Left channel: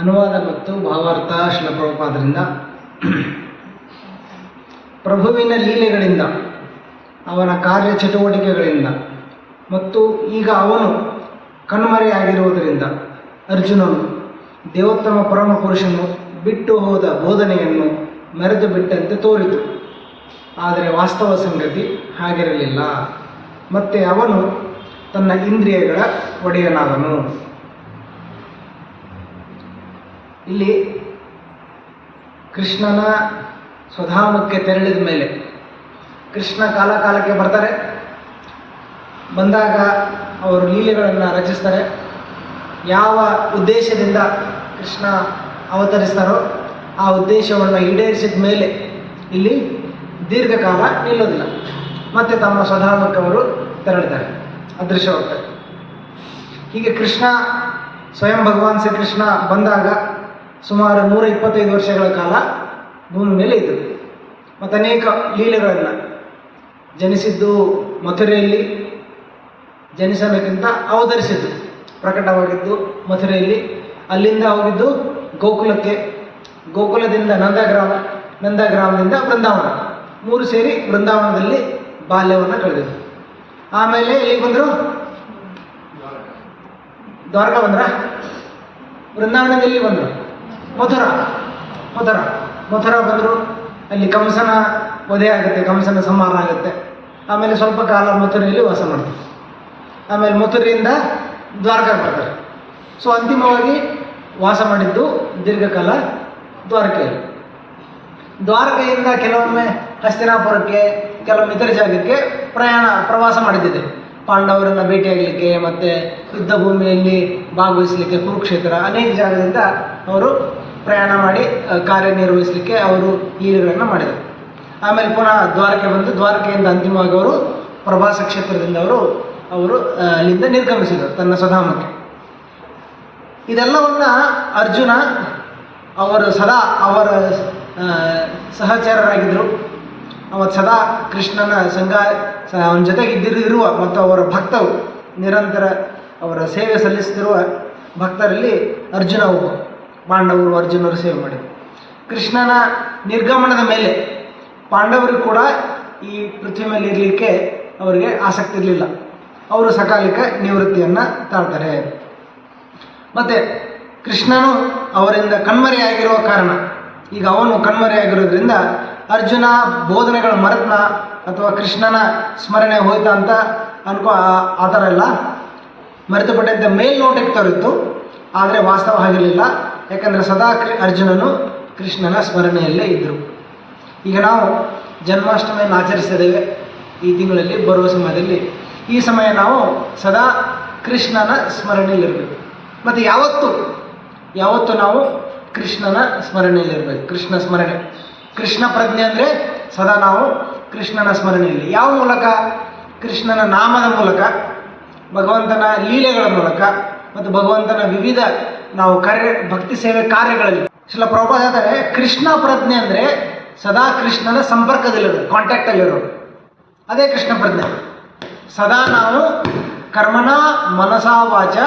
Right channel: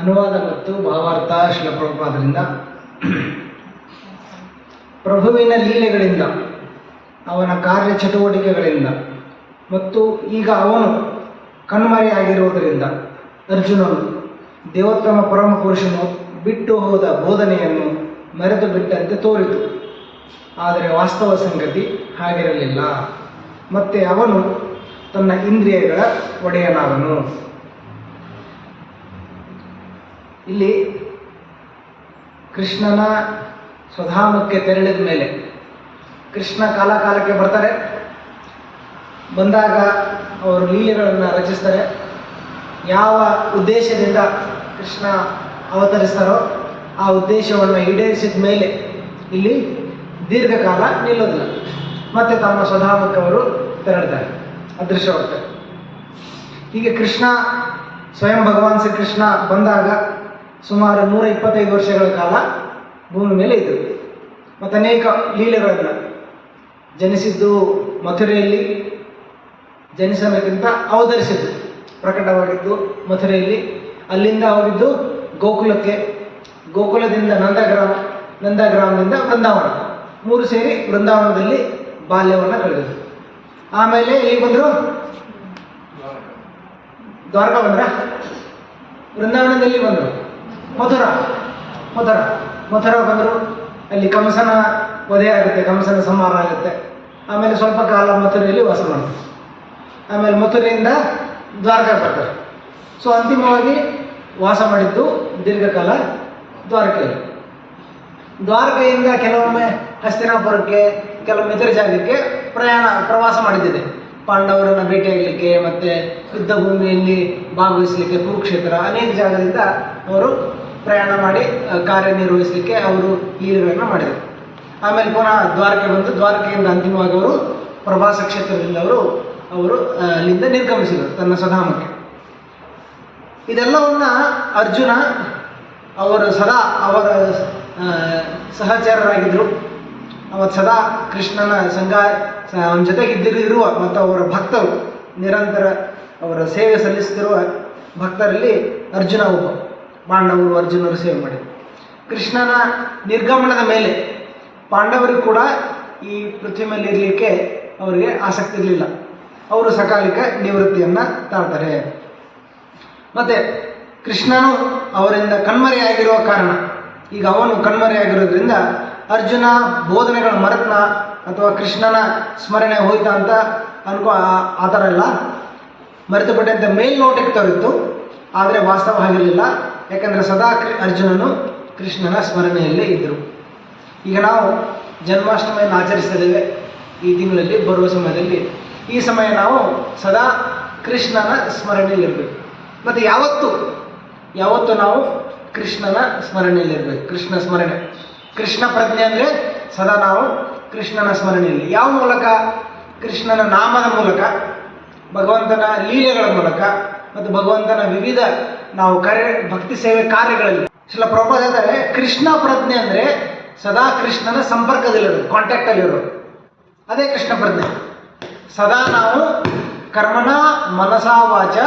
ಅನುವಾದ ಮತ್ತು ಭಾವಾರ್ಥ ಶ್ರೀಲ ಪ್ರಭುಪಾದರಿಂದ. ಪ್ರಭುವಿನ ಲೀಲೆಗಳಿಂದ, ಅವನ ಕಾರ್ಯಚಟುವಟಿಕೆಗಳಿಂದ ಮತ್ತು ಈಗ ಅವನು ಕಣ್ಮರೆಯಾಗಿರುವುದರಿಂದ ಅರ್ಜುನನು ದೇವೋತ್ತಮ ಪರಮ ಪುರುಷನು ಬಿಟ್ಟು ಹೋದ ಬೋಧನೆಯನ್ನು ಮೆರೆದು ಬಿಟ್ಟಂತೆ ತೋರಿತು. ಆದರೆ ವಾಸ್ತವ ಸಂಗತಿ ಹಾಗಿರಲಿಲ್ಲ. ಮತ್ತೆ ಅವನು ತನ್ನ ಇಂದ್ರಿಯಗಳ ಒಡೆಯನಾದನು. ಇಲ್ಲಿ ಕೃಷ್ಣನ ಸ್ವಧಾಮಕ್ಕೆ ತೆರಳಿದ ಮೇಲೆ ಕೃಷ್ಣ ಕಾಲಕ್ಕೆ ಬರ್ತಾರೆ. ಬಂದಾಗ ಅವರು ಲೀಲೆಗಳನ್ನು ರಚಿಸ್ತಾರೆ. ಯಾವ ಉದ್ದೇಶದಿಂದ ಕೃಷ್ಣ ಅವತರಿಸ್ತಾರೋ ಆ ಉದ್ದೇಶವನ್ನು ಈಡೇರಿಸಿದ ಮೇಲೆ ಇಲ್ಲಿ ದೀರ್ಘಕಾಲ ನಿಲ್ಲೋದಿಲ್ಲ. ಮತ್ತೆ ತಮ್ಮ ಸ್ವಧಾಮಕ್ಕೆ ಅವರು ತೆರಳಿದ್ದಾರೆ, ಅದೃಶ್ಯವಾಗ್ತಾರೆ. ಹೀಗೆ ಕೃಷ್ಣ ಸ್ವಯಂ ಭಗವಾನ್ ಶ್ರೀಕೃಷ್ಣ ಬಂದಾಗ ಸುಮಾರು 125 ವರ್ಷಗಳ ಕಾಲ ಭೂಮಿ ಮೇಲೆ ಇದ್ದರು. ಮತ್ತು ಅನೇಕ ಲೀಲೆಗಳನ್ನು ಜನಿಸಿದ್ದು ಮಥುರೆಯಲ್ಲಿ, ಜನಿಸೋದಕ್ಕಿಂತ ಅವತರಿಸಿದ್ದು ಪ್ರಕಟವಾಗಿದ್ದು ಮಥುರೆಯಲ್ಲಿ, ಅಲ್ಲಿಂದ ಹೋಗಿದ್ದು ಗೋಕುಲಕ್ಕೆ, ಗೋಕುಲದಿಂದ ನಂದಗ್ರಾಮದಿಂದ ಬೃಂದಾವನ, 3 ಸೇರಿ ಬೃಂದಾವನದಲ್ಲಿ ಬಾಲ್ಯವನ್ನು ಕಳೆದಿದ್ದು. ಆಮೇಲೆ ಇಲ್ಲಿ ಬಂದರು, ದ್ವಾರಕಾ ಬಂದ್ರ, ಬೃಂದಾವನದಲ್ಲಿ ಬಂದರು, ಮಥುರಾ ಬಂದರು. ಅಲ್ಲಿ ಕಂಸನ ವಧೆ ಆಗುತ್ತೆ, ಕಂಸನ ಸಂಹಾರ ಆಗುತ್ತೆ. ಆಮೇಲೆ ಸ್ವಲ್ಪ ಕಾಲ ಮಥುರೆಯಲ್ಲಿ ವಾಸ ಮಾಡ್ತಾರೆ. ಆಮೇಲೆ ಮಥುರೆಯಿಂದ ದ್ವಾರಕಾ ಬರ್ತಾರೆ. ಸೊ ಅಂತಿಮವಾಗಿ ವಾಸ ಮಾಡಿದ್ದು ದೀರ್ಘಕಾಲ ದ್ವಾರಕೆಯಲ್ಲಿ. ದ್ವಾರಕೆಯಿಂದ ಕೆಲವೊಮ್ಮೆ ಹಸ್ತಿನಾಪುರಕ್ಕೆ, ಕೆಲವೊಮ್ಮೆ ಇತರ ಜಾಗಕ್ಕೆ ಪ್ರವಾಸ ಮಾಡಿದ್ದಿದೆ. ಪಾಂಡವರನ್ನು ಭೇಟಿಯಾಗಲಿಕ್ಕೆ, ಮತ್ತು ಯುದ್ಧ ಭೂಮಿಯಲ್ಲಿ ಭಾಗವಹಿಸಲಿಕ್ಕೆ, ಕುರುಕ್ಷೇತ್ರ, ಅನೇಕ ಜಾಗದಿಂದ ಅವರು ಪ್ರಯಾಣ ಮಾಡಿ ಕಾರ್ಯನಿರ್ವಹಿಸಲಿಕ್ಕೆ ಅವರು ಲೀಲೆಗಳನ್ನು ಮಾಡಿದರು. ಆಮೇಲೆ ಪುನಃ ದ್ವಾರಕೆ ಬಂದು, ದ್ವಾರಕೆಯಿಂದ ಅಂತಿಮವಾಗಿ ಅವರು ಪ್ರವಾಸ ಕ್ಷೇತ್ರದಿಂದ ಅವರು ಅಲ್ಲಿಂದ ನಿರ್ಗಮಿಸಿದರು ತನ್ನ ಸ್ವಧಾಮಕ್ಕೆ. ಇದೆಲ್ಲವನ್ನ ಅರ್ಜುನ ಅವರು ಸದಾ ಅವರ ಸಹಚರರಾಗಿದ್ದರು. ಅವತ್ತು ಸದಾ ಕೃಷ್ಣನ ಅವನ ಜೊತೆಗೆ ಇರುವ ಮತ್ತು ಅವರ ಭಕ್ತರು, ನಿರಂತರ ಅವರ ಸೇವೆ ಸಲ್ಲಿಸುತ್ತಿರುವ ಭಕ್ತರಲ್ಲಿ ಅರ್ಜುನ ಒಬ್ಬ. ಪಾಂಡವರು ಅರ್ಜುನರು ಸೇವೆ ಮಾಡಿದರು. ಕೃಷ್ಣನ ನಿರ್ಗಮನದ ಮೇಲೆ ಪಾಂಡವರಿಗೂ ಕೂಡ ಈ ಪೃಥ್ವಿ ಮೇಲೆ ಇರಲಿಕ್ಕೆ ಅವರಿಗೆ ಆಸಕ್ತಿ ಇರಲಿಲ್ಲ. ಅವರು ಸಕಾಲಿಕ ನಿವೃತ್ತಿಯನ್ನು ತಾಳ್ತಾರೆ. ಮತ್ತು ಕೃಷ್ಣನು ಅವರಿಂದ ಕಣ್ಮರೆಯಾಗಿರುವ ಕಾರಣ, ಈಗ ಅವನು ಕಣ್ಮರೆಯಾಗಿರೋದ್ರಿಂದ ಅರ್ಜುನ ಬೋಧನೆಗಳು ಮರೆತನ ಅಥವಾ ಕೃಷ್ಣನ ಸ್ಮರಣೆ ಹೋಯ್ತಾ ಅಂತ ಆ ಥರ ಎಲ್ಲ ಮರೆತು ಬಿಟ್ಟಂತೆ ಮೇಲ್ನೋಟಕ್ಕೆ ತೋರಿತ್ತು. ಆದರೆ ವಾಸ್ತವ ಆಗಿರಲಿಲ್ಲ. ಯಾಕಂದರೆ ಸದಾ ಅರ್ಜುನನು ಕೃಷ್ಣನ ಸ್ಮರಣೆಯಲ್ಲೇ ಇದ್ದರು. ಈಗ ನಾವು ಜನ್ಮಾಷ್ಟಮಿಯನ್ನು ಆಚರಿಸಿದ್ದೇವೆ ಈ ತಿಂಗಳಲ್ಲಿ, ಬರುವ ಸಮಯದಲ್ಲಿ. ಈ ಸಮಯ ನಾವು ಸದಾ ಕೃಷ್ಣನ ಸ್ಮರಣೆಯಲ್ಲಿರಬೇಕು. ಮತ್ತು ಯಾವತ್ತು ನಾವು ಕೃಷ್ಣನ ಸ್ಮರಣೆಯಲ್ಲಿರಬೇಕು. ಕೃಷ್ಣ ಸ್ಮರಣೆ, ಕೃಷ್ಣ ಪ್ರಜ್ಞೆ ಅಂದರೆ ಸದಾ ನಾವು ಕೃಷ್ಣನ ಸ್ಮರಣೆಯಲ್ಲಿ. ಯಾವ ಮೂಲಕ? ಕೃಷ್ಣನ ನಾಮದ ಮೂಲಕ, ಭಗವಂತನ ಲೀಲೆಗಳ ಮೂಲಕ ಮತ್ತು ಭಗವಂತನ ವಿವಿಧ ನಾವು ಭಕ್ತಿ ಸೇವೆ ಕಾರ್ಯಗಳಲ್ಲಿ. ಶ್ರೀಲ ಪ್ರಭುಪಾದ ಹೇಳ್ತಾರೆ, ಕೃಷ್ಣ ಪ್ರಜ್ಞೆ ಅಂದರೆ ಸದಾ ಕೃಷ್ಣನ ಸಂಪರ್ಕದಲ್ಲಿರೋದು, ಕಾಂಟ್ಯಾಕ್ಟಲ್ಲಿರೋದು. ಅದೇ ಕೃಷ್ಣ ಪ್ರಜ್ಞೆ. ಸದಾ ನಾವು ಕರ್ಮಣ ಮನಸಾ ವಾಚ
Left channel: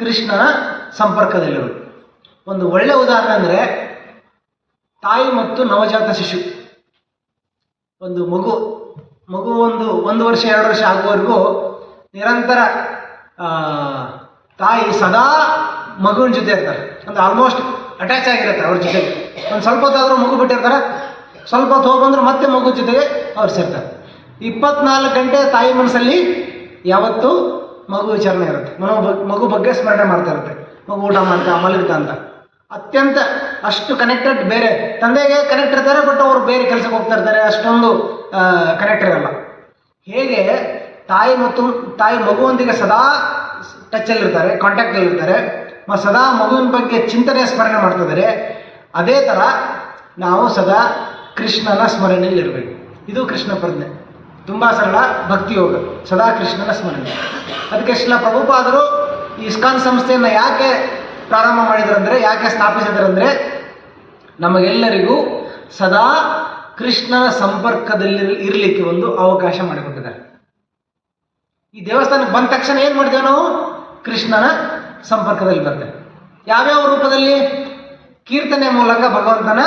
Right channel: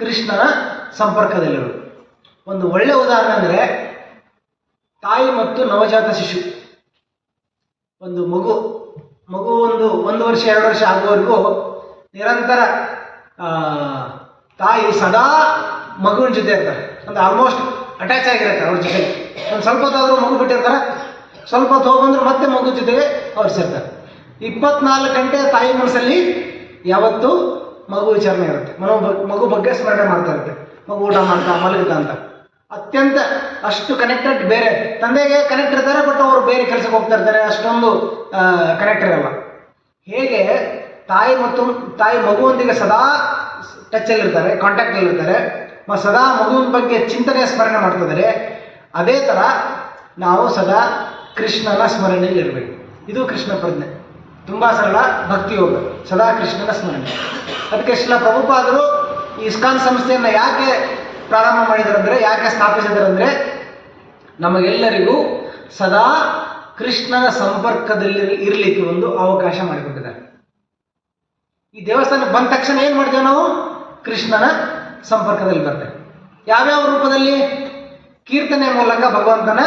ಕೃಷ್ಣನ ಸಂಪರ್ಕದಲ್ಲಿರೋದು. ಒಂದು ಒಳ್ಳೆಯ ಉದಾಹರಣೆ ಅಂದರೆ ತಾಯಿ ಮತ್ತು ನವಜಾತ ಶಿಶು. ಒಂದು ಮಗು 1 ವರ್ಷ 2 ವರ್ಷ ಆಗುವವರೆಗೂ ನಿರಂತರ ತಾಯಿ ಸದಾ ಮಗುವಿನ ಜೊತೆ ಇರ್ತಾರೆ. ಅಂದರೆ ಆಲ್ಮೋಸ್ಟ್ ಅಟ್ಯಾಚ್ ಆಗಿರ್ತಾರೆ ಅವ್ರ ಜೊತೆಗೆ. ಒಂದು ಸ್ವಲ್ಪ ಹೊತ್ತಾದರೂ ಮಗು ಬಿಟ್ಟಿರ್ತಾರೆ, ಸ್ವಲ್ಪ ಹೊತ್ತು ಹೋಗ್ಬಂದ್ರೆ ಮತ್ತೆ ಮಗು ಜೊತೆಗೆ ಅವ್ರು ಸೇರ್ತಾರೆ. 24 ಗಂಟೆ ತಾಯಿ ಮನಸ್ಸಲ್ಲಿ ಯಾವತ್ತೂ ಮಗು ವಿಚಾರಣೆ ಇರುತ್ತೆ. ಮಗು ಬಗ್ಗೆ ಸ್ಮರಣೆ ಮಾಡ್ತಾ ಇರುತ್ತೆ. ಮಗು ಊಟ ಮಾಡ್ತಾ ಮಲಗುತ್ತಾ ಅಂತ ಅತ್ಯಂತ ಅಷ್ಟು ಕನೆಕ್ಟೆಡ್. ಬೇರೆ ತಂದೆಗೆ ಕನೆಕ್ಟ್ ಇರ್ತಾರೆ, ಬಟ್ ಅವರು ಬೇರೆ ಕೆಲಸಕ್ಕೆ ಹೋಗ್ತಾ ಇರ್ತಾರೆ, ಅಷ್ಟೊಂದು ಕನೆಕ್ಟ್ ಇರಲ್ಲ. ಹೇಗೆ ತಾಯಿ ಮಗುವೊಂದಿಗೆ ಸದಾ ಟಚ್ಚಲ್ಲಿರ್ತಾರೆ, ಕಾಂಟ್ಯಾಕ್ಟಲ್ಲಿರ್ತಾರೆ, ಮತ್ತು ಸದಾ ಮಗುವಿನ ಬಗ್ಗೆ ಚಿಂತನೆ ಸ್ಮರಣೆ ಮಾಡ್ತಿದ್ದಾರೆ, ಅದೇ ಥರ ನಾವು ಸದಾ ಕೃಷ್ಣನ ಸ್ಮರಣೆಯಲ್ಲಿರಬೇಕು. ಇದು ಕೃಷ್ಣ ಪ್ರಜ್ಞೆ. ತುಂಬ ಸರಳ ಭಕ್ತಿಯೋಗ, ಸದಾ ಕೃಷ್ಣನ ಸ್ಮರಣೆ. ಅದಕ್ಕೆ ಶ್ರೀಲ ಪ್ರಭುಪಾದರು ಈ ಇಸ್ಕಾನ್ ಸಂಸ್ಥೆಯನ್ನು ಯಾಕೆ ಪ್ರಾರಂಭ ಮಾಡಿದರಂದರೆ, ಯಾಕೆ ಸ್ಥಾಪಿಸಿದರಂದರೆ, ನಮಗೆಲ್ಲರಿಗೂ ಸದಾ ಕೃಷ್ಣನ ಸಂಪರ್ಕದಲ್ಲಿ ಇರಲಿಕ್ಕೆ ಒಂದು ಅವಕಾಶ ಮಾಡಿಕೊಟ್ಟಿದ್ದಾರೆ. ಈ ದೇವಸ್ಥಾನಕ್ಕೆ ಬಂದ ತಕ್ಷಣ ಏನು ಮಾಡ್ತೇವೆ ನಾವು? ಕೃಷ್ಣನ ಸಂಪರ್ಕದಲ್ಲಿ ಬರ್ತೇವೆ. ಯಾವ್ಯಾವ ರೂಪದಲ್ಲಿ? ಕೀರ್ತನೆ ಮೂಲಕ ಭಗವಂತನ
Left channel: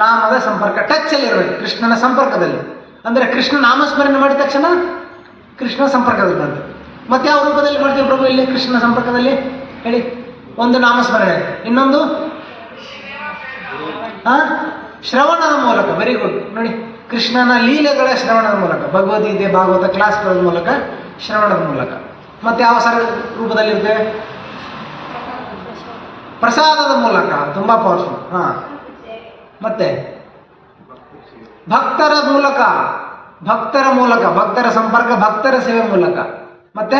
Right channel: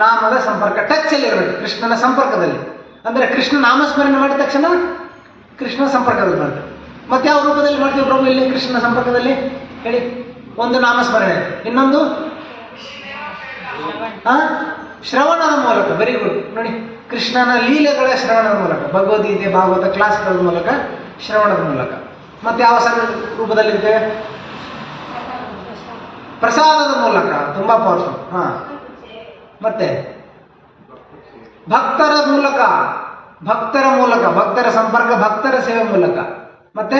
ನಾಮದ ಸಂಪರ್ಕ, ಟಚ್ ಅಲ್ಲಿ ಇರಬೇಕು, ಕೃಷ್ಣನ ಸಂಪರ್ಕದಲ್ಲಿ. ಅಂದ್ರೆ ಕೃಷ್ಣ ನಾಮಸ್ಮರಣೆ ಮಾಡಿದ ತಕ್ಷಣ ಕೃಷ್ಣ ಸಂಪರ್ಕದಲ್ಲಿ ಬರ್ತದೆ. ಮತ್ತೆ ಯಾವ ರೂಪದಲ್ಲಿ ಮಾಡ್ತೀವಿ ಪ್ರಭು ಇಲ್ಲಿ ಕೃಷ್ಣ ಸಂಪರ್ಕದಲ್ಲಿ ಹೇಳಿ? ಒಂದು ನಾಮಸ್ಮರಣೆ, ಇನ್ನೊಂದು ಶ್ರವಣದ ಮೂಲಕ. Very good. ನೋಡಿ, ಕೃಷ್ಣನ ಲೀಲೆಗಳ ಶ್ರವಣದ ಮೂಲಕ, ಭಗವದ್ಗೀತೆ ಭಾಗವತ ಕ್ಲಾಸ್ಗಳ ಮೂಲಕ, ಶ್ರವಣದ ಮೂಲಕ. ಮತ್ತೆ ಯಾವ ಸರಳ ರೂಪದಲ್ಲಿರ್ತೇವೆ? ಪ್ರಸಾದದ ಮೂಲಕ, ತುಂಬಾ ಪವರ್ಫುಲ್. ಮತ್ತೆ ಭಕ್ತರ ಮೂಲಕ, ಭಕ್ತರ ಸಂಪರ್ಕ, ಭಕ್ತರ ಸೇವೆ ಮೂಲಕ. ಮತ್ತೆ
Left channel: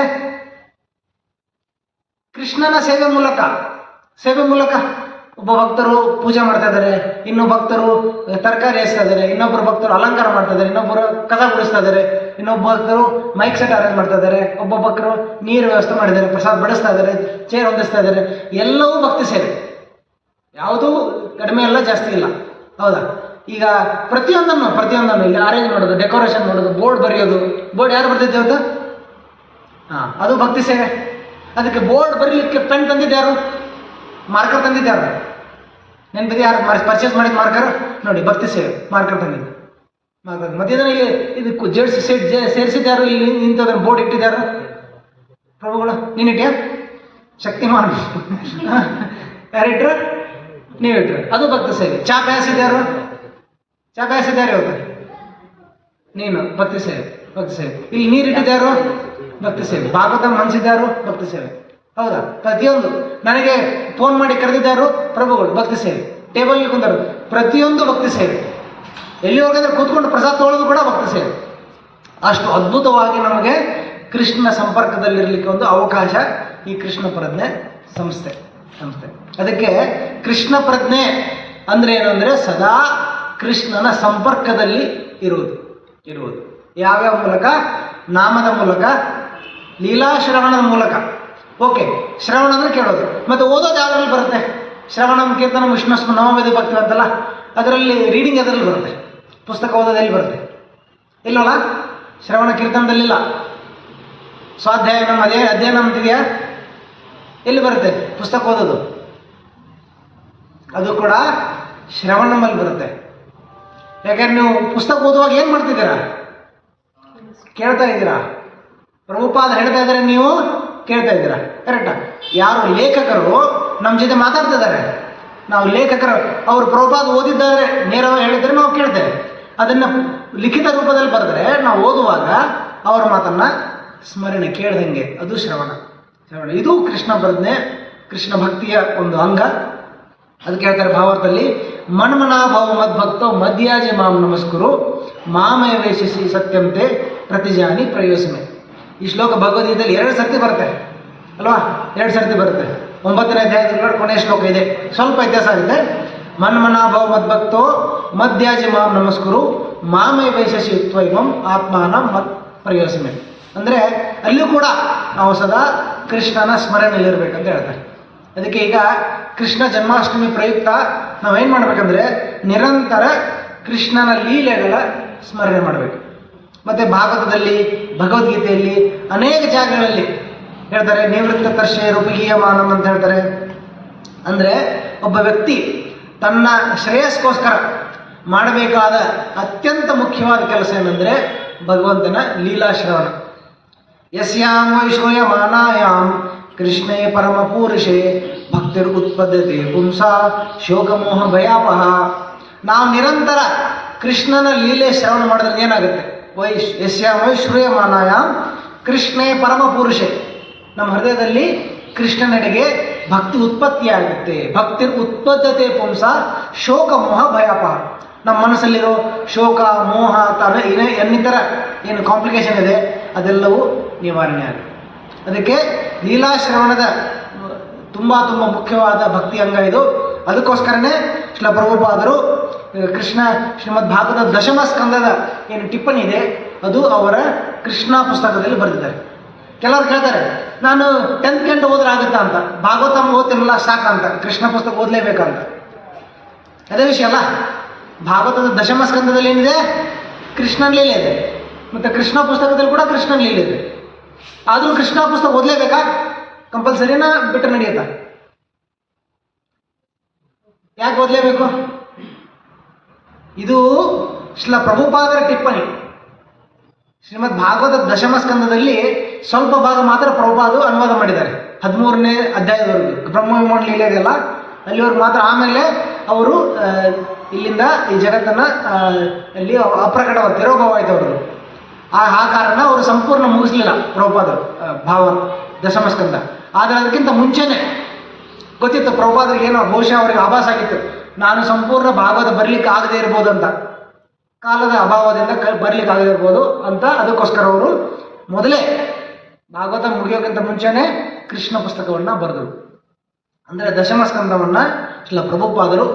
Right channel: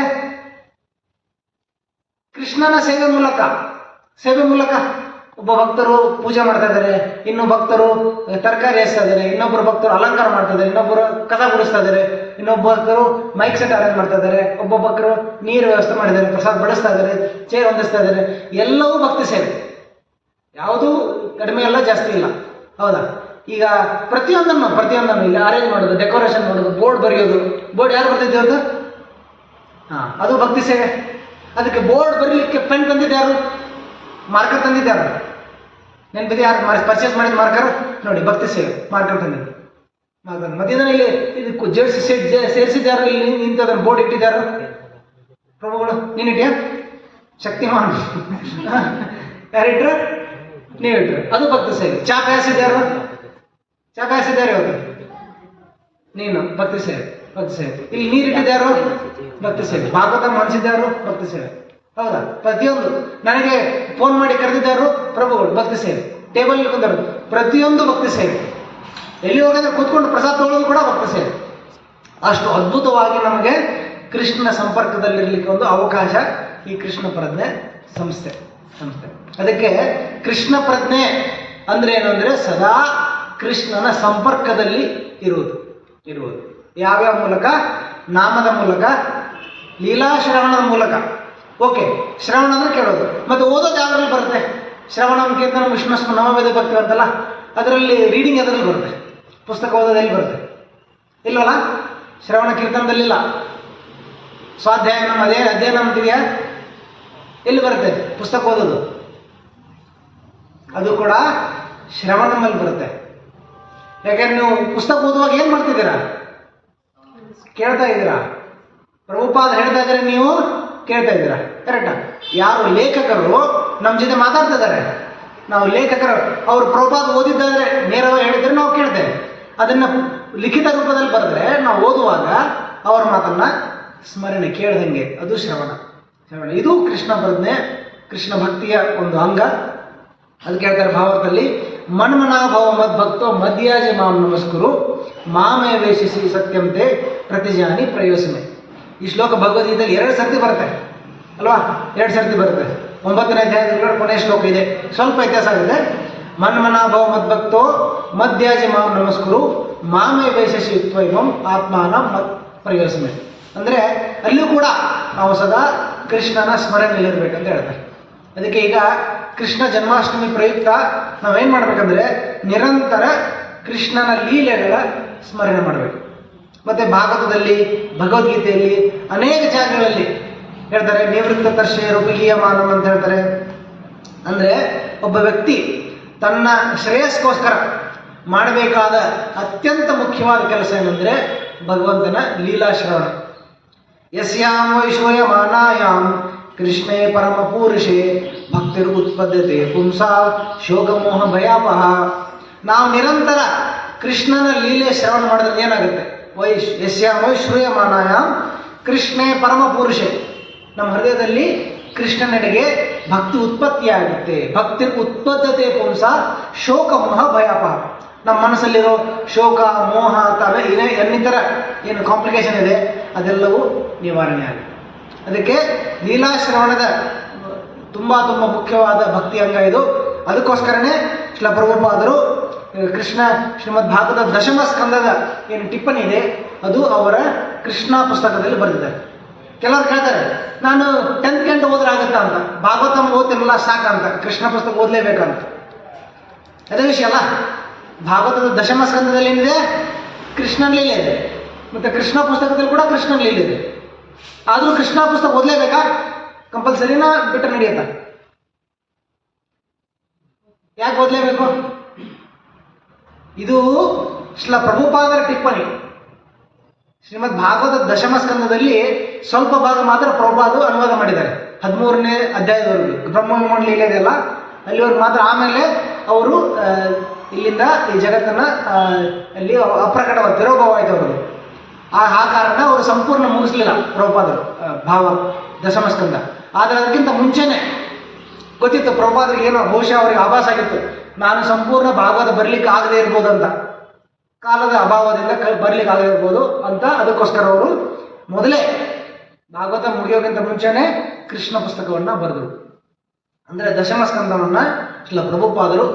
ಕೃಷ್ಣನ ಸೇವೆ ಮೂಲಕ ಒಬ್ಬ ಭಕ್ತರು ಪೂಜೆ ಮಾಡ್ತಾ ಇದ್ದಾರೆ, ಇನ್ನೂ ಭಕ್ತರು ತರಕಾರಿ ಹೆಚ್ತಾ ಇದ್ದಾರೆ, ಇನ್ನೊಬ್ಬರು ಭಕ್ತರು ಅಲಂಕಾರ ಮಾಡ್ತಾ ಇದ್ದಾರೆ, ಇನ್ನೊಬ್ಬರು ಕಸ ಗುಡಿಸ್ತಾ ಇದ್ದಾರೆ, ಇನ್ನೊಬ್ಬ ಭಕ್ತರು ಮೈಕ್ ಸೆಟ್ ಅರೇಂಜ್ ಮಾಡ್ತಾ ಇದ್ದಾರೆ, ಒಬ್ಬ ಭಕ್ತರು ನೀರು ವ್ಯವಸ್ಥೆ ಮಾಡಿದ್ದಾರೆ, ಪ್ರಸಾದ ಬಡಿಸ್ತಾ ಇದ್ದಾರೆ, ಚೇರ್ ಹೊಂದಿಸ್ತಾ ಇದ್ದಾರೆ. ಎಲ್ಲವೂ ಭಕ್ತಿ ಸೇವೆ, ಯಾವುದೂ ಕಡಿಮೆ ಇಲ್ಲ, ಜಾಸ್ತಿ ಇಲ್ಲ. ಹೌದಾ? ಈಗ ಪ್ರತಿಯೊಂದನ್ನು ಇಲ್ಲಿ ಅರೇಂಜ್ ಮಾಡೋದು, ಡೆಕೋರೇಷನ್ ಮಾಡೋದು, ಬೋರ್ಡ್ ಬರೆಯೋದು. ಬೋರ್ಡ್ ಯಾರು ಬರ್ತಿದ್ದೆ ಇವತ್ತು? ಅದು ಭಕ್ತಿ ಸೇವೆ. ಅದಕ್ಕೆ ಬೋರ್ಡ್ ಬರೀಲಿಕ್ಕೆ ಪೆನ್ ತಂದಿದ್ದೆ ಯಾರು? ಮಾರ್ಕರ್ ತಂದಿದ್ದೆ ಯಾರು? ನೆನಪಿದೆ? ಯಾರು ಪರ್ಚೇಸ್ ಮಾಡಿದ ಮಾರ್ಕರ್? ನೋಡಿ, ಭಕ್ತಿ ಸೇವೆ, ಮಾರ್ಕರ್ ತಂದಿದ್ದು. ಮತ್ತೆ ಇದನ್ನ ಇಲ್ಲಿ ಇದಕ್ಕೆ ಸೇರಿಸಿದ್ಯಾರು? ಇಲ್ಲಿ ಇಂಥದನ್ನು ಬೋರ್ಡ್ ಇಟ್ಟಿದ್ಯಾರು? ಪ್ರಭುಗಳು. ನೀನಿಟ್ಟ್ಯಾ? ಶಕ್ತಿಮಾನ್ ಯಾರಿಟ್ರು? ನೀವಿಟ್ರು. ಅದು ಭಕ್ತಿ ಸೇವೆ. ಚಾ ಕಾಯಿಸಿದ್ಯಾರು? ಇವತ್ತು ನೀನು. ಭಕ್ತಿ ಸೇವೆ. ಇಲ್ಲಿ ನೀರಿಟ್ಟಿದ್ಯಾರು? ಭಕ್ತಿ ಸೇವೆ. ಭಾಗವತ ಮನ್ಸಿದ್ಯಾರು? ಭಕ್ತಿ ಸೇವೆ. ಹೌದಾ? ಪ್ರತಿಯೊಂದು ನನಗೆ ಫೋನ್ ಮಾಡಿ ಕರೆದಿದ್ದಾರು ಪ್ರಭುಗಳು, ಭಕ್ತಿ ಸೇವೆ. ಟೇಬಲ್ ಕುಂದರು, ಪ್ರತಿಯೊಂದು ಭಕ್ತಿ ಸೇವೆ. ಎಲ್ಲಿ ಹೋಗಿದ್ರೆ ಕೂತ್ಕೊಂಡು ಪ್ರಸಾದ ತಗೊಳ್ಳೋದು ಕೂಡ ಭಕ್ತಿ ಸೇವೆ. ಅಷ್ಟು ಅದ್ಭುತವಾಗಿ ನಮಗೆ ಕೃಷ್ಣ ಸಂಪರ್ಕದಲ್ಲಿರಲಿಕ್ಕೆ ಒಂದು ಅವಕಾಶ ಈ ಕೃಷ್ಣ ಪ್ರಜ್ಞೆ ಸಂಸ್ಥೆ. ಅದಕ್ಕೆ ಕೃಷ್ಣ ಪ್ರಜ್ಞೆ ಅಂದ್ರೆ ಏನಂದ್ರೆ ಸದಾ ಕೃಷ್ಣನ ಸಂಪರ್ಕದಲ್ಲಿ ಇರುವುದು. ಯಾವ್ಯಾವ ಮೂಲಕ? ನಾಮದ ಮೂಲಕ, ಲೀಲಾ ಶ್ರವಣದ ಮೂಲಕ. ಓಕೆ, ಶ್ರವಣ ಅಂದ್ರೆ ಕೇಳೋದು. ಮತ್ತೆ ಓದೋದು ಯಾವ್ದ್ರಲ್ಲಿ ಬರುತ್ತೆ? ಶ್ರವಣಂ ಕೀರ್ತನಂ ವಿಷ್ಣುಸ್ಮ ನವವೇದ ಭಕ್ತಿ ಅಂತಲ್ಲ, ಅದರಲ್ಲಿ ರೀಡಿಂಗ್ ಎದ್ರಲ್ಲಿ ಬರುತ್ತೆ? ಪುಸ್ತಕ ಓದೋದು ಎಲ್ಲಿ ಬರುತ್ತೆ? ಇಲ್ಲವಲ್ಲ? ಶ್ರವಣ ಕೀರ್ತನದಲ್ಲಿಲ್ಲ. ಸ್ವಾಧ್ಯಾಯನಂ ಅಧ್ಯಯನ ಅಂತಿದೆಯಾ? ಎಲ್ಲಿ ಬರುತ್ತೆ ಪುಸ್ತಕ ಓದೋದು? ಅದು ಕೂಡ ಶ್ರವಣಮಲ್ಲಿ ಬರುತ್ತೆ. ಯಾಕಂದ್ರೆ ನೀವು ಪುಸ್ತಕ ಓದುವಾಗ ಏನ್ ಮಾಡ್ತಿದ್ದೀರಾ? ಕೇಳ್ತಾ ಇದ್ದೀರಾ. ಪ್ರಭುಪಾದ ಹೇಳ್ತಾ ಇದ್ರೆ ನೀವು ಕೇಳ್ತಾ ಇದ್ದೀರಾ. ಕರೆಕ್ಟಾ? ಯಾರು ಲೇಖಕರು ನಮ್ಮ ಜೊತೆ ಮಾತಾಡ್ತಾ ಇದ್ದಾರೆ, ನಾವು ಲೇಖಕರು, ಅವರು ಪ್ರಭುಪಾದ ಓದಿದ್ದಾದ್ರೆ ನೇರವಾಗಿ ಹೇಳಿದ್ರೆ ನಾವು ಕೇಳ್ತೇವೆ. ಅದನ್ನ ಲಿಖಿತ ರೂಪದಲ್ಲಿ ಬರೆದ್ರೆ ನಾವು ಓದುವಾಗ ಅವರ ಮಾತನ್ನ ಸ್ಮರಣೆ ಕೇಳ್ದಂಗೆ, ಅದು ಶ್ರವಣ. ಇದು ಕೃಷ್ಣ ಪ್ರಜ್ಞೆ, ಕೃಷ್ಣ ಭಕ್ತಿಯ ಒಂದು ಅಂಗ. ಅದಕ್ಕೆ ಹೇಳ್ತಾರೆ ಭಾಗವತದಲ್ಲಿ, ಮನ್ಮನಾಭವ ಮದ್ಭಕ್ತೋ ಮಧ್ಯಾಜಿ ಮಾಂ ನಮಸ್ಕುರು ಮಾಮೇ ವೇಷಿಸಿ ಸತ್ಯಂತೆ ಪ್ರತಿಜಾನಿ ಪ್ರಯೋಸನೆ. ಈ ಶ್ಲೋಕ ಭಗವದ್ಗೀತೆಯಲ್ಲಿ 2 ಸರ್ತಿ ಬರುತ್ತೆ ಅಲ್ವಾ? 2 ಸರ್ತಿ ಬರುತ್ತೆ. 9ನೇ ಅಧ್ಯಾಯದ ಕೊನೆಯ ಶ್ಲೋಕ ಇದೆ, ಸ್ವಲ್ಪ ವ್ಯತ್ಯಾಸ ಆಗಿದೆ. ಮನ್ಮನಾಭವ ಮದ್ಭಕ್ತೋ ಮಧ್ಯಾಜಿ ಮಾಂ ನಮಸ್ಕುರು ಮಾಮೇ ವೇಷಿಸಿ ತ್ವೈಮಂ ಆತ್ಮಾನ ಮತ್ ಪ್ರಯೋಸನೆ. ಅಂದ್ರೆ ಅಲ್ಲಿಯೂ ಕೂಡ ನಾವು ಸದಾ ಕೃಷ್ಣನ ಸ್ಮರಣೆಯಲ್ಲಿರ್ಬೇಕಂತ ಹೇಳ್ತಾರೆ. ಅದಕ್ಕೆ ಈಗ ಕೃಷ್ಣ ಜನ್ಮಾಷ್ಟಮಿ ಪ್ರಯುಕ್ತ ನಾವೇನ್ ಮಾಡ್ಬೇಕಂದ್ರೆ ನಿರಂತರ ಕೃಷ್ಣನ ಲೀಲೆಗಳ ಸ್ಮರಣೆ ಮಾಡಬೇಕು. ಮತ್ತೆ ಭಾಗವತದಲ್ಲಿ, ಭಗವದ್ಗೀತೆಯಲ್ಲಿ ಅನೇಕ ಜಾಗಗಳಲ್ಲಿ ಹೇಳ್ತಾರೆ, ನಿವೃತ್ತ ಕರ್ಷೆ ರೂಪಿಗೀಯ ಮಾನಂ ಅಂತ ಹೇಳ್ತಾರೆ. ಅಂದ್ರೆ ಒಬ್ಬ ವ್ಯಕ್ತಿ ತನ್ನ ಶ್ರೇಯಸ್ಕೋಸ್ಕರ ಮಾಡಬೇಕಾದ ಅತ್ಯಂತ ಮುಖ್ಯವಾದ ಕೆಲಸ ಏನಂದ್ರೆ ಭಗವಂತನ ಲೀಲಾಶ್ರವಣ. ಯಸ್ಯಾಂ ವೈಶೋಯ ಮಾನಾಯಾಂ ಕೃಷ್ಣೇ ಪರಮ ಪೂರುಷೇ ಭಕ್ತಿರ್ ಉತ್ಪದ್ಯತೆ ಪುಂಸಾ ಶೋಕಮೋಹ ಭಯಾಪಹ. ನಾವು ನಿರಂತರ ಕೃಷ್ಣನ ಲೀಲೆ ಶ್ರವಣ ಮಾಡಿದ್ರೆ ಏನಾಗುತ್ತೆ? ಯಸ್ಯಾಂ ವೈಶ್ರೂಯ ಮಾನಾಯಾಂ ಕೃಷ್ಣೇ ಪರಮ ಪುರುಷೇ. ನಮ್ಮ ಹೃದಯದಲ್ಲಿ ಕೃಷ್ಣನೆಡೆಗೆ ಭಕ್ತಿ ಉತ್ಪತ್ತಿಯಾಗುತ್ತೆ. ಭಕ್ತಿ ಉತ್ಪದ್ಯತೆ ಪುಂಸ ಶೋಕ ಮೋಹ ಭಯಾಪಹ. ನಮ್ಮ ಮನಸ್ಸಲ್ಲಿರೋ ಶೋಕ ಮೋಹ ಇನ್ನಿತರ ಏನು ಕಾಂಪ್ಲಿಕೇಶನ್ ಇದೆ ಅದೆಲ್ಲವೂ ನಿವಾರಣೆ ಆಗುತ್ತೆ. ಅದಕ್ಕೆ ಲೀಲಾಶ್ರವಣದ ತುಂಬಾ ಮುಖ್ಯವಾದ ಭಕ್ತಿ ಅಂಗ ಇದು. ಅದಕ್ಕೋಸ್ಕರನೇ ಶ್ರೀಲ ಪ್ರಭುಪಾದರು ಕೃಷ್ಣ ಶ್ರೀಮದ್ ಭಾಗವತ ದಶಮ ಸ್ಕಂದದ ಏನು ಟಿಪ್ಪಣಿ ಇದೆ ಅದು ಅವರ ಕೃಷ್ಣ ಪುಸ್ತಕದಲ್ಲಿ ಬರೆದಿದ್ದಾರೆ. ಕೆಲವರು ಕೇಳ್ತಾರೆ, ನಾನು 10th ಗಂಟೆ ಹೋದ್ರೆ ಆಗುತ್ತಾ ಅಂತ. ಭಾಗವತ ಓದ್ತಿರಲ್ಲ ಸಾಕಂತ, ಕೃಷ್ಣ ಪುಸ್ತಕ ಓದಲೇಬೇಕಂತ. ಅದೇ ವಿಷಯ ಅಲ್ಲ. ಭಾಗವತದ ದಶಮ ಸ್ಕಂದದಲ್ಲಿ ಏನಿದೆ? ಕೃಷ್ಣನ ಲೀಲೆ ಇದೆ. ಮತ್ತೆ ಕೃಷ್ಣ ಪುಸ್ತಕದಲ್ಲಿ ಕೂಡ ಕೃಷ್ಣನ ಲೀಲೆ ಇದೆ. ಆದರೂ ಕೃಷ್ಣ ಪುಸ್ತಕ ಓದಲೇಬೇಕಾ? ಕಂಪಲ್ಸರಿನಾ ಬಿಟ್ಟು ನಡೆಯುತ್ತಾ? ಯಾಕೆ ಓದಲೇಬೇಕು? ಇದು ಶ್ರೀಲ ಪ್ರಭುಪಾದರ ಟಿಪ್ಪಣಿ. ಶ್ರೀಮದ್ ಭಾಗವತ ದಶಮ ಸ್ಕಂದದಲ್ಲಿ ಸ್ವಲ್ಪ ಭಾಗ ಮಾತ್ರ ಪ್ರಭುಪಾದರು ಅನುವಾದ ಮಾಡಿದ್ದಾರೆ, 13ನೇ ಅಧ್ಯಾಯದವರೆಗೂ. ಬ್ರಹ್ಮವಿಮಾನ ಲೀಲೆ ಇದೆಯಲ್ಲ ಅಲ್ಲಿವರೆಗೂ ಮಾತ್ರ. ಆಮೇಲೆ ಅವರು ಇಲ್ಲಿಂದ ಈ ಜಗತ್ತನ್ನ ಅಲ್ಲಿ ಅಪ್ರಕಟವಾದ ತಿರೋಭವ ಆಯ್ತು ಅವ್ರದ್ದು. ಆ ಕಾರಣ ಅವರು ಸಂಪೂರ್ಣ ಮುಗಿಸ್ಲಿಲ್ಲ ಪ್ರಭುಪಾದರು ಭಾವ ದಶಮ ಸ್ಕಂದ. ಆದರೆ ಅದಕ್ಕಿಂತ ಮುಂಚೆನೆ ಗೊತ್ತಿತ್ತು ಪ್ರಭುಪಾದರಿಗೆ, ಏನೋ ಬಹುಶಃ ಅವರಿಗೆ ಆಭಾಸ ಆಗಿತ್ತು, ನಾನು ಸಂಪೂರ್ಣ ಭಾಗವತ ಬರಲಿಕ್ಕೆ ಆಗದೆ ಇರ್ಬೋದು ಅಂತ, ಕಾಲದ ಅಭಾವದಿಂದ ಬರ್ಲಿಕ್ಕೆ ಆಗದೆ ಇರ್ಬೋದು ಅಂತ. ಅದಕ್ಕೋಸ್ಕರ ಅವರು ಮೊದಲೇ ಭಾಗವತ ಮುಗಿಯೋಕ್ಕಿಂತ ಮುಂಚೆನೆ ಕೃಷ್ಣ ಪುಸ್ತಕವನ್ನ ಬರೆದರು. ಅಂದರೆ ದಶಮ ಸ್ಕಂದವನ್ನ ಶ್ರೀಲ ಪ್ರಭುಪಾದರು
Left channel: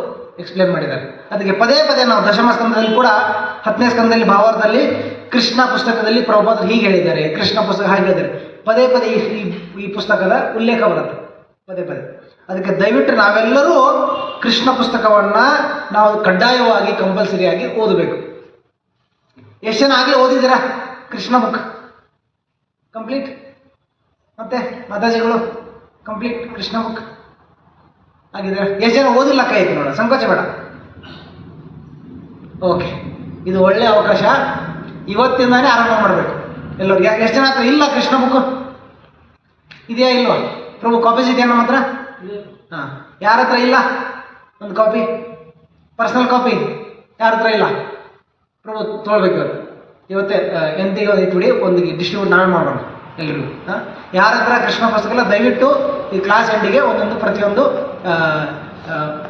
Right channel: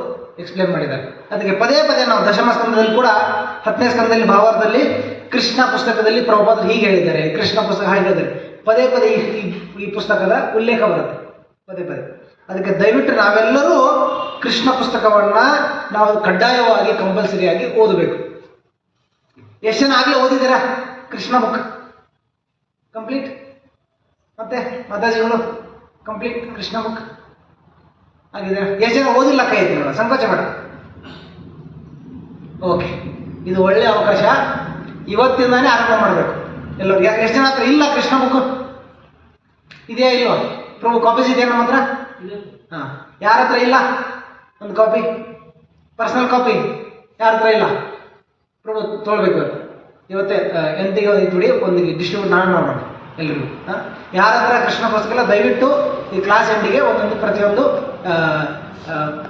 ಎಕ್ಸ್ಪ್ಲೇನ್ ಮಾಡಿದ್ದಾರೆ. ಅದಕ್ಕೆ ಪದೇ ಪದೇ ನಾವು ದಶಮ ಸ್ಕಂದದಲ್ಲಿ ಕೂಡ 10ನೇ ಸ್ಕಂದದಲ್ಲಿ ಭಾವಾರ್ಥದಲ್ಲಿ ಕೃಷ್ಣ ಪುಸ್ತಕದಲ್ಲಿ ಪ್ರಭುಪಾದರು ಹೀಗೆ ಹೇಳಿದ್ದಾರೆ, ಕೃಷ್ಣ ಪುಸ್ತಕ ಹಾಗೆ ಹೇಳಿದ್ದಾರೆ. ಪದೇ ಪದೇ ಈ ಪುಸ್ತಕದ ಉಲ್ಲೇಖ ಬರುತ್ತೆ ಪದೇ ಪದೇ. ಅದಕ್ಕೆ ದಯವಿಟ್ಟು ನಾವೆಲ್ಲರೂ ಕೃಷ್ಣ ಪುಸ್ತಕವನ್ನ ನಾವು ಕಡ್ಡಾಯವಾಗಿ ಕಂಪಲ್ಸರಿಯಾಗಿ ಓದಬೇಕು. ಎಷ್ಟು ಜನ ಆಗಲೇ ಓದಿದ್ದೀರಾ ಕೃಷ್ಣ ಬುಕ್ ಕಂಪ್ಲೀಟ್? ಮತ್ತೆ ಮಾತಾಜಿಗಳು ಕಂಪ್ಲೀಟ್ ಕೃಷ್ಣ ಬುಕ್ ಆಗಿದ್ದಾರೆ? ಎಷ್ಟು ಜನ ಓದಿಲ್ಲ? ಕೈ ಐತಿ ನೋಡ, ಸಂಕೋಚ ಬೇಡ. ಓಕೆ, ಇದು ಒಳ್ಳೆ ಅವಕಾಶ. ಇವತ್ತಿಂದಾನೇ ಆರಂಭ ಮಾಡಬೇಕು ಎಲ್ಲರೂ. ಎಷ್ಟು ಜನ ಹತ್ರ ಇಲ್ಲ ಕೃಷ್ಣ ಬುಕ್? ಇದೆಯಾ ಇಲ್ವಾ? ಪ್ರಭು ಕಾಪೀಸ್ ಇದೆಯಾ ನಮ್ಮ ಹತ್ರ? ಹಾಂ, ಯಾರ ಹತ್ರ ಇಲ್ಲ ಒಂದು ಕಾಪಿ? ಪರ್ಸನಲ್ ಕಾಪಿ ಯಾರ ಹತ್ರ ಇಲ್ಲ? ಪ್ರಭು ತೊಗೊಳ್ಬೇಕು ಇವತ್ತೇ ಎಂತಿಗೆ ಬಿಡಿ, ಒಂದು ಡಿಸ್ಟ್ರಿಬ್ಯೂಟ್ ನಾವೇ ಮಾಡೋಣ ಎಲ್ರಿಗೂ. ಯಾರ ಹತ್ರ ಕೃಷ್ಣ ಪುಸ್ತಕ ಇಲ್ಲ ದಯವಿಟ್ಟು ಈ ಕ್ಲಾಸ್ ಎಂಡಿಗೆ ಒಂದೊಂದು ಪ್ರತಿಯೊಂದು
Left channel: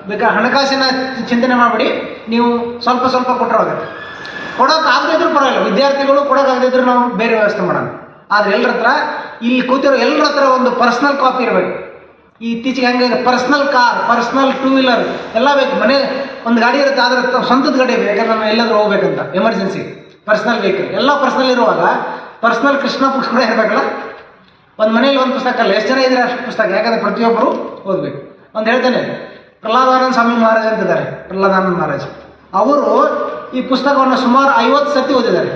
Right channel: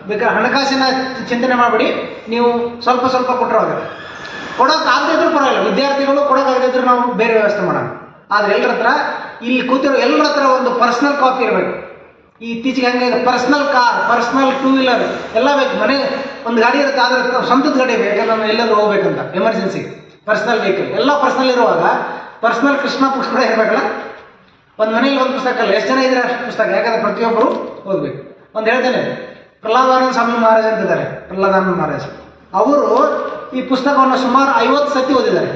ಬೇಕಾದ್ರೆ ಹಣಕಾಸಿನ ಚಿಂತನೆ ಮಾಡಬೇಡಿ, ನೀವು ಸ್ವಲ್ಪ ಸ್ವಲ್ಪ ಕೊಟ್ಟರಾಗುತ್ತೆ. ಕೊಡೋಕ್ಕಾಗದೇ ಇದ್ರೂ ಪರವಾಗಿಲ್ಲ, ವಿದ್ಯಾರ್ಥಿಗಳು ಕೊಡೋಕ್ಕಾಗದೇ ಇದ್ರೂ ನಾವು ಬೇರೆ ವ್ಯವಸ್ಥೆ ಮಾಡೋಣ. ಆದರೆ ಎಲ್ಲರ ಹತ್ರ, ಇಲ್ಲಿ ಕೂತಿರೋ ಎಲ್ಲರ ಹತ್ರ ಒಂದು ಪರ್ಸ್ನಲ್ ಕಾಪಿ ಇರಬೇಕು. ಈ ಇತ್ತೀಚೆಗೆ ಹಂಗೆ personal car, personal two wheeler ಎಲ್ಲ ಬೇಕು. ಮನೆ ಒಂದು ಗಾಡಿ ಇರುತ್ತೆ, ಆದರೆ ಸ್ವಂತದ ಗಾಡಿ ಬೇಕು, ಯಾಕಂದ್ರೆ ನಾವು ಎಲ್ಲಾದ್ರೂ ಹೋಗ್ಬೇಕಂತ ಎಮರ್ಜೆನ್ಸಿ. ಪರ್ಸ್ನಲ್ ವೆಹಿಕಲ್ ಎಲ್ಲ ಪರ್ಸ್ನಲ್ ಇರುವಾಗ ಪರ್ಸ್ನಲ್ ಕೃಷ್ಣ ಪುಸ್ತಕ ಕೂಡ ಇರಬೇಕಲ್ಲ. ಒಂದು ಮನೇಲಿ ಒಂದು ಪುಸ್ತಕ ಅಲ್ಲ, ಎಷ್ಟು ಜನ ಇದ್ರೆ ಅಷ್ಟು ಪುಸ್ತಕ, ಯಾಕಂದ್ರೆ ಪ್ರತಿಯೊಬ್ಬರು ಓದಬೇಕು. ಒಂದು ಹೇಳ್ತೇನೆ, ಪ್ರಹ್ಲಾದಾನಂದ ಸ್ವಾಮಿ ಮಹಾರಾಜ್ ಅಂತಿದ್ದಾರೆ. ಪ್ರಹ್ಲಾದಾನಂದ ಮಹಾರಾಜ್ ಅವರು ಈ ಪುಸ್ತಕವನ್ನು ಸುಮಾರು 50 ಸತಿ ಓದಿದ್ದಾರೆ.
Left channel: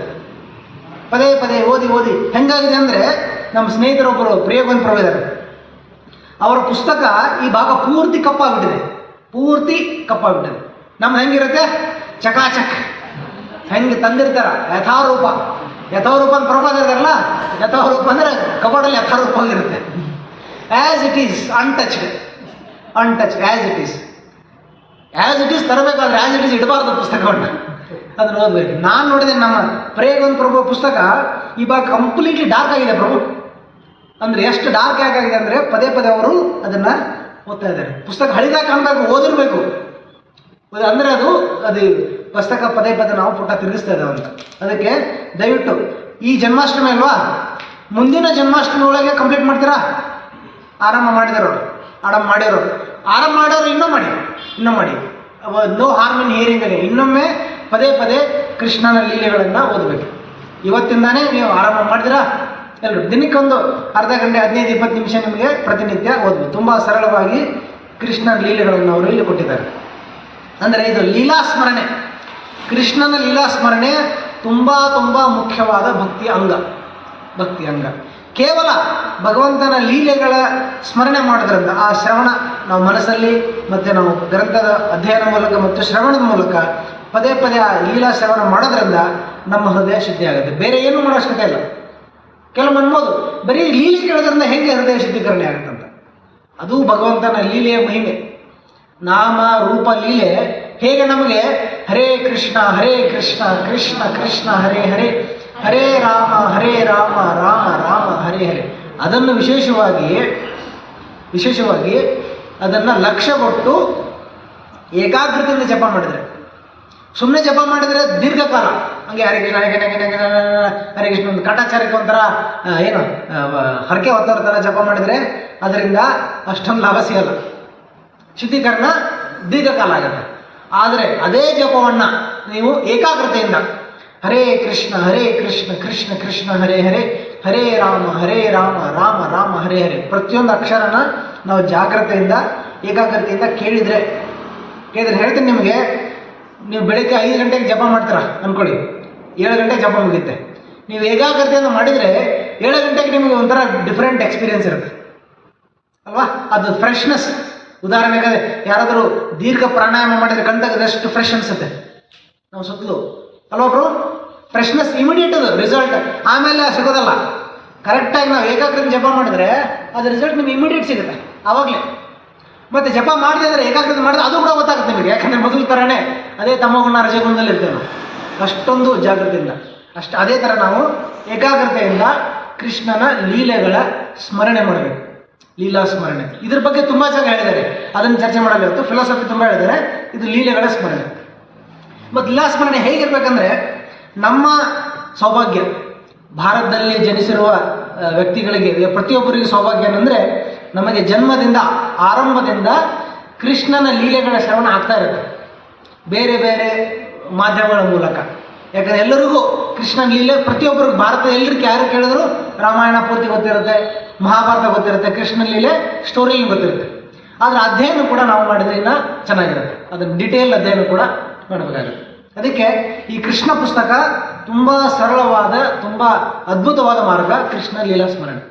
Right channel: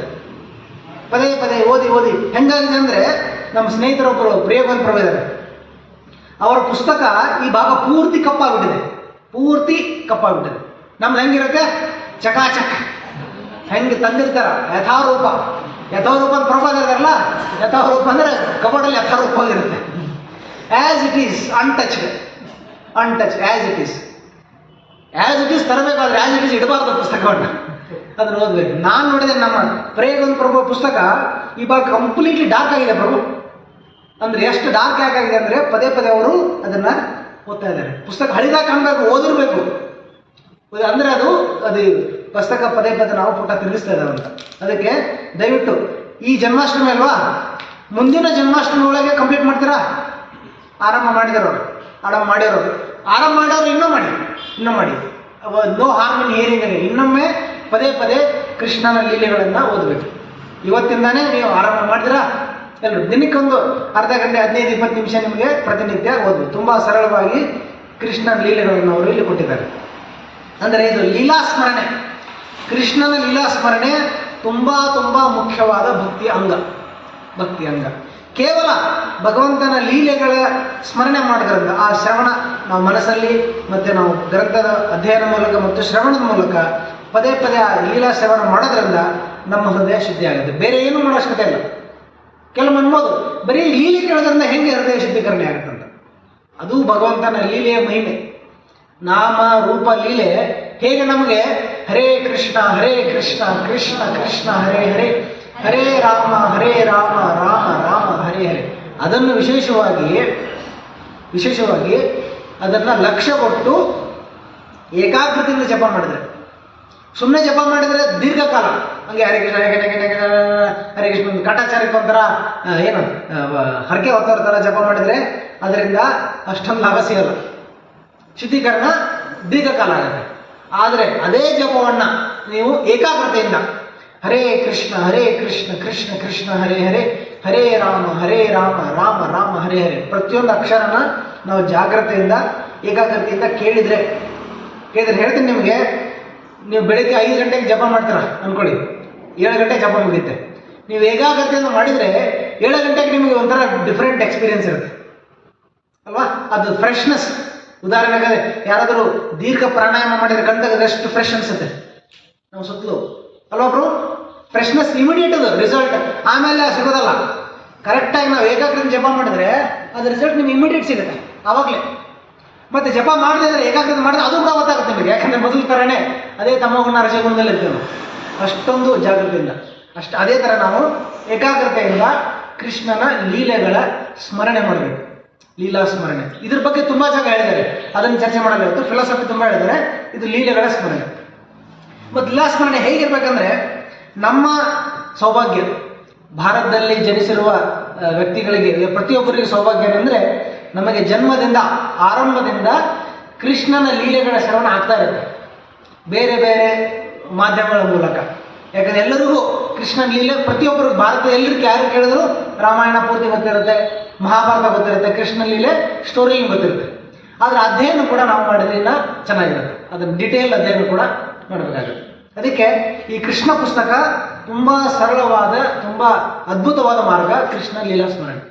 ಪದೇ ಪದೇ ಓದಿ ಓದಿ ಹೆಂಗಾಗಿದೆ ಅಂದರೆ, ನಮ್ಮ ಸ್ನೇಹಿತರೊಬ್ಬರು ಪ್ರಿಯಗೋವಿಂದ ಪ್ರಭು ಇದ್ದಾರೆ, ಅವರ ಪುಸ್ತಕ ಈ ಭಾಗ ಪೂರ್ತಿ ಕಪ್ಪಾಗ್ಬಿಟ್ಟಿದೆ, ಪೂರ್ತಿ ಕಪ್ಪಾಗ್ಬಿಟ್ಟಿದೆ. ನಮ್ದು ಹೆಂಗಿರುತ್ತೆ ಚಕಾಚಕ್ ಹೆಂಗೆ ತಂದಿರ್ತಾರ ಯಥಾರೂಪ. ಯಥಾರೂಪ ಅಂತ ಪ್ರಭಾದ ಇದಾರಲ್ಲ, ಯಥಾರೂಪ ಅಂದರೆ ಕಬೋರ್ಡಲ್ಲಿ ಯಥಾರೂಪವಾಗಿರುತ್ತೆ. As it is, untouched, untouch as it is ತರಬೇಕಾದ್ರೆ ಆ್ಯಸ್ ಇಟ್ ಈಸ್ ಇಡಬಾರ್ದು ಪುಸ್ತಕವನ್ನು, ಅದನ್ನು ಓದಬೇಕು. ನಾನು ನೋಡಿದೆ ನಮ್ಮ ಪ್ರಿಯಗೋವಿಂದ ಪ್ರಭು ಪುಸ್ತಕ ಈ ಭಾಗ ಕಂಪ್ಲೀಟ್ಲಿ ಡಾರ್ಕ್ ಆಗಿದೆ ಪ್ರಭು. ಅಂದರೆ ಎಷ್ಟು ಡಾರ್ಕ್ ಯಾಕಾಗಿದೆ ಅಂದರೆ ಪದೇ ಪದೇ ಅವರು ಅದನ್ನು ಓದ್ತಾ ಇದ್ದಾರೆ. ಪುಸ್ತಕ ಹಳಿದಾಗ ಕಾಣಬೇಕು, ಓದಿರ್ಬೇಕು. ಅಂದರೆ ಅದು ಪುಸ್ತಕ ಪದೇ ಪದೇ ನಾವು ಪುಟ ತಿರುಗಿಸ್ತಾ ಇದ್ದಾವೆ ಅಂತ. ಅದಕ್ಕೆ ದಯವಿಟ್ಟು ಈ ಜನ್ಮಾಷ್ಟಮಿ ಅಲ್ವಾ, ಮುಂದಿನ ಜನ್ಮಾಷ್ಟಮಿ ಒಳಗೆ ಕಂಪ್ಲೀಟ್ ಮಾಡ್ತೀರಾ? ಆರಂಭ ಮಾಡಿದವರು, ಆರಂಭ ಮಾಡೋರು ಇನ್ನೂ ಮಾಡಿ ನೋ ಹಾರ್ಮ್ ಇನ್ ಹಿಯರಿಂಗ್ ಅಲ್ಲಿ ಇನ್ನೊಮ್ಮೆ ಪದೇ ಪದೇ ಕೃಷ್ಣನ ಲೀಲೆಗಳನ್ನು ಓದಬೇಕು. ಇವತ್ತಿಂದಾನೇ ನೀವು ಆರಂಭ ಮಾಡಿದಿರಾ? ಎಲ್ಲರೂ ದಿನಕ್ಕೊಂದು ಅರ್ಧ ಗಂಟೆ 15-20 ನಿಮಿಷ ನಿಮಗೆ ಪ್ರತಿನಿತ್ಯ ಓದ್ಬೋದು. ತುಂಬ ಸರಳವಾಗಿ ಕೃಷ್ಣನ ಲೀಲೆಗಳನ್ನು ಅವರು ಇಲ್ಲಿ ಕೊಟ್ಟಿದ್ದಾರೆ. ಅಂದರೆ ಇದು ಲೀಲಾ ಸ್ಮರಣೆ, ಕೃಷ್ಣನ ಲೀಲಾ ಸ್ಮರಣೆ ತುಂಬ ತುಂಬ ಮುಖ್ಯವಾದ ಭಕ್ತಿ ಅಂಗ. ಕೇವಲ ಭಗವಂತನ ಲೀಲೆಗಳ ಸ್ಮರಣೆ ಮಾಡೋದ್ರಿಂದ ಆ ಶ್ರವಣ ನಾವು ಮನಸ್ಸಲ್ಲಿ ಮತ್ತು ನಾವು ಗ್ರಂಥದ ಅಧ್ಯಯನ ಮೂಲಕ ಮತ್ತು ಶ್ರವಣದ ಮೂಲಕ ಪದೇ ಪದೇ ಆ ಲೀಲಾ ಶ್ರವಣ ಮಾಡೋದ್ರಿಂದ ನಮ್ಮ ಹೃದಯ ಶುದ್ಧಿ ಆಗುತ್ತೆ. ಬೇರೆ ಏನೂ ಮಾಡೋ ಅವಶ್ಯಕತೆ ಇಲ್ಲ. ಕೆಲವು ಅನ್ಬೋದು ಬರೀ ಲೀಲೆ ಕೇಳೋದ್ರಿಂದ ಹೆಂಗೆ ಹೃದಯ ಶುದ್ಧೀಕರಣೆ ಆಗುತ್ತಂತ. ಅದು ಭಗವಂತನ ಲೀಲೆಯ ಮಹಿಮೆ. ನಾಮ ರೂಪ ಲೀಲೆ ಹೇಗೆ ನಮಗೆ ಹರೇ ಕೃಷ್ಣ ಕೃಷ್ಣ ಕೃಷ್ಣ ಹರೇ ಹರೇ, ಹರೇ ರಾಮ ರಾಮ ರಾಮ ಹರೇ ಹರೇ, ಅದನ್ನು ವಿಶೇಷವಾಗಿ ಅದನ್ನು ಲಕ್ಷ್ಯ ಕೊಟ್ಟು ಏಕಾಗ್ರತೆಯಿಂದ ಜಪ ಮಾಡಿದರೆ, ಸುಮ್ಮನೆ ಜಪ ಮಾಡಿದರೆ ದೀರ್ಘಕಾಲ ಹಂಗೆ ಹರೇ ಕೃಷ್ಣ ಹರೇ ಕೃಷ್ಣ ಒಂದು ಕಾಟಾಚಾರಕ್ಕೆ ಒಂಥರ ಏನು ಹರಕೆ ಹೊತ್ತವ್ರ ಥರ ಜಪ ಮಾಡಿದರೆ ಅದರಿಂದ ಅಷ್ಟೊಂದು ಲಾಭ ಸಿಗಲ್ಲ, ಶುದ್ಧೀಕರಣ ದೀರ್ಘಕಾಲ ಆಗುತ್ತೆ. ಆದರೆ ಅದೇ ಜಪವನ್ನು ನೀವು ಏಕಾಗ್ರತೆಯಿಂದ ಹರೇ ಕೃಷ್ಣ ಕೃಷ್ಣ ಕೃಷ್ಣ ಹರೇ ಹರೇ, ಹರೇ ರಾಮ ರಾಮ ಹರೇ ಹರೇ, ಪ್ರತಿಯೊಂದು ಅಕ್ಷರನ ನಾವು ಜಾಗ್ರತೆಯಿಂದ ಏಕಾಗ್ರತೆಯಿಂದ ಕೇಳಿದರೆ ಹೇಳ್ತೀನಿ ನಿಮಗೆ. ನೀವು ಬೆಳಗ್ಗೆ 5 ಗಂಟೆಗೆ ಜಪ ಮಾಡ್ತೀರ ಅಂದ್ಕೊಳ್ಳಿ, 7 ಗಂಟೆಗೆ ಜಪ ಮುಗಿಯುತ್ತೆ. ನೀವು ಏಕಾಗ್ರತೆಯಿಂದ ಮಾಡಿದರೆ 7 ಗಂಟೆಗೆ ನಿಮಗೆ ಒಂಥರ ಡಿಫ್ರೆಂಟ್ ಎಕ್ಸ್ಪೀರಿಯನ್ಸ್ ಇರುತ್ತೆ ಅಲ್ವಾ? ಅದು ಫ್ರೆಶ್ನೆಸ್ ಉದಾಹರಣೆಗೆ ಯಾರಾದರೂ ದೀರ್ಘ ಪ್ರಾಣಾಯಾಮ ಮಾಡಿದ್ರೆ ಕಣ್ತಗದಷ್ಟು ಫ್ರೆಶ್ ಅನ್ಸುತ್ತೆ ನಾವು ಸುತ್ತಲೂ ಅಲ್ವಾ ಬ್ರೋ? ಫ್ರೆಶ್ನೆಸ್ ಇಮಿಡಿಯೇಟ್ ಅದು ರಿಸಲ್ಟ್, ಆಮೇಲೆ ಸಿಗೋದಲ್ಲ. ಕರೆಕ್ಟಾಗಿ ನಾವು ಏಕಾಗ್ರತೆ ಜಪ ಮಾಡಿದ್ರೆ ಅದು ರಿಸಲ್ಟ್ ನಿಮ್ಗೆ ಇಮಿಡಿಯೇಟ್ ಸಿಗುತ್ತೆ ಆವಾಗಲೇ. ಮತ್ತು ಜಪ ಮಾಡದೇ ಇದ್ರೆ ಏಕಾಗ್ರತೆ ಮಾಡಿದ್ರೆ ಅದು ಕೂಡ ಗೊತ್ತಾಗುತ್ತೆ ನಿಮಗೆ, ಯಾಕಂದರೆ ಮೊದಲ ಥರನೇ ಅದೇ ತಮೋಗುಣ ರಜಗುಣದಲ್ಲಿ ಇರ್ತೇವೆ ನಾವು, ಅಷ್ಟೊಂದು ಜಾಗೃತಿಯಿಂದ. ಅದೇ ಥರ ನಾವು ಏಕಾಗ್ರತೆಯಿಂದ ಕೃಷ್ಣನ ಲೀಲೆಗಳ ಸ್ಮರಣೆ ಮಾಡಬೇಕು, ಲೀಲಾ ಸ್ಮರಣೆ. ಇದ್ರ ಬಗ್ಗೆ ತುಂಬ ಜಾಗ ಹೇಳಿದ್ದಾರೆ, ಅದನ್ನು ಚರ್ಚೆ ಮಾಡಲ್ಲ ಇವತ್ತು. ಫಿಲಾಸಫಿ ತುಂಬ ಹೇಳಿದ್ದಾರೆ, ಇದು ಲೀಲೆಗಳ ಸ್ಮರಣೆ. ಮತ್ತು ಲೀಲಾ ಸ್ಮರಣೆ ಹೇಗಿರ್ಬೇಕಂದ್ರೆ, ನಮ್ಮ ಸೌಭಾಗ್ಯ ಭಾರತದಲ್ಲಿ ಜನಿಸಿರುವ ವ್ಯಕ್ತಿಗಳಿಗೆ ಪ್ರತಿಯೊಬ್ಬರಿಗೆ ಸೌಭಾಗ್ಯ ಏನಂದರೆ, ನಮಗೆ ಜನ್ಮದಿಂದ ಆರಂಭದಿಂದ ಕೃಷ್ಣನ ಲೀಲೆಗಳ ಶ್ರವಣ ಆಗ್ತಾ ಇರುತ್ತೆ ಬೇರೆ ಬೇರೆ ಮಾಧ್ಯಮಗಳ ಮೂಲಕ. ಯಾಕಂದರೆ ಎಲ್ಲರಿಗೂ ಕೃಷ್ಣನ ಲೀಲೆ ಪ್ರತಿಯೊಬ್ಬರಿಗೂ, ಭಾರತ ಎಲ್ಲರಿಗೂ ಯಾರು ಕೇಳಿದ್ರು ರಾಮಾಯಣ ಪೂರ್ತಿ ಗೊತ್ತಿರುತ್ತೆ, ಮಹಾಭಾರತ ಗೊತ್ತಿರುತ್ತೆ, ಕೃಷ್ಣನ ಲೀಲೆ ಸ್ಟೋರಿ ಗೊತ್ತಿರುತ್ತೆ. ಆದರೆ ಅಧ್ಯಯನ ಕೂಡ ನಾವು ಮಾಡಿದ್ರೆ ಇನ್ನೂ ಚೆನ್ನಾಗಿರುತ್ತೆ, ಅದನ್ನು ಡಿಟೇಲ್ ಅಧ್ಯಯನ ಕೂಡ ಮಾಡಬೇಕಾಗುತ್ತೆ. ಅದಕ್ಕೆ ಈ ಕೃಷ್ಣ ಪುಸ್ತಕ ತುಂಬ ಸರಳವಾದ, ತುಂಬ ಅದ್ಭುತವಾದ ಮಾರ್ಗ ಕೃಷ್ಣ ಲೀಲಾ ಸ್ಮರಣೆ.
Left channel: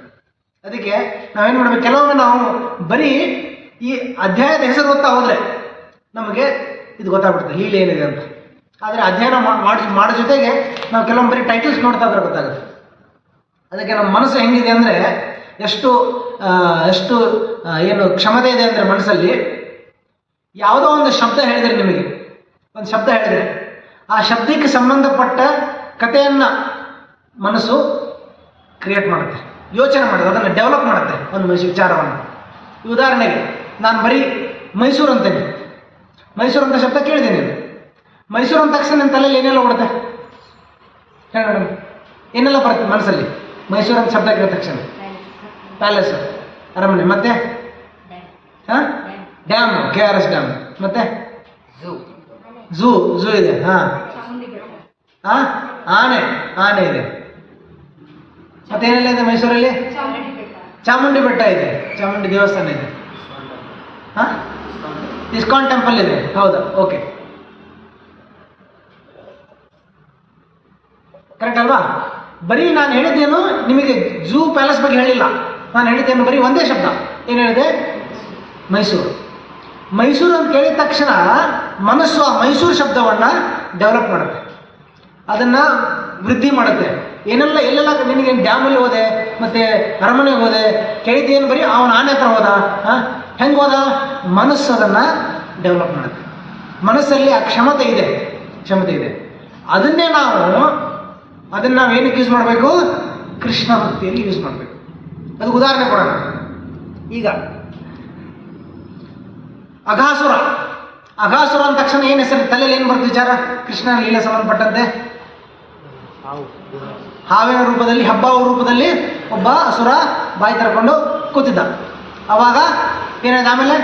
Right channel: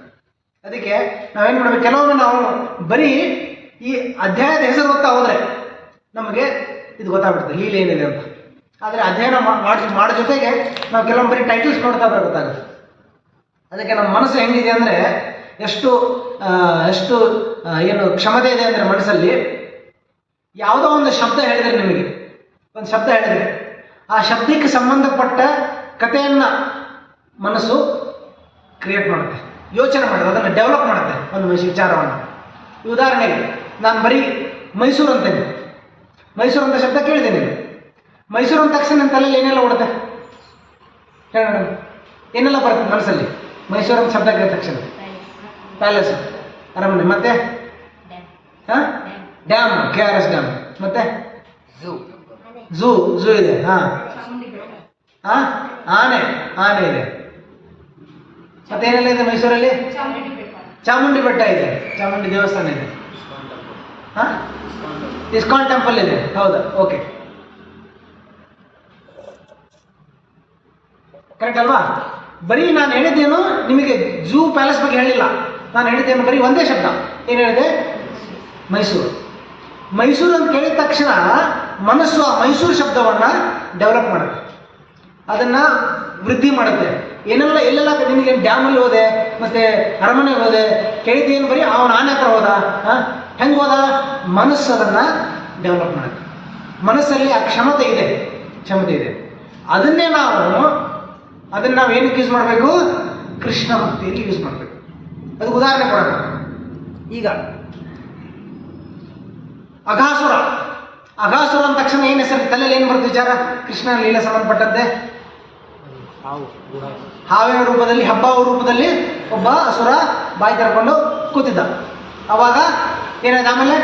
ಅದಕ್ಕೆ ನಾವೇನು ಮಾಡಬೇಕು, ಕೆಲವೊಮ್ಮೆ ನಾವು ಬರೀ ಈ ಅಧ್ಯಾಯದ ಹೆಸರು ಗೊತ್ತಾ ಹೋದರೆ ನಮಗೆ ಇದು ಗೊತ್ತಾಗ್ಬಿಡುತ್ತೆ ಲೀಲೆ ಏನಿದೆ ಅಂತ. ಆದರೆ ಅಧ್ಯಯನ ಮಾಡೋ ಜೊತೆಗೆ ನಾವು ಕೆಲವೊಮ್ಮೆ ಬರೀ ಟೈಟಲ್ಸ್ ನೋಡ್ತಾ ಇದ್ರೆ ಗೊತ್ತಾಗುತ್ತೆ. ಅದಕ್ಕೆ ನಮ್ಮ ಮನಸ್ಸು ಹೆಂಗಿದೆ ಅಂದರೆ, ಎಷ್ಟು ಏನು ಕ್ಷಮತೆ ಇದೆ ಅಂದರೆ ಮನಸ್ಸಲ್ಲಿ, ಯಾವುದೋ ಒಂದು ಶಬ್ದ ಹೇಳಿದರೆ, ನಿಮಗೆ ಒಂದು ಶಬ್ದ ಹೇಳಿದರೆ ಆ ಶಬ್ದಕ್ಕೆ ಸಂಬಂಧಪಟ್ಟ ಕಥೆಯನ್ನು ಮನಸ್ಸು ಕ್ರಿಯೇಟ್ ಮಾಡುತ್ತೆ, ಯೋಚನೆ ಮಾಡುತ್ತೆ, ಅದನ್ನು ಡೆವಲಪ್ ಮಾಡುತ್ತೆ ಒಂದು ವಿಚಾರವನ್ನು. ಉದಾಹರಣೆಗೆ ನಾನು ಬರೀ ಮೈಸೂರು ಅಂತೇನೆ, ಮೈಸೂರು ಅಂತ ಶಬ್ದ ಕೇಳಿದ್ದೀನಿ. ಮೈಸೂರು ಅಂದ ತಕ್ಷಣ ನನ್ನ ತಲೆಯಲ್ಲಿ ಏನೆಲ್ಲ ಓಡುತ್ತೆ ಹೇಳೋಣ, ಏನೆಲ್ಲ ಬರುತ್ತೆ ಮನಸ್ಸಲ್ಲಿ? ಮೈಸೂರು ಅಂತ ಶಬ್ದ ಕೇಳಿದ ತಕ್ಷಣ ಪ್ಯಾಲೇಸ್, ಅರಮನೆ, ಮತ್ತೆ ಡ್ಯಾಮ್, KRS ಡ್ಯಾಮ್, ಮತ್ತೆ ಝೂ ಇದೆ, ಆನೆ ಇದೆ, ಮತ್ತೇನೆಲ್ಲ ಇದೆ ಮೈಸೂರಲ್ಲಿ? ಚಾಮುಂಡಿ ಬೆಟ್ಟ ಇದೆ, ಚಾಮುಂಡಿ ದೇವಸ್ಥಾನ ಇದೆ, ಇಸ್ಕಾನ್ ಟೆಂಪಲ್ ಇದೆ. ಹೌದಾ? ಓಕೆ, ಕರೆಕ್ಟ್ ಅಲ್ವಾ? ಬರೀ ನಾನು ಹೇಳಿದ್ದೇನು ನಿಮಗೆ ಝೂ ಪ್ಯಾಲೇಸ್ ಬಗ್ಗೆ ಹೇಳಿಲ್ಲ, ನಾನು ಹೇಳಿದ್ದೇನು ಬರೀ ಒಂದೇ ಶಬ್ದ. ಏನು ಹೇಳಿದೆ? ಮೈಸೂರು. ಮೈಸೂರು ಅಂತ ಕೇಳಿದ ತಕ್ಷಣ ಮನಸ್ಸು ಆ ಮೈಸೂರು ಶಬ್ದವನ್ನು ಡೆವಲಪ್ ಮಾಡುತ್ತೆ, ಅದನ್ನು ವೃದ್ಧಿ ಮಾಡುತ್ತೆ. ಏನೆಲ್ಲ ಎಲ್ಲೆಲ್ಲ ನಿನಗೆ ಡ್ಯಾಮಲ್ಲಿ ಹೋದೆ, ಮತ್ತು ಅರಮನೆಗೆ ಹೋದೆ, ಕೇಳಿದ್ದೇನು ಬರೀ ಅವನ ಆನೆ ಹತ್ರ ಹೋದ, ಹೆಂಗೆ ಹೋದ? ಮನಸ್ಸು ಅದನ್ನು ಡೆವಲಪ್ ಮಾಡುತ್ತೆ. ಮನಸ್ಸಲ್ಲಿ ಆ ಕ್ಷಮತೆ ಇದೆ. ಅದನ್ನೇ ಅದನ್ನು ನಾವು ಏನಕ್ಕೆ ಯೂಸ್ ಮಾಡಬೇಕು? ಕೃಷ್ಣ ಭಕ್ತಿಯಲ್ಲಿ ಯೂಸ್ ಮಾಡಬೇಕು. ಅದಕ್ಕೆ ಉದಾಹರಣೆ ಕೊಡೋಣ. ಈಗ ಅಘಾಸುರ ಅಂದ ತಕ್ಷಣ ಏನು ಹೆಸರು ತಲೆಯಲ್ಲಿ ಏನು ಬರುತ್ತೆ ವಿಚಾರ? ಕೃಷ್ಣನ ಲೀಲೆ ಸಂಬಂಧಪಟ್ಟಂತೆ ಹಾವಿನ ರೂಪದಲ್ಲಿ, ಹಬ್ಬವ ರೂಪದಲ್ಲಿ ಒಬ್ಬ ಅಸುರ ಬಾಯಿ ತರ್ಕೊಂಡು ಕೂತಿದ್ದ. ಅವಾಗ ಏನಾಯ್ತು ಆಮೇಲೆ?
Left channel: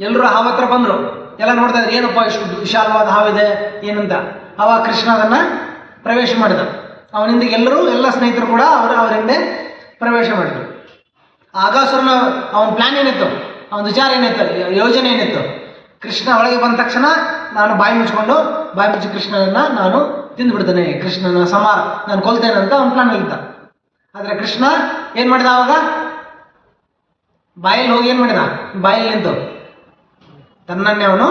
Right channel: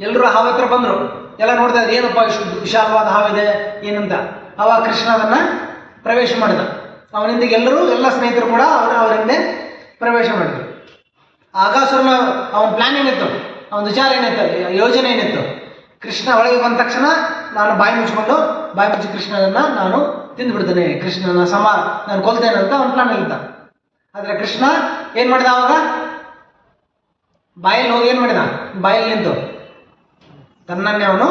ಎಲ್ಲರೂ ಹಾವು ಹತ್ರ ಬಂದರು, ಎಲ್ಲ ನೋಡ್ತಾ ಇದ್ರು, ಏನಪ್ಪ ಇಷ್ಟು ವಿಶಾಲವಾದ ಹಾವಿದೆ ಏನಂತ. ಅವಾಗ ಕೃಷ್ಣ ಅದನ್ನು ಪ್ರವೇಶ ಮಾಡಿದ. ಅವನಿಂದ ಎಲ್ಲ ಸ್ನೇಹಿತರು ಕೂಡ ಅವರಿಂದ ಪ್ರವೇಶ ಮಾಡಿದ್ರು. ಅಘಾಸುರನ ಅವನ ಪ್ಲಾನ್ ಏನಿತ್ತು, ಅವನ ವಿಚಾರ ಏನಿತ್ತು, ಯೋಜನೆ ಏನಿತ್ತು? ಕೃಷ್ಣ ಒಳಗೆ ಬಂದ ತಕ್ಷಣ ನಾನು ಬಾಯಿ ಮುಚ್ಚಿ ಕೃಷ್ಣನನ್ನು ನಾನು ತಿಂದುಬಿಡ್ತೇನೆ, ಕೃಷ್ಣನ ನಾನು ಕೊಲ್ತೇನೆ ಅಂತ ಅವನ ಪ್ಲಾನ್ ಇದ್ದ. ಆದರೆ ಕೃಷ್ಣ ಏನು ಮಾಡಿದ? ಆವಾಗ ಬಾಯಲ್ಲಿ ಹೋಗಿ ಏನು ಮಾಡಿದ? ಬಾಯಲ್ಲಿ ನಿಂತು ತನ್ನನ್ನೇ ಅವನು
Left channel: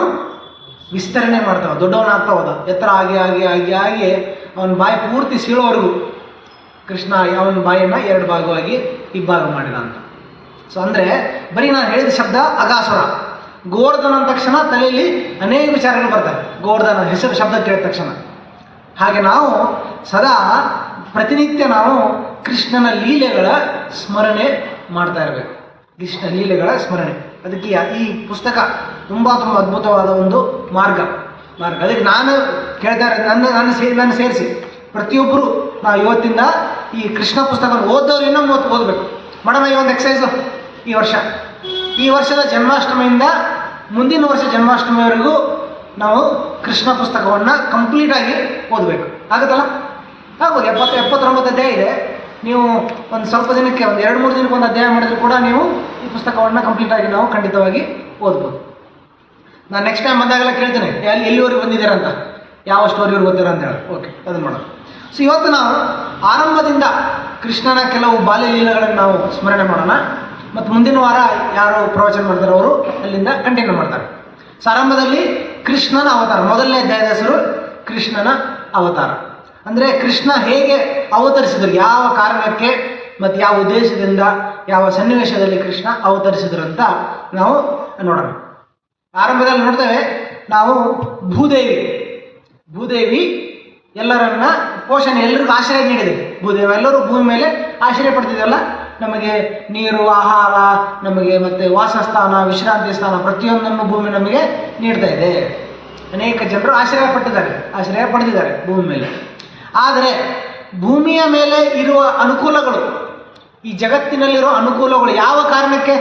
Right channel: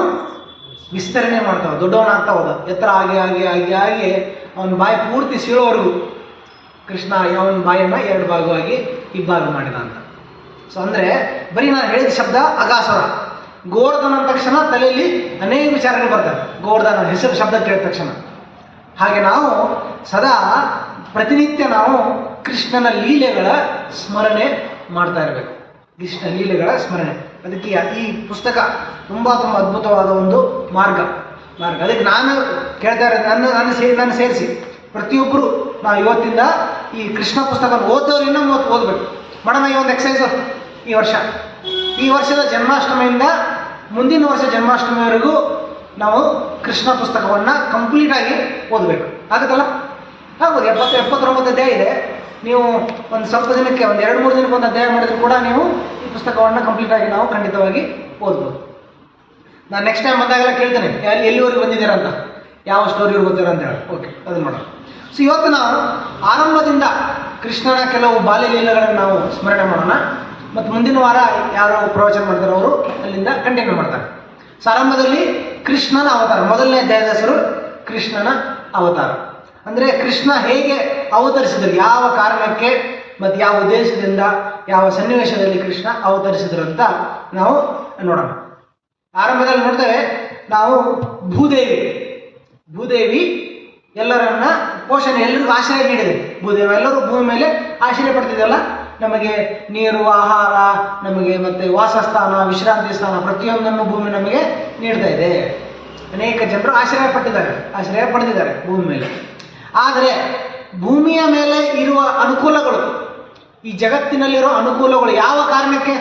ವಿಸ್ತರಣೆ ಮಾಡ್ತಾವ, ದೊಡ್ಡವನಾಗ್ತಾ ಹೋದ. ಎತ್ತರ ಆಗಿ ಅವನ ಬಾಯಿ ಪೂರ್ತಿ ಸೀಳೋವರೆಗೂ ಕೃಷ್ಣ ಅವನ ಬಾಯನ್ನು 2 ಭಾಗವಾಗಿ ಇಬ್ಬಾಗ ಮಾಡಿದ ಅಂತ. ಸೊ ಅಂದರೆ ಬರೀ ನಾನು ಹೇಳಿದ ಶಬ್ದ ಅಘಾಸುರ. ಗೋವರ್ಧನ ಅಂದ ತಕ್ಷಣ ತಲೆಯಲ್ಲಿ ಅನೇಕ ವಿಚಾರಗಳು ಬರ್ತವೆ, ಗೋವರ್ಧನ ಹೆಸರು ಶಬ್ದ ಕೇಳಿದ ತಕ್ಷಣ. ಹಾಗೆ ನಾವು ಸದಾ ಪ್ರತಿನಿತ್ಯ ನಾವು ಕೃಷ್ಣನ ಲೀಲೆಗಳ ಸ್ಮರಣೆ ಮಾಡ್ತಾ ಇರಬೇಕು, ಕೃಷ್ಣ ಲೀಲೆಗಳ ಸ್ಮರಣೆ. ಅದಕ್ಕೆ ಈ ಪುಸ್ತಕ ತುಂಬ ಅದ್ಭುತವಾದ ಒಂದು ಮಾರ್ಗ. ಅದಕ್ಕೆ ನಾನು ಕೇಳ್ತಾ ಇರೋದು, ನನ್ನ ಸೇರಿಸಿ ಪ್ರತಿಯೊಬ್ಬರು ನಾವು ಇವತ್ತಿಂದ ಈ ಕೃಷ್ಣ ಪುಸ್ತಕ ಓದೋರು ಇನ್ನೂ ಓದಬೇಕು. ಮಾಡೋಣ ಈ ಒಂದು ಎಕ್ಸಸೈಸು. ಈ ವರ್ಷದ ಜನ್ಮಾಷ್ಟಮಿಯಿಂದ ಮುಂದಿನ ವರ್ಷ ಜನ್ಮಾಷ್ಟಮಿವರೆಗೂ ನಾವು ಕೃಷ್ಣ ಪುಸ್ತಕವನ್ನು ಕಂಪ್ಲೀಟಾಗಿ ಓದಬೇಕು. ಆಗುತ್ತಲ್ಲ? ಆಗ್ಬೋದು. 79 ಅಧ್ಯಾಯ ಇದೆ. ನೀವು ಒಂದು ಸ್ವಲ್ಪ ದಿನಕ್ಕೆ, ಒಂದು 2-3 ದಿನಕ್ಕೆ ಒಂದು ಅಧ್ಯಾಯ ಮಾಡಿದ್ರು ಕೂಡ ನೀವು ಈ ಪುಸ್ತಕವನ್ನು ಕಂಪ್ಲೀಟಾಗಿ ನಾವು ಖಂಡಿತವಾಗಿ ಓದ್ಬೋದು. ನಾನು ನೆಕ್ಸ್ಟ್ ಟೈಮ್ ಬಂದಾಗೆಲ್ಲ ಕೇಳ್ತೇನೆ ಎಲ್ಲಿವರೆಗೂ ಬಂದಿದ್ದಾರೆ ಅಂತ, ಯಾವ ಸ್ಟೋರಿವರೆಗೂ ಓದ್ತಾರೆ ಅಂತ ಹೇಳಿ. ಓಕೆ, ಅದನ್ನು ಮಾಡೋಣ. ಸೊ ಇವತ್ತು ನಾವು ಆರಂಭದಿಂದ ಕೃಷ್ಣನ ಕೆಲವು ಬಾಲ್ಯಲೀಲೆಗಳನ್ನು ನಾವು ಸ್ಮರಣೆ ಮಾಡೋಣ. ಮತ್ತು ಮುಂದಿನ ವಾರ ಯಾರು ಪ್ರವಚನ ಮಾಡ್ತಾರೆ ಅವರು ಅಲ್ಲಿಂದ ಕಂಟಿನ್ಯೂ ಮಾಡ್ತಾರೆ. ಸೊ ಆರಂಭದಲ್ಲಿ ಕೃಷ್ಣನ ಅವತಾರ, ಮೊದಲನೇ ಅಧ್ಯಾಯದ ಹೆಸರು ಕೃಷ್ಣನ ಅವತಾರ. ಅಂದರೆ ಕೃಷ್ಣ ಹೇಗೆ ಅವತರಿಸಿದರು, ಯಾವ ಕಾರಣಕ್ಕೆ ಮತ್ತು ಯಾವ ಉದ್ದೇಶದಿಂದ, ಯಾವ ಸನ್ನಿವೇಶದಲ್ಲಿ ಕೃಷ್ಣ ಅವತರಿಸಿದರು ಅಂತ ನಾವು ನೋಡೋಣ. ಆರಂಭದಲ್ಲಿ ನೋಡ್ತೇವೆ ನಾವು ಭೂದೇವಿ ಎಲ್ಲರನ್ನ ಪೋಷಣೆ, ಎಲ್ಲರಿಗೂ ಆಶ್ರಯ ನೀಡಿದೆ. ಭೂದೇವಿ ಎಲ್ಲರೂ ಭೂಮಿ ಮೇಲೆ ಆಶ್ರಯ ಪಡ್ತಿದ್ದಲ್ಲ, ನಮಗೆ ನೀರು, ಆಹಾರ, ನಮಗೆ ಮತ್ತೆ ವಾಸಸ್ಥಾನ, ವಿಶ್ರಾಂತಿ ಸ್ಥಾನ ಪ್ರತಿಯೊಂದನ್ನು ಭೂಮಿ ನಮಗೆ ನೀಡ್ತಾ ಇದೆ. ಅನೇಕ ಜನರು ಆಶ್ರಯ ಪಡೆದಿದ್ದಾರೆ ಭೂಮಿ ಮೇಲೆ. ಆದರೆ ಭೂಮಿಯ ಮೇಲೆ ಇರುವ ಅನುಕೂಲಗಳು, ಈ ಜಗತ್ತಿನಲ್ಲಿರೋ ಅನುಕೂಲಗಳು ಯಾವ ಕಾರಣಕ್ಕೆ?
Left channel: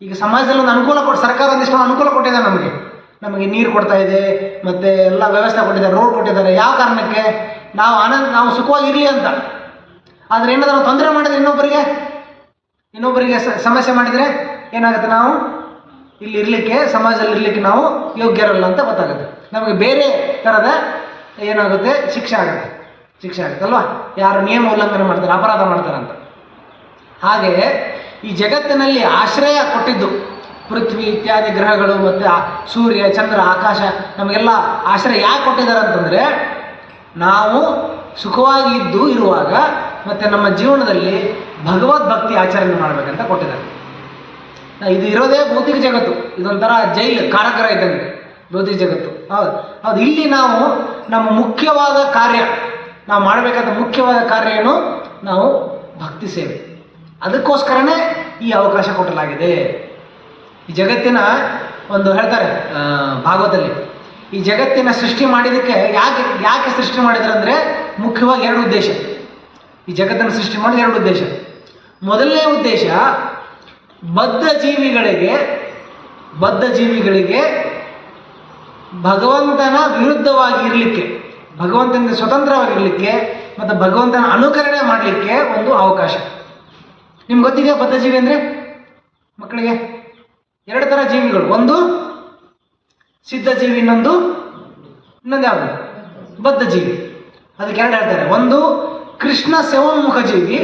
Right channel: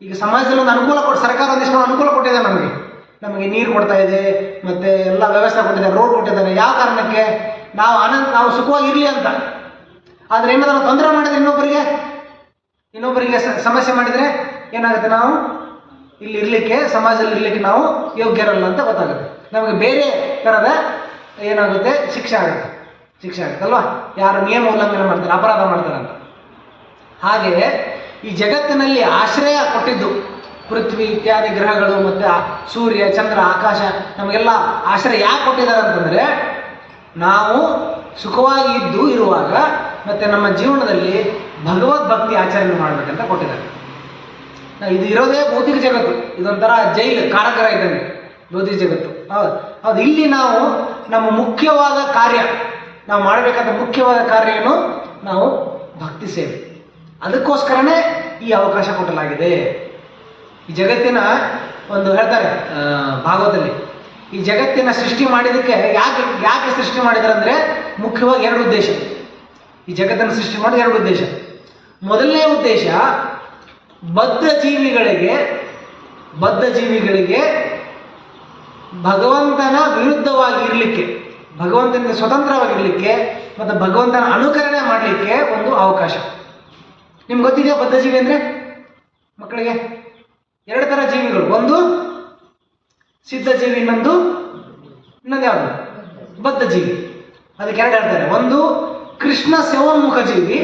ಈಗ ಸಮಾಜದಲ್ಲಿ ಒಂದು ಅನುಕೂಲ ಸರ್ಕಾರ ಒಂದಿಷ್ಟು ಅನುಕೂಲ ಕೊಟ್ಟಿದೆ, ನಮಗೆ ನೀರು ಕೊಡ್ತಾ ಇದೆ, ಮತ್ತೆ ಎಲ್ಲ ವ್ಯವಸ್ಥೆ ಕೊಟ್ಟಿದ್ದಾರೆ, ರೋಡ್ ಕೊಟ್ಟಿದ್ದಾರೆ. ಯಾವ ಕಾರಣಕ್ಕೆ? ನಾವು ಸುಖವಾಗಿರಲಿ ಅಂತ. ಆದರೆ ಏನಾದರೂ ನಾವು ತೊಂದರೆ ಮಾಡಿದ್ರೆ ಇನ್ನೊಬ್ಬರಿಗೆ ಸಮಸ್ಯೆ ಮಾಡಿದರೆ ಏನಾಗುತ್ತೆ? ನಾವು ಇಲ್ಲಿ ಇರಲಿಕ್ಕೆ, ಸಮಾಜದಲ್ಲಿ ಇರಲಿಕ್ಕೆ ನಾವು ಯೋಗ್ಯರಲ್ಲ ಅಂತ ಗೊತ್ತಾಗುತ್ತೆ. ನಮಗೆ ಬೇರೆ ಥರದ ಏನಾಗುತ್ತೆ? ಶಿಕ್ಷೆ ಆಗುತ್ತಲ್ವಾ? ಯಾರು ನಿಯಮ ಉಲ್ಲಂಘನೆ ಮಾಡ್ತಾರೆ, ಅಪರಾಧ ಮಾಡ್ತಾರೆ ಅಂತ. ಹಾಗೆಯೇ ಈ ಜಗತ್ತಿನಲ್ಲಿ ಆಶ್ರಯ ಕೊಟ್ಟಿದ್ದು ಪೃಥ್ವಿ ಇತ್ಯಾದಿ ಗ್ರಹಗಳು ಮತ್ತು ಸೂರ್ಯ, ಚಂದ್ರ, ಆಕಾಶ ನಮಗೆಲ್ಲ ಆಶ್ರಯ ಯಾಕೆ ಕೊಟ್ಟಿದ್ದಾರೆ ಅಂತಂದರೆ, ನಾವು ಸುಖವಾಗಿ ಇರುವಾಗ ಮತ್ತು ನಮ್ಮ ಜೀವನದಲ್ಲಿ ಭಗವದ್ಭಕ್ತಿ ಆಚರಣೆ ಮಾಡಬೇಕಂತ ಕೊಟ್ಟಿದ್ದಾರೆ. ಇದು ಇರೋದೇ ಭೌತಿಕ ಜಗತ್ತು, ಇದೊಂಥರ ಜೈಲು, ಕಾರಾಗೃಹ ಇದ್ದಂಗೆ ಭೌತಿಕ ಜಗತ್ತು. ಹೌದು. ಇಲ್ಲಿ ನಾವು ನಮ್ಮ ಮುಖ್ಯವಾದ ಕಾರ್ಯ, ನಾವು ಮಾಡಬೇಕಾದ ಮುಖ್ಯವಾದ ಕಾರ್ಯ ಏನು? ನಾವು ಭಕ್ತಿ ಸೇವೆ. ಅದಕ್ಕೋಸ್ಕರನೇ ಈ ಅವಕಾಶ ಕೊಡಲಾಗಿದೆ. ಈ ಜಗತ್ತಿನ ಒಂದು ಹೇಳ್ತಾರೆ ಭಾಗವತದಲ್ಲಿ, ಈ ಜಗತ್ತಿನ ಸೃಷ್ಟಿ ಮಾಡಿದ್ದಕ್ಕೆ ಯಾಕೆ ಸೃಷ್ಟಿ ಮಾಡಿದ್ದಾರೆ ಅಂದರೆ ಮುಖ್ಯವಾಗಿ 2 ಉದ್ದೇಶ. ಈ ಜಗತ್ತನ್ನು ಸೃಷ್ಟಿ ಮಾಡೋದು 2 ಉದ್ದೇಶ. ಮೊದಲನೇ ಉದ್ದೇಶ ಬದ್ಧ ಜೀವಿಗಳಿಗೆ ಭಗವಂತನ ವಿರುದ್ಧವಾಗಿ ಇರಲಿಕ್ಕೆ, ಭಗವಂತನಿಂದ ಸ್ವತಂತ್ರವಾಗಿರಲಿಕ್ಕೆ ಮತ್ತು ಭಗವಂತನ ಅನುಕರಣೆ ಮಾಡಲಿಕ್ಕೆ ಒಂದು ಅವಕಾಶ. ನಿಮ್ಗೆ ಗೊತ್ತಿದೆಯಾ ಬದ್ಧ ಜೀವಿ ಅಂದರೆ? ಮಕ್ಕಳಿಗೆ 2 ಥರ ಜೀವಿಗಳು, ಒಂದು ಸಿದ್ಧ ಜೀವಿ, ಇನ್ನೊಂದು ಯಾವುದು? ಬದ್ಧ ಜೀವಿ. ಅದಕ್ಕೆ 2 ಹೇಳ್ತಾರೆ. ಒಂದು ಕೃಷ್ಣ ಸೇವೋನ್ಮುಖ ಜೀವಿ.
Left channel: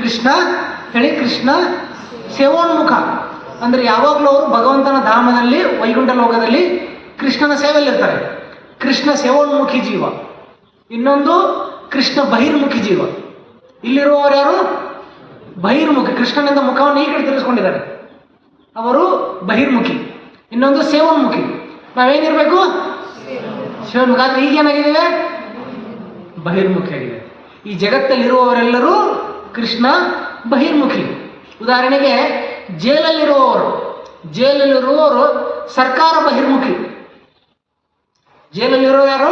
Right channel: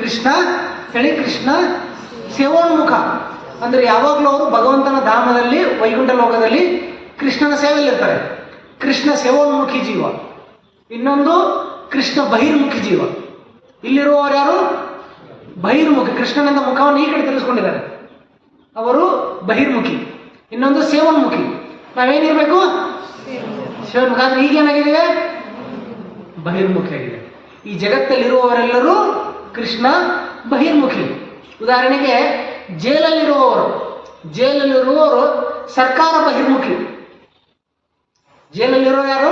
ಕೃಷ್ಣ ಸೇವೋನ್ಮುಖ ಅಂದರೆ ಯಾವಾಗಲೂ ಅವರು ಭಗವಂತನ ಧಾಮದಲ್ಲಿ, ವೈಕುಂಠ ಲೋಕದಲ್ಲಿ ಕೃಷ್ಣನ ಸೇವೆಯಲ್ಲಿರ್ತಾರೆ. ಕೃಷ್ಣ ಸೇವೋನ್ಮುಖಿ ಜೀವ. ಇನ್ನೊಂದು ಕೃಷ್ಣ ಬಹಿರ್ಮುಖಿ ಜೀವ. ಇಲ್ಲಿರುವವರು ಯಾರು? ಬಹಿರ್ಮುಖಿ, ಕೃಷ್ಣನಿಂದ ಮುಖವನ್ನು ಈ ಕಡೆ ತಿರ್ಸ್ಕೊಂಡಿದ್ದಾರೆ, ಅವರು ಬಹಿರ್ಮುಖಿ. ಇನ್ನೊಂದು ಸೇವನ್ಮುಖಿ. ನಾವೇನಿರಬೇಕು? ಸೇವನ್ಮುಖಿ. ಆದರೆ ಈಗೇನಾಗಿದ್ದೇವೆ? ಬಹಿರ್ಮುಖಿ ಆಗಿದೆ. ಈ ಜಗತ್ತಲ್ಲಿರುವವರೆಲ್ಲರೂ ಕೃಷ್ಣ ಬಹಿರ್ಮುಖಿ. ಉದಾಹರಣೆಗೆ ಜೈಲಲ್ಲಿರುವವರು ಸರ್ಕಾರ ಬಹಿರ್ಮುಖಿ. ಜೈಲಲ್ಲಿರೋ ಯಾರು?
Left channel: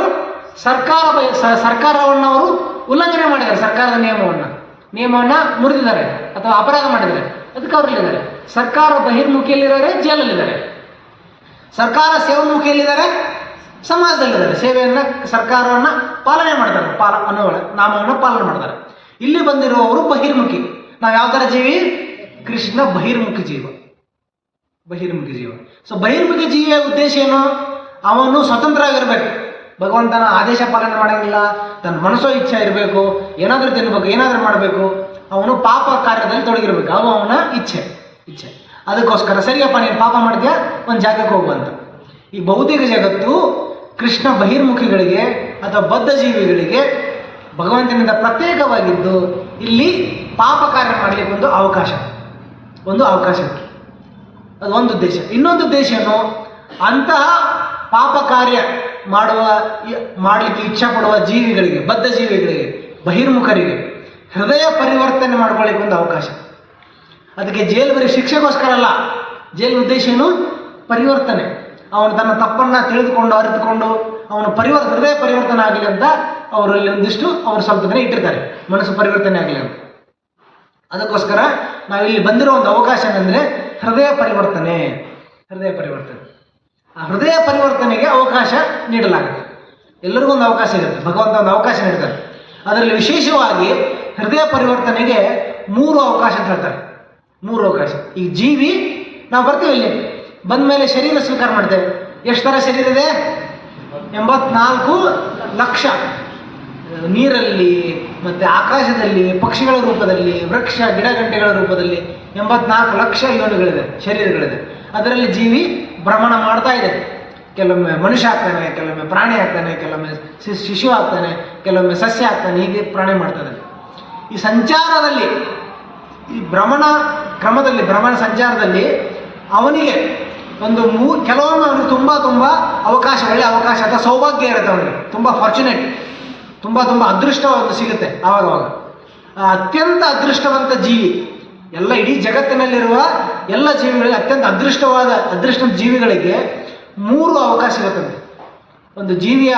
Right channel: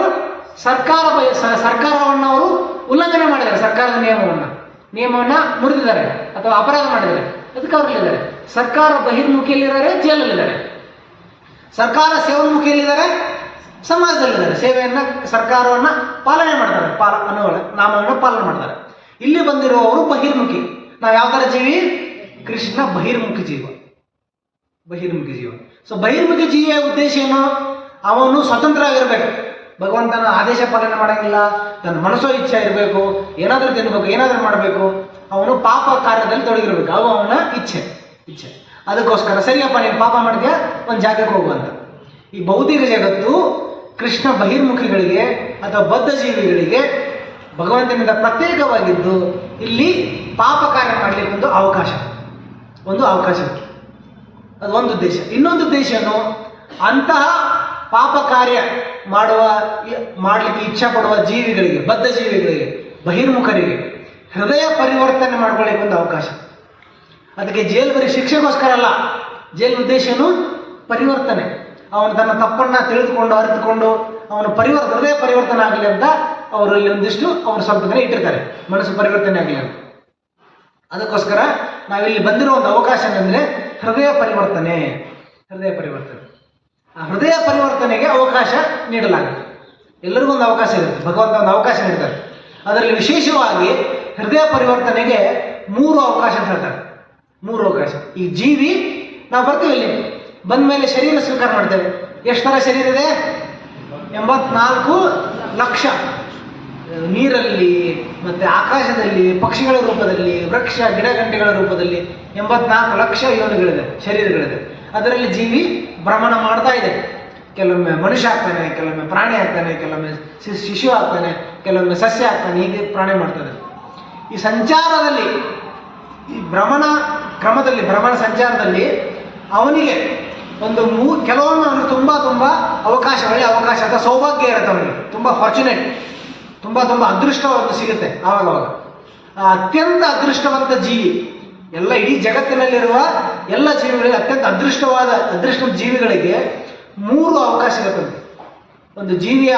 ಸರ್ಕಾರವನ್ನು ಅವರು ಉಲ್ಲಂಘನೆ ಮಾಡಿದ್ದಾರೆ. ಸರ್ಕಾರದ ನಿಯಮವನ್ನು ಮುರಿದಿದ್ದಾರೆ ಅಥವಾ ಅಪರಾಧ ಮಾಡಿದ್ದಾರೆ, ಅದಕ್ಕೆ ಅವರಲ್ಲಿದ್ದಾರೆ. ಸರ್ಕಾರ ಬಹಿರ್ಮುಖಿಯಲ್ಲಿದ್ದಾರೆ, ಜೈಲಲ್ಲಿದ್ದಾರೆ. ಸರ್ಕಾರ ಸೇವನ್ಮುಖಿಯಲ್ಲಿದ್ದಾರೆ, ಸಮಾಜದಲ್ಲಿದ್ದಾರೆ. ಸೇವೆಯನ್ನು, ಸರ್ಕಾರವನ್ನು ಪಾಲನೆ ಮಾಡ್ತಾರೆ, ನಾಮವನ್ನು ಪಾಲನೆ ಮಾಡ್ತಾರೆ. ಇಲ್ಲಿ ಬಂದಿರುವವರು ಬಹಿರ್ಮುಖಿ. ನಾವು ಯಾವ ಥರ ಜೀವಿ? ಕೃಷ್ಣ ಬಹಿರ್ಮುಖಿ ಜೀವ. ಸೊ ಬಹಿರ್ಮುಖಿ ಜೀವಿಯ ಉದ್ದೇಶ ಏನು? ಅವನು ಸ್ವತಂತ್ರವಾಗಿರ್ಬೇಕು, ಭಗವಂತನ ಆದೇಶ ಪಾಲನೆ ಮಾಡೋಂಗಿಲ್ಲ, ತನ್ನ ಮನಸ್ಸೋ ಇಚ್ಛೆ ಇರಬೇಕು, ಏನಾದರೂ ತಿನ್ಬೇಕು, ಏನಾದರೂ ಮಾಡಬೇಕು, ಅವನು ಪಾಪ ಕಾರ್ಯದಲ್ಲಿ ತೊಡಗಿರ್ಬೇಕು, ಅವು ಅವನ ಇಚ್ಛೆ. ಅದಕ್ಕೋಸ್ಕರ ಸರಿಯಪ್ಪ ನೀನು ಪಾಪ ಮಾಡಿದ್ಯಾ, ಒಂದು ಜಾಗಕ್ಕೆ ಹೋಗುವಂತ. ಈ ಭೌತಿಕ ಜಗತ್ತು ಕೃಷ್ಣ ಬಹಿರ್ಮುಖಿಗಳಿಗೆ ಅಥವಾ ಬದ್ಧ ಜೀವಿಗಳಿಗೆ ಭಗವಂತನಿಂದ ಪ್ರತ್ಯೇಕವಾಗಿದ್ದು ಇಲ್ಲಿ ಪಾಪ ಕಾರ್ಯ ಮಾಡಲಿಕ್ಕೆ ಒಂದು ಅವಕಾಶ. ಅದು ಒಂದು ಉದ್ದೇಶ. ಇನ್ನೊಂದು ಉದ್ದೇಶ ಏನು? ಅಂತಹ ಪಾಪ ಕಾರ್ಯ ಮಾಡಲಿಕ್ಕೆ ಇಚ್ಛೆ ಪಡುವ ಜೀವಿಗಳಿಗೆ, ಬದ್ಧ ಜೀವಿಗಳಿಗೆ, ಬಹಿರ್ಮುಖರಿಗೆ ಹೃದಯ ಪರಿವರ್ತನೆ ಮಾಡ್ಕೊಳ್ಳಿಕ್ಕೆ ಒಂದು ಅವಕಾಶ. ಅದಕ್ಕೆ ಜೈಲು ಬರೀ ಶಿಕ್ಷೆಗೋಸ್ಕರ ಅಲ್ಲ. ಜೈಲಿನ ಉದ್ದೇಶ ಏನು? ಪರಿವರ್ತನೆ. ಅವನು ತನ್ನ ತಪ್ಪನ್ನು ತಿಳಿದುಕೊಂಡು ಅರಿತುಕೊಂಡು ಅವನು ಹೃದಯ ಪರಿವರ್ತನೆ ಆಗಲಿ ಅಂತ ಅವರಲ್ಲಿ ಒಂದಿಷ್ಟು ಅವರು ಸ್ವಲ್ಪ ದಿನ ಇಟ್ಟಿರ್ತಾರೆ, ಮನಸ್ಸು ಪರಿವರ್ತನೆ ಆಗಲಿ ಅಂತ. ಅದಕ್ಕೋಸ್ಕರ ನಾವಿಲ್ಲಿ ಬಂದಿರೋ ಒಂದು ಅವಕಾಶ ಏನಂದರೆ ಹೃದಯ ಪರಿವರ್ತನೆ. ಆ ಹೃದಯ ಪರಿವರ್ತನೆಗೆ ಅವಕಾಶ ನೀಡಲಾಗುತ್ತೆ. ಎಲ್ಲರಿಗೂ ಒಂದು ಅವಕಾಶ ಇರುತ್ತೆ, ಭಗವಂತ ಒಂದು ಅವಕಾಶ ನೀಡ್ತಾರೆ. ಅದರಲ್ಲಿ ವಿಶೇಷವಾಗಿ ಹೃದಯ ಪರಿವರ್ತನೆಗೆ 3 ಅವಕಾಶ ಅಂತ ಹೇಳ್ತಾರೆ. 3 ಅವಕಾಶ. ಈ ಜೀವಿ ನಾವು ಬರ್ತೀವಿ, ಇಲ್ಲಿ ಬಂದ ಮೇಲೆ ಶರೀರ ಸ್ವೀಕಾರ ಮಾಡ್ತೇವೆ. ಎಷ್ಟು ಥರ ಶರೀರ ಇದೆ? 84 ಲಕ್ಷ ನೀರಲ್ಲಿ ಮತ್ತು ಆಕಾಶದಲ್ಲಿ, ಪಕ್ಷಿಗಳ ರೂಪದಲ್ಲಿ, ವೃಕ್ಷ ಗಿಡಗಂಟೆಗಳ ರೂಪದಲ್ಲಿ 84 ಲಕ್ಷ ಯೋನಿಗಳಿದೆ, ಶರೀರಗಳಿದೆ. ಅದರಲ್ಲಿ ಜೀವಿ ಭ್ರಮಣ ಮಾಡ್ತಾ ಇದೆ. ಕೆಲವೊಮ್ಮೆ ಮನುಷ್ಯ ಆಗ್ತಾನೆ, ಕೆಲವೊಮ್ಮೆ ಪ್ರಾಣಿ ಆಗ್ತಾನೆ, ಕೆಲವೊಮ್ಮೆ ಶಿಶು ಆಗ್ತಾನೆ, ಕೆಲವೊಮ್ಮೆ ಸಸ್ಯ ಆಗ್ತಾನೆ, ಹೀಗೆ ಪ್ರಾಣಿ ಮಾಡ್ತಾನೆ. ಈ ಸಂಚಾರದಲ್ಲಿ, ಈ ಭ್ರಮಣ ಕ್ರಮದಲ್ಲಿ, ಭ್ರಮಣ ಸಂಚಾರದಲ್ಲಿ ಅವನಿಗೆ ಒಂದು ಕೆಲವೊಮ್ಮೆ ಅವನಿಗೆ ತುಂಬ ಒಳ್ಳೆಯ ಅವಕಾಶ ಅಥವಾ ಸೌಭಾಗ್ಯ ಇರುತ್ತೆ. ಅವನಿಗೆ ತುಂಬ ಫಾರ್ಚುನೇಟ್, ತುಂಬ ಅದೃಷ್ಟವಾದ ಸಿಗುತ್ತೆ. ಆವಾಗ ಅತ್ಯಂತ ಅದೃಷ್ಟವಂತ ಜೀವಿ, ಎಲ್ಲ ಇಡೀ ಜಗತ್ತಿನಲ್ಲಿರುವ ಎಲ್ಲ ಜೀವಿಗಳಿಗೆ ಅತ್ಯಂತ ಅದೃಷ್ಟ ಜೀವಿಗಳಿಗೆ 3 ಅವಕಾಶ ಇರುತ್ತದೆ. ಒಂದು ಜೀವಿಯ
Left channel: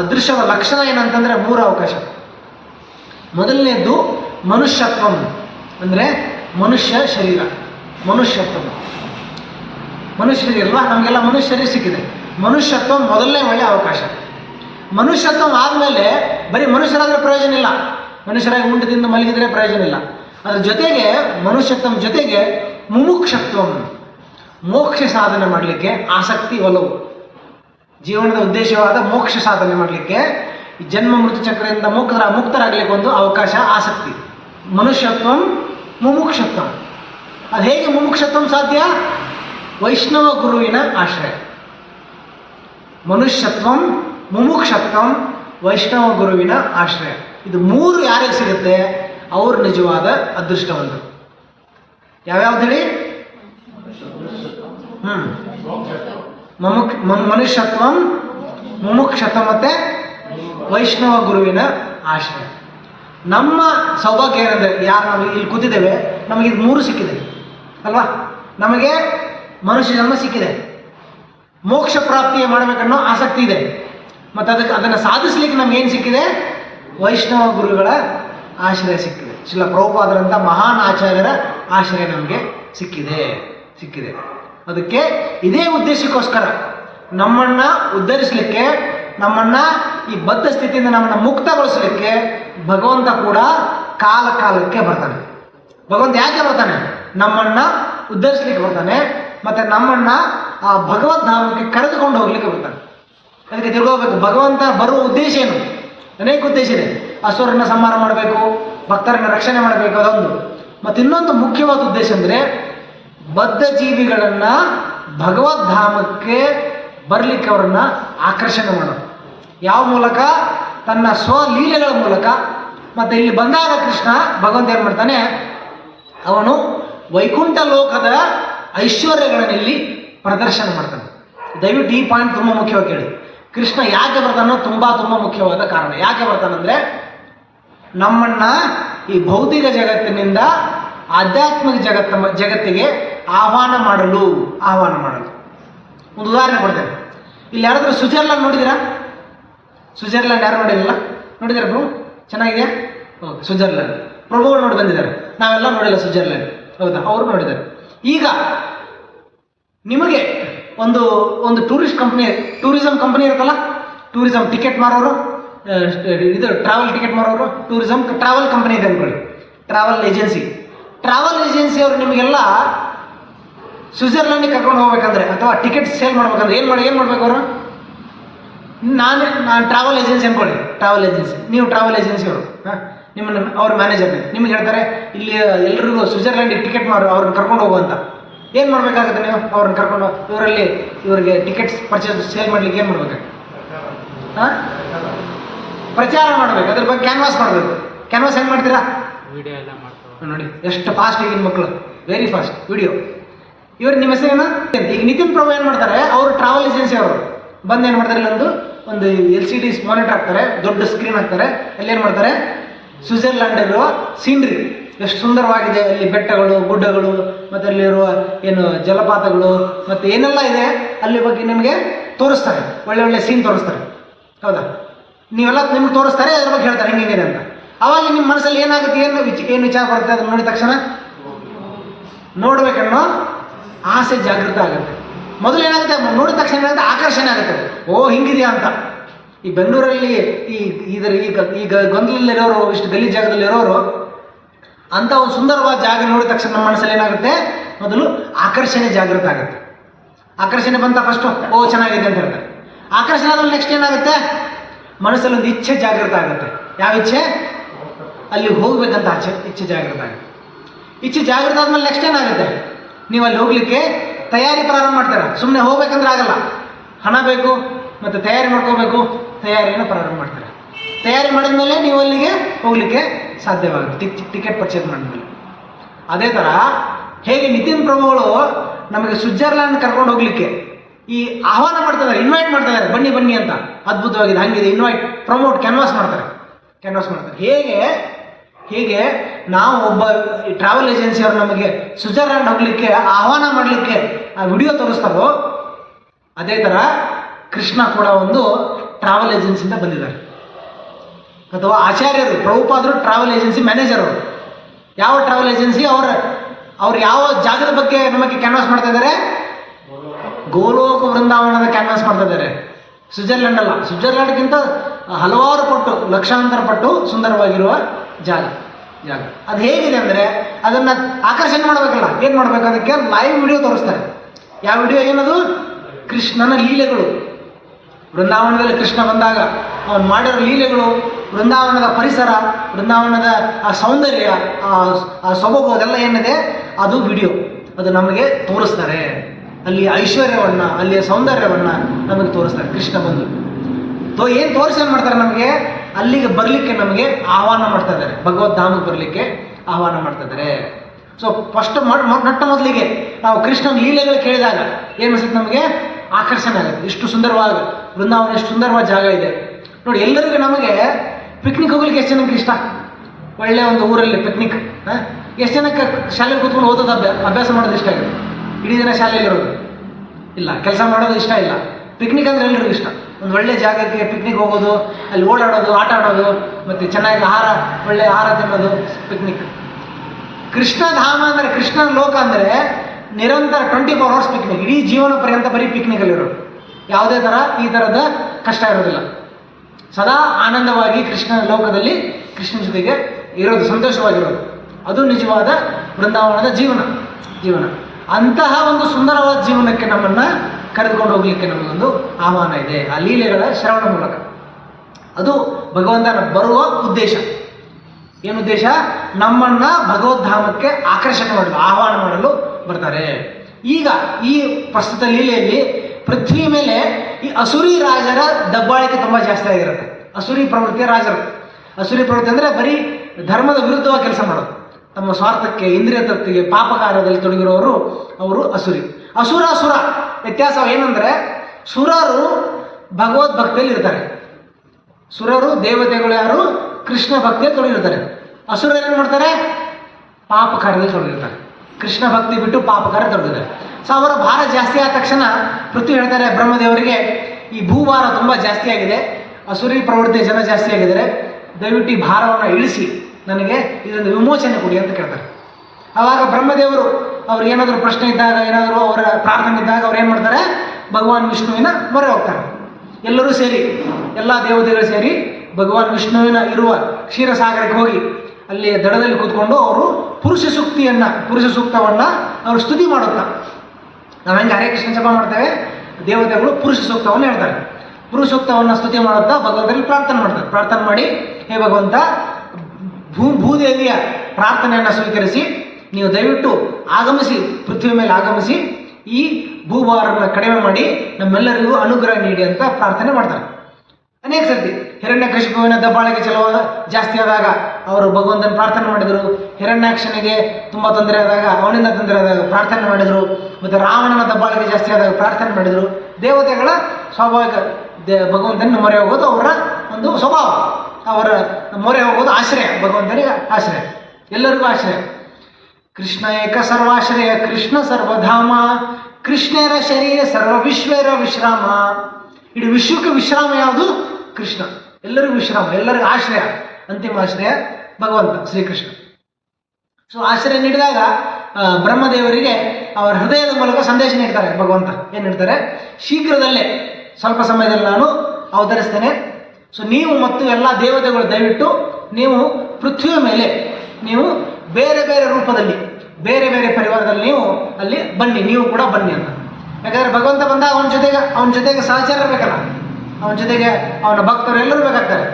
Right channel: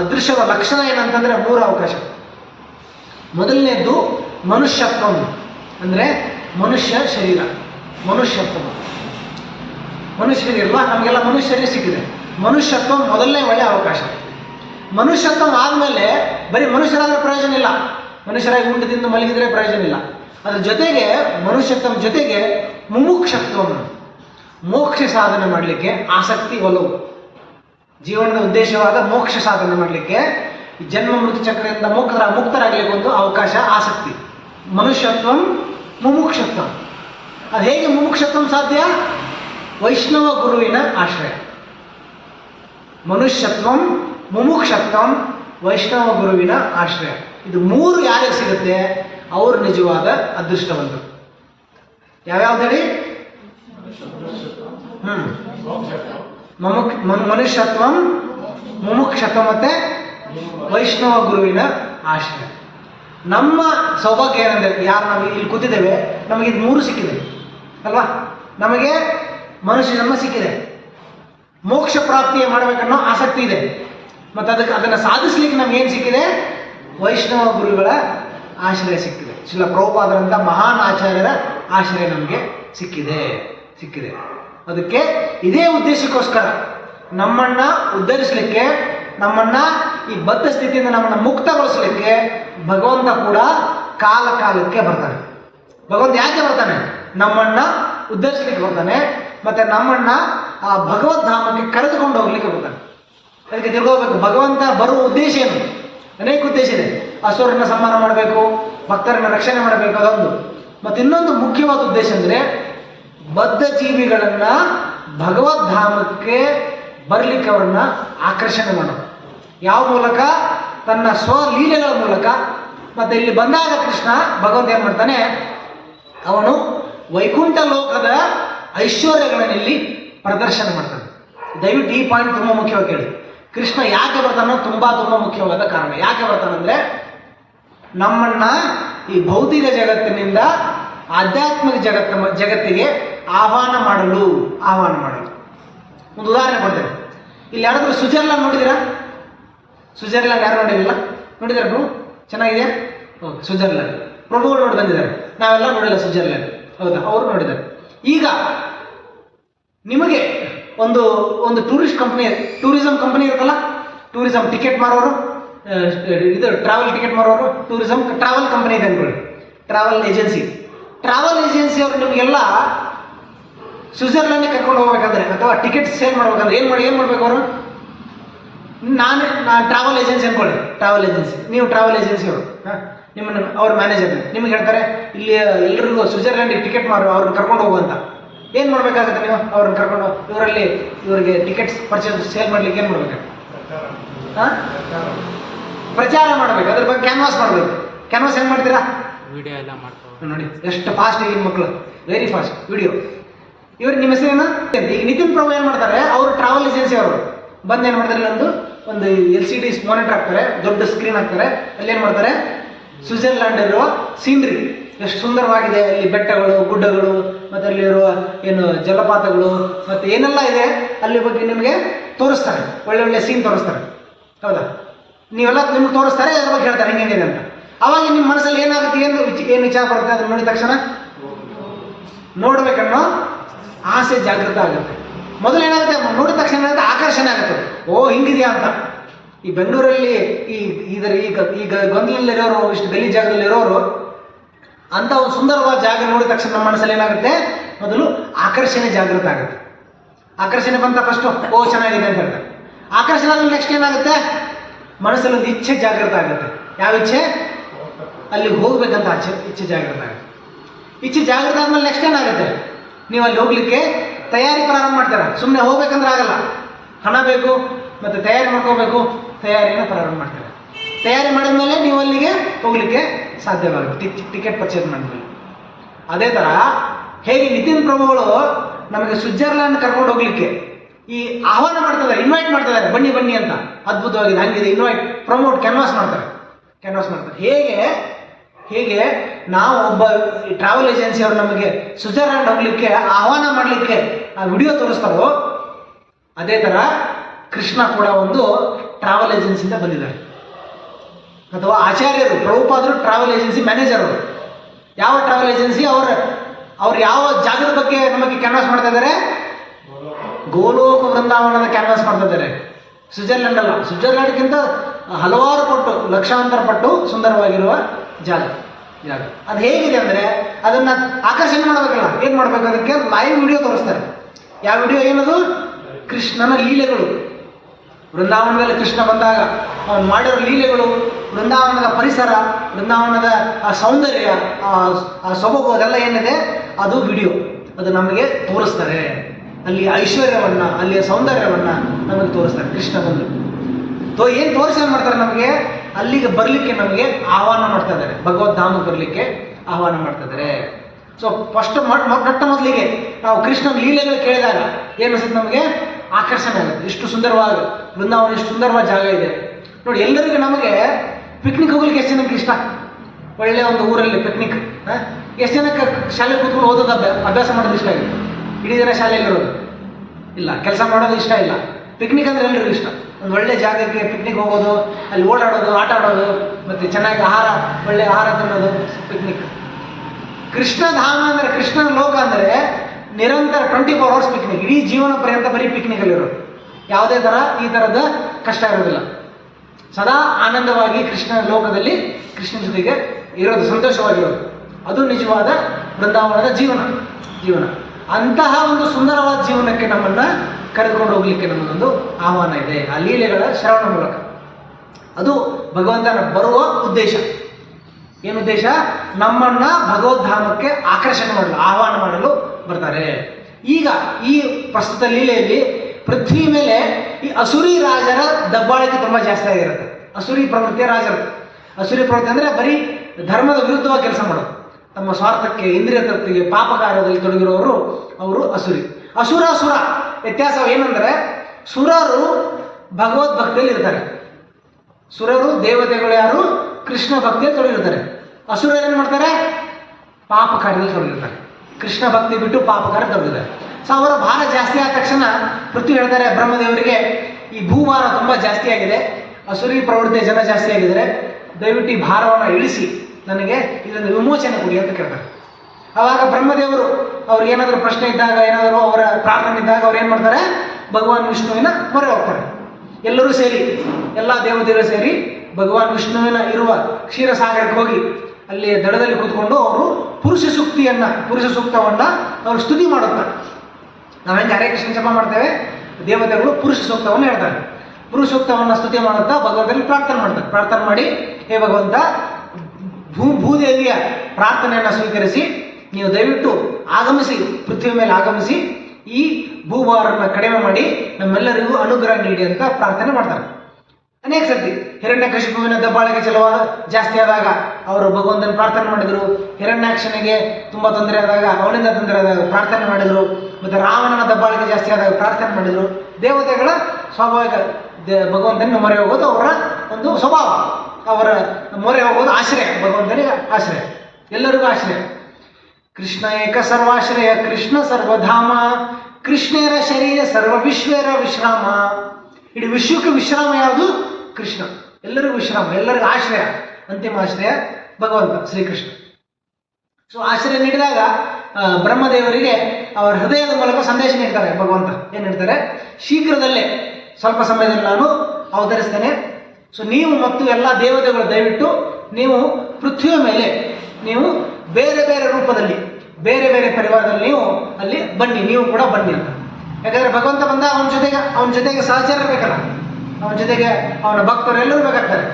ಅದೃಷ್ಟದ ಲಕ್ಷಣ ಏನಂತಂದರೆ 3 ಅವಕಾಶ. ಮೊದಲನೇದು ಮನುಷ್ಯತ್ವ, ಅಂದರೆ ಮನುಷ್ಯ ಶರೀರ. ಮನುಷ್ಯತ್ವ ಮನುಷ್ಯರಿಗೆಲ್ಲ, ನಮಗೆಲ್ಲ ಮನುಷ್ಯ ಶರೀರ ಸಿಕ್ಕಿದೆ. ಮನುಷ್ಯತ್ವ ಮೊದಲನೇ ಒಳ್ಳೆಯ ಅವಕಾಶ. ಮನುಷ್ಯತ್ವ ಆದಮೇಲೆ ಬರೀ ಮನುಷ್ಯರಾದರೆ ಪ್ರಯೋಜನ ಇಲ್ಲ, ಮನುಷ್ಯರಾಗಿ ಉಂಡು ತಿಂದು ಮಲಗಿದರೆ ಪ್ರಯೋಜನ ಇಲ್ಲ. ಅದ್ರ ಜೊತೆಗೆ ಮನುಷ್ಯತ್ವ ಜೊತೆಗೆ ಮುಮುಕ್ಷತ್ವ, ಮೋಕ್ಷ ಸಾಧನೆ ಮಾಡಲಿಕ್ಕೆ ಆಸಕ್ತಿ, ಒಲವು. ಜೀವನದ ಉದ್ದೇಶವಾದ ಮೋಕ್ಷ ಸಾಧನೆ ಮಾಡಲಿಕ್ಕೆ, ಈ ಜನ್ಮ ಮೃತ್ಯು ಚಕ್ರದಿಂದ ಮುಕ್ತರಾಗಲಿಕ್ಕೆ ಒಂದು ಅವಕಾಶ, ಆಸಕ್ತಿ. ಮನುಷ್ಯತ್ವ, ಮುಮುಕ್ಷತ್ವ. ಅದು ಹೇಗೆ ಮುಮುಕ್ಷತ್ವ ಸಾಧ್ಯ? ವೈಷ್ಣವ ಗುರುವಿನ ಆಶ್ರಯ. ಮನುಷ್ಯತ್ವ, ಮುಮುಕ್ಷತ್ವ, ವೈಷ್ಣವ ಗುರುವಿನ ಆಶ್ರಯ. ಇದು 3 ಯಾರಿಗೆ ಸಿಗುತ್ತೆ ಅವರು ನಿಜವಾದ ಅದೃಷ್ಟವಂತರು. ಯಾವ್ಯಾವ್ದು ಹೇಳಿ? ಮನುಷ್ಯತ್ವ, ಮುಮುಕ್ಷತ್ವ ಮತ್ತೆ ವೈಷ್ಣವ ಗುರುವಿನ ಆಶ್ರಯ. ನಮ್ಮ ಸೌಭಾಗ್ಯ ಏನಂದರೆ, ಯಾರು ನಾವು ಇಲ್ಲಿ ಕೂತಿದ್ದೇವೆ, ನಮಗೆ ಇದು 3 ಸಿಕ್ಕಿದೆ ಅಲ್ವಾ? ನಮಗೆ ಮನುಷ್ಯ ಜನ್ಮ ಸಿಕ್ಕಿದೆ, ಮೋಕ್ಷ ಪ್ರಾಪ್ತಿಯ ಮಾಡಬೇಕನ್ನೋ ಆಸಕ್ತಿ ಇದೆ, ಮತ್ತು ಅದನ್ನು ಸಾಧಿಸಲಿಕ್ಕೆ ನಮಗೇನು ಸಿಕ್ಕಿದೆ? ವೈಷ್ಣವ ಗುರುಗಳ ಆಶ್ರಯ ಸಿಕ್ಕಿದೆ. ಶ್ರೀಲ ಪ್ರಭುಪಾದರಂಥ ಮಹಾನ್ ಆಚಾರ್ಯರ ಆಶ್ರಯ ನಮಗೆ ಸಿಕ್ಕಿದೆ. ಅದಕ್ಕೆ ಇದೇ ಉದ್ದೇಶಕ್ಕೋಸ್ಕರ ನಮ್ಮನ್ನು ಉದ್ಧರಿಸಲಿಕ್ಕೆ, ನಮ್ಮನ್ನು ಈ ಬದ್ಧ ಸ್ಥಿತಿಯಿಂದ ನಮ್ಮನ್ನು ಮುಕ್ತಗೊಳಿಸಲಿಕ್ಕೆ ಭಗವಂತ ಕೂಡ ಕಾಲಕ್ಕೆ ಬರ್ತಾನೆ. ಭಗವಂತ ಯಾಕೆ ಬರ್ತಾನೆ? ನಮ್ಮನ್ನು ಉದ್ಧರಿಸಲಿಕ್ಕೆ ಬರ್ತಾನೆ, ಮತ್ತು ನಮ್ಮನ್ನು ಆ ಭಗವದ್ಧಾಮಕ್ಕೆ ಕರೆದುಕೊಂಡು ಹೋಗ್ಲಿಕ್ಕೆ ಬರ್ತಾನೆ. ಅದಕ್ಕೆ ತಿಳ್ಕೋಬೇಕು, ಭಗವಂತ ಬರುವ ಉದ್ದೇಶ ಏನು? ಅನೇಕ ಉದ್ದೇಶ ಇದೆ. ಅಸುರನ್ನ ಸಂಹಾರ ಮಾಡಬೇಕು, ಭಕ್ತರನ್ನ ರಕ್ಷಣೆ ಮಾಡಬೇಕು, ಅದೊಂದು. ಮತ್ತು ಇನ್ನೊಂದು ಮುಖ್ಯವಾದ ಉದ್ದೇಶ ಅಂದರೆ ಬದ್ಧ ಜೀವಿಗಳನ್ನು ಭಗವದ್ಧಾಮಕ್ಕೆ ಬರಲಿಕ್ಕೆ ಅವರನ್ನ ಆಕರ್ಷಣೆ ಮಾಡೋದು. ಯಾವ ಮೂಲಕ? ತನ್ನ ಸ್ವಲೀಲೆಗಳ ಮೂಲಕ. ಮತ್ತು ಇಲ್ಲಿ ಬಂದಾಗ ಕೃಷ್ಣ ಭಗವಂತ ಏನು ಮಾಡ್ತಾನೆ? ಅವನು ವೈಕುಂಠ ಲೋಕದ ಐಶ್ವರ್ಯಗಳನ್ನು ಇಲ್ಲಿ ಪ್ರದರ್ಶನ ಮಾಡ್ತಾನೆ. ದಯವಿಟ್ಟು ಈ ಪಾಯಿಂಟ್ ತುಂಬ ಮುಖ್ಯವಾಗಿ ಕೇಳಿ. ಕೃಷ್ಣ ಯಾಕೆ ಬರ್ತಾನೋ ತುಂಬ ಮುಖ್ಯವಾದ ಕಾರಣ. ಯಾಕೆ ಬರ್ತಾನಂದರೆ, ನಮ್ಮನ್ನು ಈ ಭೌತಿಕ ಜಗತ್ತಿನಿಂದ ಆಧ್ಯಾತ್ಮಿಕ ಜಗತ್ತಿಗೆ ಆಹ್ವಾನ ಮಾಡಲು. ಒಂದು ಉದಾಹರಣೆ ಕೊಡ್ತೇನೆ. ಇಲ್ಲಿ ಯಾರಾದರೂ ಸ್ವಿಟ್ಜರ್ಲ್ಯಾಂಡ್ ನೋಡಿದ್ದೀರಾ? ಸ್ವಿಟ್ಜರ್ಲ್ಯಾಂಡ್ ಯಾರು ನೋಡಿರಲಿಲ್ಲ? ನೋಡಿದಾರೆ ಪ್ರಭು? ಚೆನ್ನಾಗಿದೆ. ಓಕೆ, ಸ್ವಿಟ್ಜರ್ಲ್ಯಾಂಡ್ ಪ್ರಭುಗಳು ನೋಡಿ ಬಂದಿದ್ದಾರೆ. ನಾವೆಲ್ಲ ನೋಡಿಲ್ಲ ಸ್ವಿಟ್ಜರ್ಲ್ಯಾಂಡ್, ಹೌದಾ? ಅವರು ನೋಡಿದ್ದಾರೆ. ಈಗ ನಿಮಗೆ ಒಂದು ಟೂರಿಸಂ ಕಂಪನಿ ಇರುತ್ತಲ್ಲ, ಟೂರಿಸಂ ಟಿಕೆಟ್ ಮಾರೋರು, ಇದು ಟ್ರಾವೆಲ್ ಟಿಕೆಟ್ ಮಾರೋರು, ಟ್ರಾವೆಲ್ ಕಂಪನಿ ಇದೆ ಅಂದ್ಕೊಳ್ಳಿ, ಟ್ರಾವೆಲ್ ಏಜೆನ್ಸಿ ಅವರು ನಿಮಗೆಲ್ಲ ಸ್ವಿಟ್ಜರ್ಲ್ಯಾಂಡಿಗೆ ಕರ್ಕೊಂಡು ಹೋಗ್ಬೇಕಂದ್ರೆ, ಅಥವಾ ಟಿಕೆಟ್ ಸೇಲ್ ಮಾಡ್ಬೇಕಂದ್ರೆ ಏನು ಮಾಡ್ಬೇಕು ಅವರು? ನಾನು ಟ್ರಾವೆಲ್ ಏಜೆನ್ಸಿ ಅಂದ್ಕೊಳ್ಳಿ, ನೀವು ಟ್ರಾವೆಲ್ ಏಜೆನ್ಸಿ ಅವರು, ನಿಮ್ಮನ್ನು ಅವ್ರ ಮ್ಯಾನೇಜರ್ ನಿಮ್ಗೆ ಹೇಳ್ತಾರೆ, ಇಲ್ಲಿ ಎಲ್ರಿಗೂ ಸ್ವಿಟ್ಜರ್ಲ್ಯಾಂಡಿಗೆ ಟಿಕೆಟ್ ಮಾರೋ ಅವ್ರನ್ನ ಕರ್ಕೊಂಡು ಹೋಗುವಂತ. ಏನು ಮಾಡಬೇಕಾಗುತ್ತೆ ನೀವು? ಅವ್ರನ್ನ ಕರ್ಕೊಂಡು ಇವರಿಗೆ ಟಿಕೆಟ್ಸ್ ಸೇಲ್ ಮಾಡ್ಲಿಕ್ಕೆ ಏನು ಮಾಡ್ಬೇಕು? ಪ್ರಚಾರ ಮಾಡಬೇಕು, ಅದ್ರ ಬಗ್ಗೆ ಕ್ಯಾನ್ವಾಸ್ ಮಾಡಬೇಕು. ಕ್ಯಾನ್ವಾಸ್ ಏನು ಮಾಡ್ತೀರಾ? ವಿಡಿಯೋ ಎಲ್ಲ ಮಾಡ್ತಾರೆ ನೋಡಿ, ಎಷ್ಟು ಫಾಸ್ಟ್ ಈಗಿನ ಮಕ್ಕಳು, ವೆರಿ ಫಾಸ್ಟ್ ವಿಡಿಯೋ. ಇವ್ರು ನಿಮ್ಮ ಹೆಸರೇನು? ಈಗ ನಿತಿನ್ ಪ್ರಭು ಏನು ಮಾಡ್ತಾರೆ? ಅವರು ಟ್ರಾವೆಲ್ ಏಜೆನ್ಸಿ ಅವರು ಬಂದು ಏನು ಮಾಡ್ತಾರೆ? ಒಂದು LCD ಮಾನಿಟರ್ ಹಾಕ್ತಾರೆ, ದೊಡ್ಡ ಸ್ಕ್ರೀನ್ ಹಾಕ್ತಾರೆ. ಅಲ್ಲಿ ಏನು ಮಾಡ್ತಾರೆ? ಸ್ವಿಟ್ಜರ್ಲ್ಯಾಂಡಲ್ಲಿರುವ ಸೀನ್ರಿ ಎಷ್ಟು ಸುಂದರವಾಗಿದೆ, ಅಲ್ಲಿ ಬೆಟ್ಟಗಳು, ಗುಡ್ಡಗಳು, ಮತ್ತು ಅಲ್ಲಿರುವ ಏನು ಜಲಪಾತಗಳು, ಮತ್ತು ಏನೆಲ್ಲ ಇದೆ ಅಲ್ಲಿ ಬಗ್ಗೆ ನಿಮಗೆ ತೋರಿಸ್ತಾರೆ. ಒಳ್ಳೆ ಸೀನ್ ತೋರಿಸ್ತಾರೆ, ಹೌದಾ? ನೀವೆಲ್ಲ ನಿಮ್ಗೆ ತೋರಿಸ್ತಾರೆ, ಅದ್ರ ಬಗ್ಗೆ ಹೇಳ್ತಾರೆ ಹೆಂಗಿದೆ ಅಂತ. ಆವಾಗ ನಿಮ್ಮ ಮನಸ್ಸಲ್ಲಿ ಏನಾಗುತ್ತೆ? ಏನು ವಿಚಾರ ಬರುತ್ತೆ? ಅದನ್ನು ನೋಡಿದ ತಕ್ಷಣ ನೋಡ್ಬೇಕನ್ನೋ ಆಸೆ ಜಾಗೃತ ಆಗುತ್ತೆ. ಮೊದಲು ಏನಾಗುತ್ತೆ? ನೋಡಿದ ತಕ್ಷಣ ಏನಾಗುತ್ತೆ? ಆಕರ್ಷಣೆ ಆಗುತ್ತೆ. ಓ, ಹಿಂಗಿದೆಯಾ ಅಂತ. ಈ ಬೆಂಗಳೂರಲ್ಲಿ ಈಗ ಗೊಂದಲಲ್ಲಿರೋರು, ಇಷ್ಟು ಗಲ್ಲಿ ಜಾಗದಲ್ಲಿರೋರು ಅಂತ ಒಂದು ಸುಂದರವಾದ ಜಾಗ ನೋಡಿದ ತಕ್ಷಣ ನಮ್ಮ ಮನಸ್ಸಲ್ಲಿ ಏನಾಗುತ್ತೆ? ಮೊದಲು ಆಕರ್ಷಣೆ ಜಾಗೃತ ಆಗುತ್ತೆ. ಆಕರ್ಷಣೆ ಬಂತ ಫಸ್ಟು ಓ ಚೆನ್ನಾಗಿದೆ ಅಂತ ಹೇಳ್ತಾರೆ. ಆಕರ್ಷಣೆ ನೆಕ್ಸ್ಟ್ ಏನಾಗುತ್ತೆ? ಮನಸ್ಸಲ್ಲಿ ಒಂದು ಇಚ್ಛೆ ಜಾಗೃತ ಆಗುತ್ತೆ. ಯಾವ ಇಚ್ಛೆ? ಅಲ್ಲಿ ಹೋಗ್ಬೇಕಂತ ಇಚ್ಛೆ ಜಾಗೃತ ಆಗುತ್ತೆ. ಇಚ್ಛೆ ಜಾಗೃತ ಆದ್ಮೇಲೆ ನೆಕ್ಸ್ಟ್ ಏನಾಗುತ್ತೆ? ನೀವು ಅಲ್ಲಿ ಹೋಗ್ಲಿಕ್ಕೆ ತಯಾರಿ ಪ್ರಾರಂಭ ಮಾಡ್ತಾರೆ. ಸುಮ್ಮನೆ ಹೋಗ್ಬೇಕಂದ್ರೆ ಆಗಲ್ಲ, ಹಣ ಬೇಕು ಮತ್ತು ತಯಾರಿ ಮಾಡ್ಕೋಬೇಕು. ತಯಾರಿಯನ್ನು ಪ್ರಾರಂಭ ಮಾಡ್ತಾರೆ. ತಯಾರಿ ಮಾಡಿದ್ಮೇಲೆ ನೀವು ಅಲ್ಲಿಗೆ ಹೋಗ್ಲಿಕ್ಕೆ ಸಾಧ್ಯವಾಗುತ್ತೆ, ಟಿಕೆಟ್ ಪರ್ಚೇಸ್ ಮಾಡಿದ್ಮೇಲೆ. ಅದೇ ಥರ ಹೇಗೆ ನಿತಿನ್ ಪ್ರಭುಗಳು ನಮಗೆ ಸ್ವಿಟ್ಜರ್ಲ್ಯಾಂಡ್ ಕರ್ಕೊಂಡು ಹೋಗ್ಲಿಕ್ಕೆ ಈ ಆಹ್ವಾನ ಮಾಡ್ತಿದ್ದಾರೆ, ಇನ್ವೈಟ್ ಮಾಡ್ತಿದ್ದಾರೆ, ಬನ್ನಿ ಬನ್ನಿ ಅಂತ. ಅದ್ಭುತವಾಗಿದೆ, ಹಂಗಿದೆ, ಇನ್ವೈಟ್, ಪ್ರಮೋಟ್, ಕ್ಯಾನ್ವಾಸ್ ಮಾಡ್ತಾರೆ. ಹೇಗೆ ನಾವು ಒಬ್ಬ ಟ್ರಾವೆಲ್ ಏಜೆನ್ಸಿ ಅವರು ನಮಗೆ ಸ್ವಿಟ್ಜರ್ಲ್ಯಾಂಡ್ ಹೋಗ್ಲಿಕ್ಕೆ ಆಹ್ವಾನ ಮಾಡಲಿಕ್ಕೆ ಆ ವಿಡಿಯೋ ತೋರಿಸ್ತಾರೋ, ಅದೇ ಥರ ಕೃಷ್ಣ ಕೂಡ ಒಂದು ಟ್ರಾವೆಲ್ ಏಜೆನ್ಸಿಯಿಂದ ಬಂದಿದ್ದಾರೆ. ಅಥವಾ ಆಚಾರ್ಯರು ಪ್ರಭುಪಾದರು ಟ್ರಾವೆಲ್ ಏಜೆನ್ಸಿ ಮ್ಯಾನೇಜರ್ ಅವರು. ಯಾವ ಟ್ರಾವೆಲ್ ಏಜೆನ್ಸಿ? ಅವ್ರು ಯಾವ ಜಾಗದ ಬಗ್ಗೆ ನಮಗೆ ಕ್ಯಾನ್ವಾಸ್ ಮಾಡ್ತಾ ಇದ್ದಾರೆ? ಗೋಲೋಕ ವೃಂದಾವನದ ಕ್ಯಾನ್ವಾಸ್ ಮಾಡ್ತಾ ಇದ್ದಾರೆ. ಸ್ವಿಟ್ಜರ್ಲ್ಯಾಂಡ್ ಅಲ್ಲ, ಸ್ವಿಟ್ಜರ್ಲ್ಯಾಂಡ್ಗಿಂತ ಹಲವಾರು ಪಟ್ಟು, ಲಕ್ಷಾಂತರ ಪಟ್ಟು ಸುಂದರವಾಗಿರುವ ಜಾಗ. ಅದು ಹೇಗಿದೆ ಅಂದರೆ ಅದನ್ನು ಆಕರ್ಷಣೆ ಮಾಡಬೇಕಲ್ಲ, ಏನು ಮಾಡಬೇಕು? ಅದಕ್ಕೆ ಲೈವ್ ವಿಡಿಯೋ ತೋರಿಸ್ತಾರೆ. ಯಾವ ವಿಡಿಯೋ? ಏನದು? ಕೃಷ್ಣನ ಲೀಲೆಗಳು. ವೃಂದಾವನದಲ್ಲಿ ಕೃಷ್ಣ ಬಂದಾಗ ಅವನು ಮಾಡಿರೋ ಲೀಲೆಗಳು, ವೃಂದಾವನದ ಪರಿಸರ, ವೃಂದಾವನದ ಆ ಸೌಂದರ್ಯ, ಆ ಸೊಬಗು, ಅದೆಲ್ಲ ಏನಿದೆ ಅದು ವಿಡಿಯೋ. ಅದು ನಮಗೆ ತೋರಿಸ್ತಾರೆ. ಅಲ್ಲಿ ಐಶ್ವರ್ಯವನ್ನು, ಅಲ್ಲಿಯ ಸೌಂದರ್ಯವನ್ನು ನಮಗೆ ತೋರಿಸ್ತಾರೆ. ಕೃಷ್ಣ ಬಂದು ಏನು ತೋರಿಸಿ ಏನು ಮಾಡ್ತಾರೆ? ನಮಗೆ ಅಲ್ಲಿಗೆ ಬರಲಿಕ್ಕೆ ನಮಗೆ ಆಹ್ವಾನ ಮಾಡ್ತಾ ಇದ್ದಾರೆ. ಭಗವದ್ಧಾಮಕ್ಕೆ ಬರಲಿಕ್ಕೆ ಆಹ್ವಾನ ಮಾಡ್ತಾ ಇದ್ದಾರೆ. ಸೊ ಫಸ್ಟ್ ಮೊದಲಿಗೆ ನಾವು ಕೃಷ್ಣನ ಲೀಲೆಗಳು ಕೇಳಿದಾಗ ಏನು ಅನ್ಸುತ್ತೆ? ನಮಗೆ ಆಕರ್ಷಣೆ ಆಗುತ್ತೆ. ಇಷ್ಟು ಸುಂದರವಾಗಿ ವೃಂದಾವನ, ಇಷ್ಟು ಸುಂದರವಾದ ಜಾಗ ಇದೆ ನೋಡಿ. ಎಲ್ಲರಿಗೂ ನಮಗೆ ಪಿಕ್ನಿಕ್ ಹೋಗ್ಲಿಕ್ಕೆ ಎಷ್ಟು ಜನಕ್ಕೆ ಇಷ್ಟ? ಒಳ್ಳೆ ಒಂದು ಊರಲ್ಲಿ ಪಿಕ್ನಿಕ್. ಎಷ್ಟು ಜನಕ್ಕೆ ಶಾಲೆ ಕೂತ್ಕೊಂಡು ಓದೋದು ಅಭ್ಯಾಸ ಮಾಡೋದು ಇಷ್ಟ ಆಗಿದೆ? ಇಡೀ ದಿನ ಶಾಲೆಯಲ್ಲಿರೋದು ಇಲ್ಲ, ಕೆಲಸ ಮಾಡೋದು ಇಷ್ಟ ಇಲ್ಲ. ಪಿಕ್ನಿಕ್ ಅಂದರೆ ಎಲ್ಲರಿಗೂ ಇಷ್ಟ. ಒಂದು ಒಳ್ಳೆ ಜಾಗಕ್ಕೆ ಪಿಕ್ನಿಕ್ ಹೋಗೋದು, ಅಲ್ಲಿ ಓಡಾಡೋದು, ಆಟ ಆಡೋದು, ಮತ್ತು ಚೆನ್ನಾಗಿ ಒಳ್ಳೆ ಆಹಾರ ತಿನ್ನೋದು, ಪಿಕ್ನಿಕ್. ಕೃಷ್ಣಧಾಮ ಅಂದರೆ, ಕೃಷ್ಣನ ಲೋಕ ಅಂದರೆ ನಿರಂತರ 24 hours ಪಿಕ್ನಿಕ್. ಇಡೀ ಜೀವನ ಪರ್ಯಂತ ಬರೀ ಪಿಕ್ನಿಕಲ್ಲಿರೋದು. ಯಾವುದೇ ಥರ ಈ ಥರದ ಕಷ್ಟ ಇರೋದಿಲ್ಲ. ಸದಾ ಆನಂದವಾಗಿ ಕೃಷ್ಣನ ಲೋಕದಲ್ಲಿ ಕೃಷ್ಣನ ಜೊತೆಗೆ ಇರೋದು, ಸಂತೋಷವಾಗಿರೋದು. ಅದು ನಿಜವಾದ ವೃಂದಾವನದ ಜೀವನ. ಅಂತಹ ಒಂದು ಸುಂದರವಾದ ಜೀವನಕ್ಕೆ ನಮ್ಮನ್ನು ಕರೆದುಕೊಂಡು ಹೋಗ್ಲಿಕ್ಕೆ ನಮಗೊಂದು ಆಹ್ವಾನ ಇದೆ ಆ ಲೀಲೆಗಳ ಶ್ರವಣ ಮೂಲಕ. ಅದು ಭಗವಂತನ ಬರುವ ಉದ್ದೇಶ. ಏನು ಉದ್ದೇಶ? ನಮ್ಮನ್ನು ಭಗವದ್ಧಾಮಕ್ಕೆ ಆಕರ್ಷಣೆ ಮಾಡಲು, ಆಹ್ವಾನ ಮಾಡಲು ಬರ್ತಾರೆ. ಈಗ ಈ ಪ್ರಸ್ತುತ ಲೀಲೆಯಲ್ಲಿ ಪೃಥ್ವಿ ಮೇಲೆ ಈ ಅಸುರಿ ರಾಜರ ದಬ್ಬಾಳಿಕೆ ತುಂಬ ಜಾಸ್ತಿ ಆಗಿರುತ್ತೆ. ಅಸುರಿ ಪ್ರವೃತ್ತಿಯ ರಾಜರು. ಅಸುರಿ ಪ್ರವೃತ್ತಿ ಅಂದರೆ ಬರೀ ಧರ್ಮದ ವಿರುದ್ಧವಾಗಿ ಕೆಲಸ ಮಾಡೋದು, ತಮ್ಮ ಸ್ವಾರ್ಥಕ್ಕೆ, ಇಂದ್ರಿಯ ತೃಪ್ತಿಗೆ, ಪಾಪ ಕಾರ್ಯದಲ್ಲಿ ತೊಡಗಿರೋರು ಅವರು ಅಸುರಿ. ಅಸುರ ವ್ಯತ್ಯಾಸ ಏನಂದರೆ, ಸುರರು ಭಗವದ್ ಭಕ್ತಿಯಲ್ಲಿ ಇರ್ತಾರೆ. ಸುರರು ದೇವತೆಗಳು ಯಾರು? ಕೃಷ್ಣ ಭಕ್ತಿಯಲ್ಲಿ ತೊಡಗಿರ್ತಾರೆ. ಅಸುರರು ಏನು ಮಾಡ್ತಾರೆ? ಪಾಪ ಕಾರ್ಯದಲ್ಲಿ ತೊಡಗಿರ್ತಾರೆ. ಕೃಷ್ಣ ಭಕ್ತಿ ಬಿಟ್ಟು ಪಾಪ ಕಾರ್ಯ ತೊಡಗಿದ್ದಾರೆ. ಸೊ ಅವರ ಭಾರ ಜಾಸ್ತಿ ಆದ ತಕ್ಷಣ ಪೃಥ್ವಿ ಹೇಳ್ತಾರೆ ಬ್ರಹ್ಮದೇವರಿಗೆ, ಈ ಭೂಭಾರ ತುಂಬ ಜಾಸ್ತಿ ಆಗಿದೆ, ಅಸುರಿ ಪ್ರವೃತ್ತಿಯ ಜನ ಜಾಸ್ತಿ ಆಗಿದ್ದಾರೆ, ದಯವಿಟ್ಟು ಈ ಭಾರವನ್ನು ಇಳಿಸಿ ನನಗೆ ಇದರಿಂದ ವಿಮೋಚನೆ ಕೊಡಿ ಅಂತ ಕೇಳ್ತಾರೆ. ಆವಾಗ ಬ್ರಹ್ಮದೇವರು ಅವ್ರಿಗೆ ಏನಾದರೂ ಪ್ರಶ್ನೆ ಇದ್ದಾಗ, ಏನಾದರೂ ಅವರ ಪ್ರಾರ್ಥನೆ ಇದ್ದಾಗ ಅವ್ರು ಏನು ಮಾಡ್ತಾರೆ? ಭಗವಾನ್ ವಿಷ್ಣುವಿನ ಮೊರೆ ಹೋಗ್ತಾರೆ. ಎಲ್ಲರೂ ಸೇರಿ, ಎಲ್ಲ ದೇವತೆಗಳು ಸೇರಿ ಭಗವಾನ್ ವಿಷ್ಣುವಿನ ಇರುವ ಕ್ಷೀರಸಾಗರಕ್ಕೆ ಹೋಗಿ ಅಲ್ಲಿ ದಡದಲ್ಲಿ ಕೂತ್ಕೊಂಡು ಅವರು ಪುರುಷ ಸೂಕ್ತವನ್ನು ಅವರು ಸ್ತುತಿ ಮಾಡುತ್ತಾರೆ. ನಾವು ಹಂಗೆ ಹರೇ ಕೃಷ್ಣ ಜಪ ಮಾಡ್ತೇವೆ, ದೇವತೆಗಳು ಪುರುಷ ಸೂಕ್ತವನ್ನು ಹೇಳ್ತಾರೆ. ಪುರುಷ ಸೂಕ್ತವನ್ನು ಸ್ತುತಿ ಮಾಡುತ್ತಾ ಭಗವಂತನಲ್ಲಿ ಪ್ರಾರ್ಥನೆ ಮಾಡ್ತಾರೆ. ಪ್ರಾರ್ಥನೆ ಮಾಡಿ, ಹೇ ಭಗವಂತ, ಭೂದೇವಿಯ ಪ್ರಾರ್ಥನೆಯನ್ನು ಸ್ವೀಕರಿಸಿ ನೀವು ದಯವಿಟ್ಟು ಆಗಮಿಸಿ, ಪೃಥ್ವಿ ಮೇಲೆ ಆಗಮಿಸಿ, ಈ ಭೂಭಾರವನ್ನು ಕಡಿಮೆ ಮಾಡಿ ನಮ್ಮೆಲ್ಲರಿಗೂ ಅನುಗ್ರಹ ನೀಡಿ ಅಂತ ಪ್ರಾರ್ಥನೆ ಮಾಡ್ತಾರೆ. ಅನೇಕ ಸರ್ತಿ ಹಿರಣ್ಯಕಶಿಪುವಿನ ದಬ್ಬಾಳಿಕೆ ಜಾಸ್ತಿ ಆದಾಗ ಅವರು ಭಗವಂತನ ಪ್ರಾರ್ಥನೆ ಮಾಡಿದರು. ಹಿರಣ್ಯಾಕ್ಷನಿಗೆ ತುಂಬ ತೊಂದರೆ ಆದಾಗ, ಅವನಿಂದ ತೊಂದರೆ ಆದಾಗ ಪ್ರಾರ್ಥನೆ ಮಾಡಿದರು. ಮತ್ತು ರಾವಣನ ದಬ್ಬಾಳಿಕೆ ಜಾಸ್ತಿ ಆದಾಗ ಪ್ರಾರ್ಥನೆ ಮಾಡಿದರು. ದೇವತೆಗಳ ಸ್ವಾಭಾವಿಕ ಭಗವಂತನಿಗೆ ಮೊರೆ ಹೋಗೋದು ಅವರ ಒಂದು ಸ್ವಭಾವ. ಅವರ ಮೊರೆ ಹೋಗೋದು ಆಶ್ರಯ, ಭಗವಂತನಿಗೆ ಆಶ್ರಯ, ಎಲ್ಲರಿಗೂ ಆಶ್ರಯ. ಕೃಷ್ಣ ಏಕ ಸರ್ವಾಶ್ರಯ, ಕೃಷ್ಣ ಸರ್ವಧಾಮ, ಕೃಷ್ಣರ ಶರೀರ ಸರ್ವ ವಿಶ್ವೇರ ವಿಶ್ರಾಮ. ಇಡೀ ವಿಶ್ವಕ್ಕೆ ವಿಶ್ರಾಮ ಯಾವುದು? ಕೃಷ್ಣ. ಎಲ್ಲರಿಗೂ ವಿಶ್ರಾಮ, ಎಲ್ಲರಿಗೂ ಆಶ್ರಯ, ಅಂತಿಮ ಆಶ್ರಯ ಭಗವಂತ ಶ್ರೀಕೃಷ್ಣ. ಸೊ ಆಶ್ರಯ ನೀಡಿದಾಗ ಬ್ರಹ್ಮದೇವರಿಗೆ ಅವರ ಹೃದಯದ ಮೂಲಕ ಸಂದೇಶ ನೀಡ್ತಾರೆ ಭಗವಂತ. ಏನು ಹೇಳ್ತಾರೆ? ಶೀಘ್ರದಲ್ಲೇ, ಸ್ವಲ್ಪ ಸಮಯದಲ್ಲಿ ನಾನು ಅವತರಿಸ್ತೇನೆ. ಸೊ ನೀವು ಮತ್ತು ಎಲ್ಲ ದೇವತೆಗಳು ದಯವಿಟ್ಟು ನೀವು ಪೃಥ್ವಿಯ ಮೇಲೆ ನೀವು ಬೇರೆ ಬೇರೆ ರೂಪದಲ್ಲಿ, ಬೇರೆ ಬೇರೆ ಪರಿವಾರದಲ್ಲಿ ನೀವು ಅಲ್ಲಿ ಬನ್ನಿ, ನೀವು ಕೂಡ ಬನ್ನಿ ಅಂತ. ಯಾಕಂದರೆ ಭಗವಂತ ಬಂದ ಅವನ ಜೊತೆಗೆ ಸಹಚಾರ ಇರಬೇಕಲ್ಲ. ಅವನ ಜೊತೆಗೆ ಅವನ ಭಕ್ತರು ಎಲ್ಲರೂ ಬೇಕಾಗ್ತಾರೆ.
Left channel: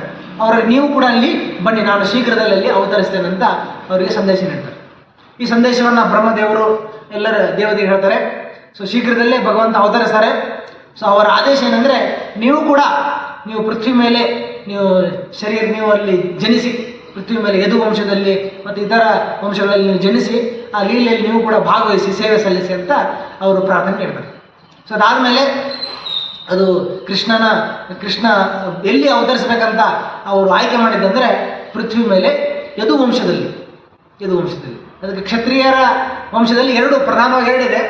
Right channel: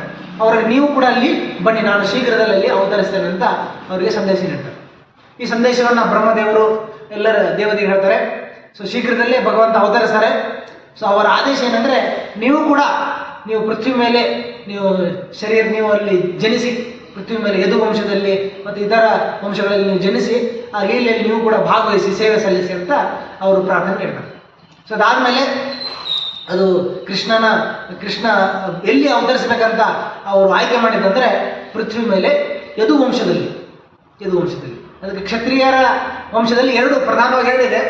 ಅವ್ರಿಗೆ ನೀವು ಕೂಡ ಅಲ್ಲಿ ಬನ್ನಿ, ನಾನು ಶೀಘ್ರದಲ್ಲಿ ಅಲ್ಲಿ ಅವತರಿಸ್ತೇನೆ ಅಂತ ಅವರಿಗೆ ಸಂದೇಶ ನೀಡ್ತಾರೆ. ಈ ಸಂದೇಶವನ್ನು ಬ್ರಹ್ಮದೇವರು ಎಲ್ಲರ ದೇವತೆಗೆ ಹೇಳ್ತಾರೆ. ಸೊ ಶೀಘ್ರದಲ್ಲೇ ಭಗವಂತ ಅವತರಿಸ್ತಾರೆ. ಸೊ ಅವರ ಆದೇಶ ಏನಂದರೆ, ನೀವು ಪೃಥ್ವಿ ಮೇಲೆ ನೀವು ಅಲ್ಲಿ ಜನಿಸಿ, ಪೃಥ್ವಿ ಮೇಲೆ ಯದು ವಂಶದಲ್ಲಿ ಮತ್ತು ಇತರ ವಂಶಗಳಲ್ಲಿ ನೀವು ಜನಿಸಿ ಆ ಲೀಲೆಯಲ್ಲಿ ನೀವು ಕೂಡ ಭಾಗವಹಿಸಿ ಸೇವೆ ಸಲ್ಲಿಸಿ ಅಂತ ಅವರು ಪ್ರಾರ್ಥನೆ ಕೇಳ್ತಾರೆ. ಸೊ ಅದಾದಮೇಲೆ ಅದು ಕೃಷ್ಣ ಎಲ್ಲಿ ಅವತರಿಸಬೇಕಂತ ಅವರು ಆಯ್ಕೆ ಮಾಡಿದ್ದಂದರೆ ಪೃಥ್ವಿ ಮೇಲೆ ಯದು ವಂಶದಲ್ಲಿ. ಅದಕ್ಕೆ ಕ್ಷತ್ರಿಯರ ವಂಶದಲ್ಲಿ ಪ್ರಧಾನವಾಗಿ ಎರಡಿದೆ,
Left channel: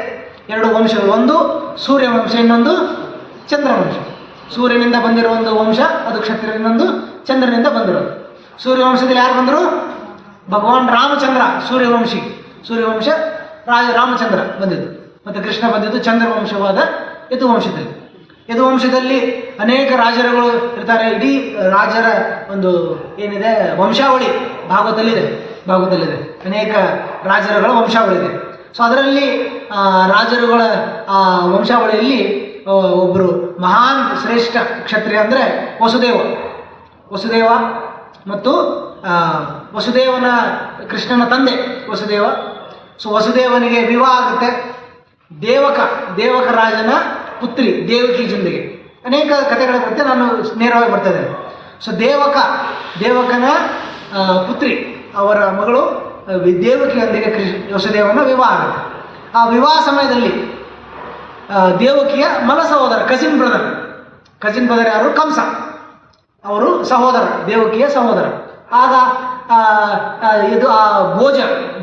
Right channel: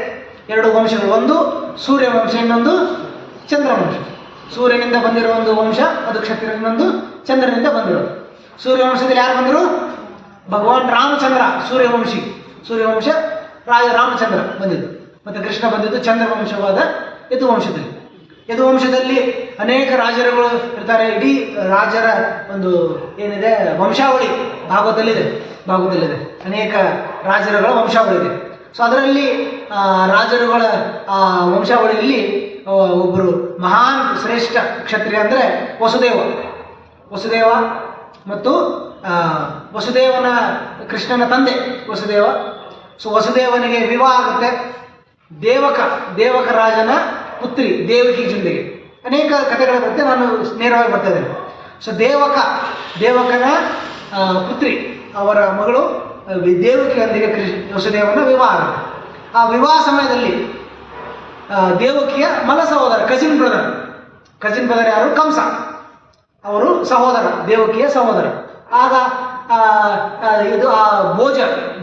2 ವಂಶಗಳು. ಒಂದು ಸೂರ್ಯ ವಂಶ, ಇನ್ನೊಂದು ಚಂದ್ರವಂಶ. ಸೂರ್ಯನಿಂದ ಬಂದಿರೋ ಒಂದು ವಂಶ ಅದು ಕ್ಷತ್ರಿಯ, ಇನ್ನೊಂದು ಚಂದ್ರನಿಂದ ಬಂದಿರೋದು. ಸೂರ್ಯವಂಶದಲ್ಲಿ ಯಾರು ಬಂದರು? ಭಗವಾನ್ ರಾಮಚಂದ್ರ ಸೂರ್ಯವಂಶ ರಾಮಚಂದ್ರ ಬಂದಿದ್ದು. ಮತ್ತು ಕೃಷ್ಣ ಬಂದಿದ್ದು ಚಂದ್ರವಂಶವಾದ ಯದುವಂಶದಲ್ಲಿ ಅನೇಕ ರಾಜರುಗಳು ಇರ್ತಾರೆ. ಇಡೀ ರಾಜರ ಒಂದು ಏನಿದೆ ವಂಶಾವಳಿ ಭಾಗವತದಲ್ಲಿದೆ. ಅನೇಕ ರಾಜರುಗಳ ವಂಶಾವಳಿ ಇದೆ. ಸೊ ಅದರಲ್ಲಿ ರಾಜರುಗಳ ವಂಶಾವಳಿಯಲ್ಲಿ ಒಬ್ಬರು ಮಹಾನ್ ಶ್ರೇಷ್ಠ ಕ್ಷತ್ರಿಯ ಅಂದರೆ ವಸುದೇವ ಮತ್ತು ವಸುದೇವನ ಕೃಷ್ಣನ ತಂದೆ ವಸುದೇವ. ಸೊ ವಸುದೇವನಿಗೆ ವಿವಾಹ ಆಗುತ್ತೆ. ದೇವಕ ರಾಜನ ಪುತ್ರಿ ದೇವಕಿ ಜೊತೆಗೆ ಅನೇಕ ಕಥೆಗಳ ಬಗ್ಗೆ ನಾನು ನೇರವಾಗಿ ಬರ್ತಾ ಇದ್ದೇನೆ. ಸೊ ದೇವಕನ ಪುತ್ರಿ ಅವರ ಮಗಳು ದೇವಕಿಯೊಂದಿಗೆ ವಸುದೇವನ ವಿವಾಹ ಆಗುತ್ತೆ. ಆ ವಿವಾಹ ಸಮಯದಲ್ಲಿ ದೇವಕಿಯ ಮಲ ಸಹೋದರ ಕಸಿನ್ ಬ್ರದರ್ ಯಾರು? ಕಂಸ. ಅವರು ಸಹೋದರ, ದೇವಕಿಯ ಸಹೋದರ. ಆಗ ಇದು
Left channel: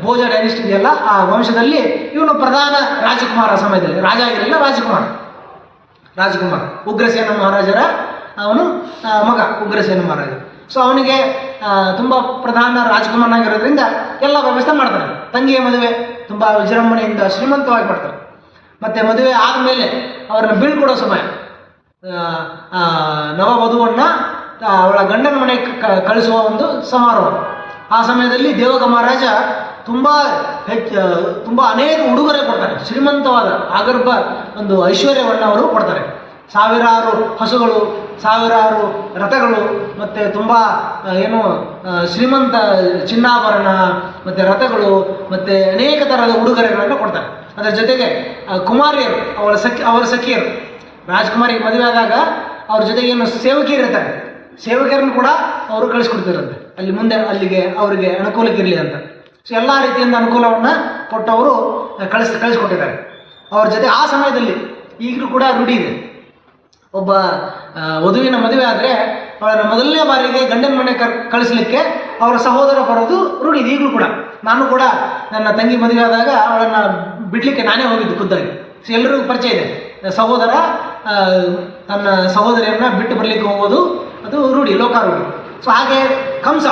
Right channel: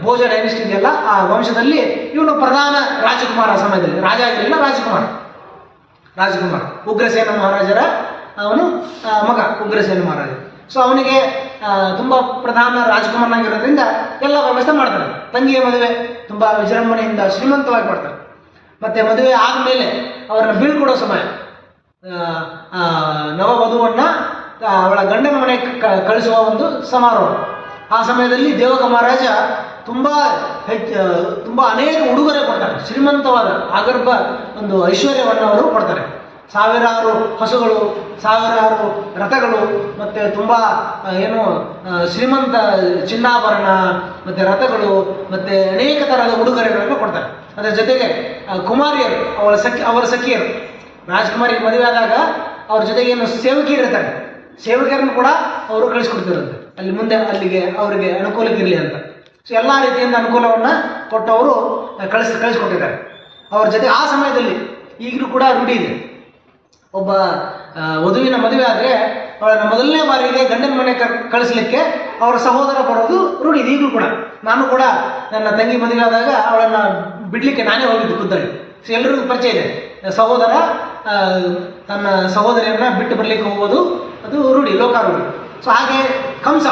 ಭೋಜ ಡೈನೆಸ್ಟಿ ಇದೆಯಲ್ಲ, ಆ ವಂಶದಲ್ಲಿ ಇವನು ಪ್ರಧಾನ ರಾಜಕುಮಾರ ಸಮಯದಲ್ಲಿ, ರಾಜ ಆಗಿರಲಿಲ್ಲ, ರಾಜಕುಮಾರ ಉಗ್ರಸೇನ ಮಹಾರಾಜರ ಅವನು ಮಗ ಉಗ್ರಸೇನ ಮಹಾರಾಜ. ಸೊ ಅವನಿಗೆ ತುಂಬ ಪ್ರಧಾನ ರಾಜಕುಮಾರನಾಗಿರೋದ್ರಿಂದ ಎಲ್ಲ ವ್ಯವಸ್ಥೆ ಮಾಡ್ತಾರೆ. ತಂಗಿಯ ಮದುವೆ ತುಂಬ ವಿಜೃಂಭಣೆಯಿಂದ ಶ್ರೀಮಂತವಾಗಿ ಮಾಡ್ತಾರೆ. ಮತ್ತು ಮದುವೆ ಆದಮೇಲೆ ಅವರನ್ನು ಬೀಳ್ಕೊಡೋ ಸಮಯ, ನವವಧುವನ್ನು ಅವಳ ಗಂಡನ ಮನೆಗೆ ಕಳಿಸುವ ಒಂದು ಸಮಾರೋಹ. ಆ ಸಮಯದಲ್ಲಿ ದೇವಕ ಮಹಾರಾಜ ತುಂಬ ಅನೇಕ ಉಡುಗೊರೆ ಕೊಡ್ತಾರೆ. ಶ್ರೀಮಂತವಾದ ಆಗರ್ಭ ಒಂದು ಐಶ್ವರ್ಯವನ್ನು ಅವರು ಕೊಡ್ತಾರೆ. ಸಾವಿರಾರು ಹಸುಗಳು, ಸಾವಿರಾರು ರಥಗಳು, ಮತ್ತು ತುಂಬ ಶ್ರೀಮಂತ ಚಿನ್ನಾಭರಣ ಮತ್ತು ರಥಗಳು ಮತ್ತು ಅನೇಕ ಥರದ ಉಡುಗೊರೆಗಳನ್ನು ಕೊಡ್ತಾರೆ. ಅದರ ಜೊತೆಗೆ ಕುಮಾರಿಯರು, ಅವರ ಸಖಿಯರು, ರಾಜ್ಕುಮಾರಿಗೆ ಮದುವೆ ಆದಾಗ ಅವ್ರ ಜೊತೆಗೆ ಏನು ಸೇವಕಿಯರು ಇರ್ತಾರೆ, ಸೇವಕಿಯರನ್ನು ಕೂಡ ಅವರು ಕಳಿಸ್ಕೊಡ್ತಿರಂತೆ. ಅಲ್ಲಿ ಮುಂದೆ ಅಲ್ಲಿಗೆ ಅವರಿಗೆ ಅನುಕೂಲಕ್ಕಿರಲಿ ಅಂತ. ಸೊ ಎಲ್ಲ ರೀತಿಯಿಂದ ಅನುಕೂಲವನ್ನು ಕೊಟ್ಟು ಅವರು ಕಳಿಸ್ಕೊಟ್ಟಿದ್ದಾರೆ ಅವ್ರ ಜೊತೆ. ಆ ಸಮಯದಲ್ಲಿ ಈಗಲೂ ಕೂಡ ರೂಢಿ ಇದೆ, ಒಬ್ಬ ವಧುವಿನ ಮದುವೆ ಆದರೆ ಅವಳನ್ನು ಮೊದಲನೇ ಬಾರಿಗೆ ಗಂಡನ ಮನೆ ಕಳಿಸ್ಲಿಕ್ಕೆ ಅವರ ಸಹೋದರ ಬರೋದು ರೂಢಿ ಇದೆ ಈಗಲೂ ಕೂಡ. ನಾನು ಕೂಡ ನನ್ನ ತಂಗಿ ಮದುವೆ ಆದಾಗ ಅವಳನ್ನು ಬಿಡಲಿಕ್ಕೆ ನಾನೇ ಹೋಗಿದ್ದು ಖುದ್ದಾಗಿ. ಸೊ ಎಲ್ಲರಿಗೂ ಪರಿಚಯ ಇದೆ, ಸಹೋದರ ತನ್ನ ಸಹೋದರಿಯನ್ನು ಬಿಟ್ಟು ಬರಲಿಕ್ಕೆ ಹೋಗೋದು ಅದು ರೂಢಿ, ಲೋಕಾರೂಢಿ. ಸೊ ಹಾಗೆ ಕಂಸ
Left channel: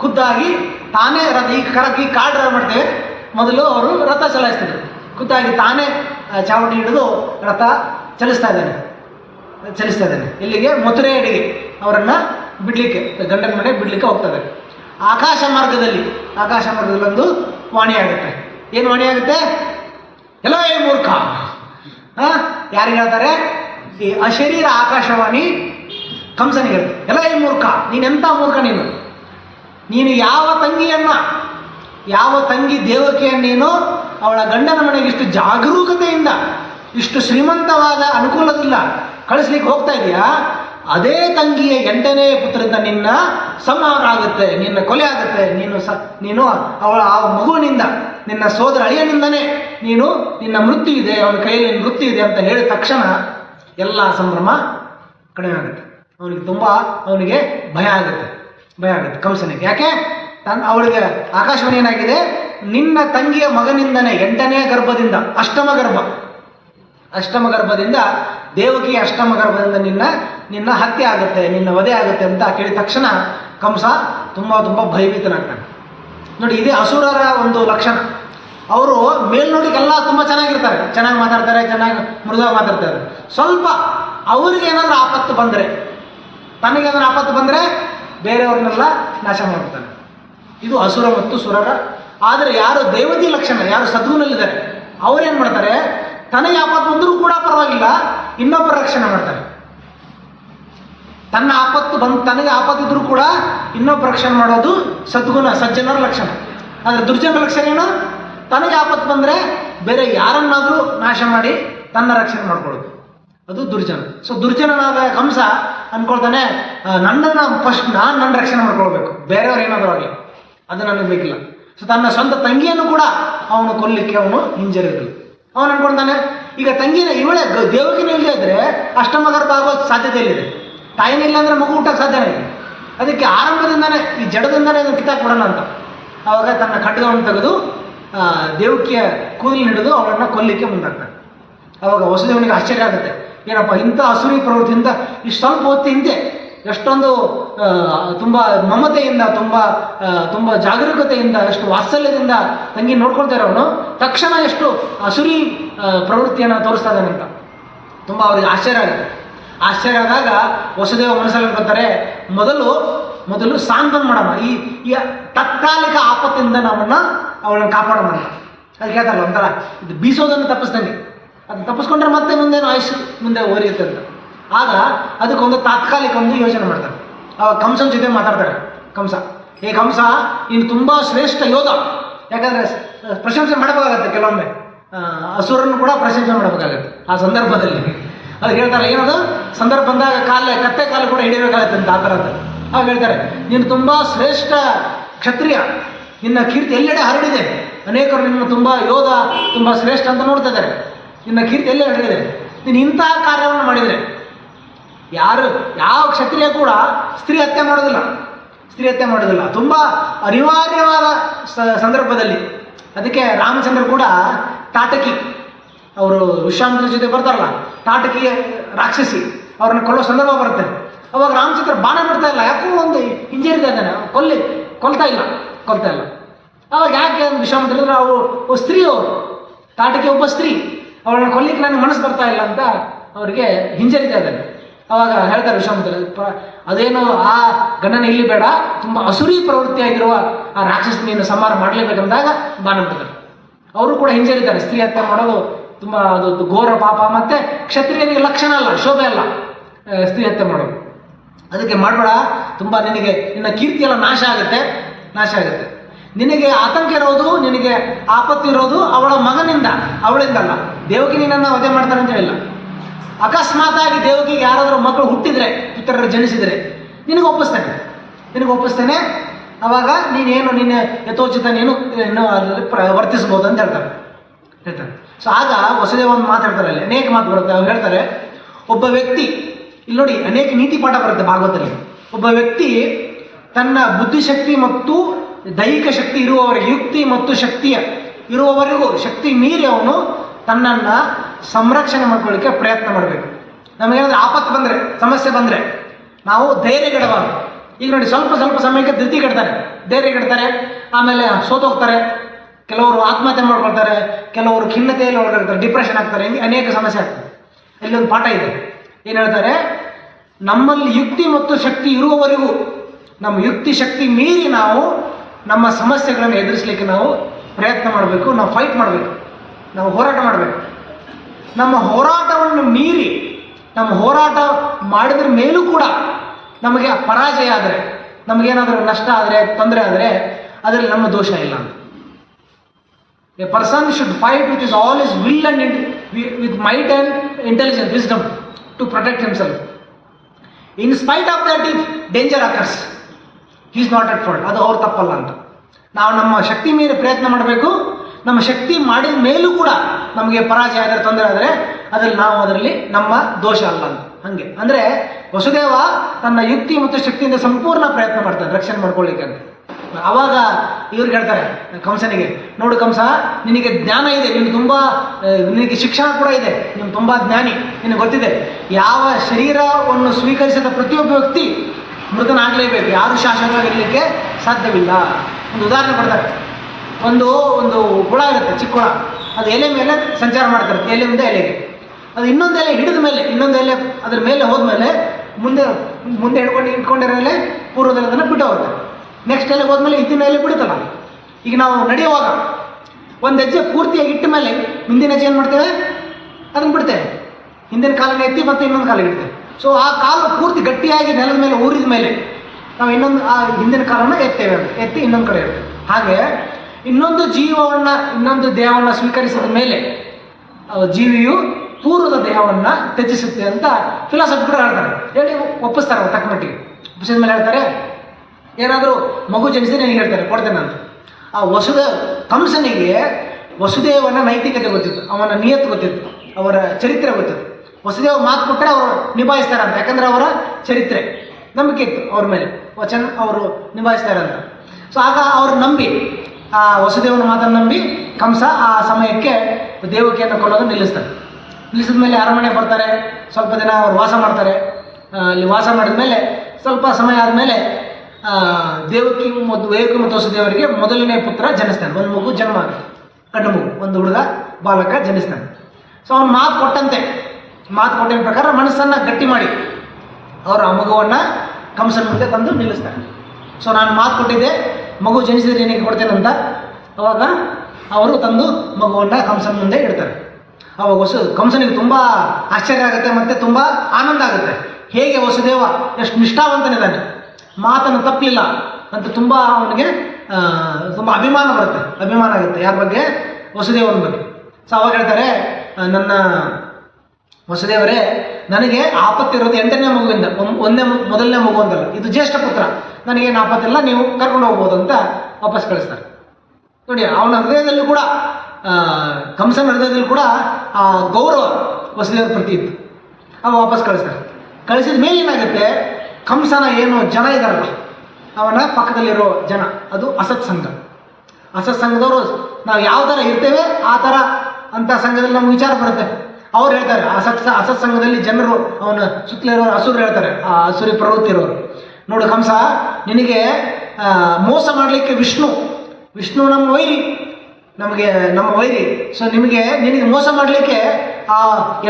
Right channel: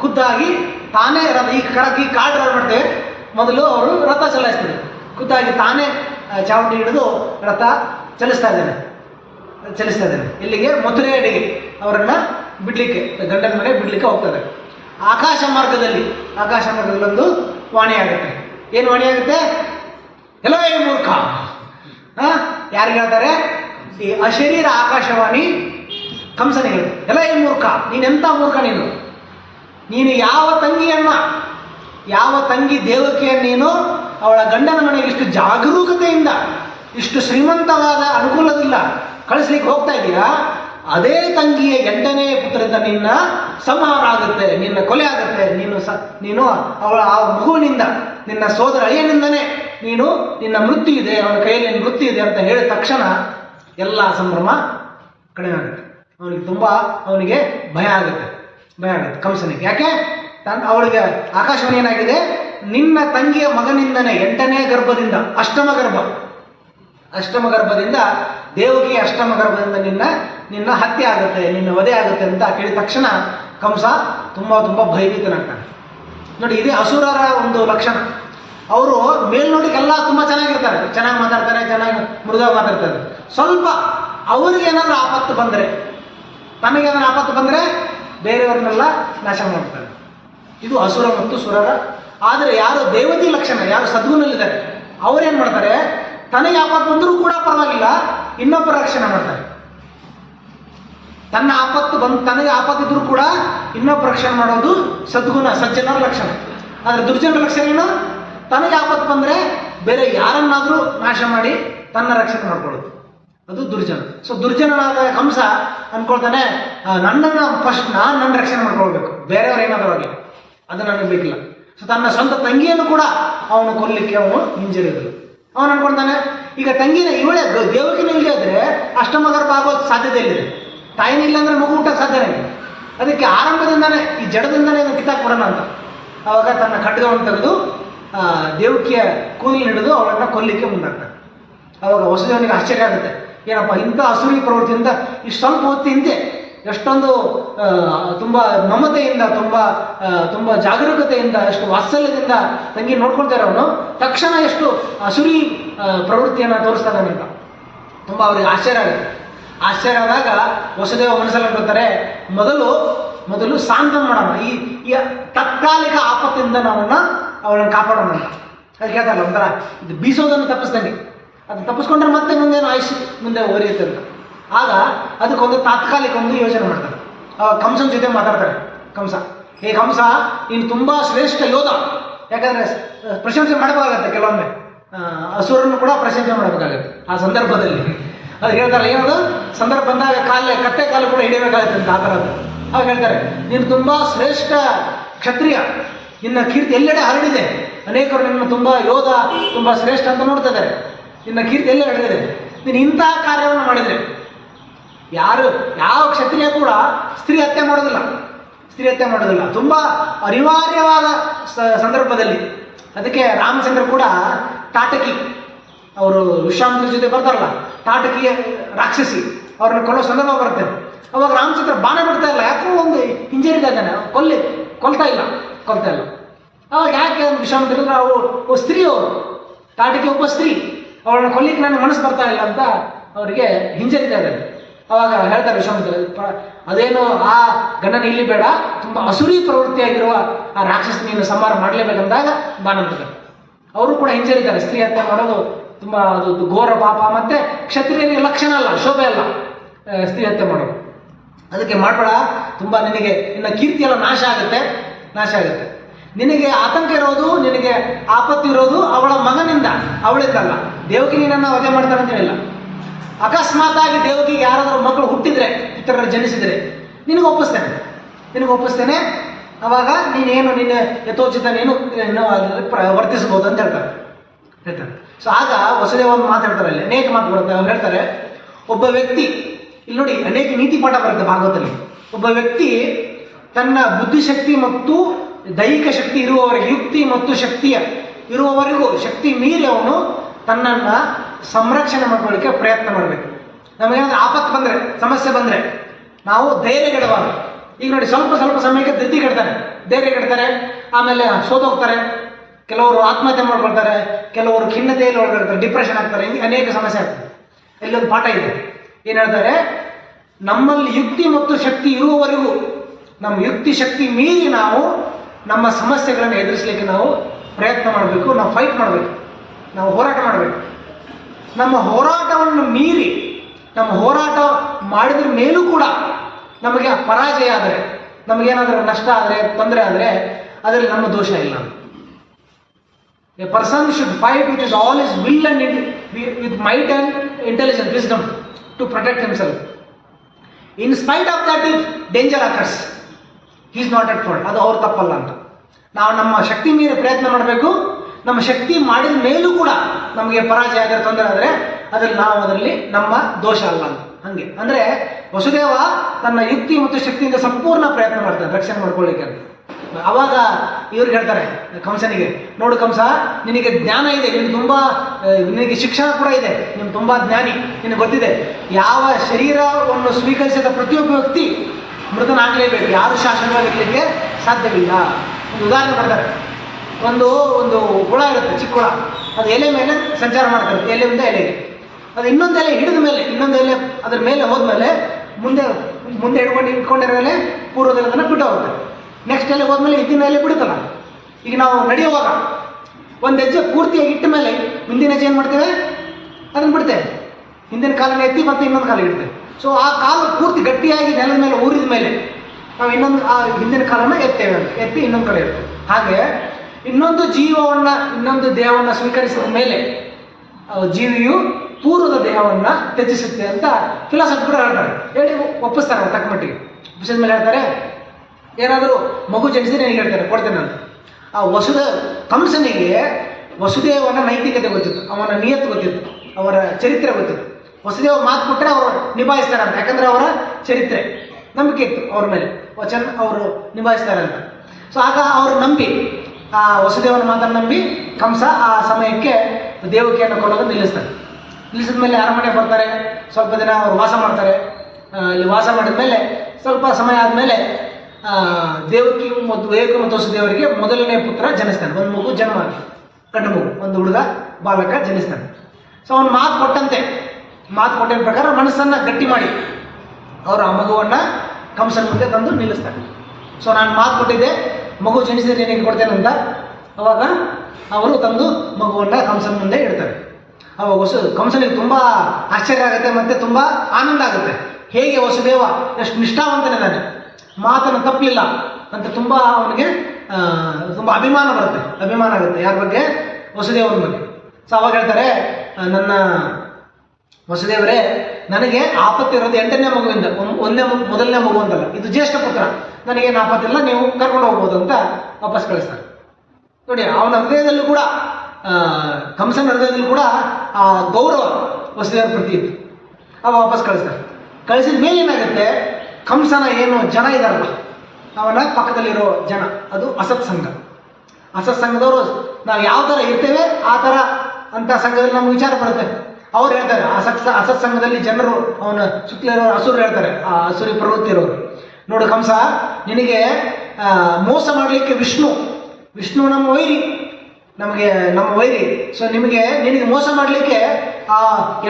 ಖುದ್ದಾಗಿ ತಾನೇ ಈ ಕಾರ್ ಡ್ರೈವ್ ಮಾಡ್ತೇವೆ, ಮೊದಲು ಅವರು ರಥ ಚಲಾಯಿಸ್ತಿದ್ರು. ಖುದ್ದಾಗಿ ತಾನೇ ಚಾವಟಿ ಹಿಡಿದು ರಥ ಚಲಿಸ್ತಾ ಇದ್ದಾನೆ. ಇಲ್ಲಿಗೆ ಮಥುರೆಯಡಿಗೆ ಅವರನ್ನು ಬಿಡಲಿಕ್ಕೆ, ಗಂಡನ ಮನೆ ಬಿಡಲಿಕ್ಕೆ ಹೋಗ್ತದೆ. ಆಕಾಶ ಮಾರ್ಗದಲ್ಲಿ ಒಂದು ವಾಣಿ ಆಗುತ್ತೆ. ಏನು ವಾಣಿ ಆಗುತ್ತೆ? ಎಲ್ಲೋ ಮೂರ್ಖ. ಯಾರಿಗೆ ಹೇಳ್ತಾರೆ? ಈ ಅಶರೀರ ಆಕಾಶವಾಣಿ ಕಂಸನಿಗೆ ಹೇಳುತ್ತೆ. ಎಲ್ಲ ಮೂರ್ಖ, ನೀನೆಂಥ ಮೂರ್ಖ ನೀನು ಯಾವ ತಂಗಿ ದೇವಕಿಯನ್ನು ನೀನು ಅವಳ ಗಂಡನ ಮನೆಗೆ ಇಷ್ಟು ಜಾಗರೂಕತೆಯಿಂದ, ಇಷ್ಟು ಶ್ರೀಮಂತವಾದ ಅನುಕೂಲದಿಂದ ಕಳಿಸ್ಲಿಕ್ಕೆ ಹೋಗ್ತಾ ಇದೆಯಾ, ಅದೇ ತಂಗಿಯ 8ನೇ ಪುತ್ರರಿಂದ ನಿನ್ನ ಸಂಹಾರ ಆಗುತ್ತೆ, ನಿನ್ನ ಕೊಲೆ ಆಗುತ್ತೆ. ನೀನು ಅವಳ ಆ ಮಗುವಿನಿಂದ, ನಿನ್ನ ಸೋದರ ಅಳಿಯನಿಂದನೇ ನಿನ್ನ ಮೃತ್ಯು ಇದೆ, ಅವನ ಕೈಯಲ್ಲಿ ನಿನ್ನ ಮೃತ್ಯು ಇದೆ ಅಂತ ಹೇಳಿದ ತಕ್ಷಣ ಎಲ್ಲ ಸಂಭ್ರಮ ಕಡಿಮೆ ಆಗುತ್ತೆ. ಅವನಿಗೆ ಭಯ ಆಗುತ್ತೆ ಕಂಸನಿಗೆ. ಯಾಕೆ? ಅವಳಿಗೆ ಆಕಾಶವಾಣಿ ಏನಾಗಿದೆ, ನಿನ್ನ ತಂಗಿಯ ಮಗನಿಂದನೇ 8ನೇ ಗರ್ಭದಿಂದ, ಅಷ್ಟಮ ಗರ್ಭದಿಂದ ದೇವಕಿಯ ಅಷ್ಟಮ ಗರ್ಭದಿಂದ ನಿನ್ನ ಹತ್ಯೆ ಆಗುತ್ತೆ, ನಿನ್ನ ವಧೆ ಆಗುತ್ತೆ ಅಂತ ಕೇಳಿದ ತಕ್ಷಣ ಕಂಸ ತುಂಬ ಭಯಭೀತನಾಗ್ತಾನೆ. ನೋಡಿ, ಇದೇ ಅಸುರರ ಒಂದು ಲಕ್ಷಣ. ಅವರು ಮೇಲ್ನೋಟಕ್ಕೆಲ್ಲ ತುಂಬ ಚೆನ್ನಾಗಿರ್ತಾರೆ, ಚೆನ್ನಾಗಿ ಮಾತಾಡ್ತಾರೆ, ಚೆನ್ನಾಗಿ ಮೃದುವಾಗಿ ಮಾತಾಡ್ತಾರೆ. ಸ್ವಲ್ಪ ಅವ್ರಿಗೆ ಏನಾದರೂ ಆಪತ್ತು ಬಂದರೆ, ತನಗೇನಾದ್ರು ಆಪತ್ತು ಬಂದರೆ ಬೇರೆಯವ್ರನ್ನೆಲ್ಲ ನಾಶ ಮಾಡ್ತಾರೆ. ಇದು ಅಸುರ ಮತ್ತು ಸುರರ. ಆದರೆ ಯಾರು ದೇವತಿ ಲಕ್ಷಣ, ಯಾರು ಸದ್ಗುಣಲ್ಲಿದ್ದಾರೆ, ಅವರೇನು ಮಾಡ್ತಾರೆ? ತನಗೆ ಆಪತ್ತು ಬಂದರೂ ಕೂಡ ಪರವಾಗಿಲ್ಲ, ಇನ್ನೊಬ್ಬರ ರಕ್ಷಣೆ ಮಾಡ್ತಾರೆ. ತನ್ನ ಆಪತ್ತು ತನಗೆ ಆಪತ್ತಿದ್ರೂ ಕೂಡ ಇನ್ನೊಬ್ಬ ರಕ್ಷಣೆ ಮಾಡೋದು ಸದ್ಗುಣ, ಸಜ್ಜನರ ಲಕ್ಷಣ. ಆದರೆ ದುರ್ಜನರ ಲಕ್ಷಣ ಏನು? ತನಗೆ ಆಪತ್ತು ಬಂದರೆ ಬೇರೆ ಯಾರನ್ನಾದರೂ ನಾಶ ಮಾಡಿ ತನ್ನ ರಕ್ಷಣೆ ಮಾಡ್ಕೊಳ್ಳೋದು, ಅದು ದುರ್ಜನ. ಸೊ ದುರ್ಜನನಾದ ಕಂಸ ಅನ್ಕೊಳ್ತಾನೆ, ನನ್ನನ್ನು ಫಸ್ಟ್ ನನ್ನ ರಕ್ಷಣೆ ಮಾಡ್ಕೊಳ್ಬೇಕು, ಬೇರೆಯವ್ರು ಏನಾದರೂ ಆಗಲಿ ಅದು ನನಗೆ ಬೇಕಿಲ್ಲ. ಸೊ ತನ್ನ ಸ್ವಂತ ತಂಗಿಯನ್ನು ಕೂಡ ಅವನು ಕೊಲ್ಲಲಿಕ್ಕೆ ಅವನು ಹಿಂಜರಿದಿಲ್ಲ. ಅವನು ಅನ್ಕೊಳ್ತಾನೆ, ಈಗ ತಂಗಿನ ಇವಳೇ ದೇವಕಿನ ಇಲ್ಲದೆ ಇದ್ರೆ ಅಷ್ಟಮಗರ್ಭ ಆಗೋ ಸಾಧ್ಯತೆ ಇಲ್ಲಿದೆ. ತಾಯಿನಿಲ್ಲ ಅಂದರೆ ಮಗು ಊಟಕ್ಕೆ ಸಾಧ್ಯನೇ ಇಲ್ಲ. ಅದಕ್ಕೆ ಆರಂಭದಿಂದನೇ ಈ ಜಡದಿಂದನೇ ಇದನ್ನು ಕಿತ್ತಾಕ್ಬಿಡೋಣ ಅಂತ ಆವಾಗ ತನ್ನ ಖಡ್ಗವನ್ನು ತೆಗೆದು ದೇವಕಿಯ ಕೂದಲು ಹಿಡಿದು ಅವಳನ್ನು ಕೊಲ್ಲಿಕ್ಕೆ ಮುಂದಾಗ್ತಾನೆ. ಅವಾಗ ವಸುದೇವನಿಗೆ ಆಶ್ಚರ್ಯ ಆಗುತ್ತೆ, ಏನಪ್ಪ ಇಂಥ ಅಸುರಿ ಪ್ರವೃತ್ತಿಯಿಂದ ಇಷ್ಟು ಸ್ವಲ್ಪ ಹೊತ್ತು ಹಿಂದೆ ಎಷ್ಟೊಂದು ತುಂಬ ಮಮತೆಯಿಂದ ತುಂಬ ಜಾಗರೂಕತೆಯಿಂದ ಎಷ್ಟು ವಾತ್ಸಲ್ಯದಿಂದ ತಂಗಿ ನೋಡ್ಕೊಳ್ತಾ ಇರೋನು ತಕ್ಷಣ ಎಷ್ಟು ಅಸುರಿ ಪ್ರವೃತ್ತಿಯನ್ನು ತೋರಿಸ್ತಾ ಇದ್ದಾನೆ ಅಂತ ತುಂಬ ಅವರಿಗೆ ಆಶ್ಚರ್ಯ ಆಗುತ್ತೆ. ಆಶ್ಚರ್ಯ ಆದಾಗ ವಸುದೇವ ಮನಸ್ಸಲ್ಲಿ ಬರ್ತಾರೆ, ಮೊದಲು ಶಾಂತ ಮಾಡೋಣ, ಈ ತಾತ್ಕಾಲಿಕ ಆಪತ್ತಿಂದ ಅವಳನ್ನು ಕಾಪಾಡೋಣ ಅಂತ. ಅದಕ್ಕೆ ಹೇಳ್ತಾರಲ್ಲ ಒಂಥರ ಇದು ಬೀಸೋದನ್ನು ತಪ್ಪಿಸ್ದಂಗೆ, ಅದು ತಪ್ಪಿಸ್ಕೊಂಡ್ರೆ ಮತ್ತೆ ಮುಂದೇನು ಆಯುಷ್ಯ ಮುಂದೆ ಓರಿಯುತ್ತೆ ಅಂತ. ಆಗ ಅದಕ್ಕೊಂದು ತಾತ್ಕಾಲಿಕ ಒಂದು ಯೋಜನೆ ಮಾಡ್ತಾರೆ. ಅವಾಗ ಕಂಸನ ಜೊತೆ ಮಾತಾಡ್ತಾರೆ. ಹೇ ಕಂಸ, ನೀನು ತುಂಬ ಶ್ರೇಷ್ಠ ಯೋಧ. ಯಾಕಂದರೆ ಪ್ರಶಂಸೆ ಮಾಡಬೇಕಾಗತ್ತೆ, ಕೆಲವೊಮ್ಮೆ ಅಸುರನ್ನು ಕೂಡ ಪ್ರಶಂಸೆ ಮಾಡಬೇಕಾಗತ್ತೆ ಆ ಸಂದರ್ಭದಲ್ಲಿ. ಅದು ಹೇಳ್ತಾರೆ, ಏನದು ಸಂದರ್ಭ ಬಂದಾಗ ಕತ್ತೆ ಕಾಲು ಕೂಡ ಹಿಡಿಯಬೇಕಾಗತ್ತೆ ಅಂತ ಆ ಥರದ್ದು. ಅವಾಗ ಹೇಳ್ತಾರೆ, ನೀನು ತುಂಬ ಶ್ರೇಷ್ಠ ಕ್ಷತ್ರಿಯ, ನಿನ್ನ ಕೀರ್ತಿ ಎಲ್ಲೆಡೆ ಹರಡಿದೆ, ಅನೇಕರು ನಿನ್ನ ತುಂಬ ಯೋಧ, ತುಂಬ ಶ್ರೇಷ್ಠ ಅಂತ ನೋಡ್ತಾ ಇದ್ದಾರೆ, ನಿನ್ನ ಕೀರ್ತಿ ಎಲ್ಲೇ ಹರಡಿದೆ. ನೀನು ಇಂತಹ ಕಾರ್ಯವನ್ನು ಮಾಡಿದರೆ ಯಾವ ಕ್ಷತ್ರಿಯ ಕೂಡ ಸ್ತ್ರೀ ಹತ್ಯೆ ಮಾಡೋದಿಲ್ಲ. ತುಂಬ ಅನಿವಾರ್ಯವಾದ ಸಂದರ್ಭದಲ್ಲಿ. ಅದಕ್ಕೆ ರಾಮಚಂದ್ರ ಕೂಡ ತಾಟಕಿ, ಅವರು ವಿಶ್ವಾಮಿತ್ರ ಜೊತೆ ಬರ್ತಾರಲ್ಲ, ತಾಟಕಿ ರಾಕ್ಷಸಿ, ಅವ್ರನ್ನ ಕೊಲ್ಲೋ ಸಂದರ್ಭ ಬರುತ್ತೆ. ಅವಾಗ ರಾಮಚಂದ್ರ ಬಾಣ ಬಿಡ್ತಾ ಇಲ್ಲ, ಯಾಕೋ ಒಂದು ಹಿಂಜರಿತಾ ಇದ್ದಾನೆ, ಕೊಲ್ತಾ ಇಲ್ಲ. ಅವಾಗ ಯಾಕೆ ವಿಶ್ವಾಮಿತ್ರ ನಾವು ಸ್ತ್ರೀ, ಅವರು ತಾಟಕಿ ಒಬ್ಬ ಸ್ತ್ರೀ, ಅವಳನ್ನು ಕೊಲ್ಲಿಕ್ಕೆ ನನಗೆ ಮನಸ್ಸು ಬರ್ತಾ ಇಲ್ಲ ಅಂತ ಅವರಿಗೆ ಹಿಂಜರಿತಾ ಇದ್ದಾನೆ. ಅವಾಗ ಹೇಳ್ತಾರೆ ವಿಶ್ವಾಮಿತ್ರ, ಅದೇನು ಆ ಗಂಡನ ಇಲ್ಲಿ ಬೇಡ, ತುಂಬ ಅಸುರಿ ಪ್ರವೃತ್ತಿಯಾಗಿರುವ ಆ ರಾಕ್ಷಸನಿಯನ್ನು ಸಂಹಾರ ಮಾಡಲೇಬೇಕಂದಾಗ ಬಾಣ ಬಿಡ್ತಾರೆ. ಅವರು ಕೂಡ ಹಿಂಜರಿತಾರೆ. ಸ್ತ್ರೀ ಹತ್ಯೆ ಮಾಡೋದು ತುಂಬ ಅದು ಘೋರ ಪಾಪ, ಮತ್ತು ಕ್ಷತ್ರಿಯರಿಗೆ ಲಕ್ಷಣ ಅಲ್ಲ, ಶೋಭೆ ಅಲ್ಲ ಸ್ತ್ರೀ ಹತ್ಯೆ ಮಾಡೋದು. ಅದಕ್ಕೆ ಮಾಡಬೇಡ, ತುಂಬ ನಿನ್ನ ಕೀರ್ತಿಯೆಲ್ಲ ನಾಶ ಆಗುತ್ತೆ. ನಿನಗೆ ಆತಂಕ ಇರೋದು, ನಿನಗೆ ಆಪತ್ತು ಇರೋದು ಅವಳ ಮಗನಿಂದ, ಅವಳಿಂದಲ್ಲ. ದೇವಕಿ ನಿನ್ನನ್ನು ವಧೆ ಮಾಡ್ತಾರೆ ಅಂತ ಹೇಳಿಲ್ಲ. ಅಕಸ್ಮಾತಾಗಿ ದೇವಕಿಗೆ ಯಾರಾದರೂ ಮಕ್ಕಳು ಹುಟ್ಟಿದರೆ, ಇತರರು ಜನಿಸಿದರೆ ನಿನಗೆ ಒಪ್ಪಿಸ್ತೇನೆ. ಅವಾಗ ನಿನ್ನ ಯಥೋಚಿತ ನೀನು ವರ್ತಿಸ್ಬೋದು ಅಂತ ಹೇಳ್ತಾರೆ. ಸೊ ಆಗ ವಸುದೇವನ ಮಾತಾಡ್ತಾರೆ, ಅಲ್ಲಿ ಅನೇಕ ಮಾತು ಬರುತ್ತೆ. ಅವ್ರು ಹೇಳ್ತಾರೆ, ಒಬ್ಬ ವ್ಯಕ್ತಿ, ಇಲ್ಲಿ ನೋಡಿ ಅನೇಕ ನೀತಿ ಪಾಠ ಬರುತ್ತೆ ಭಾಗವತದಲ್ಲಿ. ಒಬ್ಬ ವ್ಯಕ್ತಿ ತನ್ನ ಬುದ್ಧಿಶಕ್ತಿ ಮತ್ತು ದೈಹಿಕ ಶಕ್ತಿ ಇರುವವರೆಗೆ, ಯುಕ್ತಿ ಮತ್ತು ಶಕ್ತಿಯ ಇರುವವರೆಗೂ ಶಕ್ತಿ ಮೀರಿ ಅವನು ತನ್ನನ್ನು ಸಂರಕ್ಷಣೆ ಮಾಡ್ಕೊಳ್ಳಿಕ್ಕೆ ಪ್ರಯತ್ನ ಮಾಡಬೇಕು. ನಮಗೇನಾದ್ರೂ ಆಪತ್ತು ಬಂದರೆ, ಸಮಸ್ಯೆ ಬಂದರೆ ನಾವು ಧೈರ್ಯಗೆಡಬಾರ್ದು. ಈಗ ನೋಡಿ, ಸ್ವಲ್ಪ ಸಮಯಕ್ಕೆ ಧೃತಿ ಧೈರ್ಯಗೆಡ್ತಾರೆ, ಆಮೇಲೆ ಸೋತೋಗ್ತಾರೆ, ಕೆಲವರು ಆತ್ಮಹತ್ಯೆ ಮಾಡ್ಕೊಳ್ತಾರೆ, ಕೆಲವರು ಖಿನ್ನತೆಯಲ್ಲಿ ಒಳಗಿರ್ತಾರೆ, ಡಿಪ್ರೆಷನ್ ಆಗ್ತಾರೆ, ಹಿಂಗೆ ಅನೇಕ ಸಮಸ್ಯೆ ಆಗ್ತದೆ. ಇಲ್ಲಿ ಒಂದು ಪಾಠ ಇದೆ, ಏನು ಹೇಳ್ತಾರೆ, ನಮ್ಮಲ್ಲಿ ಯುಕ್ತಿ ಮತ್ತು ಶಕ್ತಿ ಇರುವವರೆಗೂ, ನಮ್ಮ ಯುಕ್ತಿ ಶಕ್ತಿ ಮೀರಿ ನಾವು ನಮ್ಮ ಸಮಸ್ಯೆಗಳನ್ನು ಎದುರಿಸಲಿಕ್ಕೆ ನಾವು ಪ್ರಯತ್ನ ಮಾಡಬೇಕು, ನಾವು ಫೈಟ್ ಮಾಡಬೇಕು, ನಾವು ಹೋರಾಟ ಮಾಡಬೇಕು. ನಮ್ಮ ಹೋರಾಟವನ್ನು ಮೀರಿ, ನಮ್ಮ ಹೋರಾಟ ಮಾಡಿದ್ರ ಮೇಲೂ ಕೂಡ ನಮಗೆ ಪರಾಜಯ ಆದರೆ, ನಮಗೇನಾದರೂ ನಷ್ಟ ಆದರೆ, ತೊಂದರೆ ಆದರೆ, ಅದರಲ್ಲಿ ನಮ್ಮ ದೋಷ ಇಲ್ಲ. A person should fight with his all his will and with might and intelligence, wisdom to protect himself. In spite of that if danger occurs, he is not at fault. ಅದು ಅವ್ರ ತಪ್ಪಲ್ಲ ಅಂತ ನಾವು ನಮ್ಮ ಶಕ್ತಿ ಮೀರಿ ಪ್ರಯತ್ನ ಮಾಡಬೇಕು. ನಮ್ಮ ಶಕ್ತಿ ಮಾಡಿದ ಮೇಲೂ ಕೂಡ ನಮಗೆ ಪರಾಜಯ ಆದರೆ, ತೊಂದರೆ ಆದರೆ, ಅದರಲ್ಲಿ ನಮ್ಮ ದೋಷ ಅಲ್ಲ ಅಂತ. ಹಾಗೆ ಅಂದರೆ ವಸುದೇವ ತನ್ನ ಯುಕ್ತಿ ಮತ್ತು ಶಕ್ತಿಯಿಂದ ಸಂಪೂರ್ಣ ಪ್ರಯತ್ನ ಮಾಡ್ತಾನೆ ರಕ್ಷಣೆ ಮಾಡ್ಕೊಳ್ಳಿಕ್ಕೆ ಅಂತ. ಆವಾಗ ಇವ್ರಿಗೆ ಹೇಳ್ತಾರೆ ಕಂಸನಿಗೆ, ನೋಡು ಕಂಸ, ನಿನಗೆ ಜ್ಞಾನ ಇದೆ, ನಿನಗೆ ಶಿಕ್ಷಣ ಕೂಡ ಇದೆ, ನೀನು ತುಂಬ ಜ್ಞಾನಿ, ನಿನಗೆ ಗೊತ್ತಿದೆ, ಯಾವ ಶರೀರವನ್ನು ಸ್ವೀಕರಿಸಿದ ಪ್ರತಿಯೊಬ್ಬ ವ್ಯಕ್ತಿ ಮೃತನಾಗಲೇಬೇಕು, ಯಾರು ಶಾಶ್ವತವಾಗಿರಲಿಕ್ಕೆ ಸಾಧ್ಯವಿಲ್ಲ. ಒಂದು ಉದಾಹರಣೆ ಕೊಡ್ತಾರೆ. ಒಂದು ಹುಳ ಇರುತ್ತೆ, ಚಿಕ್ಕ ಹುಳ, ಅದು ಎಲೆ ಮೇಲೆ ಸಂಚಾರ ಮಾಡ್ತಾರೆ, ಎಲೆಯಿಂದ ಎಲೆಗೆ. ಅದು ಇನ್ನೊಂದು ಎಲೆ ಹಿಡಿದ ಮೇಲೆ, ಇನ್ನೊಂದು ಎಲೆ ಅದ್ರ ಮೇಲೆ ಹೋದ್ಮೇಲೆ ಮುಂದೆ ಇಟ್ಕೊಂಡಿರೋ ಎಲೆ ಪೂರ್ವದಲ್ಲಿ ಬಿಟ್ಟು ಹೋಗುತ್ತೆ. ನೆಕ್ಸ್ಟ್ ಎಲೆ ಹೋದ್ಮೇಲೆ ಹಿಂದಿನ ಎಲೆ ಬಿಡುತ್ತಲ್ಲ. ಈಗ ನಾವು ನಡೆಯುವಾಗ ಒಂದು ಹೆಜ್ಜೆ ಪೂರ್ತಿಯಾಗಿ ಇಟ್ಟ ಮೇಲೆ ಹಿಂದಿನ ಹೆಜ್ಜೆ ಏನು ಮಾಡ್ತೇವೆ, ಅದನ್ನು ಬಿಡ್ತೇವೆ, ಹಿಂದಿನ ಕಾಲನ್ನು ಎತ್ತಿ ಮತ್ತೆ ಇನ್ನೊಂದು ಕಾಲ ಇಡ್ತೇವೆ. ಸೊ ಆ ಕಾಲು ಪೂರ್ತಿ ಗಟ್ಟಿಯಾಗಿ ನೆಲದ ಮೇಲೆ ಊರಿದ ಮೇಲೆ ನಾವು ಇನ್ನೊಂದು ಆ ಹಿಂದಿನ ಕಾಲನ್ನು ಎತ್ತೇವೆ ಅಂತ ಎತ್ತಿ ಇನ್ನೊಂದು ಕಡೆ ಇರ್ತೇವೆ. ಹಾಗೆ ಇನ್ನೊಂದು ಜೀವವನ್ನು ಇನ್ನೊಂದು ದೇಹವನ್ನು ಸ್ವೀಕರಿಸಿದ ಮೇಲೆ ಜೀವಿಯು ಪೂರ್ವದ ದೇಹವನ್ನು ತ್ಯಜಿಸುತ್ತೆ ಅಂತ ಫಿಲಾಸಫಿಗಳು ಹೇಳ್ತಾರೆ, ಹೇಳಿ ಒಪ್ಪಿಸ್ತಾರೆ ತಕ್ಕ ಮಟ್ಟಿಗೆ. ಒಪ್ಪಿಸಿದ ಮೇಲೆ ಹೇಳ್ತಾರೆ, ಏನಾದರೂ ಮಗು ಜನಿಸಿ ನನಗೆ ಹೇಳ್ತಾರೆ ಕೊಡ್ತೇನೆ ಅಂತ. ಆ ಕಂಸನಿಗೆ ವಸುದೇವನ ನೈತಿಕತೆ ಗೊತ್ತಿತ್ತು, ಅವನ ನಿಯತ್ತು ಗೊತ್ತಿತ್ತು, ಅವರ ಚರಿತ್ರೆ ಗೊತ್ತಿತ್ತು. ವಸುದೇವ ಮಾತು ಕೊಟ್ಟರೆ ಅವರು ನಿಭಾಯಿಸ್ತಾರೆ ಅಂತ, ಯಾಕಂದರೆ ಅವರ ಚರಿತ್ರೆ ನಂಬಿಕೆ ಇತ್ತು ಅವ್ರ ಮೇಲೆ, ವಚನ ಅವರು ನಿಭಾಯಿಸ್ತಾರೆ ಅಂತ. ಸೊ ಆಗ ಅವರು ನಂಬಿ, ಆ ವಸುದೇವನ ಮಾತನ್ನು ನಂಬಿ ಕಂಸ ಆ ಸಮಯಕ್ಕೆ ದೇವಕಿಯನ್ನು ಕೊಲ್ಲೋದು ನಿಲ್ಲಿಸ್ತಾರೆ. ನಿಲ್ಲಿಸಿದ ಮೇಲೆ ಅರಮನೆ ಬರ್ತಾರೆ, ಸ್ವಲ್ಪ ದಿನ ಅವರು ವಾಸ ಮಾಡ್ತಾರೆ. ಇಲ್ಲಿ ವಾಸ ಮಾಡಿದ ಮೇಲೆ ಸ್ವಲ್ಪ ಸಮಯ ಆದಮೇಲೆ ದೇವಕಿ ಮತ್ತು ವಸುದೇವರಿಗೆ ಮೊದಲನೇ ಪುತ್ರ ಜನಿಸ್ತಾನೆ. ಒಂದು ಮಗು ಜನ್ಮ ಆಗುತ್ತೆ, ಗಂಡು ಮಗು, ಒಂದು ಹುಡುಗ ಬಾಲಕ ಜನಿಸ್ತಾನೆ. ಸೊ ಅವನು ಮಾತು ಕೊಟ್ಟಿನ ಪ್ರಕಾರ ಮನಸ್ಸನ್ನು ಗಟ್ಟಿ ಮಾಡಿ ಅವರು ಆ ಮಗುವನ್ನು ಕಂಸನ ಮುಂದೆ ತಂದು ನಿಲ್ಲಿಸ್ತಾರೆ. ಸೊ ನಾನು ಮಾತು ಕೊಟ್ಟಿದ್ದೆ, ಮಗು ಜನಿಸಿದ್ರೆ ನಿನಗೆ ಕೊಡ್ತೇನಂತ. ಅವಾಗ ಅವರು ತಂದು ಮಗುವನ್ನು ಕಂಸನ ಮುಂದೆ ಇಡ್ತಾರೆ. ಅವಾಗ ಕಂಸನಿಗೆ ತುಂಬ ಆಶ್ಚರ್ಯ ಆಗುತ್ತೆ ಮತ್ತು ತುಂಬ ಆನಂದ ಆಗುತ್ತೆ. ಹೇಗೆ ವಸುದೇವ ಎಷ್ಟು ನಿಷ್ಠಾವಂತನಿದ್ದಾನೆ, ಮಾತನ್ನು ತಪ್ಪಲಿಲ್ಲ ಅಂತ ತುಂಬ ಅವನಿಗೆ ತುಂಬ ಅಭಿಮಾನ ಆಗುತ್ತೆ. ಯಾರ ಬಗ್ಗೆ? ವಸುದೇವನ ಬಗ್ಗೆ. ಸೊ ಅವಾಗ ಹೇಳ್ತಾರೆ, ನನ್ನ ವಸುದೇವರೇ, ನನಗೆ ಆಪತ್ತಿರೋದು 8ನೇ ಮಗುವಿಂದ, ಮೊದಲನೇ ಮಗು ಅಂತಲ್ಲ, ಇದು ಜ್ಯೇಷ್ಠ ಪುತ್ರ, ನನಗೇನು ಆಪತ್ತಿಲ್ಲ, ನೀವು ಕರ್ಕೊಂಡು ಹೋಗ್ಬೋದು ಅಂತ ವಾಪಸ್ ಕಳಿಸ್ತಾರೆ. ನೋಡಿ, ಅವನ ಹೃದಯದಲ್ಲೂ ಕೂಡ, ಕಂಸನ ಹೃದಯದಲ್ಲಿ ಕೂಡ ಆ ಗೌರವ ವಸುದೇವರ ಪ್ರತಿ ಇತ್ತು. ಅವ ವಾಪಸ್ ಕಳಿಸ್ತಾರೆ. ಕಳಿಸಿದ ಮೇಲೆ ಏನಾಗುತ್ತೆ, ಕಂಸನ ಏನು ಜನ ಇದ್ದಾರಲ್ಲ, ಅವನ ಪಕ್ಕದಲ್ಲಿರೋ ಜನ, ಅದು ಅಸತ್ಸಂಗ. ಅಸತ್ಸಂಗದವರು ನಾವು ಯಾವ ಥರ ಇರ್ತೇವೆ ಆ ಥರ ಅಂತ ಸಂಘದಲ್ಲಿ ನಮ್ಗೆ ವಿಚಾರ ಬರುತ್ತೆ. ಅವ್ರು ಹೇಳ್ತಾರೆ, ಅಸತ್ಸಂಗದಲ್ಲಿ ಜನರು ಅವನ ಸುತ್ತಲಿರೋರು ಅಸುರು ಹೇಳ್ತಾರೆ, ಆ ಅಸುರಿ ಪ್ರವೃತ್ತಿ ಇರೋರು, ನೋಡು ಕಂಸ, ನಿನಗೆ ಮೋಸ ಮಾಡಲಿಕ್ಕೆ ವಿಷ್ಣು ನಮ್ಮ ವೈರಿ, ನಮ್ಮ ವೈರಿ. ಸೊ ನಿನಗೆ ಮೋಸ ಮಾಡಲಿಕ್ಕೆ ಆ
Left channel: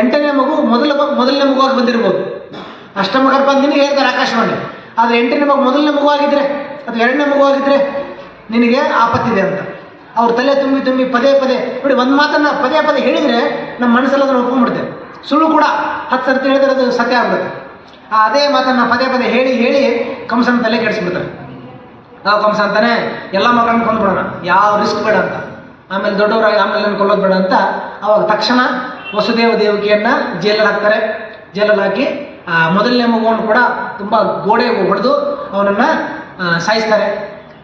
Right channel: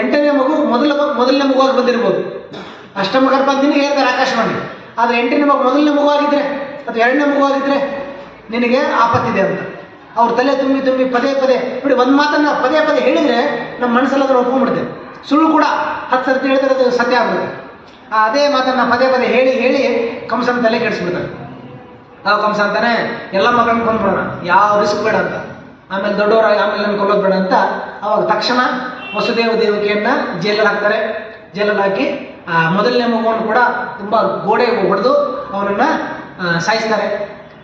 8ನೇ ಮಗು ಮೊದಲನೇ ಮಗುವಾಗಿ ಬಂದಿರ್ಬೋದು. ಅಷ್ಟಮ ಗರ್ಭ ಅಂತ ನಿನಗೆ ಹೇಳ್ತಾರೆ ಆಕಾಶವಾಣಿ. ಆದರೆ 8ನೇ ಮಗು ಮೊದಲನೇ ಮಗುವಾಗಿದ್ದರೆ ಅಥವಾ 2ನೇ ಮಗುವಾಗಿದ್ದರೆ ನಿನಗೆ ಆಪತ್ತಿದೆ ಅಂತ ಅವ್ರ ತಲೆ ತುಂಬಿ ಪದೇ ನೋಡಿ, ಒಂದು ಮಾತನ್ನು ಪದೇ ಹೇಳಿದರೆ ನಮ್ಮ ಮನಸ್ಸಲ್ಲಿ ಅದನ್ನು ಒಪ್ಕೊಂಡ್ಬಿಡ್ತೇವೆ. ಸುಳ್ಳು ಕೂಡ 10 ಸರ್ತಿ ಹೇಳಿದ್ರೆ ಅದು ಸತ್ಯ ಆಗ್ಬಿಡುತ್ತೆ. ಅದೇ ಮಾತನ್ನು ಪದೇ ಹೇಳಿ ಕಂಸನ ತಲೆ ಕೆಡಿಸ್ಬಿಡ್ತಾರೆ. ಆ ಕಂಸ ಅಂತಾನೆ ಎಲ್ಲ ಮಕ್ಕಳನ್ನ ಕೊಂಡ್ಬಿಡೋಣ, ಯಾವ ರಿಸ್ಕ್ ಬೇಡ ಅಂತ, ಆಮೇಲೆ ದೊಡ್ಡವರಾಗಿ ಆಮೇಲೆ ನನ್ನ ಕೊಲ್ಲೋದು ಬೇಡ ಅಂತ. ಅವಾಗ ತಕ್ಷಣ ವಸುದೇವ ದೇವಕಿಯನ್ನು ಜೈಲಲ್ಲಿ ಹಾಕ್ತಾರೆ. ಜೈಲಲ್ಲಿ ಹಾಕಿ ಮೊದಲನೇ ಮಗುವನ್ನು ಕೂಡ ತುಂಬ ಗೋಡೆ ಹೊಡೆದು ಅವನನ್ನು ಸಾಯಿಸ್ತಾರೆ.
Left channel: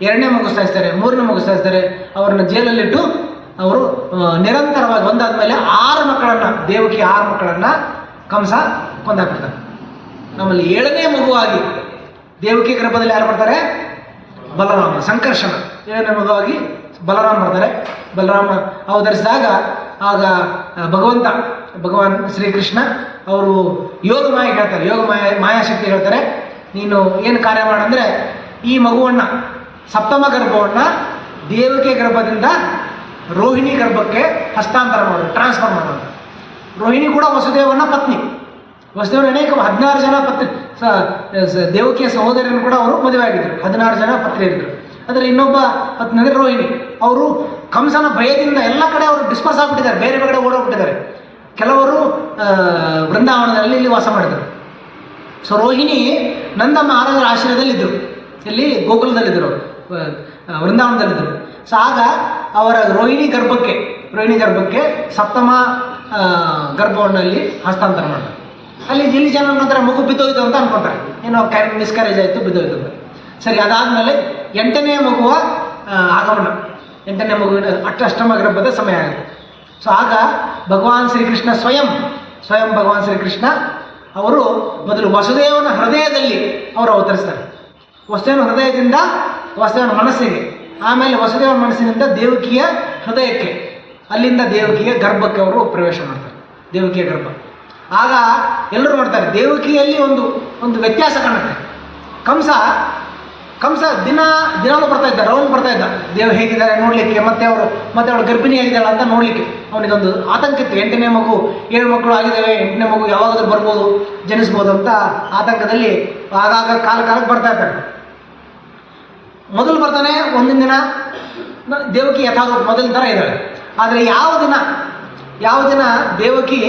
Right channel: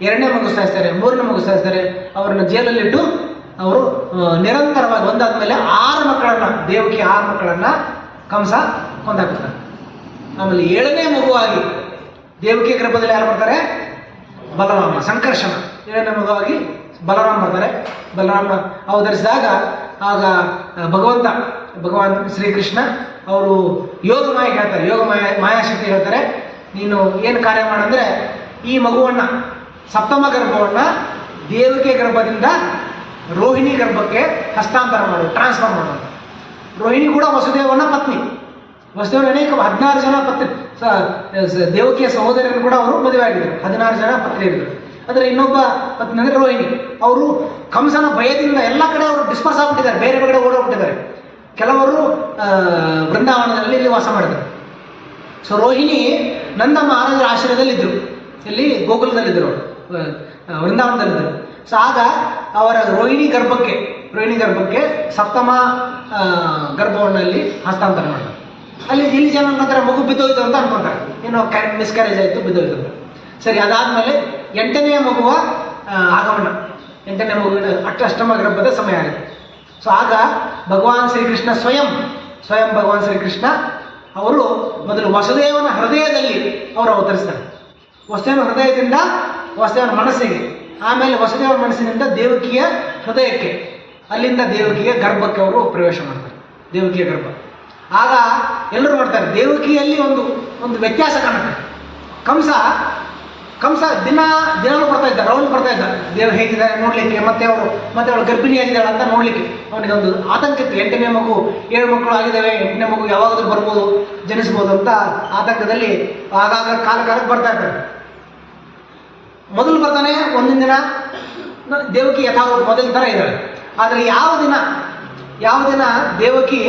2ನೇ ಮಗು ಸಾಯಿಸ್ತಾರೆ, 3ನೇ ಮಗು ಸಾಯಿಸ್ತಾರೆ. ಅವ್ರನ್ನ ಜೈಲಲ್ಲಿಟ್ಟು ಅವರು ನಿರಂತರವಾಗಿ ಒಂದಾದ್ಮೇಲೆ 6 ಮಕ್ಕಳನ್ನು, ದೇವಕಿ 6 ಮಕ್ಕಳನ್ನು ಕಂಸ ಕೊಂದಾಕ್ಬಿಡ್ತಾರೆ. ಆಮೇಲೆ 7ನೇ ಮಗುವಾಗಿ ದೇವಕಿ ಗರ್ಭದಲ್ಲಿ ಯಾರು ಬರ್ತಾರೆ? ಬಲರಾಮ, ಸಂಕರ್ಷಣ. 7ನೇ ಮಗುವಾಗಿ ಬಲರಾಮ ಬರ್ತಾರೆ. ಬಲರಾಮ ಅವತರಿಸಿದಾಗ ಆಗ ಭಗವಾನ್ ಶ್ರೀಕೃಷ್ಣ ಅವರು ಯೋಗ ಮಾಯಾಶಕ್ತಿ ಹೇಳ್ತಾರೆ, ನೀನು ಏನು ಕಾರ್ಯ ಮಾಡಂದರೆ ಈ ಮಗುವನ್ನು, ಸಪ್ತಮ ಗರ್ಭವನ್ನು ದೇವಕಿ ಗರ್ಭದಿಂದ ರೋಹಿಣಿ ಗರ್ಭಕ್ಕೆ ಹಸ್ತಾಂತರ ಮಾಡು, ಟ್ರಾನ್ಸ್ಫರ್ ಮಾಡು ಅಂತ. ರೋಹಿಣಿ ಕೂಡ ವಸುದೇವನ ಪತ್ನಿ. ವಸುದೇವನ ಅನೇಕ 16 ಜನ ಪತ್ನಿ, ದೇವಕಿಯ ಸಹೋದರಿಯನ್ನು ಕೂಡ ಅವರು ಮದುವೆ ಆಗಿದ್ದರು. 16 ಜನ ಪತ್ನಿಯರಿದ್ದರು. ಅದರ ಇನ್ನೊಬ್ಬ ಪತ್ನಿ ಅಂದರೆ ರೋಹಿಣಿ. ಅವರು ಕಂಸನ ಭಯದಿಂದ ಎಲ್ಲ ಕಡೆ ಅವರು ಡಿಸ್ಪರ್ಸ್ ಆಗಿಬಿಟ್ಟಿದ್ದಾರೆ, ಬೇರೆ ಕಡೆ ಓಡೋಗ್ಬಿಟ್ಟಿದ್ದಾರೆ. ಕೆಲವರು ವೃಂದಾವನದಲ್ಲಿ ಇಲ್ಲಿ ವಾಸ ಮಾಡಿದರು. ಸೊ ರೋಹಿಣಿ ನಂದ ಮಹಾರಾಜರ ಆಶ್ರಯದಲ್ಲಿದ್ದರು, ಇಲ್ಲಿ ಗೋಕುಲದಲ್ಲಿದ್ದರು, ಅವರು ವೃಂದಾವನದಲ್ಲಿದ್ದರು. ಸೊ ಆಗ ಅವರ ರೋಹಿಣಿ ಗರ್ಭಕ್ಕೆ ಸಪ್ತಮ ಗರ್ಭವನ್ನಲ್ಲಿ ಹಸ್ತಾಂತರ ಮಾಡ್ತಾರೆ. ಇಲ್ಲಿ ಜನ ನಂತರ ಮಗು ಬಿದ್ದೋಯ್ತು ಅಂತ ಅನ್ಕೊಂತಾರೆ, ಏನೋ ಮಿಸ್ಕ್ಯಾರೇಜ್ ಆಯಿತು, ಬಿದ್ದೋಯ್ತು ಅಂತ. ಸರಿ, ಅದಾದಮೇಲೆ 8ನೇ ಮಗುವ ಆಗಮನ, 8ನೇ ಮಗುವಿನ ಅಷ್ಟಮ ಗರ್ಭದ ಸಮಯ ಆಗುತ್ತೆ. ಸೊ ಆಗ ಭಗವಾನ್ ಶ್ರೀಕೃಷ್ಣ ಸ್ವಯಂ ಭಗವಾನ್ ಶ್ರೀಕೃಷ್ಣ ಅವರು ಮೊದಲು ವಸುದೇವನ ಹೃದಯದಲ್ಲಿ ಅವರು ಅವತರಿಸ್ತಾರೆ. ವಸುದೇವನ ಹೃದಯದಿಂದ ವಸುದೇವನ ಮನಸ್ಸಿಗೆ, ಆಮೇಲೆ ವಸುದೇವನ ಮನಸ್ಸಿನಿಂದ ದೇವಕಿಯ ಹೃದಯಕ್ಕೆ, ಅಲ್ಲಿಂದ ದೇವಕಿಯ ಗರ್ಭಕ್ಕೆ ಅವರು ಪ್ರವೇಶ ಮಾಡ್ತಾರೆ, ದೇವಕಿಯ ಗರ್ಭ. ಆಗ ಎಲ್ಲರೂ ನೋಡ್ತಾರೆ, ದೇವಕಿಯಲ್ಲಿ ಒಂದು ವ್ಯತ್ಯಾಸ ಕಾಣುತ್ತೆ. ಕಂಸ ದಿನಾಲೂ ಬರ್ತಾ ಇದ್ದ, ರೌಂಡ್ ಬರ್ತಾ ಇದ್ದ, ದೇವ್ ಹೇಗಿದ್ದಾರೆ ನೋಡಲಿಕ್ಕೆ, ಮತ್ತೆ ಅವಳು ಗರ್ಭಿಣಿಯಾಗಿದ್ದಾಳೆ ಅಂತ ನೋಡಲಿಕ್ಕೆ ಅವನಿಗೊಂದು ಆತಂಕ ಇತ್ತು. 8ನೇ ಮಗು, 7 ಮಕ್ಕಳು ಆಗಿದ್ದಾವೆ, 8ನೇ ಮಗು ಯಾವಾಗಾದ್ರೂ ಬರ್ಬೋದು, ಜನಿಸ್ಬೋದು ಅಂತ ಆತಂಕದಲ್ಲಿ ಆಗಾಗ ಕಾಲಕ್ಕೆ ಬರ್ತಾ ಇರ್ತಾರೆ. ಮೊದಲು ಬರ್ತಾನೆ, ಒಂದಿನ ದಿನ ದೇವಕಿ ಯಥಾವತ್ ಮೊದಲಿನ ಥರ ಇದ್ದಾಳೆ. ಆದರೆ ಯಾವ ದಿನ ದೇವಕಿ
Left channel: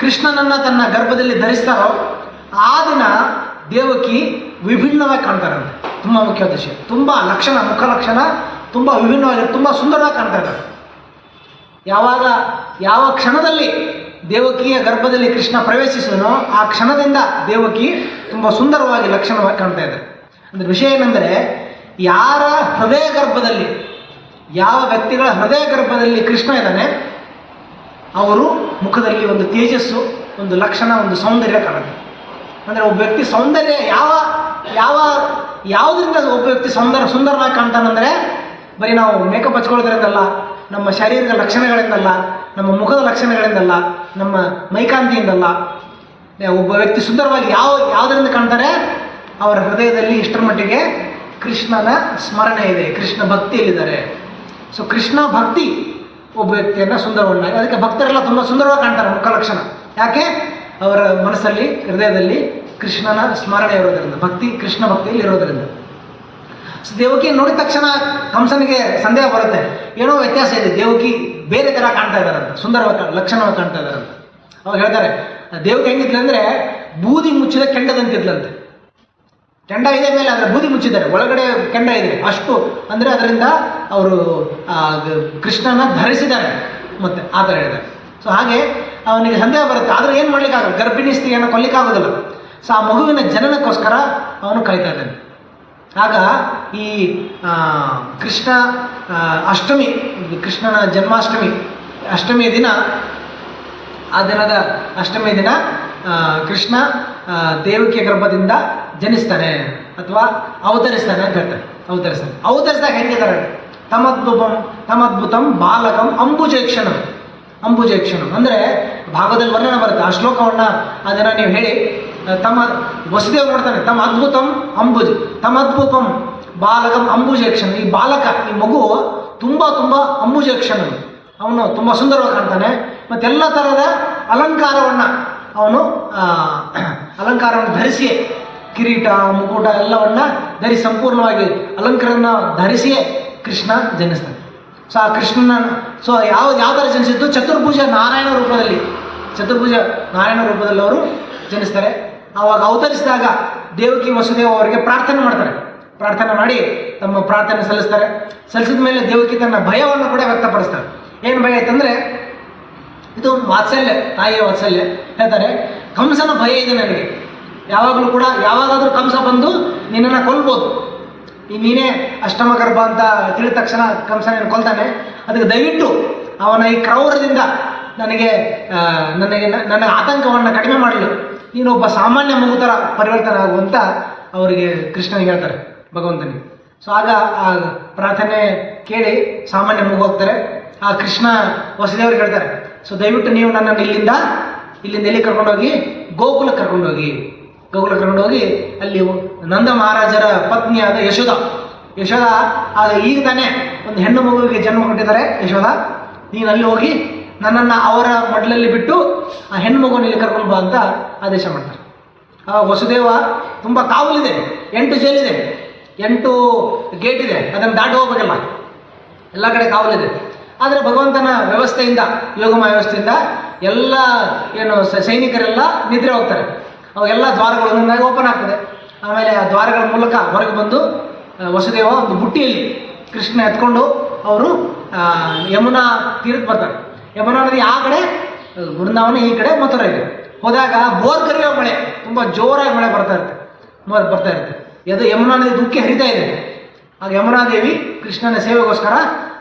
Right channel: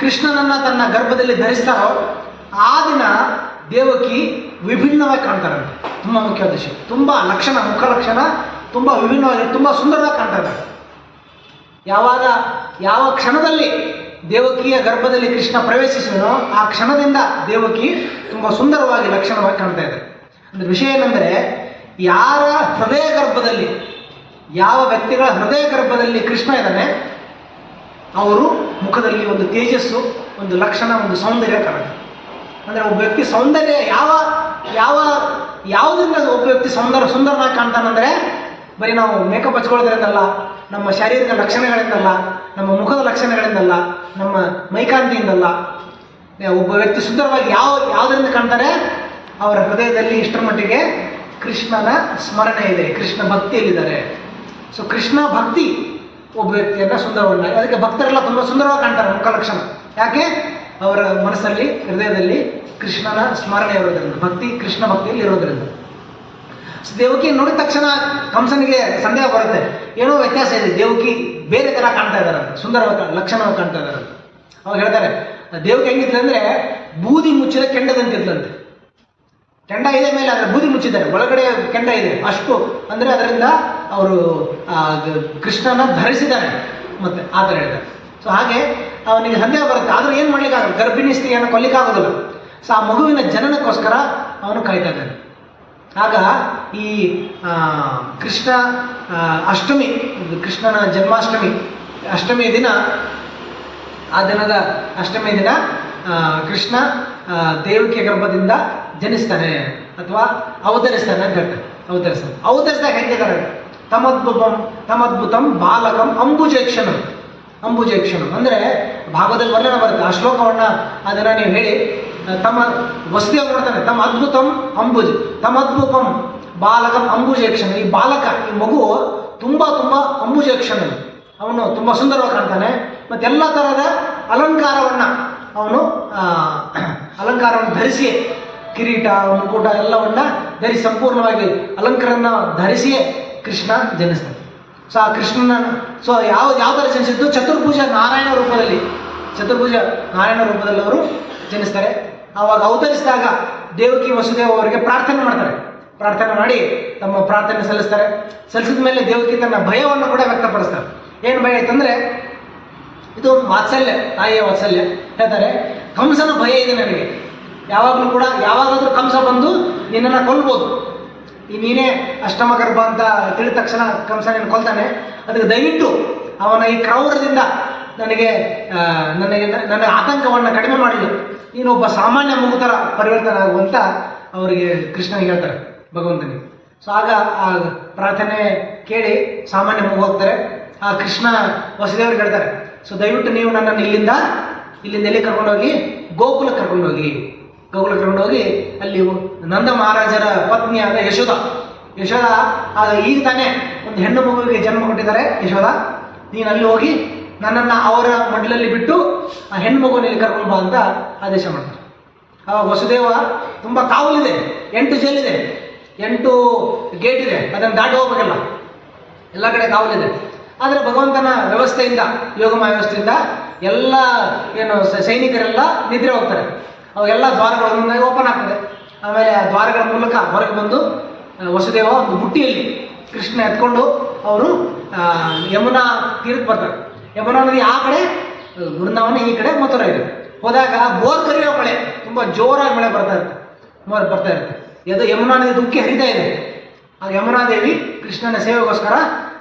ಕೃಷ್ಣನನ್ನು ತನ್ನ ಗರ್ಭದಲ್ಲಿ ಧರಿಸ್ತಾರೋ ಆ ದಿನ ದೇವಕಿ ವಿಭಿನ್ನವಾಗಿ ಕಾಣ್ತಾರಂತೆ. ತುಂಬ ಮುಖ್ಯವಾದ ವಿಷಯ, ತುಂಬ ಲಕ್ಷಣ, ಮುಖ ಲಕ್ಷಣ ತುಂಬ ವಿಭಿನ್ನವಾಗಿ, ತುಂಬ ಸುಂದರವಾಗಿ ಕಾಣ್ತಾರೆ. ಯಾವ ಕ್ಷಣದಲ್ಲಿ ದೇವಕಿಯ ಗರ್ಭದಲ್ಲಿ ಕೃಷ್ಣ ಪ್ರವೇಶಿಸಿದನೋ ಆ ಕ್ಷಣದಿಂದ ದೇವಕಿ ತುಂಬ ಸುಂದರವಾಗಿ ಲಕ್ಷಣವಾಗಿ ಕಾಣ್ತಾ ಇದ್ದಾರೆ. ಅಂದರೆ ವಿಷಯ ಏನೆಂದರೆ, ಯಾರ ಹೃದಯ ಗರ್ಭದಲ್ಲಿ, ಯಾವ ವ್ಯಕ್ತಿಗಳ ಹೃದಯ ಗರ್ಭದಲ್ಲಿ ಕೃಷ್ಣ ಇದ್ದಾನೆ, ಅವರು ಮುಖದಲ್ಲಿ ಒಂದು ತೇಜಸ್ಸು, ಒಂದು ಲಕ್ಷಣ, ಒಂದು ಸೌಂದರ್ಯ ಕಾಣುತ್ತೆ. ಅಂದರೆ ಒಬ್ಬ ವ್ಯಕ್ತಿ ಸೌಂದರ್ಯ ಯಾವುದರಿಂದ ಒಬ್ಬ ವ್ಯಕ್ತಿ ಸುಂದರನಾಗಿ ಕಾಣ್ತಾನಂದರೆ, ಬರೀ ನಾವು ಮೇಕಪ್ ಹಚ್ಕೊಳ್ಳೋದ್ರಿಂದಲ್ಲ, ನಮ್ಮ ಶಾರೀರಿಕ ಲಕ್ಷಣಗಳಿಂದಲ್ಲ, ನಮ್ಮ ಮುಖದ ಲಕ್ಷಣಗಳಿಂದಲ್ಲ, ನಮ್ಮ ಮೈಕಾಂತಿಯಿಂದಲ್ಲ. ಒಬ್ಬ ವ್ಯಕ್ತಿ ಸುಂದರವಾಗಿ ಯಾವುದರಿಂದ ಕಾಣ್ತಾರೆ, ಅವರ ಹೃದಯದಲ್ಲಿ ಇಷ್ಟರ ಮಟ್ಟಿಗೆ ಕೃಷ್ಣನ ಸ್ಮರಣೆ ಇದೆ, ಕೃಷ್ಣ ಭಕ್ತಿಯಲ್ಲಿದ್ದಾರೆ. ಸೊ ಕೃಷ್ಣ ಭಕ್ತಿ ಒಬ್ಬ ವ್ಯಕ್ತಿಯನ್ನು ಸುಂದರವನ್ನಾಗಿ, ಅದಕ್ಕೆ ಭಕ್ತರೆಲ್ಲ ತುಂಬ ಸುಂದರವಾಗಿ ಕಾಣ್ತಾರೆ ಮುಖ ಲಕ್ಷಣ. ಯಾಕೆ? ಅವರ ಮನಸ್ಸಲ್ಲಿ, ಹೃದಯದಲ್ಲಿ ಕೃಷ್ಣನ ಸ್ಮರಣೆ ಇರೋದರಿಂದ, ಕೃಷ್ಣ ಭಕ್ತಿಯಲ್ಲಿ ಇರೋದರಿಂದ. ಸೊ ದೇವಕಿ ನೋಡಿದ ತಕ್ಷಣ ಕಂಸನಿಗೆ ಸಂದೇಹ ಬರುತ್ತೆ, ಏನೋ ವ್ಯತ್ಯಾಸ ಇದೆ, ದೇವಕಿ ಬೇರೆ ಥರ ಕಾಣ್ತಾ ಇದ್ದಾರೆ, ಸುಂದರವಾಗಿ ಲಕ್ಷಣವಾಗಿ ಕಾಣ್ತಾ ಇದ್ದಾರೆ. ಅವಾಗ ಹೇಳ್ತಾರೆ, ದೇವಕಿ ಹೆಂಗಿದ್ಲಂದ್ರೆ ಬೂದಿ ಮುಚ್ಚಿದ ಕೆಂಡದಂತಿದ್ಲಂತೆ. ಕೆಂಡ ಇದೆ ಮೇಲೆ, ಅದರ ಬೂದಿ ಮುಚ್ಚಿದ್ದಾರೆ, ಒಳಗಡೆ ಕೆಂಡ ಇದೆ, ಅಷ್ಟು ಅಂದರೆ ಅದರಿಂದ ಅವರು ಕೃಷ್ಣನ ಧರಿಸಿದ್ದಾರೆ. ಮತ್ತೆ ಆ ಥರ ಹೇಳಿದ್ದಾರೆ. ಸೊ ಹಾಗೆ ಅವನಿಗೆ ಸಂದೇಹ ಬರುತ್ತೆ, ಆದರೂ ಏನು ಮಾಡ್ಲಿಕ್ಕಾಗಲ್ಲ, ಗರ್ಭಿಣಿ ಸ್ತ್ರೀಯನ್ನು ಕೊಲ್ಲಿಕ್ಕಾಗೋದಿಲ್ಲ. ಸೊ ಆ ಮಗುವಿನ ಜನನಕ್ಕೋಸ್ಕರ ಅವನು ಕಾಯ್ತಾ ಇದ್ದಾನೆ. ಆಗ ಈ ಕೃಷ್ಣ ಅಷ್ಟಮಿ, ಕೃಷ್ಣನ ಜನ್ಮಾಷ್ಟಮಿ, ಅಷ್ಟಮಿಯ ದಿನ, ಆ ದಿನದ ಅಷ್ಟಮಿಯ ದಿನ ಕೃಷ್ಣ ದೇವಕಿಯ ಗರ್ಭದಿಂದ ಜನಿಸ್ತಾನೆ ಅಥವಾ ಅವತರಿಸ್ತಾನೆ ಅಂತ ಹೇಳ್ತಾರೆ. ಅವತರಿಸಿದಾಗ ಹೆಂಗಿದ್ದಾರೆ, ತಮದ್ಭುತಂ ಬಾಲಕಂ ಅಂಬುಜೇಕ್ಷಣಂ ಅಂದರೆ ಭಾಗದಲ್ಲಿ ವರ್ಣನೆ ಬರುತ್ತೆ. ಆ ಶ್ಲೋಕವನ್ನು ಅದನ್ನು ನೀವು ಹೇಳಿ, ವಸುದೇವ ನೋಡ್ತಾನೆ, ತಮದ್ಭುತಂ ಬಾಲಕಂ ಅಂಬುಜೇಕ್ಷಣ. ಈ ಬಾಲಕ, ಈ ಮಗು ತುಂಬ ಅಂಬುಜೇಕ್ಷಣ, ಅವನು ತುಂಬ ಸುಂದರವಾಗಿ ಕಾಣ್ತಾನೆ. ಮತ್ತೆಲ್ಲ ಥರದ ಅಲಂಕಾರವನ್ನು ಧರಿಸಿಯೇ, ಕಿರೀಟ, ಮುಕುಟ ಎಲ್ಲವನ್ನ ಧರಿಸಿ, ಸಂಪೂರ್ಣವಾಗಿ ಅಲಂಕಾರವನ್ನು ಧರಿಸಿಯೇ ಕೃಷ್ಣ ಜನಿಸ್ತಾನೆ. ಸೊ ಆ ಕೃಷ್ಣನ ಯಾವ ಥರ ಜನಿಸಿದ್ದು, ಚತುರ್ಭುಜ ನಾರಾಯಣ ರೂಪದಲ್ಲಿ ಅವರು ಜನಿಸ್ತಾರೆ. ಆವಾಗ ಅವತರಿಸಿದಾಗ ದೇವಕಿ ವಸುದೇವ ಅವರಿಗೆ ಪ್ರಾರ್ಥನೆ ಮಾಡ್ತಾರೆ. ಪ್ರಾರ್ಥನೆ ಮಾಡಿ ತಮ್ಮ ಪ್ರಾರ್ಥನೆ ಸಲ್ಲಿಸಿದ ಮೇಲೆ ದೇವಕಿ ತನ್ನ ಭಯವನ್ನು ಕೂಡ ವ್ಯಕ್ತಪಡಿಸ್ತಾರೆ. ಏನು ಭಯ ಆಯ್ತಂದರೆ, ಇದು ವಾತ್ಸಲ್ಯ, ತಾಯಿಯ ವಾತ್ಸಲ್ಯ. ಹೇಳ್ತಾರೆ, ಕಂಸನ ಭಯ ಇದೆ ನನಗೆ, ಯಾವಾಗಲೂ ಕೂಡ ಯಾವಾಗಾದರೂ ಕಂಸ ಬಂದು ನಿನ್ನನ್ನು ಕೊಲ್ಬೋದು, ನೀನೇ ಅಷ್ಟಮ ಗರ್ಭ ಅಂತ ತಿಳಿದ ತಕ್ಷಣ ಕಂಸ ನೀನು ಕೊಲ್ತಾನೆ, ಅದಕ್ಕೆ ದಯವಿಟ್ಟು ಅವನ ಈ ಕ್ರೌರದಿಂದ ನನ್ನ ಆತಂಕವನ್ನು ಕಡಿಮೆ ಮಾಡಲು ನೀನು ಒಬ್ಬ ಸಾಮಾನ್ಯ ಮಗು ಥರ ಪರಿವರ್ತನೆ ಆಗುವಂತ ಅವರಿಗೆ ಕೃಷ್ಣನಿಗೆ ಹೇಳ್ತಾರೆ, ಭಗವಂತನಿಗೆ. ಸೊ ಆಗ ಆ ಪ್ರಾರ್ಥನೆ ಕೇಳಿ ಸಾಮಾನ್ಯ ಮಗು ಹೋಗ್ತಾರೆ. ಆ ಕೃಷ್ಣ ವಸುದೇವರಿಗೆ ಹೇಳ್ತಾರೆ, ಸೊ ದಯವಿಟ್ಟು ನೀವು ನನ್ನನ್ನು ಇಲ್ಲಿಂದ ಎಲ್ಲಿ ಕರ್ಕೊಂಡೋಗಿ, ಗೋಕುಲಕ್ಕೆ ಕರ್ಕೊಂಡೋಗಿ ಅಲ್ಲಿ ನಂದ ಮಹಾರಾಜರ ಪತ್ನಿಯಾದ ಯಶೋಧ ಈಗ ತಾನೇ ಒಂದು ಹೆಣ್ಣು ಮಗುವಿಗೆ ಜನ್ಮ ಕೊಟ್ಟಿದ್ದಾರೆ ಯಶೋಧ. ನೀನು ಅಲ್ಲಿ ಹೋಗಿ ನನ್ನನ್ನು ಅವರ ಮಡ್ಲಲ್ಲಿ ಬಿಟ್ಟು ಆ ಹೆಣ್ಣು ಮಗುವನ್ನು ಇಲ್ಲಿ ಕರ್ಕೊಂಡು ಬಾ ಅಂತ ಆದೇಶ ಮಾಡ್ತಾರೆ. ಆವಾಗ ವಸುದೇವ ತುಂಬ ಕಾವಲಿದೆ, 8 ಜೈಲಿದೆ, 8 ಗೇಟ್ ಇದೆ, ಅದನ್ನು ದಾಟಿ ಹೋಗ್ಬೇಕಲ್ಲ, ಎಲ್ಲ ಕಡೆ ಕಾವಲಿದೆ. ಆದರೆ ಭಗವಂತನ ವ್ಯವಸ್ಥೆಯಿಂದ, ಯೋಗಮಯ ವ್ಯವಸ್ಥೆಯಿಂದ ಎಲ್ಲ ಸೈನಿಕರೆಲ್ಲ ನಿದ್ರೆ ಹೋಗ್ತಾರೆ. ಅವೆಲ್ಲ ದ್ವಾರಗಳು ಒಂದೊಂದಾಗಿ ಓಪನ್ ಆಗ್ತದೆ. ಆಮೇಲೆ ಆ ದ್ವಾರಗಳ ಮೂಲಕ ಹೊರಗೆ ಬಂದು ವಸುದೇವ ಒಂದು ಬುಟ್ಟಿಯಲ್ಲಿ ಕೃಷ್ಣ ಎತ್ಕೊಂಡು ಅವರು ಯಮುನಾ ತೀರಕ್ಕೆ ಬರ್ತಾರೆ. ಯಮುನಾ ನದಿ ಆ ಕಡೆ, ವೃಂದಾವನ ಈ ಕಡೆ ಮಥುರಾ ಇದೆ. ಹೋದಾಗ ಬೋರ್ ಕರಿಯೋ ಮಳೆ, ತುಂಬ ಜೋರಾಗಿ ಮಳೆ ಬರ್ತಾ ಇರುತ್ತೆ. ಅದು ಯಮುನಾ ನದಿ ದುಃಖಿ ಹರಿತಾ ಇದೆ. ಆ ಯಮುನಾ ದೇವಿ ಕೃಷ್ಣನ ಸೇವೆಗೋಸ್ಕರ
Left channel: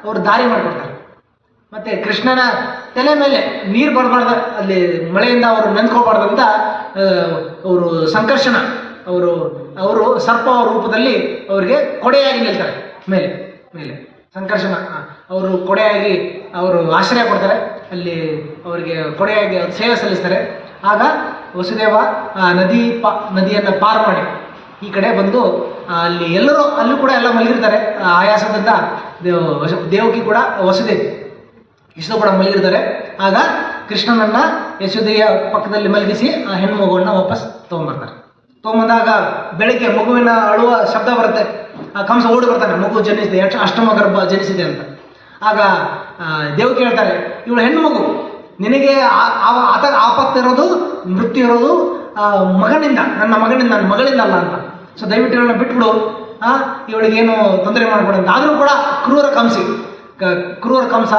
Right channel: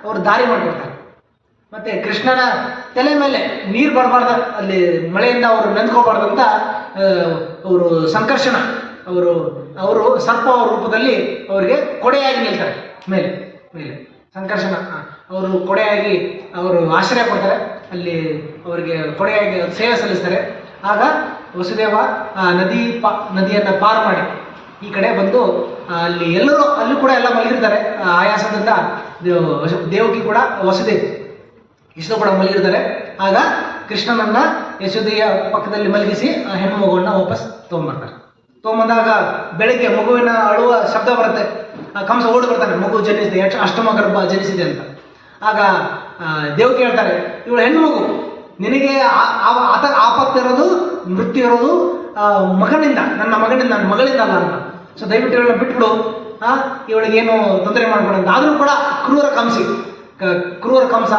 ಅವರು ದಾರಿ ಮಾಡಿಕೊಡ್ತಾರೆ. ಮತ್ತು ಕೃಷ್ಣನ ತಲೆ ಮೇಲೆ ನೀರು ಬರಬಾರ್ದು, ಅಲ್ಲಿ ಮಳೆಯಿಂದ ಅವರು ನೆಂದ್ಕೋಬಾರ್ದಂತ ಅವರು ಸಂಕರ್ಷಣ, ಅವರು ಸರ್ಪ ರೂಪದಲ್ಲಿ ಅವರಿಗೆ ಕೊಡೆಯಾಗಿ ನಿಲ್ತಾರೆ. ಮೇಲೆ ಸಂಕರ್ಷಣ ಅವರು ಕೊಡೆಯಾಗಿ ಅವರು ಆಶ್ರಯ ಕೊಡ್ತಾರೆ. ಅಲ್ಲಿ ಅವರಿಗೆ ಕೊಡೆಯಾಗಿ ಸೇವೆ ಸಲ್ಲಿಸ್ತಾರೆ. ಆಗ ವಸುದೇವ ನದಿಯನ್ನು ಪಾರು ಮಾಡಿ ಈ ಕಡೆ ಬಂದು ಅಲ್ಲಿ ಅಲ್ಲೂ ಕೂಡ ಎಲ್ಲ ಮಲಗಿರ್ತಾರೆ. ಆಯಾಸದಿಂದ ದೇವಕಿ ಕೂಡ ವಸುದೇವಿ ಇಷ್ಟು ಕೂಡ ಮಲಗಿರ್ತಾರೆ. ಆಗ ಕೃಷ್ಣನನ್ನ ಯಶೋದೆಯ ಪಕ್ಕದಲ್ಲಿ ಮಲಗಿಸಿ ಆ ಹೆಣ್ಣು ಮಗುವನ್ನು ವಾಪಸ್ ತೊಗೊಂಬಂದಾಗ ಬೆಳಗ್ಗೆ ಮಗುವಿನ ಅಳುವ ಶಬ್ದ ಬರುತ್ತೆ. ಆ ಕಂಸ ಓಡಿ ಬರ್ತಾನೆ, ಮಗು ಜನಿಸಿದೆ, ಅಷ್ಟಮ ಗರ್ಭ ಜನಿಸಿದೆ ಅಂತ. ಆಗ ದೇವಕಿ ಹೇಳ್ತಾರೆ, ಇವಳು ಹೆಣ್ಣು ಮಗು, ನಿನಗೆ ಆಪತ್ತಿರೋದು, ಮೃತ್ಯು ಇರೋದು ಮಗನಿಂದ, ನನ್ನ ಮಗಳಿಂದ ಅಲ್ಲ ಅಂತ. ಸೊ ದಯವಿಟ್ಟು ಇವಳನ್ನ ಬಿಟ್ಬಿಡು, ಇವಳಿಗೇನು ತೊಂದರೆ ಮಾಡ್ಬೇಡ ಅಂತ. ಆದರೂ ಕೂಡ ಕ್ರೂರ ಕಂಸ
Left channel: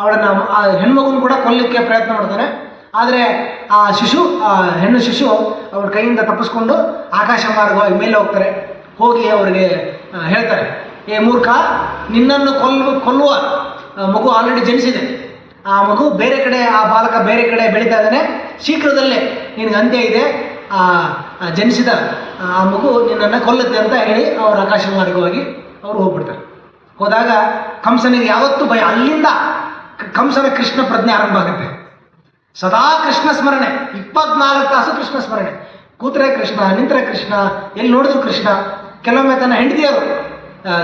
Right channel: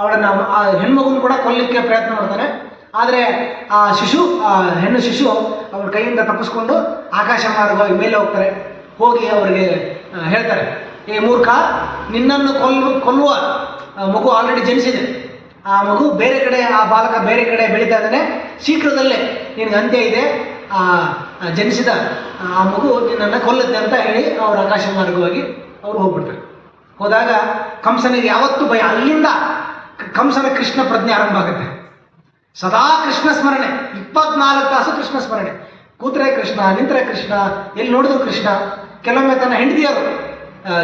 ಅವಳನ್ನು, ಆ ಹೆಣ್ಮಗುನ ಕೂಡ ಕೊಲ್ಲಲಿಕ್ಕೆ ಪ್ರಯತ್ನ ಮಾಡ್ತಾನೆ. ಆದರೆ ಆ ಹೆಣ್ಣು ಶಿಶು ಅವ್ರ ಕೈಯಿಂದ ತಪ್ಪಿಸ್ಕೊಂಡು ಆಕಾಶ ಮಾರ್ಗವಾಗಿ ಮೇಲೆ ಹೋಗ್ತಾರೆ. ಹೋಗಿ ಅವರಿಗೆ ಹೇಳ್ತಾರೆ, ಏ ಮೂರ್ಖ, ನಿನ್ನನ್ನು ಕೊಲ್ಲುವ ಮಗು ಆಲ್ರೆಡಿ ಜನಿಸಿದೆ. ಆ ಮಗು ಬೇರೆ ಕಡೆ, ಆ ಬಾಲಕ ಬೇರೆ ಕಡೆ ಬೆಳೀತಾ ಇದ್ದಾನೆ. ಶೀಘ್ರದಲ್ಲೇ ನಿನಗೆ ಅಂತ್ಯ ಇದೆ. ಆ ಜನಿಸಿದ ಆ ಮಗು ನಿನ್ನನ್ನು ಕೊಲ್ಲುತ್ತೆ ಅಂತ ಹೇಳಿ ಅವರು ಆಕಾಶ ಮಾರ್ಗವಾಗಿ ಅವರು ಹೋಗ್ಬಿಡ್ತಾರೆ. ಹೋದಾಗ ಕಂಸನಿಗೆ ಯಾವತ್ತೂ ಭಯ. ಅಲ್ಲಿಂದ ಕಂಸನ ಕೃಷ್ಣ ಪ್ರಜ್ಞೆ ಆರಂಭ ಆಗುತ್ತೆ. ಸದಾ ಕೃಷ್ಣ ಸ್ಮರಣೆ, 24 ತಾಸು ಕೃಷ್ಣ ಸ್ಮರಣೆ. ಕೂತ್ರೆ ಕೃಷ್ಣ, ನಿಂತರೆ ಕೃಷ್ಣ, ಎಲ್ಲಿ ನೋಡಿದ್ರು ಕೃಷ್ಣ. ಕೆಲವೊಮ್ಮೆ ತನ್ನ ಹೆಂಡತಿಯರು,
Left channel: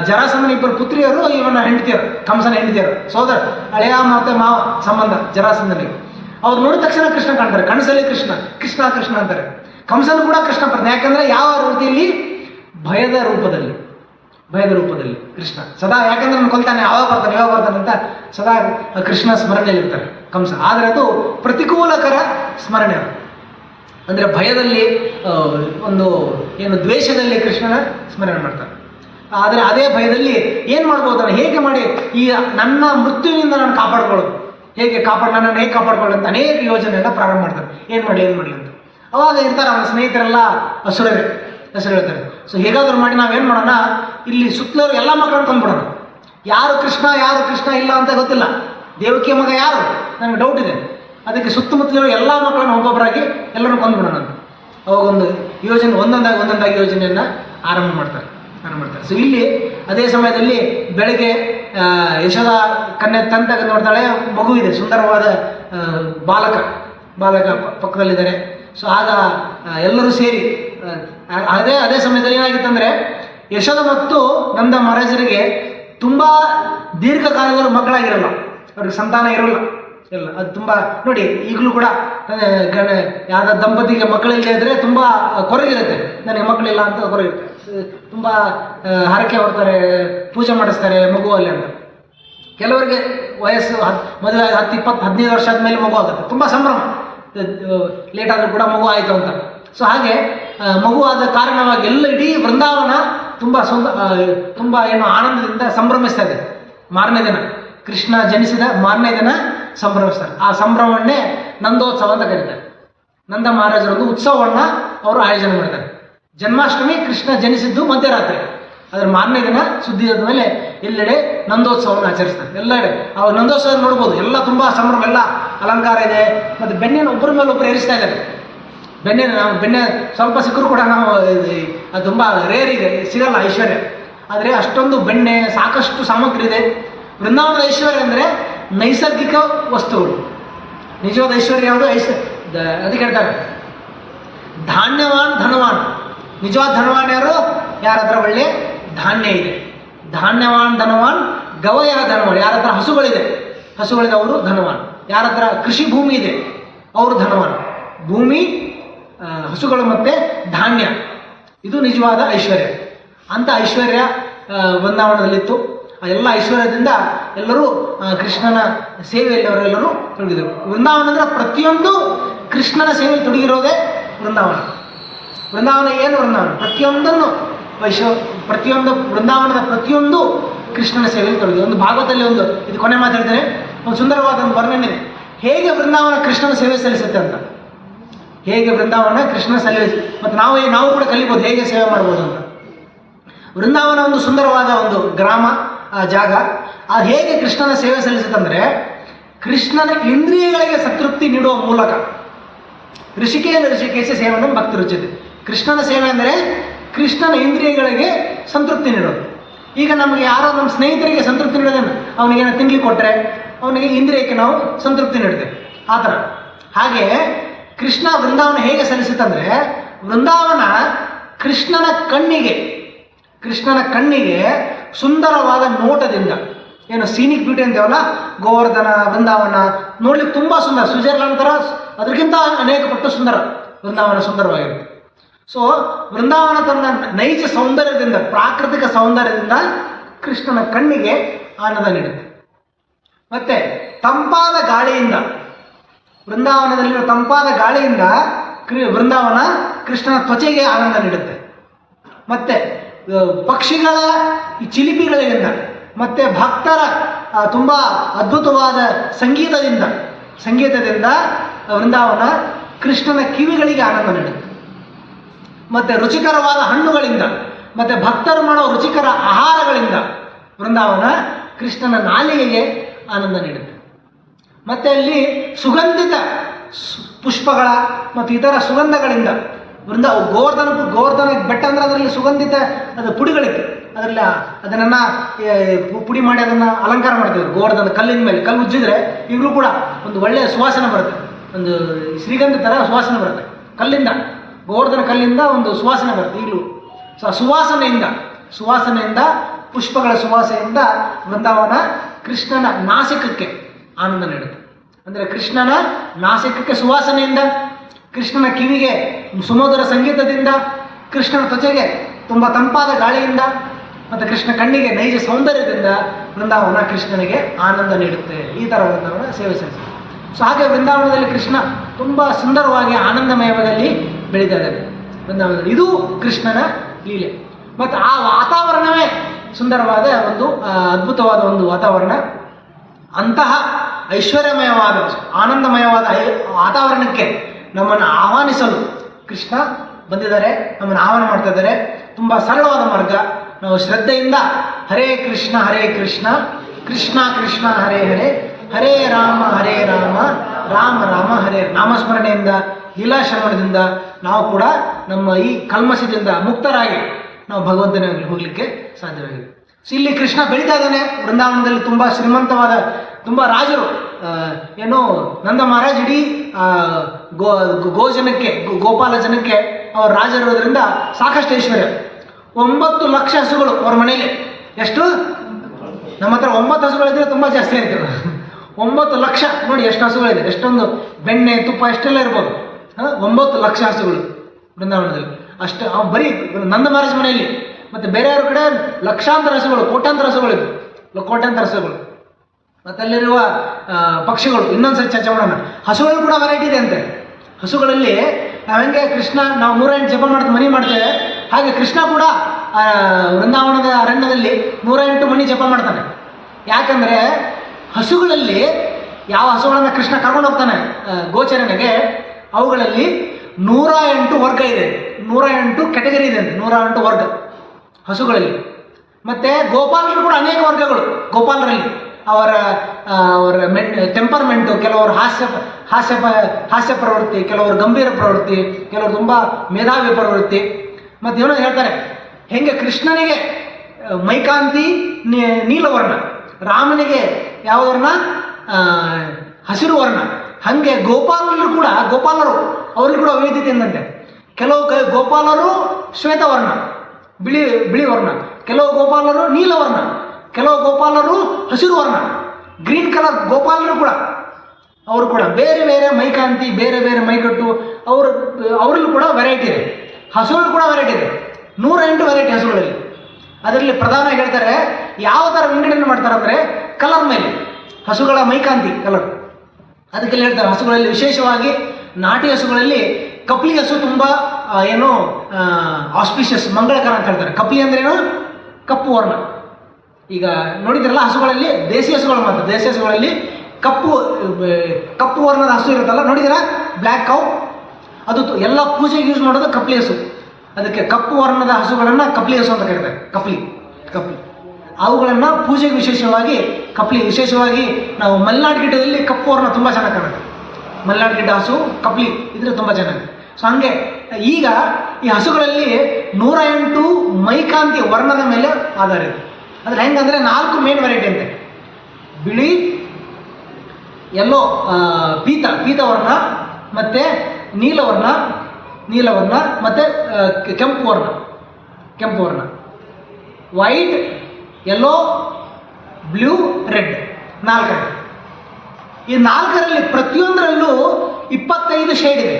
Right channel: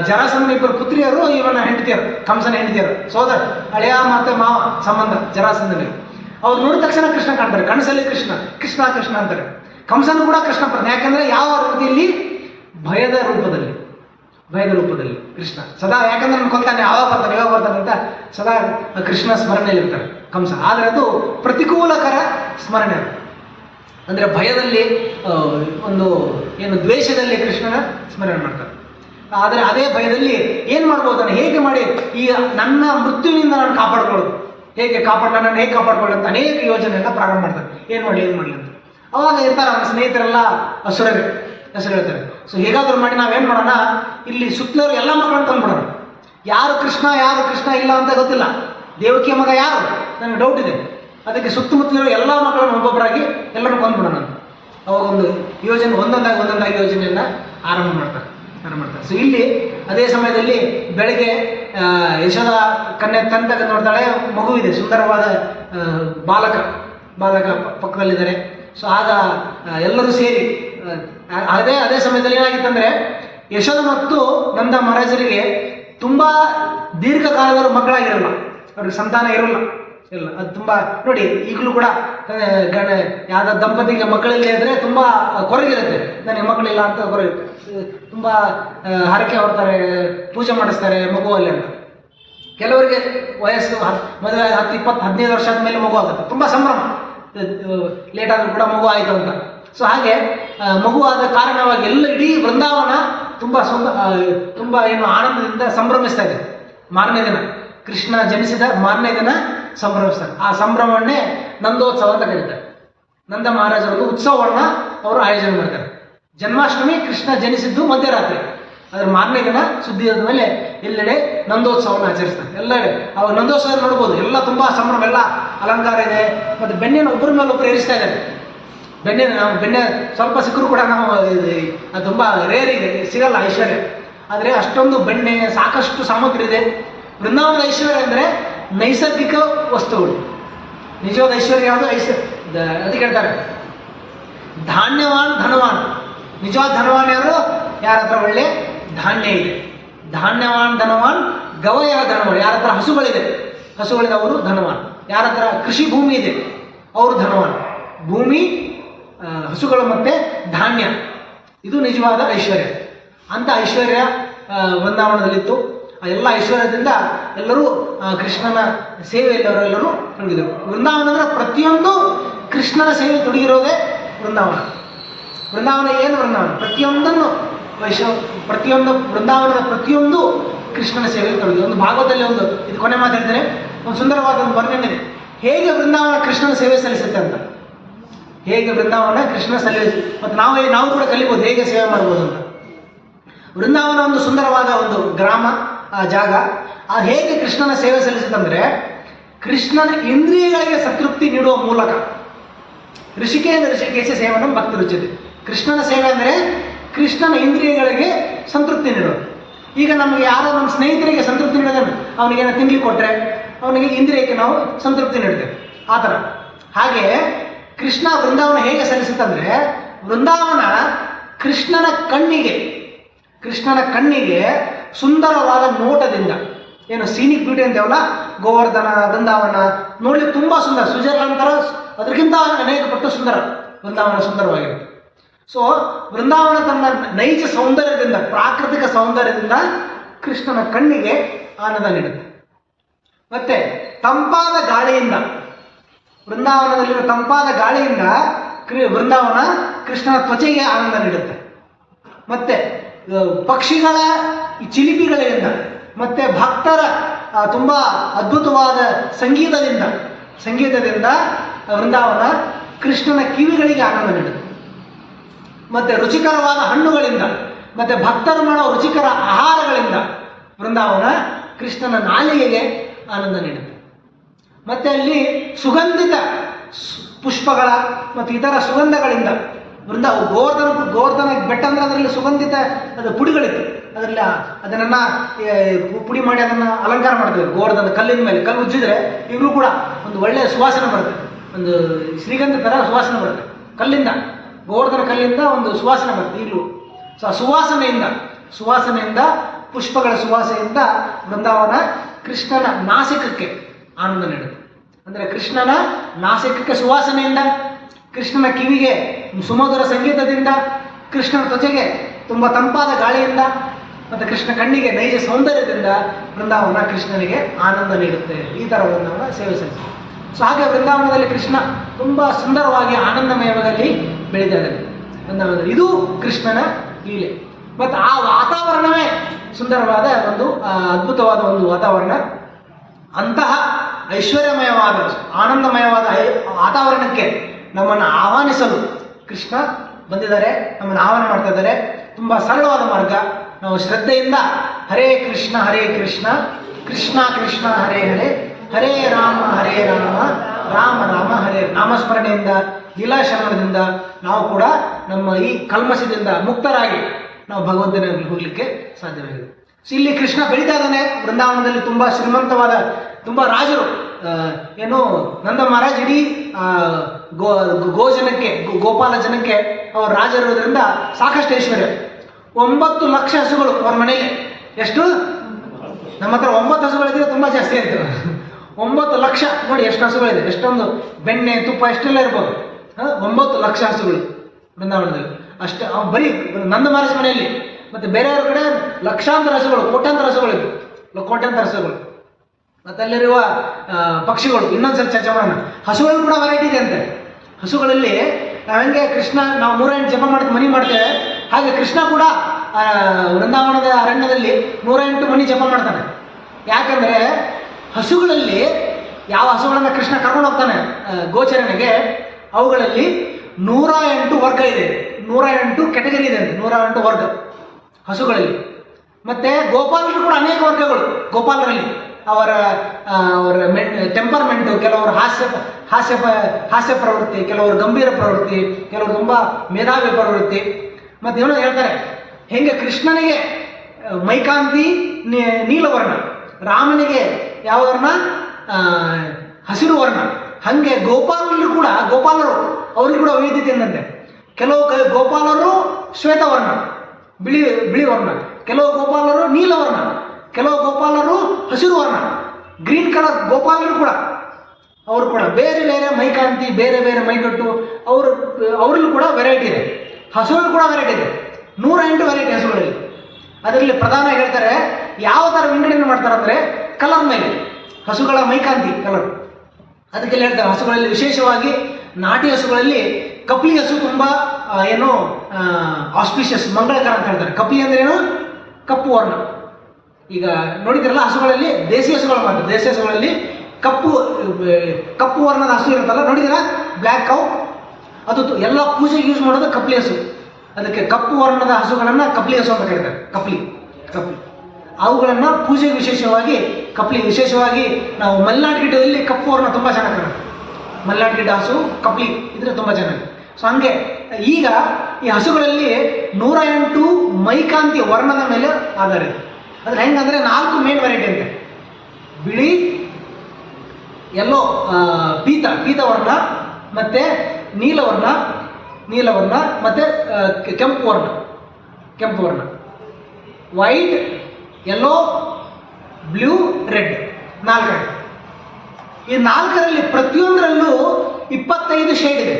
ಜರಾಸಂಧನ ಇಬ್ಬರು ಪುತ್ರಿಯರು ಇವನ ಹೆಂಡತಿಯರು, ಕಂಸನ ಹೆಂಡತಿಯರು, ಸೋದರ, ಹಳೆಯ ಮತ್ತೆ ಮಾವ ಸಂಬಂಧ ಜರಾಸಂಧನಿಗೆ. ಅವ್ರು ನೋಡಿದ ತಕ್ಷಣ ಕೃಷ್ಣ ಕಾಣ್ತಾರೆ, ಕನಸಲ್ಲಿ ಕೃಷ್ಣ ಕೃಷ್ಣ ಕೃಷ್ಣ ಅಂತಾರೆ. ಕಂಸನು ಕೂಡ ಕೃಷ್ಣ ಪ್ರಜ್ಞೆ. ಯಾಕಂದ್ರೆ ಯಾವ ರೀತಿಯಲ್ಲಿ? ಭಯದ ರೂಪದಲ್ಲಿ ಕೃಷ್ಣ ಸದಾ. ಯಾಕಂದ್ರೆ ನಾನು ಕೊಲ್ತಾನೆ, ಯಾವಾಗ ಬರ್ತಾನೆ ಅಂತ ಸದಾ ಕೃಷ್ಣ ಸ್ಮರಣೆಯಲ್ಲಿ ಇರ್ತಾರೆ ಕಂಸ. ಆದರೆ ಅದು ಪ್ರತಿಕೂಲಕರ ಸ್ಮರಣೆ. ಅಂದರೆ ಭಯದಲ್ಲಿ, ಒಂದು ಏನು ದ್ವೇಷದಲ್ಲಿ ಕೃಷ್ಣನ ಸ್ಮರಣೆ ಮಾಡ್ತಾರೆ. ಆದರೆ ಅದೇ ಭಯದಲ್ಲಿ ಏನು ಮಾಡ್ಬೋದು, ನಾನು ಹೇಗೆ ಮಾಡಿ ಈ ನನ್ನ ಮೃತ್ಯುವಿನಿಂದ ನಾನು ಕಾಪಾಡ್ಕೊಳ್ಳೋದು, ನನ್ನನ್ನು ಹೇಗೆ ಕಾಪಾಡ್ಕೊಳ್ಳೋದು ಅಂತ ಅನೇಕ ಯೋಜನೆಯನ್ನು ಪ್ರಾರಂಭ ಮಾಡ್ತಾರೆ. ಏನು ಮಾಡಲಿ ಅಂತ. ಅವಾಗ ಇರ್ತಾರೆ ಅವನ ಸ್ನೇಹಿತರೆಲ್ಲ ಹೆಸರು ಹೇಳ್ತಾರೆ. ಸೊ ಹೇಗಾದ್ರೂ ಮಾಡಿ ನಾವೇನು ಮಾಡೋಣ, ಇಲ್ಲಿ ಸುತ್ತಲವರು ಎಲ್ಲ ಮಕ್ಕಳನ್ನು ತಂದ್ಬಿಡೋಣ. ಯಾರು ಕೃಷ್ಣ ಇಲ್ಲ ಅಂತ ಗೊತ್ತಿಲ್ಲ. ದೇವಕಿಯ ಮಗ ಯಾರು ನನಗೆ ಡೌಟ್ ಇದೆ. ಅದಕ್ಕೆ ಸುತ್ತಮುತ್ತಲಿರೋ ಎಲ್ಲ ಮಕ್ಕಳನ್ನು ಒಬ್ಬೊಬ್ಬರಾಗಿ ಎಲ್ಲರನ್ನು ಕೊಂದ್ಬಿಡೋಣ. ಅವಾಗೊಂದು ಯೋಜನೆ, ಒಂದೊಂದಾಗಿ ಯೋಜನೆಯನ್ನು ಆರಂಭ ಮಾಡ್ತಾರೆ. ಸೊ ಇಲ್ಲಿ ಅದೇ ಸಮಯದಲ್ಲಿ ಬೆಳಗ್ಗೆ ಯಶೋದ ಕನ್ಯೆ ತಂದಾಗ ನೋಡ್ತಾಳೆ, ಮಗು ಇದೆ, ಸುಂದರವಾದ ಬಾಲಕ ಪಕ್ಕದಲ್ಲಿದ್ದಾನೆ. ಸೊ ಆಗ ಎಲ್ಲರೂ ಸೇರಿ ಅದೇ ಸಮಯದಲ್ಲಿ ಏನಾಗಿತ್ತಂದರೆ, ಯಶೋದ ಮತ್ತು ನಂದ ಮಹಾರಾಜರಿಗೆ ತುಂಬ ದೀರ್ಘಕಾಲದವರು ಮಕ್ಕಳಾಗಿರಲ್ಲ, ಅವ್ರಿಗೆ ಸಂತಾನ ಇರಲ್ಲ. ಅದು ತುಂಬ ನೋಡಿ, ಈಗಲೂ ಕೂಡ ಯಾವ್ದು ದಂಪತಿಗೆ ಮಕ್ಕಳಿಲ್ಲದೆ ಇದ್ರೆ ತುಂಬ ಕೊರಗಿರುತ್ತೆ. ನನಗೆ ಮಕ್ಕಳಿಲ್ಲ ಅಂತ ಕೊರಗಿರುತ್ತೆ. ತುಂಬ ಹರಕೆ ಹೊರ್ತಾರೆ, ಪೂಜೆ ಮಾಡಿಸ್ತಾರೆ ಮಗುವಲ್ಲಿ ಅಂತ. ಕೆಲವರಿಗೆ ವಯಸ್ಸು ಮದುವೆ 10, 20, 15 ವರ್ಷ ಆದಮೇಲೆ ಮಗು ಆಗುತ್ತೆ, ತುಂಬ ಸಂಭ್ರಮ. ಲೇಟ್ ಆದರೂ ಕೂಡ ಮಗು ಆಯಿತು ಅಂತ. ಸೊ ಹಾಗೆ ಮಗು ಆದ ಕಾರಣವಾಗಿ ಎಲ್ಲ ಇಡೀ ಬೃಂದಾವನ ತುಂಬ ಏನು ಆನಂದದಿಂದ ಸಂಭ್ರಮಿಸ್ತಾ ಇದೆ. ಮಾರನೇ ದಿನ ಕೃಷ್ಣ ಜನಿಸಿದ ಮಾರನೇ ದಿನ ಸಂಭ್ರಮಿಸ್ತಾರೆ. ಆ ಸಂಭ್ರಮವನ್ನೇ ನಂದೋತ್ಸವ ಅಂತ ಕರೀತಾರೆ. ನಂದ ಮಹಾರಾಜರೊಂದು ಉತ್ಸವವನ್ನು ಅವರು ಆಯೋಜನೆ ಮಾಡ್ತಾರೆ. ಜನ್ಮಾಷ್ಟಮಿ ಕೃಷ್ಣ ಜನಿಸಿದ್ದು ಮಧ್ಯರಾತ್ರಿ, ಅದರ ಮಾರನೇ ದಿನ ಸುದ್ದಿ ಆದ ಮೇಲೆ ಎಲ್ಲೆಡೆ ನಂದೋತ್ಸವವನ್ನು ಆಚರಿಸ್ತಾರೆ. ಎಲ್ಲೆಡೆ ಅವ್ರು ನಂದೋತ್ಸವ ನೋಡ್ಬೋದು, ಎಲ್ಲ ತುಂಬ ಸಂಭ್ರಮ, ಎಲ್ಲ ಅಲಂಕಾರ ಇದೆ. ಮತ್ತು ಬೆಣ್ಣೆನ ಒಬ್ಬರ ಮೇಲೆ ಒಬ್ಬರು ಏರಿಸ್ತಾ ಇದ್ದಾರೆ. ಬೆಣ್ಣೆ ಸ್ವಲ್ಪ ಸಿಕ್ಕರೂ ಕೂಡ ನಾವು ಅದು ತುಂಬ ರೇರಿಗೆ ಸಿಗಲ್ಲ ಐಶ್ವರ್ಯ. ಆದರೆ ಅಷ್ಟೊಂದು ಬೆಣ್ಣೆ, ಸಾಕಷ್ಟು ಸಾಮಗ್ರಿ ಇದೆ. ಬೃಂದಾವನದ ಐಶ್ವರ್ಯ ಅಂದರೆ ನೈಸರ್ಗಿಕ ವಸ್ತುಗಳು. ನಿಜವಾದ ಐಶ್ವರ್ಯ ಯಾವುದು? ಅದಕ್ಕೆ ಹೇಳ್ತಾರೆ ಧಾನ್ಯವಾನ್ ಧನವಾನ್. ನಿಜವಾದ ಧನವಾನ್ ಯಾರು? ಯಾರ ಹತ್ರ ಒಳ್ಳೆ ಧಾನ್ಯ ಇದೆ. ಧಾನ್ಯವಾನ್ ಧನವಾನ್, ಗವಯ ಧನವಾನ್. ಯಾರ ಹತ್ರ ಹಸುಗಳಿದವರು ಧನವಾನ್. ಯಾರ ಹತ್ರ ಕೃಷಿ ಭೂಮಿ ಇದೆ ಅವರು ಧನವಾನ್. ಭೂಮಿ, ಹಸುಗಳು ಮತ್ತು ಧಾನ್ಯ, ಇದು ನಿಜವಾದ ಐಶ್ವರ್ಯ. ಅಂಥ ಐಶ್ವರ್ಯ ಬೃಂದಾವನದಲ್ಲಿತ್ತು. ಆ ಎಲ್ಲ ಐಶ್ವರ್ಯದಿಂದ ಎಲ್ಲರೂ ಕೃಷ್ಣನ ಸೇವೆಯಲ್ಲಿ ಅವರೆಲ್ಲರೂ ತೊಡಗಿದರು. ಬೃಂದಾವನ ಅಂದರೆ ಪ್ರತಿಯೊಂದು ಕೃಷ್ಣನ ಸೇವೆಯಲ್ಲಿ ತೊಡಗಿರೋದೇ ಬೃಂದಾವನ. ಏನು ಬೃಂದಾವನ? ಪ್ರತಿಯೊಂದು ಬೃಂದಾವನದ ಪ್ರತಿಯೊಂದು ಕೃಷ್ಣನ ಸೇವೆಯಲ್ಲಿ ತೊಡಗಿದೆ. ಒಂದು ಭಾಗದಲ್ಲಿ ಇದು ಕೊನೆ ಮಾತಾಡ್ತಾರೆ, ಒಂದು ಸುಂದರವಾದ ಒಂದು ವರ್ಣನೆ ಇದೆ. ಹೇಗೆ ಬೃಂದಾವನ ಕೃಷ್ಣನ ಸೇವೆ ಸಲ್ಲಿಸುತ್ತೆ ಅಂತ. ಹೇಗೆ ಬೃಂದಾವನ ಕೃಷ್ಣ ಮತ್ತು ನಾವು ಕೂಡ ಕಲಿಬೋದು ಹೇಗೆ ಸೇವೆ ಮಾಡ್ಬೋದು ಅಂತ. ಬೃಂದಾವನ ಒಂದು ಸುಂದರವಾದ ಒಂದು ಗ್ರಾಮ, ಜಾಗ. ಅದು ಹೇಗೆ ಕೃಷ್ಣನ ಸೇವೆ ಸಲ್ಲಿಸುತ್ತಂದರೆ, ಕೃಷ್ಣನ ಇಂದ್ರಿಯಗಳಿಗೆ ಸಂತೃಪ್ತಿ ನೀಡುವ ಮೂಲಕ. ಋಷಿಕೇಶ ಸೇವನ ಭಕ್ತಿ ರುಚಿದೆ. ಕೃಷ್ಣನ ಸೇವೆ ಅಂದರೆ ಕೃಷ್ಣನ ಇಂದ್ರಿಯಗಳಿಗೆ ಸಂತೃಪ್ತಿ ನೀಡೋದು. ಈಗ ನಮಗೆ ಯಾರೋ ನಮ್ಮ ಸ್ನೇಹಿತರಿಗೆ ಸಂತೃಪ್ತಿ ನೀಡೋದೇನು, ಅವನಿಗೇನೋ ತಿಂಡಿ ಕೊಟ್ಟರೆ ಅವನಿಗೆ ಇಂದ್ರಿಯಕ್ಕೆ ನಾವು ಸಂತೃಪ್ತಿ ನೀಡ್ತೇವೆ, ಆ ಥರ. ಹಾಗೆ ಕೃಷ್ಣ ಬೃಂದಾವನ ಹೇಗೆ ಸಲ್ಲಿಸುತ್ತಂದರೆ, ಬೃಂದಾವನ ಕೃಷ್ಣನ ಕಣ್ಣಿಗೆ ಸುಂದರವಾದ ನೋಟದಿಂದ, ಏನು ಸೀನಿಕ್ ಬ್ಯೂಟಿ ಅಂತೇವಲ್ಲ, ಗೋವರ್ಧನ, ಬೃಂದಾವನ ನೋಡ್ಲಿಕ್ಕೆ ತುಂಬ ಸುಂದರ, ಸ್ವಿಟ್ಜರ್ಲ್ಯಾಂಡ್ ಥರ ಅದಕ್ಕಿಂತ ಅನೇಕ ಪಟ್ಟು ಸುಂದರ ಬೃಂದಾವನ ಸುಂದರವಾಗಿರುತ್ತೆ. ಸೊ ಬೃಂದಾವನ ತನ್ನ ನೈಜ ಸೌಂದರ್ಯದಿಂದ, ಪ್ರಾಕೃತಿಕ ಸೌಂದರ್ಯದಿಂದ ಕೃಷ್ಣನ ಕಣ್ಣಿಗೆ ಆನಂದ ನೀಡುತ್ತೆ. ಮತ್ತೆ ತಂಪಾದ ಗಾಳಿಯಿಂದ, ಬೃಂದಾವನದಲ್ಲಿರುವ ತಂಪಾದ ಗಾಳಿಯಿಂದ ವೃಂದಾವನ ಕೃಷ್ಣನ ತ್ವಚೆಗೆ ಆನಂದ ನೀಡುತ್ತೆ. ಮತ್ತು ಪಕ್ಷಿಗಳ ಈ ಚಿಲಿಪಿಗಳಿಂದ ಮತ್ತು ಭಕ್ತರ ತುಂಬ ಅದ್ಭುತವಾದ ಸಂಗೀತದಿಂದ ವೃಂದಾವನ ಕೃಷ್ಣನ ಕಿವಿಗಳಿಗೆ ಆನಂದ ನೀಡುತ್ತೆ. ಮತ್ತು ರುಚಿಕರವಾದ ಹಣ್ಣುಗಳಿಂದ ಮತ್ತು ಭಕ್ತರು ಮಾಡೋ ರುಚಿಕರ ಆಹಾರಗಳಿಂದ ವೃಂದಾವನ ಕೃಷ್ಣನ ನಾಲಿಗೆಗೆ ಆನಂದ ನೀಡುತ್ತೆ. ಮತ್ತು ಅಲ್ಲಿ ಸುಗಂಧಿತ ಪುಷ್ಪಗಳ ಮತ್ತು ಇತರ ಸುಗಂಧಗಳಿಂದ ಗೋವರ್ಧನ ಬೆಟ್ಟ ಅಂದರೆ ಅದರಲ್ಲಿ ಸುಗಂಧಿತ ಅದು ಪುಡಿಗಳಿತ್ತು. ಅದರಲ್ಲಿ ಅದನ್ನು ಪುಡಿ ಮಾಡಿ ಅದನ್ನು ಅಲಂಕಾರ ಮಾಡ್ತಿದ್ರು. ಗೋವರ್ಧನ ಕಲ್ಲಿನ ಮೇಲೆ ಕಲ್ಲು ಉಜ್ಜಿದ್ರೆ ಈಗಲೂ ಕೂಡ ಒಂದು ಒಳ್ಳೆಯ ಸುವಾಸನೆ ಬರುತ್ತೆ, ಒಂದು ಶ್ರೀಗಂಧ ಥರ ಸುವಾಸನೆ ಬರುತ್ತೆ. ಗೋವರ್ಧನ ಕಲ್ಲಿಂದ ಒಂದು ಸುವಾಸನೆ ಬರುತ್ತೆ ಈಗಲೂ. ಸೊ ಆ ಸುವಾಸನೆಯಿಂದ ಪುಷ್ಪಗಳ ಸುವಾಸನೆಯಿಂದ ವೃಂದಾವನ ಕೃಷ್ಣನ ನಾಸಿಕಕ್ಕೆ ಆನಂದ ನೀಡುತ್ತೆ. ಅಂದರೆ ಕೃಷ್ಣನ ನಾಸಿಕಕ್ಕೆ ಸುವಾಸನೆಯಿಂದ, ಕೃಷ್ಣನ ಕಿವಿಗೆ ಸುಮಧುರ ಸಂಗೀತದಿಂದ, ಕೃಷ್ಣನ ತ್ವಚೆಗೆ ತುಂಬ ತಂಪಾದ ಗಾಳಿಯಿಂದ ಮತ್ತು ಕೃಷ್ಣ ಕಣ್ಣಿಗೆ ನೈಜ ಸೌಂದರ್ಯದಿಂದ ವೃಂದಾವನ ಕೃಷ್ಣನಿಗೆ ಆನಂದ ನೀಡುತ್ತೆ. ಈ ಥರ ವೃಂದಾವನ ಸೇವೆ ಸಲ್ಲಿಸುತ್ತೆ. ಸೊ ಹಾಗೆ ವೃಂದಾವನದಲ್ಲಿ ಕೃಷ್ಣ ತುಂಬ ಸುಂದರವಾಗಿ ಆನಂದಮಯವಾಗಿ ಬೆಳೀತಾ ಇದ್ದಾನೆ ವೃಂದಾವನದಲ್ಲಿ. ಇದು ಕೃಷ್ಣನ ಲೀಲೆ. ಮತ್ತು ಆ ವಾತಾವರಣವೇ ಸುಂದರವಾದ ಒಂದು ಅದ್ಭುತವಾದ ಒಂದು ವಾತಾವರಣ. ಅಂತಹ ಐಶ್ವರ್ಯಮಯವಾದ ಆನಂದಮಯವಾದ ವಾತಾವರಣಕ್ಕೆ ನಮ್ಮನ್ನು ಆಹ್ವಾನಿಸಲು ಕೃಷ್ಣ ಬಂದಿದ್ದಾರೆ, ನಮ್ಮನ್ನು ಆಹ್ವಾನ ಮಾಡ್ತಾ ಇದ್ದಾರೆ. ತುಂಬ ಸರಳವಾದ ಮಾರ್ಗ. ನಾವು ಶ್ರದ್ಧೆಯಿಂದ ಹರೇ ಕೃಷ್ಣ ಕೃಷ್ಣ ಕೃಷ್ಣ ಹರೇ ಹರೇ, ಹರೇ ರಾಮ ರಾಮ ರಾಮ ಹರೇ ನಾಮಸ್ಮರಣೆಯಿಂದ, ಲೀಲಾಶ್ರವಣದಿಂದ ನಾವು ಕೂಡ ನಮ್ಮ ಈ ಕಲ್ಮಶದಿಂದ ಮುಕ್ತರಾಗಿ ನಾವು ಭಗವಂತನಲ್ಲಿ ಹೋಗಲಿಕ್ಕೆ ಸಾಧ್ಯವಾಗಿದೆ. ಸೊ ಇಲ್ಲಿ ಕೃಷ್ಣ ಬೆಳೀತಾ ಇದ್ದಾನೆ ವೃಂದಾವನದಲ್ಲಿ. ತುಂಬ ಶ್ರೀಮಂತವಾದ, ತುಂಬ ರಾಜರು, ನಂದ ಮಹಾರಾಜ್ ಇಡೀ ಗೋಜನಕ್ಕೆ, ಗೋಪಾಲ ಜನಕ್ಕೆ ಅವ್ರ ರಾಜರಿರೋದ್ರಿಂದ ಸಾಕಷ್ಟು ಐಶ್ವರ್ಯ. 9 ಲಕ್ಷ ಹಸುಗಳು ಅವ್ರ ಮನೆಯಲ್ಲಿ. ಎಷ್ಟು? ನಮ್ಮ ಹತ್ರ 9 ಹಸುಗಳಿದ್ರೆ ತುಂಬ ಜಾಸ್ತಿ ಆಯಿತು. 9 ಲಕ್ಷ ನೋಡಿ ಎಷ್ಟು ಹಸುಗಳಿದೆ, ಎಷ್ಟೊಂದು ಬೆಣ್ಣೆ ತುಪ್ಪ ಎಷ್ಟೆಲ್ಲ ಇರ್ಬೋದು. 9 ಲಕ್ಷ ಹಸುಗಳು ವೃಂದಾವನದಲ್ಲಿ. ಅಷ್ಟು ಬರೀ ನಂದ ಮಹಾರಾಜ್ ಮನೆಯಲ್ಲಿ. ಮತ್ತು ಬೇರೆಯವ್ರ ಕಡೆ ಲಕ್ಷಾಂತರ ಹಸುಗಳು, ಕೋಟ್ಯಾಂತರ ಹಸುಗಳು. ಮತ್ತು ಅಲ್ಲಿರುವ ಪಕ್ಷಿಗಳು. ಇನ್ನೊಂದ್ಸರಿ ಚರ್ಚೆ ಮಾಡೋಣ. ಹಸುಗಳು ಕೂಡ ವೆರೈಟಿ ಇದೆ ಅಂತೆ. ಹಸುಗಳಲ್ಲಿ ನಾವು ಹೆಂಗೆ ನಾವು 108 ಜಪ ಮನಿ ಮಾಡ್ತೇವೆ, ಹಾಗೆ ಕೃಷ್ಣ ಕೂಡ ವೃಂದಾವನದ ಅರಣ್ಯದಲ್ಲಿ 108 ಮನಿ ಜಪ ಮಾಡ್ತಾನೆ. ಯಾಕಂದರೆ ಹಸುಗಳಲ್ಲಿ ಯಾವ ಹಸುಗಳನ್ನು ಕೃಷ್ಣ ಕರ್ಕೊಂಡು ಹೋಗ್ತಾನೆ ಗೋಚರಣೆಗೆ, ಅವುಗಳಲ್ಲಿ 108 ವರ್ಗ ಇದೆ, 108 ಕೆಟಗರಿ ಇದೆ ಅಂತೆ, 108 ವರ್ಗ ಹಸುಗಳಲ್ಲಿ. ಮತ್ತು ಗೋಪಾಲರು ಕೂಡ ಅನೇಕ ವರ್ಗಗಳು. ಗೋಪಾಲರಲ್ಲಿ ಅವರ ಟೆಂಪರ್ಮೆಂಟು, ಕೆಲವರು ಹಾಸ್ಯ ಪ್ರವೃತ್ತಿ, ಕೆಲವರು ಗಂಭೀರ ಪ್ರವೃತ್ತಿ, ಕೆಲವರು ತುಂಬ ಮೇಧಾವಿ ಪ್ರವೃತ್ತಿ. ಮತ್ತು ಏನೋ ಹೇಳ್ತಾರೆ, ಹೆಂಗೆ ಕೃಷ್ಣನಿಗೆ ಮೈಕಾಂತಿ ನೀಲವರ್ಣ, ರಾಮನಿಗೆ ಯಾವ ವರ್ಣ? ಹಸಿರು ವರ್ಣ. ಹಾಗೆ ಗೋಪಾಲರು ಅವ್ರಿಗೆ ಕೂಡ ವೈವಿಧ್ಯತೆ ಎಂದಂತೆ. ಕೆಲವು ಗೋಪಾಲರು ಶ್ವೇತವರ್ಣ, ಬಿಳಿ ವರ್ಣ, ಕೆಲವು ಗೋಪಾಲರು ನೀಲವರ್ಣ, ಕೆಲವು ಗೋಪಾಲರು ಹಸಿರು ವರ್ಣ, ಗ್ರೀನ್ ಕಲರ್ ಗೋಪಾಲರು ಕೂಡ. ಅವರು ಕೂಡ ಬೇರೆ ಬೇರೆ ಮೈಕಾಂತಿ, ಬೇರೆ ಬೇರೆ ಮೈಕಟ್ಟು, ಅವರಲ್ಲಿ ಕೂಡ ವೆರೈಟಿ ಇದೆ. ಹಸುಗಳು ಕೂಡ ವೆರೈಟಿ ಇದೆ, 108 ವೆರೈಟಿ ಹಸುಗಳಲ್ಲಿ. ಅದರಲ್ಲಿ ಪ್ರಧಾನವಾಗಿ ಹೇಳ್ತಾರೆ ಯಾವ ಥರ ವಿಂಗಡಣೆ ಮಾಡ್ತಾರೆ ಅಂದರೆ ಕಲರ್ ಮೇಲೆ, ಹಸುಗಳ ಮೈಕಾಂತಿ ಕಲರ್. ಅದಕ್ಕೆಲ್ಲ ಹೇಳ್ತಾರೆ ಹಸುಗಳಲ್ಲಿ ವಿಶೇಷವಾಗಿ ನಾಟಿ ಹಸುಗಳಲ್ಲಿ ಕಪ್ಲಿ ಹಸು ತುಂಬ ಆಸ್ಪಿಷಿಯಸ್, ಮಂಗಳಕರ ಅಂತ ಹೇಳ್ತಾರೆ. ಕಪ್ಲಿ ಅಂದ್ರೆ ಏನು? ಕಪ್ಪು ವರ್ಣ. ಈಗ ನೋಡಿದ್ರಲ್ಲ ಹಸುಗಳಲ್ಲಿ, ದೇಸಿ ಹಸುಗಳಲ್ಲಿ ಕಪ್ಪು ವರ್ಣದ ಹಸು ಇರುತ್ತಲ್ಲ, ನೋಡಿದ್ದೀರಾ? Black cow. ಅದು ಎಲ್ಲ ಪೂಜೆಗೆ ಯೂಸ್ ಮಾಡೋದು ಕಪ್ಲಿ ಹಸು. ಅದಕ್ಕೆ ಕಪ್ಪು ವರ್ಣದ ಹಸುಗಳನ್ನು ಕಪ್ಲಿ ಹಸು ಅಂತ ಕರೀತಾರೆ. ಕಪ್ಲಿ ಅವುಗಳನ್ನು ಪೂಜೆಗೆ ವಿಶೇಷವಾಗಿ ನಾವು ಮಲೆನಾಡು ಗಿಡ್ಡದಲ್ಲಿ ಕಪ್ಪು ವರ್ಣ ತುಂಬ ಚೆನ್ನಾಗಿ ಕಾಣುತ್ತೆ. ಮಲೆನಾಡು ಗಿಡ್ಡ ಹಸು ಕಪ್ಲಿ ಇದ್ರೆ ತುಂಬ ಚೆನ್ನಾಗಿ. ಸೊ ಹಂಗೆ ಈಗ ಈ ಹಸುಗಳಲ್ಲಿ 108 ಮೈಕಾಂತಿ ವರ್ಣದ ಮೇಲೆ ಆಧಾರಿತ. ಅದ್ರ ಹೆಂಗಂದರೆ 4 ಮೇನ್ ವೆರೈಟಿ ಅಂತೆ. ಬಿಳಿ, ಎಲ್ಲೋ, ಪೀತವರ್ಣ, ಮತ್ತು ನೀಲವರ್ಣ, ಮತ್ತು ಕೆಂಪು ವರ್ಣ, ವೈಟ್, ಯೆಲ್ಲೋ, ಬ್ಲೂ, ರೆಡ್. 4 ಈ 4ರಲ್ಲಿ ಪ್ರತಿಯೊಂದರಲ್ಲೂ 25 ಶೇಡ್ ಇದೆ.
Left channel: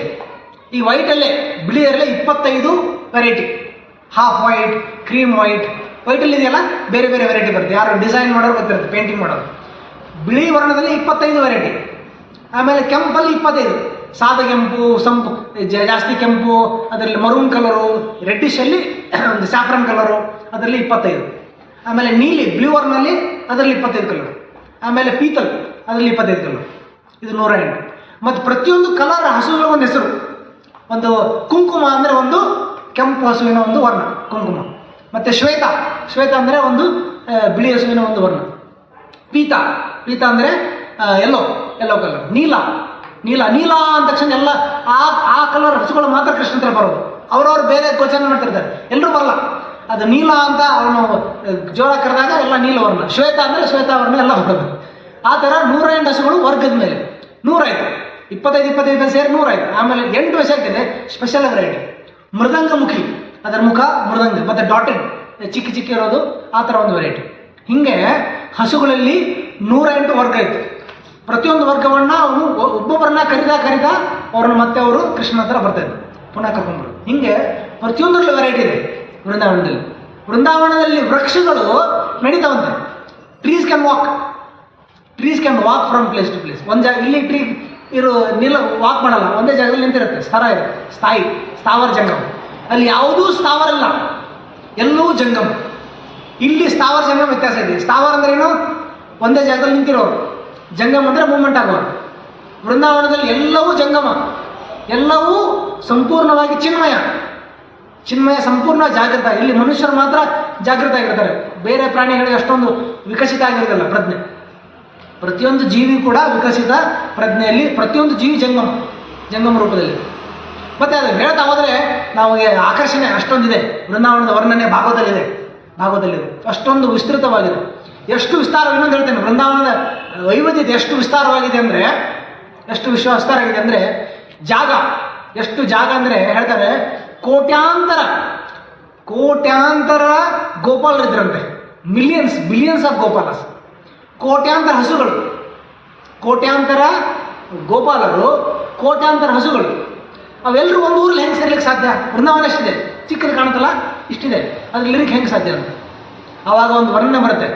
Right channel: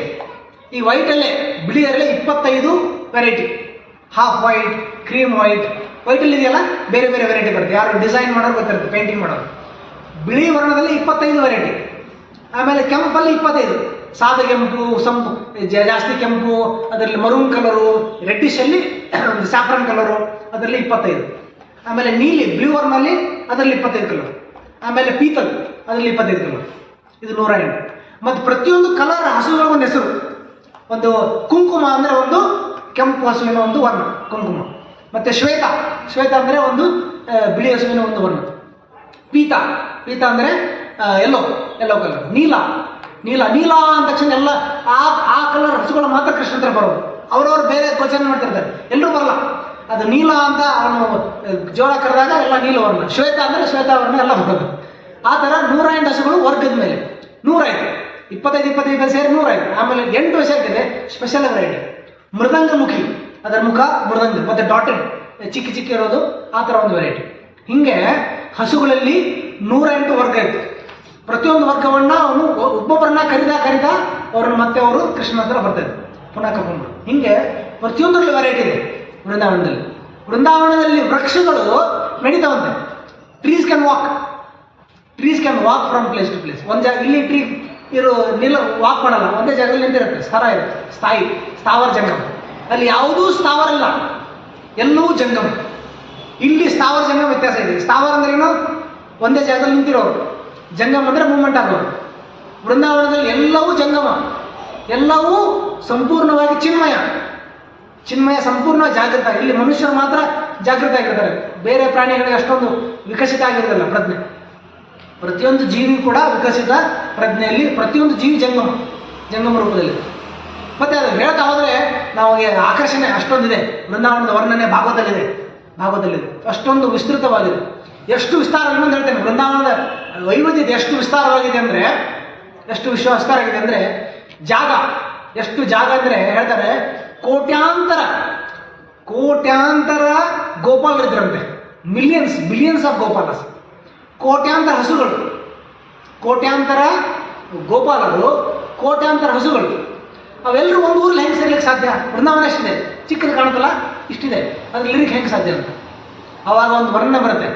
ಈ ವೈಟಲ್ಲೇ, ಬಿಳಿಯಲ್ಲೇ 25 ವೆರೈಟಿ. ಹಾಫ್ ವೈಟ್, ಕ್ರೀಮ್ ವೈಟಲ್ಲಿ ಇದೆಯಲ್ಲ, ಬೇರೆ ಬೇರೆ ವೆರೈಟಿ ಬರುತ್ತೆ. ಯಾರು ಡಿಸೈನ್ ಮಾಡೋರು ಗೊತ್ತಿರುತ್ತೆ, ಪೇಂಟಿಂಗ್ ಮಾಡೋರು. ಬಿಳಿ ವರ್ಣದಲ್ಲಿ 25 ವೆರೈಟಿ, ಆಮೇಲೆ ಕೆಂಪಲ್ಲಿ 25, ಸಾದ ಕೆಂಪು, ಸಂಪು ಜಾಸ್ತಿ ಕೆಂಪು, ಅದರಲ್ಲಿ ಮರೂನ್ ಕಲರು, ರೆಡ್ಡಿಶಲ್ಲಿ ಒಂದು ಸ್ಯಾಫ್ರನ್ ಕಲರು, ಅದರಲ್ಲಿ 25. ಆಮೇಲೆ ನೀಲಿ ಬ್ಲೂ ವರ್ನಲ್ಲಿ ಅದರಲ್ಲಿ 25 ಕಲರ್. ಆಮೇಲೆ ಪೀತಲ್ ಅದರಲ್ಲಿ 25 ಕಲರ್. ಇದು 108. ಮತ್ತು ಪ್ರತಿಯೊಂದು ಕಲರ್ ಹಸುಗಳ ಒಂದು ಹೆಸರು. ಒಂದು ಕುಂಕುಮ ಅಂದರೆ ಒಂದು ಕೆಂಪು ಹಸುವಿನ ಒಂದು ವರ್ಣ ಕುಂಕುಮ. ಮತ್ತು ಶ್ವೇತ, ಶ್ವೇತ ಅಂದರೆ ಒಂದು ಬಿಳಿ ಹಸುವಿನ ಒಂದು ವರ್ಣ. ಪೀತ, ಪೀತ ಅಂದರೆ ಎಲ್ಲೋ ಕಲರ್. ನೀಲ, ನೀಲ ನೀಲ ಅಂದ ತಕ್ಷಣ ಎಲ್ಲ ಆ ಕಲರ್ ಹಸುಗಳು ಮಾತ್ರ ಕೃಷ್ಣ ಹತ್ರ ಬರೋದು. ಅವರವರು ಬೇರೆ ಗೋಚರಣೆ ಮಾಡ್ತಿರ್ತಾರೆ, ಎಲ್ಲರೂ ಬರಲ್ಲ. ಅದು ನೀಲ ಅಂತ ಅವನು ಜೋರ ಕರೆದಾಗ ಎಲ್ಲ ನೀಲವರ್ಣ. ಶ್ವೇತ ಅಂದರೆ ಶ್ವೇತಾವರ್ಣ ಎಲ್ಲ ಬರೋದು. ಆ ಥರ 108 ಹಸುಗಳು ವರ್ಗದ ಮೇಲೆ 105, 25 ಸೇರಿ 105. ಆಮೇಲೆ 8 ವರ್ಷ ಆಗ್ತಿದೆ ಸ್ಪೆಷಲ್ ವೆರೈಟಿ. ಮೃದಂಗಮುಖಿ, ಅದರ ಮುಖ ಮೃದಂಗ, ಮತ್ತು ಡಾಟೆಡ್ ಚಿಕ್ಕ ಇರೋದು, ಆ ಥರ ಒಂದು ವೆರೈಟಿ. ಹೀಗೆ ಹಸುಗಳಲ್ಲಿ 108 ವರ್ಗ ಇತ್ತು. ಪ್ರತಿಯೊಂದು ವರ್ಗವನ್ನು ಅವನು ಒಬ್ಬೊಬ್ಬರನ್ನ ಕರಿದ ಅವ್ರನ್ನ ಮತ್ತೆ ಅವರು ಕೃಷ್ಣ ಹತ್ರ ಬರ್ತಾಯಿದ್ರು, ಪುನಃ ಕರ್ಕೊಂಡು. ಹೀಗೆ ಪ್ರತಿಯೊಂದರಲ್ಲೂ ವೆರೈಟಿ ಇದೆ ವೃಂದಾವನದಲ್ಲಿ. ವೃಂದಾವನದಲ್ಲಿ ವೃಕ್ಷಗಳು ನಡೀತಾವಂತೆ. Trees can walk from place to place. ಒಂದು ಜಾಗ ಇಲ್ಲಿ ಟ್ರೀ ವಾಕ್ ಮಾಡಲ್ಲ, ಒಂದೇ ಜಾಗದಲ್ಲಿ ನಿಂತಿರುತ್ತೆ. ಸ್ಥಾವರ ಜಂಗಮ. ಅಲ್ಲಿ ಯಾವುದೂ ಸ್ಥಾವರ ಇಲ್ಲ, ಎಲ್ಲೂ ಜಂಗಮ. ಇಲ್ಲಿ ಸ್ಥಾವರ ಜಂಗಮ ವ್ಯತ್ಯಾಸ ಇದೆ. ಸ್ಥಾವರ ಅಂದ್ರೆ ಏನು? ಒಂದೇ ಜಾಗದಲ್ಲಿ ನಿಂತಿರೋರು. ಜಂಗಮ ಅಂದರೆ ಮೂವ್ಮೆಂಟ್ ಆಗೋರು. ವೃಂದಾವನದಲ್ಲಿ ಎಲ್ಲವೂ ಜಂಗಮ, ಎಲ್ಲವೂ ಸಂಪೂರ್ಣವಾಗಿ ಚಿನ್ಮಯ ಸಂಪೂರ್ಣ ಜಾಗೃತ. ಇಲ್ಲಿ ಮನುಷ್ಯರು ಮಾತ್ರ ಜಾಗೃತ ಆಗಿರ್ತಾರೆ, ಬೇರೆ ಪ್ರಾಣಿಗಳಿಗೆ ಅಷ್ಟೊಂದು ವಿಕಸಿತ ಆಗಿರೋದಿಲ್ಲ ಪ್ರಜ್ಞೆ. ಪ್ರತಿಯೊಂದು ಜೀವಿ ಕೂಡ ವಿಕಸಿತ ಪ್ರಜ್ಞೆಯಲ್ಲಿ, ಪ್ರತಿಯೊಂದು ಜೀವಿ ಜಂಗಮ ರೂಪದಲ್ಲಿ. ಮತ್ತು ಅದು ಹೇಳ್ತಾ ಹೋದರೆ ನಮಗೆ ಆಕರ್ಷಣೆ ಅಷ್ಟೊಂದಿದೆ. ವೃಂದಾವನದ ವರ್ಣನೆ ಭಾಗವತದಲ್ಲಿದೆ. ಅಷ್ಟೊಂದು ವಿಸ್ತೃತವಾಗಿದೆ. ಎಷ್ಟು ವಿಸ್ತಾರ, ಇನ್ನೊಂದು ಹೇಳ್ತೇನೆ, ವೃಂದಾವನದ ವೈವಿಧ್ಯತೆ ಎಷ್ಟು ವಿಸ್ತಾರವಾಗಿದೆ ಅಂದರೆ ಜಾಗ, ಎಷ್ಟು ಜಾಗ ಅಂದರೆ ಹೇಳ್ತಾರೆ ಕೋಟ್ಯಾಂತರ ಗೋಪಾಲರಿದ್ದರಂತೆ. Billions of ಗೋಪಾಲಸ್. ಕೋಟ್ಯಾಂತರ ಹಸುಗಳು, ಕೋಟ್ಯಾಂತರ ಗೋಪಾಲರು, ಕೋಟ್ಯಾಂತರ ಹಸುಗಳು. ಅವೆಲ್ಲರೂ ಒಂದು ಊರಲ್ಲಿ ಹೆಂಗೆ ಸೇರ್ಲಿಕ್ಕೆ ಸಾಧ್ಯ? ವೃಂದಾವನ ಎಷ್ಟಿದೆ, ಚಿಕ್ಕದು ಕಾಣುತ್ತಲ್ಲ, ಇಷ್ಟಿದೆ, ಅದ್ರಲ್ಲಿ ಇರಲಿಕ್ಕೆ ಹೆಂಗೆ ಸಾಧ್ಯ ಅಂತ ಆವಾಗ ಒಂದು ವರ್ಣನೆ ಬರುತ್ತೆ.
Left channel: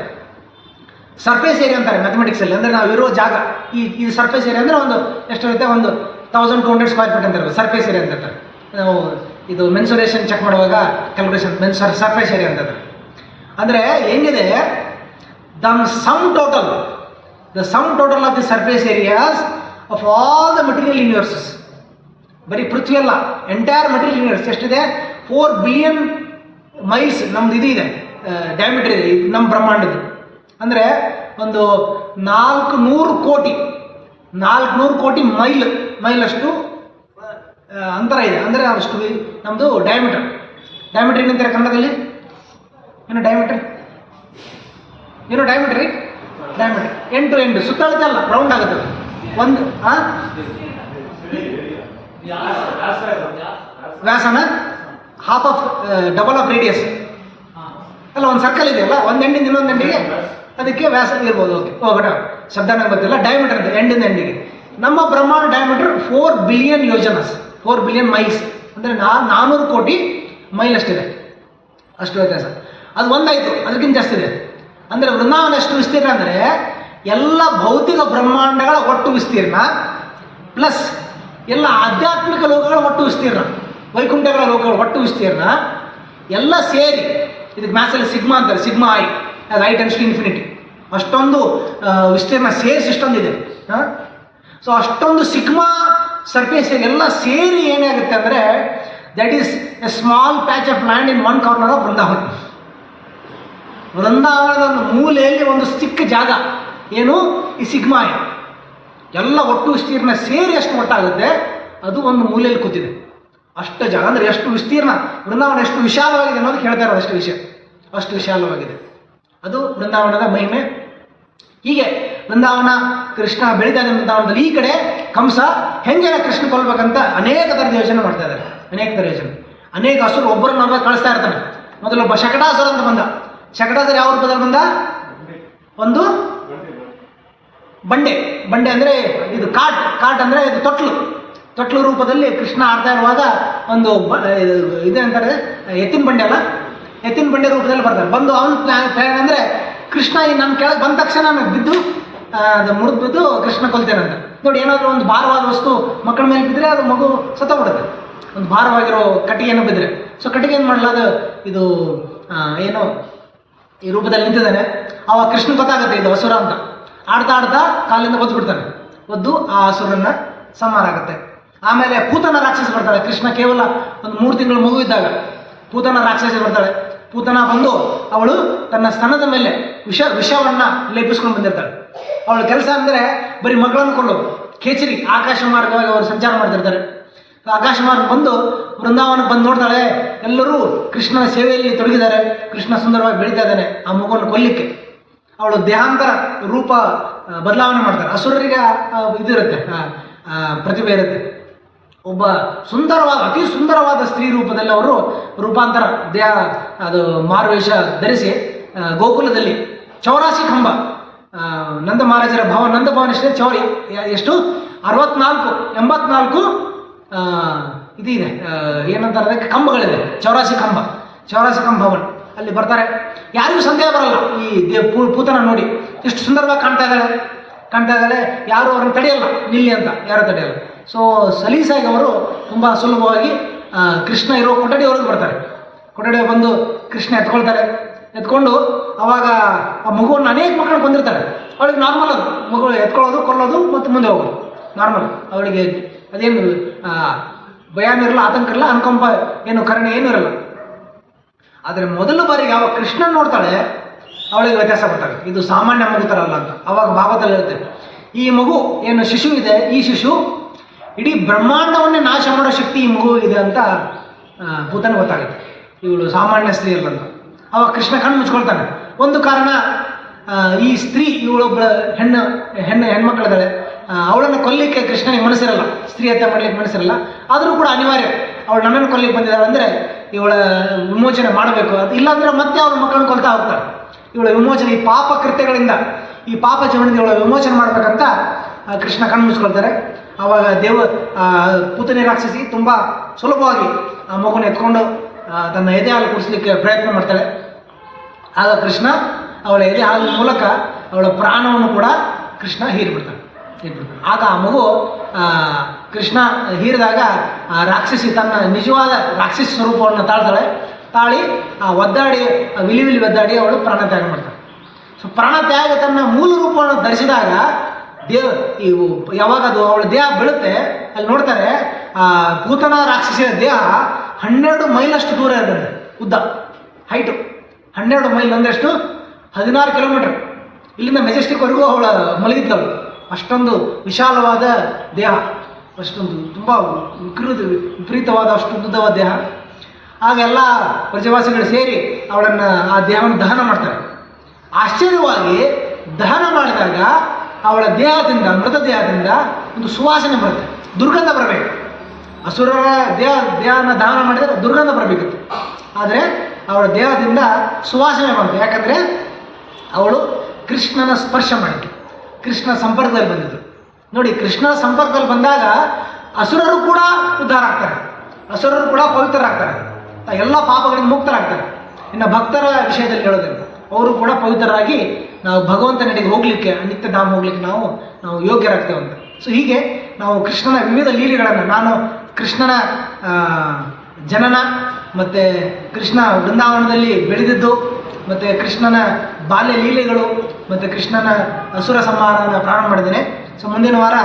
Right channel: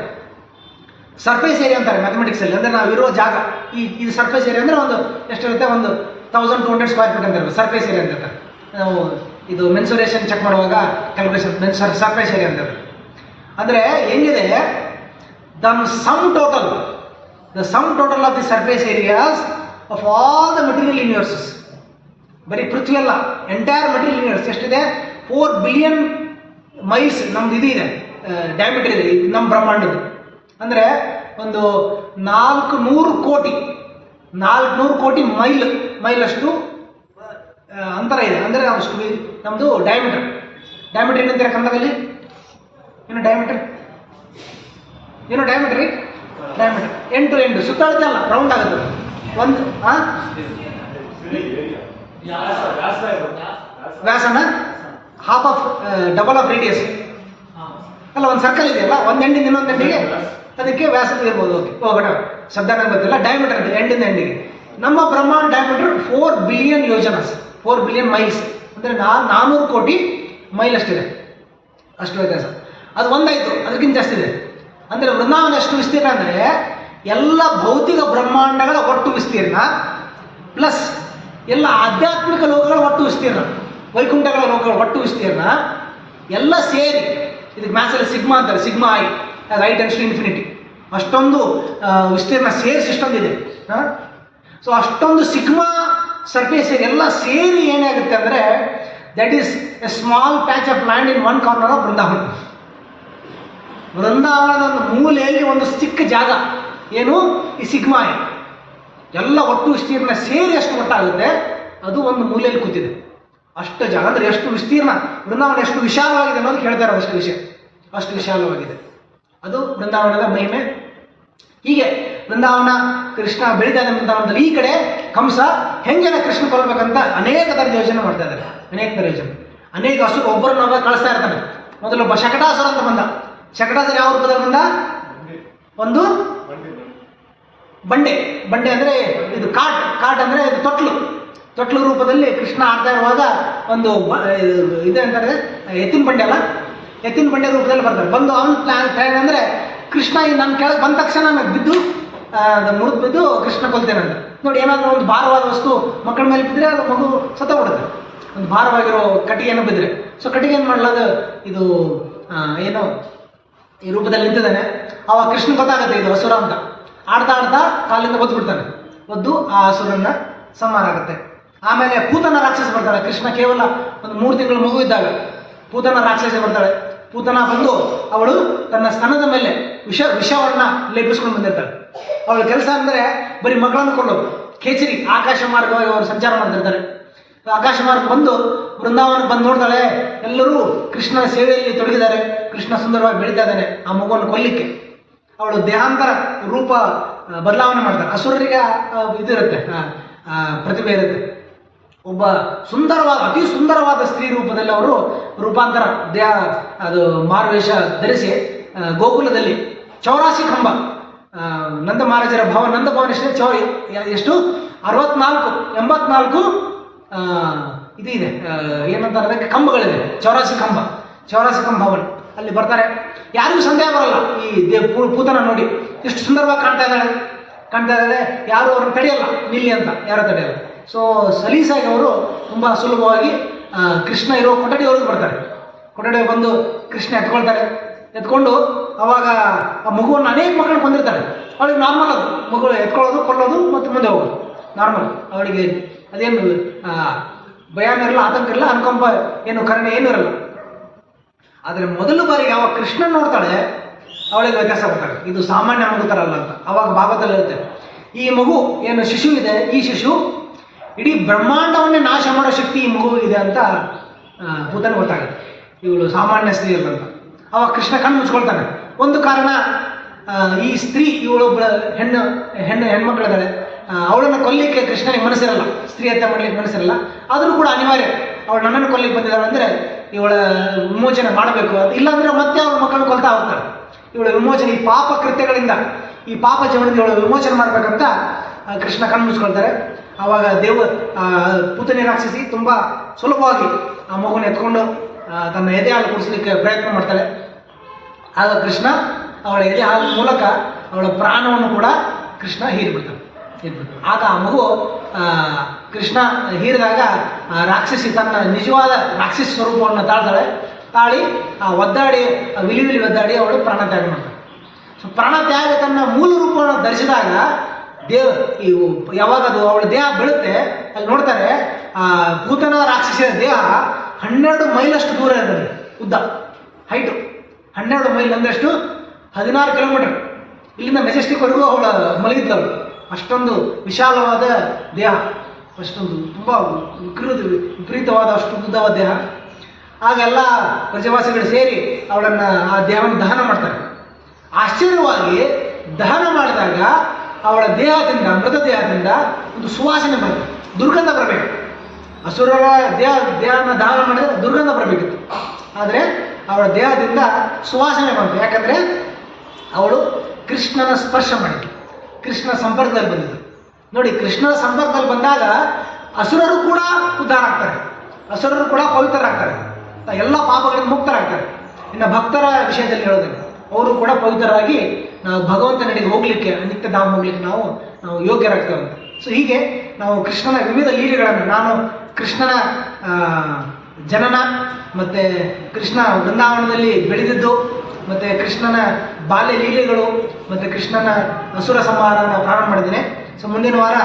ಸರ್ಫೇಸ್ ಏರಿಯಾ ಅಂತಾರೆ ಮ್ಯಾಥಮೆಟಿಕ್ಸಲ್ಲಿ. ಅಂದರೆ ನಾವು ಇರೋ ಜಾಗ, ಇದು ಸರ್ಫೇಸ್ ಏರಿಯಾ ಅಂದರೆ ಒಂದು ಎಷ್ಟಿರುತ್ತೆ, ಒಂದು 1200 ಸ್ಕ್ವೇರ್ ಫೀಟ್ ಅಂತಾರೆ ಸರ್ಫೇಸ್ ಏರಿಯಾ ಅಂತ. ನಾವು ಇದು ಮೆನ್ಸುರೇಷನ್ ಚೆಕ್ ಮಾಡುವಾಗ ಕ್ಯಾಲ್ಕುಲೇಷನ್ ಸರ್ಫೇಸ್ ಏರಿಯಾ ಅಂತ. ಅಂದರೆ ಹೆಂಗಿದೆ, the sum total of the surface areas of all the material universes. ಬರೀ ಪೃಥ್ವಿ ಅಲ್ಲ, ಎಂಟೈರ್ ಮೆಟೀರಿಯಲ್ ಯೂನಿವರ್ಸ್ ಎಷ್ಟಿದೆ? 4 ಬಿಲಿಯನ್ ಮೈಲ್ಸ್ ನಮ್ದು ಇದು ಇದೆ, ಡಯಾಮೀಟರ್ ಇದೆ ನಮ್ಮ ಬ್ರಹ್ಮಾಂಡದ್ದು. ಅಂದರೆ ಒಂದು 400 ಕೋಟಿ ಮೈಲಷ್ಟು ಅಂತರ ಇದೆ. ಅಂದರೆ ಅಷ್ಟು ನಮ್ಮದು ಡಯಾಮೀಟರ್ ಏನಂತಾರೆ ಕನ್ನಡದಲ್ಲಿ? ಡಯಾಮೀಟರ್ ಎಂಡ್ ಟು ಎಂಡ್ ಸುತ್ತಳತೆ ಅಲ್ಲ, ರೌಂಡ್ ಆಗುತ್ತೆ ಒಂದು. ವ್ಯಾಸನ half of double of radius ಅಲ್ಲ, ಒಂದು ಸರ್ಕಲ್ ಇದೆಯಲ್ಲ, ಒಂದು ಎಂಡಿಂದ ಇನ್ನೊಂದು ಎಂಡಿಗೆ, ಅದಕ್ಕೆ ವ್ಯಾಸ ಇರ್ಬೋದು. ಓಕೆ, ಶಬ್ದನ ಗೊತ್ತಿಲ್ಲ. ಡಯಾಮೀಟರ್ ಅದು ಎಂಡಿಂದ ಎಂಡಿಗೆ. ನಮ್ಮ ಬ್ರಹ್ಮಾಂಡ diameter 4 billion yojanas, 4 billion miles. ಅಂದರೆ 400 ಕೋಟಿ ಮೈಲ್ ಅಷ್ಟಿದೆ, ಅಷ್ಟು ವ್ಯತ್ಯಾಸ. ಅದು ಒಂದಾಯಿತು, ಅದಕ್ಕಿಂತ ಜಾಸ್ತಿ ಇದೆ. ಅಂದರೆ ವೃಂದಾವನ ಎಷ್ಟು ವಿಸ್ತೀರ್ಣ ಅಂದರೆ ಎಲ್ಲ ಭೌತಿಕ ಬ್ರಹ್ಮಾಂಡಗಳ ಒಟ್ಟು ವಿಸ್ತೀರ್ಣ ಪ್ಲಸ್ ಎಲ್ಲ ಆಧ್ಯಾತ್ಮಿಕ ಲೋಕಗಳ ಒಟ್ಟು ವಿಸ್ತೀರ್ಣ, ವೈಕುಂಠಗಳ ಲೋಕಗಳ ಒಟ್ಟು ವಿಸ್ತೀರ್ಣ ಎಲ್ಲ ಸೇರಿ, ಇದಕ್ಕೆ ಮ್ಯಾಥ್ಸಲ್ಲಿ ಸಿಗ್ಮಾ ಅಂತಾರೆ, sigma i tends to infinity. ಅಷ್ಟೊಂದು ವಿಸ್ತೀರ್ಣ ಸೇರಿಸಿ ಇಷ್ಟೊಂದಿದೆ. ಸೊ ಅಷ್ಟೊಂದು ಸಿಗ್ಮಾ ಸರ್ಫೇಸ್ ಎಲ್ಲ ಸೇರಿ ಏನಾಗುತ್ತೆ ಅಂದರೆ that is a small patch of land in one corner of ವೃಂದಾವನದ ಒಂದು ಮೂಲೆಯಲ್ಲಿ ಒಂದು ಚಿಕ್ಕ ಜಾಗ, ಏನು ಈ ಸಿಗ್ಮಾ ಐ. ಎಲ್ಲ ಒಟ್ಟು ವಿಸ್ತೀರ್ಣ ಸೇರಿ ಎಷ್ಟು ಒಟ್ಟಾಗುತ್ತೆ, ಅದು ಒಂದು ಮೂಲೆಯಲ್ಲಿ ಕೂತಿದೆ. ಅಷ್ಟು ಜಾಗ ಅಂದರೆ ಎಷ್ಟು ವಿಸ್ತೀರ್ಣ, ವೃಂದಾವನ ಎಷ್ಟು ವಿಶಾಲವಾಗಿದೆ ಅನ್ನೋದಕ್ಕೆ ಹೇಳ್ತಾ ಇರೋದು. ಅಷ್ಟು ವಿಶಾಲವಾಗಿದೆ. ಅದು ವೃಂದಾವನದ ಮಹಿಮೆ. ಹೀಗೆ ವೃಂದಾವನ ಕೃಷ್ಣ ಬೆಳೀತಾ ಇದೆ. ವೃಂದಾವನದಲ್ಲಿ ಈ ಕಡೆ ಕಂಸ ಹೆಂಗೆಲ್ಲ ಕೃಷ್ಣ ಕೊಲ್ಬೇಕಂತ ಅನೇಕ ಥರದ ಯೋಜನೆ ಮಾಡ್ತಾ ಇದ್ದಾರೆ. ಅನೇಕ ಹಸುರು ಒಬ್ಬರನ್ನ ಕಳಿಸ್ತಾ ಇರ್ತಾನೆ. ಮೊದಲೊಬ್ಬ ಶಕಟಾಸುರ ಅಂತ ಬಂದ. ಶಕಟಾಸುರ ಯಾವ ರೂಪದಲ್ಲಿ ಬಂದ? ಒಂದು ಬಂಡೆ ಅಂದರೆ ಇದು ಕಾಟ್ ಅಂದರೆ ಇದು ತೊಟ್ಲು ರೂಪದಲ್ಲಿ ಕೃಷ್ಣ ಆಡ್ತಾ ಇರುವಾಗ ಒಂದು ಇದೆ ಅಂತಾರೆ, ಎತ್ತಿನ ಬಂಡೆ ಅಲ್ಲ, ಎತ್ತಿನ ಬಂಡೆ ರೂಪದಲ್ಲಿ ಬರ್ತಾರೆ. ಬಂದು ಅವನ ಪ್ಲಾನ್ ಅಂದರೆ ಕೃಷ್ಣ ನನ್ನ ಕೆಳಗೆ ಬಂದ ತಕ್ಷಣ ನಾನು ಬಿದ್ದು ಮುರಿದು ಕೃಷ್ಣ ಕೊಲ್ತೇನೆ ಅಂತ. ನೋಡಿ, ಏನಾದರೂ ಒಂದು ಭಾರವಾದ ವಸ್ತು ಮಕ್ಕಳ ಮೇಲೆ ಬಿದ್ದರೆ ಅದು ಮಗು ಸತ್ತೋಗ್ಬಿಡುತ್ತೆ. ಒಂದು ಭಾರವಾಗಿರೋ ಕಟ್ಟಿಗೆಯನ್ನು ಬಿದ್ದರೆ, ಸೊ ಕಟ್ಟಿಗೆ ಏನು ಮಾಡಲ್ಲ, ಅದು ಇದು ಏನು ಈ ರೂಪದಲ್ಲಿ ನಿಂತಿದ್ದಾನೆ. ಅವಾಗ ಕೃಷ್ಣ ಗೊತ್ತಾಗುತ್ತೆ ಇದು ಅಸುರ ಅಂತ. ಆಡ್ತಾ ಆಡ್ತಾ ಕಾಲಿಂದ ಒದ್ದು ಬಿಡ್ತಾನೆ. ಒದ್ದು ಆ ಅಸುರನ್ನ ಸಂಹಾರ ಆಗುತ್ತೆ. ಆಮೇಲೆ ಪೂತನ ರಾಕ್ಷಸ ಬರ್ತಾಳೆ. ಕೃಷ್ಣ ಕೇವಲ ಒಂದು 3 ತಿಂಗಳು ಮಗು ಇದ್ದಾಗ ಪೂತನ ರಾಕ್ಷಸ ಬರ್ತಾಳೆ. ಪೂತನ ಬಂದು ಅವಳು ತನ್ನ ಸ್ತನದ ಮೇಲೆ ವಿಷವನ್ನ ಲೇಪಿಸ್ಕೊಂಡು ಬಂದಿರ್ತಾಳೆ. ಅವಳ ಕೆಲಸ ಅಂದರೆ ಬರೀ ಮಗಳನ್ನು ಕೊಳ್ಳೋದು. ಕೇಚರಿ ಆಕಾಶ ಮಾರ್ಗವಾಗಿ ಅವರು ಸಂಚಾರ ಮಾಡ್ತಿರ್ತಾರೆ. ಆಕಾಶ ಮಾರ್ಗ ಬಂದು ವೃಂದಾವನ ಬಂದು ನೋಡ್ತಾಳೆ, ಎಲ್ಲರೂ ಕೃಷ್ಣನ ಸೇವೆಯಲ್ಲಿ ತೊಡಗಿದ್ದಾರೆ. ಕೃಷ್ಣ ಸುಂದರವಾಗಿ ಬೆಳೀತಾ ಇದ್ದಾನೆ. ಆ ಮಗುವನ್ನು ಕೊಲ್ಲಿಕ್ಕೆ ಅವಳು ದೇಹಾಂತರ ರೂಪ ಬದಲಾವಣೆ ಮಾಡ್ತಾರೆ. ಅಸುರರಿಗೆ ಇದಿರುತ್ತೆ, ಪ್ರತಿಭೆ ಇರುತ್ತೆ. ಒಬ್ಬ ಸುಂದರವಾದ, ಅತಿ ಸುಂದರವಾದ ಸ್ತ್ರೀ ರೂಪದಲ್ಲಿ ಅವರು ರೂಪಾಂತರ ದೇಹ ಅದು ಮಾರುವೇಷ ಧರಿಸಿ ಗೋಕುಲದಲ್ಲಿ 84 ಕಂಬ ನಂದ ಮಹಾರಾಜರ ನಂದ ಭವನ ಎಷ್ಟು 64 84 ಇದು ಇದೆ, ಏನಂತಾರೆ ಅದಕ್ಕೆ, ಕಂಬಗಳಿದೆ. 84 ಕಂಬ, 84 ಕಂಬ ಭವನ ಅಲ್ಲಿ ಬರ್ತಾರೆ. ಯಾರಿಗೂ ಸಂದೇಹ ಬರಲ್ಲ, ಈ ಪೂತನ ನೋಡಿ ಎಷ್ಟು ಸುಂದರವಾಗಿ ಕಾಣ್ತಾ ಇದ್ದಾಳೆ, ಯಾರು ಅವ್ರನ್ನ ತಡೆಯಲ್ಲ, ನಿಲ್ಲಿ ಅಂತ ಯಾರು ತಡೆಯಲ್ಲ. ಸೊ ಸಲೀಸಾಗಿ ಅವರು ತುಂಬ ಸುಲಭವಾಗಿ ಕೃಷ್ಣ ಇರೋ ಕೊಠಡಿಯವ್ರಿಗೆ ಬರ್ತಾರೆ. ಕೊಠಡಿಯವ್ರು ಬಂದು ಕೃಷ್ಣ ಎತ್ಕೊಂಡು ಅವಾಗ ಆ ಮಗುವನ್ನು ಅನೇಕ ಮಕ್ಕಳು ಬಂದಿರ್ತಾರೆ. ಅವಳಿಗೆ ನಾರ್ಮಲ್ ಅದು, ಮಗು ಎತ್ಕೊಳ್ಳೋದು, ಕೊಲ್ಲೋದು ಮತ್ತು ಮುಂದೆ ಹೋಗೋದು ನಾರ್ಮಲ್. ಅವಳಿಗೆ ಅದೇನು ಭಯನೂ ಇರಲ್ಲ, ಆತಂಕ ಇರಲ್ಲ, ಅನುಕಂಪ ಏನು ಕರುಣೆ ಏನೂ ಇರಲ್ಲ. ಆದರೆ ಮೊದಲ ಬಾರಿಗೆ ಯಾವ ಕೃಷ್ಣ ನೋಡ್ತಾಳೆ ಅವಳಿಗೆ ವ್ಯತ್ಯಾಸ ಬರ್ತಾರೆ, ಇದು ಸಾಮಾನ್ಯ ಮಗು ಥರ ಅಲ್ಲ ಅಂತ. ಅವಾಗ ಭಾಗವತಲ್ಲಿ ಇರುತ್ತೆ, ಈ ಮಗು ಏನು ಶಿಶು ಇದೆ, ಈ ಶಿಶು ಇಡೀ ಬ್ರಹ್ಮಾಂಡವನ್ನೇ ನಾಶ ಮಾಡೋ ಶಕ್ತಿ ಈ ಮಗು ಇದೆ ಅಂತ ಪೂತನಿಗೆ ಗೊತ್ತಾಗುತ್ತೆ. ಇವಳು ಸಾಮಾನ್ಯ ಸ್ತ್ರೀ ಅಲ್ಲ ಅಂತ. ಅವಾಗ ಕೃಷ್ಣ ಕಣ್ಣು ಮುಚ್ಕೊಳ್ತಾನೆ. ಒಂದು ಕಾರಣ, ಈ ಸ್ತ್ರೀ ಇವಳೊಬ್ಬ ಹೆಣ್ಮಕ್ಳಿದ್ದಾಳೆ, ಅವಳನ್ನು ಕೊಲ್ಲಿಕ್ಕೆ ಕೃಷ್ಣನಿಗೆ ಮನಸ್ಸಿರಲ್ಲ, ಸ್ತ್ರೀ ಹತ್ಯೆ ಮಾಡಲಿಕ್ಕೆ ಮನಸ್ಸಿರಲ್ಲ. ಆದರೂ ಕೂಡ ಅನಿವಾರ್ಯ, ಅವಳು ನನ್ನನ್ನು ಕೊಲ್ಲಿಕ್ಕೆ ಬಂದಿದ್ದಾಳೆ ಅಂದರೆ ಇವಳ ವಿಮೋಚನೆ ಮಾಡಬೇಕು ಅಂತ. ಇಲ್ಲಾಂದರೆ ಮತ್ತೆ ಅವಳ ಮಕ್ಕಳನ್ನು ಕೊಲ್ತಾ ಹೋಗ್ತಾಳೆ. ಇವಳ ವಿಮೋಚನೆ, ಈ ಪಾಪ ಕೃತ್ಯಗಳಿಂದ, ಈ ಪಾಪ ಜೀವನದಿಂದ ಇವಳ ವಿಮೋಚನೆ ಮಾಡಬೇಕಂತ ಕೃಷ್ಣ ಕಣ್ಣು ಮುಚ್ಕೊಳ್ತಾರೆ. ಆವಾಗ ಪೂತನಿ ರಾಕ್ಷಸಿ ತುಂಬ ಸುಲಭವಾಗಿ ಆ ಮಗುನ ಎತ್ಕೊಂಡು ತನ್ನ ಎದೆ ಹಾಲು ಕುಡಿಸ್ಲಿಕ್ಕೆ ಪ್ರಯತ್ನ ಮಾಡ್ತಾಳೆ. ಆಗ ಕೃಷ್ಣ ಅವಳ ಎದೆ ಹಾಲಿನ ಮೂಲಕ ಅವಳ ಪ್ರಾಣವನ್ನು ಕೂಡ ಕೃಷ್ಣ ಹೀರಿಬಿಡ್ತಾನೆ. ಆಗ ಆ ಮಗು ಕೃಷ್ಣ ಹೀರಿದಾಗ ಆ ರಾಕ್ಷಸಿ ತನ್ನ ನಿಜವಾದ ರಾಕ್ಷಸಿ ಸ್ವರೂಪವನ್ನು ತಾಳಿ ಒದ್ದಾಡಿ ವಿಲಿ ಒದ್ದಾಡಿ ಅವಳು ಪ್ರಾಣತ್ಯಾಗ ಮಾಡ್ತಾಳೆ. ಸೊ ಪ್ರಾಣತ್ಯಾಗ ತನ್ನ ಮೂಲ ರೂಪವನ್ನು ಧರಿಸಿದಾಗ ಯಾವಾಗ ಅದು ಅವಳ ದೇಹ ಬೀಳುತ್ತೆ, ಅಲ್ಲಿ ನೋಡ್ತಾರೆ ಪೂತನ ರಾಕ್ಷಸಿಯ ದೇಹ 12 ಮೈಲಷ್ಟು ದೂರ ಇರ್ತದೆ, ಉದ್ದ ಹೈಟು 12 ಮೈಲ್ ಅಂದಷ್ಟು 16 ಕಿಲೋಮೀಟರ್. ಇಲ್ಲಿಂದ ಮೆಜೆಸ್ಟಿಕ್ವರೆಗೂ ಅವಳ ಮಲಗಿದ್ದವಳು. ಅಷ್ಟೊಂದು ವಿಶಾಲವಾದ ದೇಹ, ಅಷ್ಟೊಂದು ತುಂಬ ವಿಪರೀತವಾದ ಅಷ್ಟು ಉದ್ದವಾದ ದೇಹ. ಆಗೆಲ್ಲ ಪ್ರಜಾವಾಸಿಗಳು ಸೇರಿ ಅವಳನ್ನು ಆ ದೇಹವನ್ನು ದಹನ ಮಾಡ್ತಾರೆ. ಆಶ್ಚರ್ಯವಾಗಿ ದಹನ ಮಾಡಿದಾಗ ಅವಳ ದೇಹದಿಂದ, ಮೃತ ದೇಹದಿಂದ ಒಂದು ಸುವಾಸನೆ ಬರುತ್ತೆ, ದುರ್ಗಂಧ ಬರಬೇಕು. ಅಸುರರ ದೇಹನ ದಹನ ಮಾಡಿದರೆ ದುರ್ಗಂಧ ಬರಬೇಕಿತ್ತು, ಆದರೆ ಅವಳ ದೇಹದಿಂದ ಸುವಾಸನೆ ಬಂತು. ಯಾಕಂದರೆ ಅವಳು ಕೃಷ್ಣನ ಸ್ಪರ್ಶ ಮಾಡಿದ್ಳು, ಕೃಷ್ಣ ಸಂಪರ್ಕದಲ್ಲಿ ಬಂದಿದ್ದು. ನೋಡಿ, ಕೃಷ್ಣನ ಸಂಪರ್ಕದಲ್ಲಿ ಬಂದಾಗ ಅಸುರರು ಕೂಡ ಉದ್ಧಾರ ಆಗ್ತಾರೆ, ಅಸುರರು ಕೂಡ ಪವಿತ್ರರಾಗ್ತಾರೆ, ಎಲ್ಲ ಪಾಪಗಳಿಂದ ಮುಕ್ತರಾಗ್ತಾರೆ. ಇನ್ನು ಭಕ್ತರ ವಿಷಯದಲ್ಲಿ ಹೇಳೋದನ್ನು, ಅವರು ಕೂಡ ಪವಿತ್ರರಾಗಿ ನಾವು ಭಗವಂತನಿಗೆ ಹೋಗಲಿಕ್ಕೆ, ನಿತ್ಯ ಧಾಮ ಹೋಗ್ಲಿಕ್ಕೆ ನಾವು ಯೋಗ್ಯರಾಗ್ತೇವೆ ಅಂತ. ಸೊ ಹೀಗೆ ನಾವು ಕೃಷ್ಣನ ವಿವಿಧ ಲೀಲೆಗಳನ್ನು, ನಾನು ಕೃಷ್ಣನ ಜನನ ಮತ್ತು ಕೃಷ್ಣ ವೃಂದಾವನದಲ್ಲಿ ಬೆಳೆದಿದ್ದು, ಮತ್ತು ಕೃಷ್ಣನ ಬಾಲ್ಯ ಲೀಲೆಗಳು, ಮತ್ತು ಕೃಷ್ಣನ ಅಸುರ ಸಂಹಾರನ ಪ್ರಾರಂಭ ಮಾಡಿದ್ದೇನೆ. ಸೊ ಮುಂದಿನ ವಾರ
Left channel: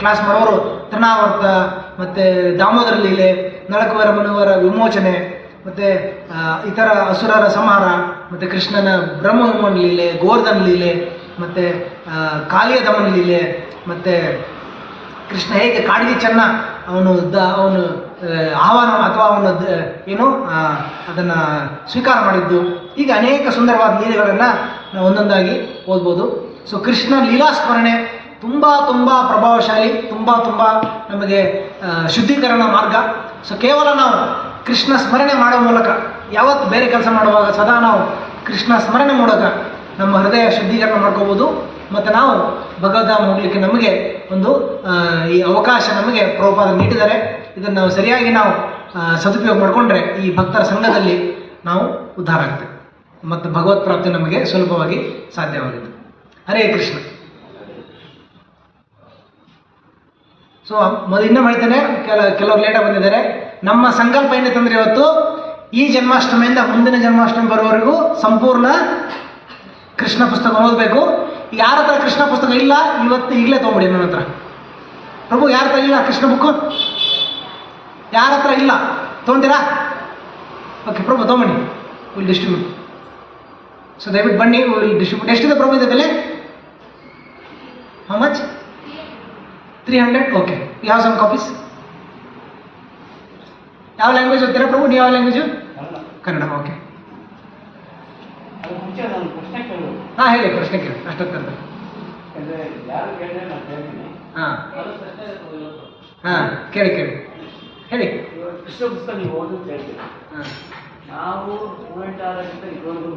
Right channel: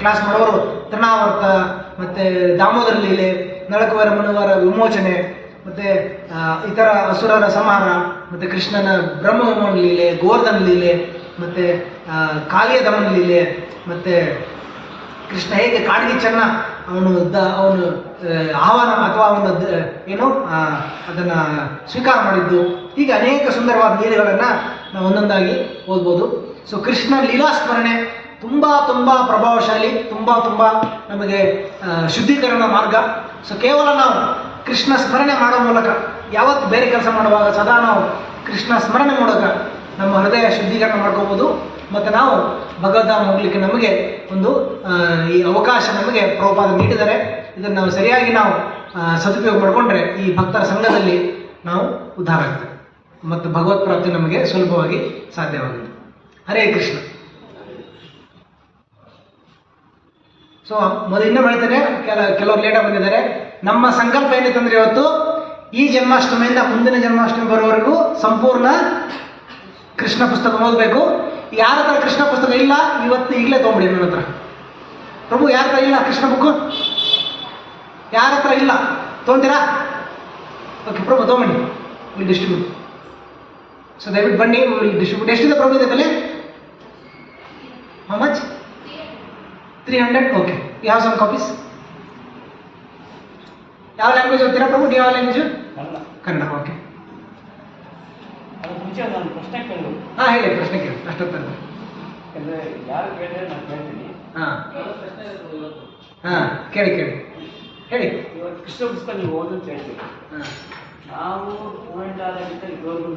ಕ್ಲಾಸ್ ಮಾಡೋರು ತೃಣಾವರ್ತ, ಮತ್ತು ದಾಮೋದರ ಲೀಲೆ, ನಳಕುವರ ಮನುವರ ವಿಮೋಚನೆ, ಮತ್ತು ಇತರ ಅಸುರರ ಸಂಹಾರ, ಮತ್ತು ಕೃಷ್ಣನ ಬ್ರಹ್ಮವಿಮೋಚನ ಲೀಲೆ, ಗೋವರ್ಧನ ಲೀಲೆ, ಮತ್ತು ಕಾಳಿಯ ದಮನ ಲೀಲೆ, ಮತ್ತು ಕೃಷ್ಣ ಹೇಗೆ ಕಾಡಿಗೆ ಚೆನ್ನ ಅವನು ಆಹ್ವಾನ ಅಥವಾ ಅವನು ಏನು ಅದನ್ನು ಸ್ವೀಕಾರ ಮಾಡಿದ್ದು, ಹೀಗೆ ಅನೇಕ ಸುಂದರವಾದ ಲೀಲೆಗಳನ್ನು ನಾವು ಒಂದೊಂದಾಗಿ ಓದ್ಬೋದು. ಸೊ ಕೃಷ್ಣ ಲೀಲಾಸ್ಮರಣೆ ತುಂಬ ಪ್ರಭಾವಶಾಲಿ, ತುಂಬ ನಮಗೆ ಶುದ್ಧೀಕರಣ ಮಾರ್ಗ. ಸೊ ಕೇವಲ ನಾವು ಕೃಷ್ಣ ಸ್ಮರಣೆ ಮಾಡುವ ಮೂಲಕ, ಯಾವತ್ತು ಬೇರೆ ಕೆಲಸ ಮಾಡುವಾಗ ಸದಾ ನಾವು ಕೃಷ್ಣ ಸ್ಮರಣೆ ಮೂಲಕ ನಮ್ಮ ಹೃದಯ ಶುದ್ಧೀಕರಣ ಮಾಡ್ಕೋಬೋದು. ಮತ್ತು ನಾವು ಭಗವದ್ಧಾಮ ಹೋಗಲಿಕ್ಕೆ ನಮಗೆ ಒಂದು ಈ ಅವಕಾಶ ನಮಗೆ ಪ್ರಭುಪಾದ ನೀಡಿದ್ದಾರೆ. ಇದನ್ನು ಸರಿಯಾಗಿ ನಾವು ಸದುಪಯೋಗ ಮಾಡಿಕೊಂಡ್ರೆ ಈ ಭಕ್ತರ ಸಂಘದಲ್ಲಿ ನಾವು ಉದ್ಧಾರ ಆಗ್ತೇವೆ ಮತ್ತು ಭಗವತ್ ಪ್ರಾಪ್ತಿ ನಮಗೆ ಸುಲಭವಾಗಿ ಸಾಧ್ಯವಾಗಿದೆ. ಹರೇ ಕೃಷ್ಣ. ಸೊ ಇನ್ನೂ ಹೇಳ್ತೇನೆ, ಕೆಲವರು ಲೇಟಾಗಿ ಬಂದಿದ್ದಾರೆ. ನಮ್ಮ ಸಂಕಲ್ಪ ಏನಿತ್ತಂದ್ರೆ ಇವತ್ತು ಈ ಜನ್ಮಾಷ್ಟಮಿಯಿಂದ ಮುಂದಿನ ಜನ್ಮಾಷ್ಟಮಿ ಬರೋವರೆಗೂ ಸಂಪೂರ್ಣ ಕೃಷ್ಣ ಪುಸ್ತಕ ಓದಬೇಕು. ಯಾರ ಹತ್ರ ಕೃಷ್ಣ ಪುಸ್ತಕ ಇಲ್ಲ ಇವತ್ತು ಈಗಲೇ ತೊಗೊಂಬಿಡಿ ನನ್ನ ಹತ್ರ. ಪ್ರಭು ಯಾರ ಹತ್ರ ಇಲ್ಲ ಕೃಷ್ಣ ಬುಕ್ಕು? ಯಾರ ಹತ್ರ ಇಲ್ಲ ತೊಗೊಂತೀರಾ? ಓಕೆ ಪ್ರಭು ತೊಗೊಂಬನ್ನಿ, ವಿಲ್ ಡಿಸ್ಟ್ರಿಬ್ಯೂಟ್. ಸೊ ದಯವಿಟ್ಟು ಬನ್ನಿ, ವಿಲ್ ಡಿಸ್ಟ್ರಿಬ್ಯೂಟ್. ಎಷ್ಟಿದೆ ಪ್ರಭು ಇದೆ ಬೆಲೆ? How much? 300. Okay, you have some copies. ಯಾವ ಲ್ಯಾಂಗ್ವೇಜ್ ಓದ್ತೀರಾ ಪ್ರಭು? ನೀವು ಯಾವ ಲ್ಯಾಂಗ್ವೇಜು? ಕನ್ನಡ. ಓಕೆ, ಹಾಂ ಹೇಳಿ, ಪ್ರಶ್ನೆ ಕೇಳಿ. ಅಷ್ಟೊತ್ತಂತ ಹಾಂ ಹಾಂ ಕೇಳಿ ಹೇಳಿ. ಕೃಷ್ಣ ಪುಸ್ತಕ ನೀವು ಓದೋದು ಹೇಳ್ತೀವಿ. ನಾವು ಸ್ಟೂಡೆಂಟ್ ಆದಾಗಿಂತ ಇದುವರೆಗೂ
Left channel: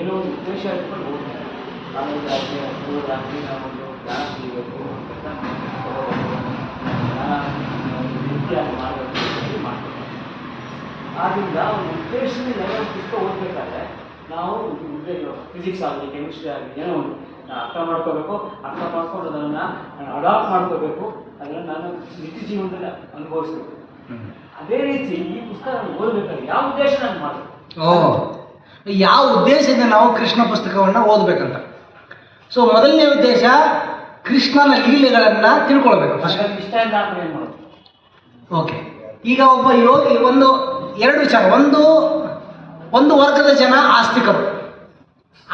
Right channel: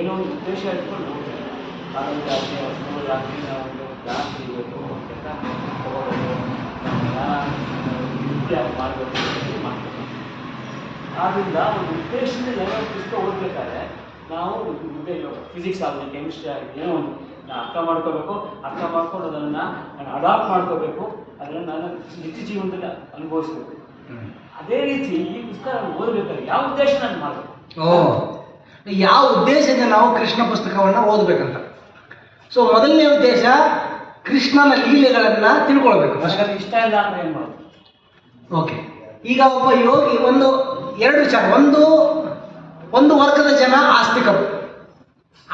ಏನೋ ಒಂದು ಉದ್ದೇಶ ಇಟ್ಕೊಂಡು ಹೋಗ್ತಾರೆ. ಜಾಸ್ತಿ ಆದ್ದರಿಂದ ಒಂದು ಉದ್ದೇಶದಿಂದ ಏನೋ ಪುಸ್ತಕ ಓದಬೇಕಾದ್ರೆ ನಾವು ಫಿಸಿಕ್ಸ್ ಆಗಲಿ, ಕೆಮಿಸ್ಟ್ರಿ ಆಗಲಿ, ಏನೋ ಒಂದು ಅರ್ಥ ಮಾಡ್ಕೋಬೇಕು. ಅರ್ಥ ಮಾಡ್ಕೊಂಡು ಅದನ್ನು ನಾನು ಅಡಾಪ್ಟ್ ಮಾಡ್ಕೋಬೇಕು. ಅದನ್ನು ನಾನು ನಿತ್ಯ ಜೀವನದಲ್ಲಿ ಅನುಭವಿಸ್ಬೇಕು. ಅದೇ ರೀತಿ ಈ ಪುಸ್ತಕ ಓದಬೇಕಾದ್ರೆ ಯಾವ ಉದ್ದೇಶ ನಾನು ಮಾಡಬೇಕು? ಯಾವ ಉದ್ದೇಶದಿಂದ ನಾವು ಕೃಷ್ಣ ಪುಸ್ತಕವನ್ನು ಓದಬೇಕಂತ. ಸೊ ಮೊದಲನೇ ಉದ್ದೇಶ ಕೃಷ್ಣನ ಲೀಲೆಗಳನ್ನು ತಿಳ್ಕೊಳ್ಬೇಕು. ಇಷ್ಟ ಇಲ್ಲ ಅಂದ್ರೆ ಏನು ಮಾಡೋದು? ಓಕೆ, ಈಗ ಒಬ್ಬ ಯೋಗಿ ಎರಡು ವಿಚಾರ. ಒಂದು ವರ್ಗದ ಜನ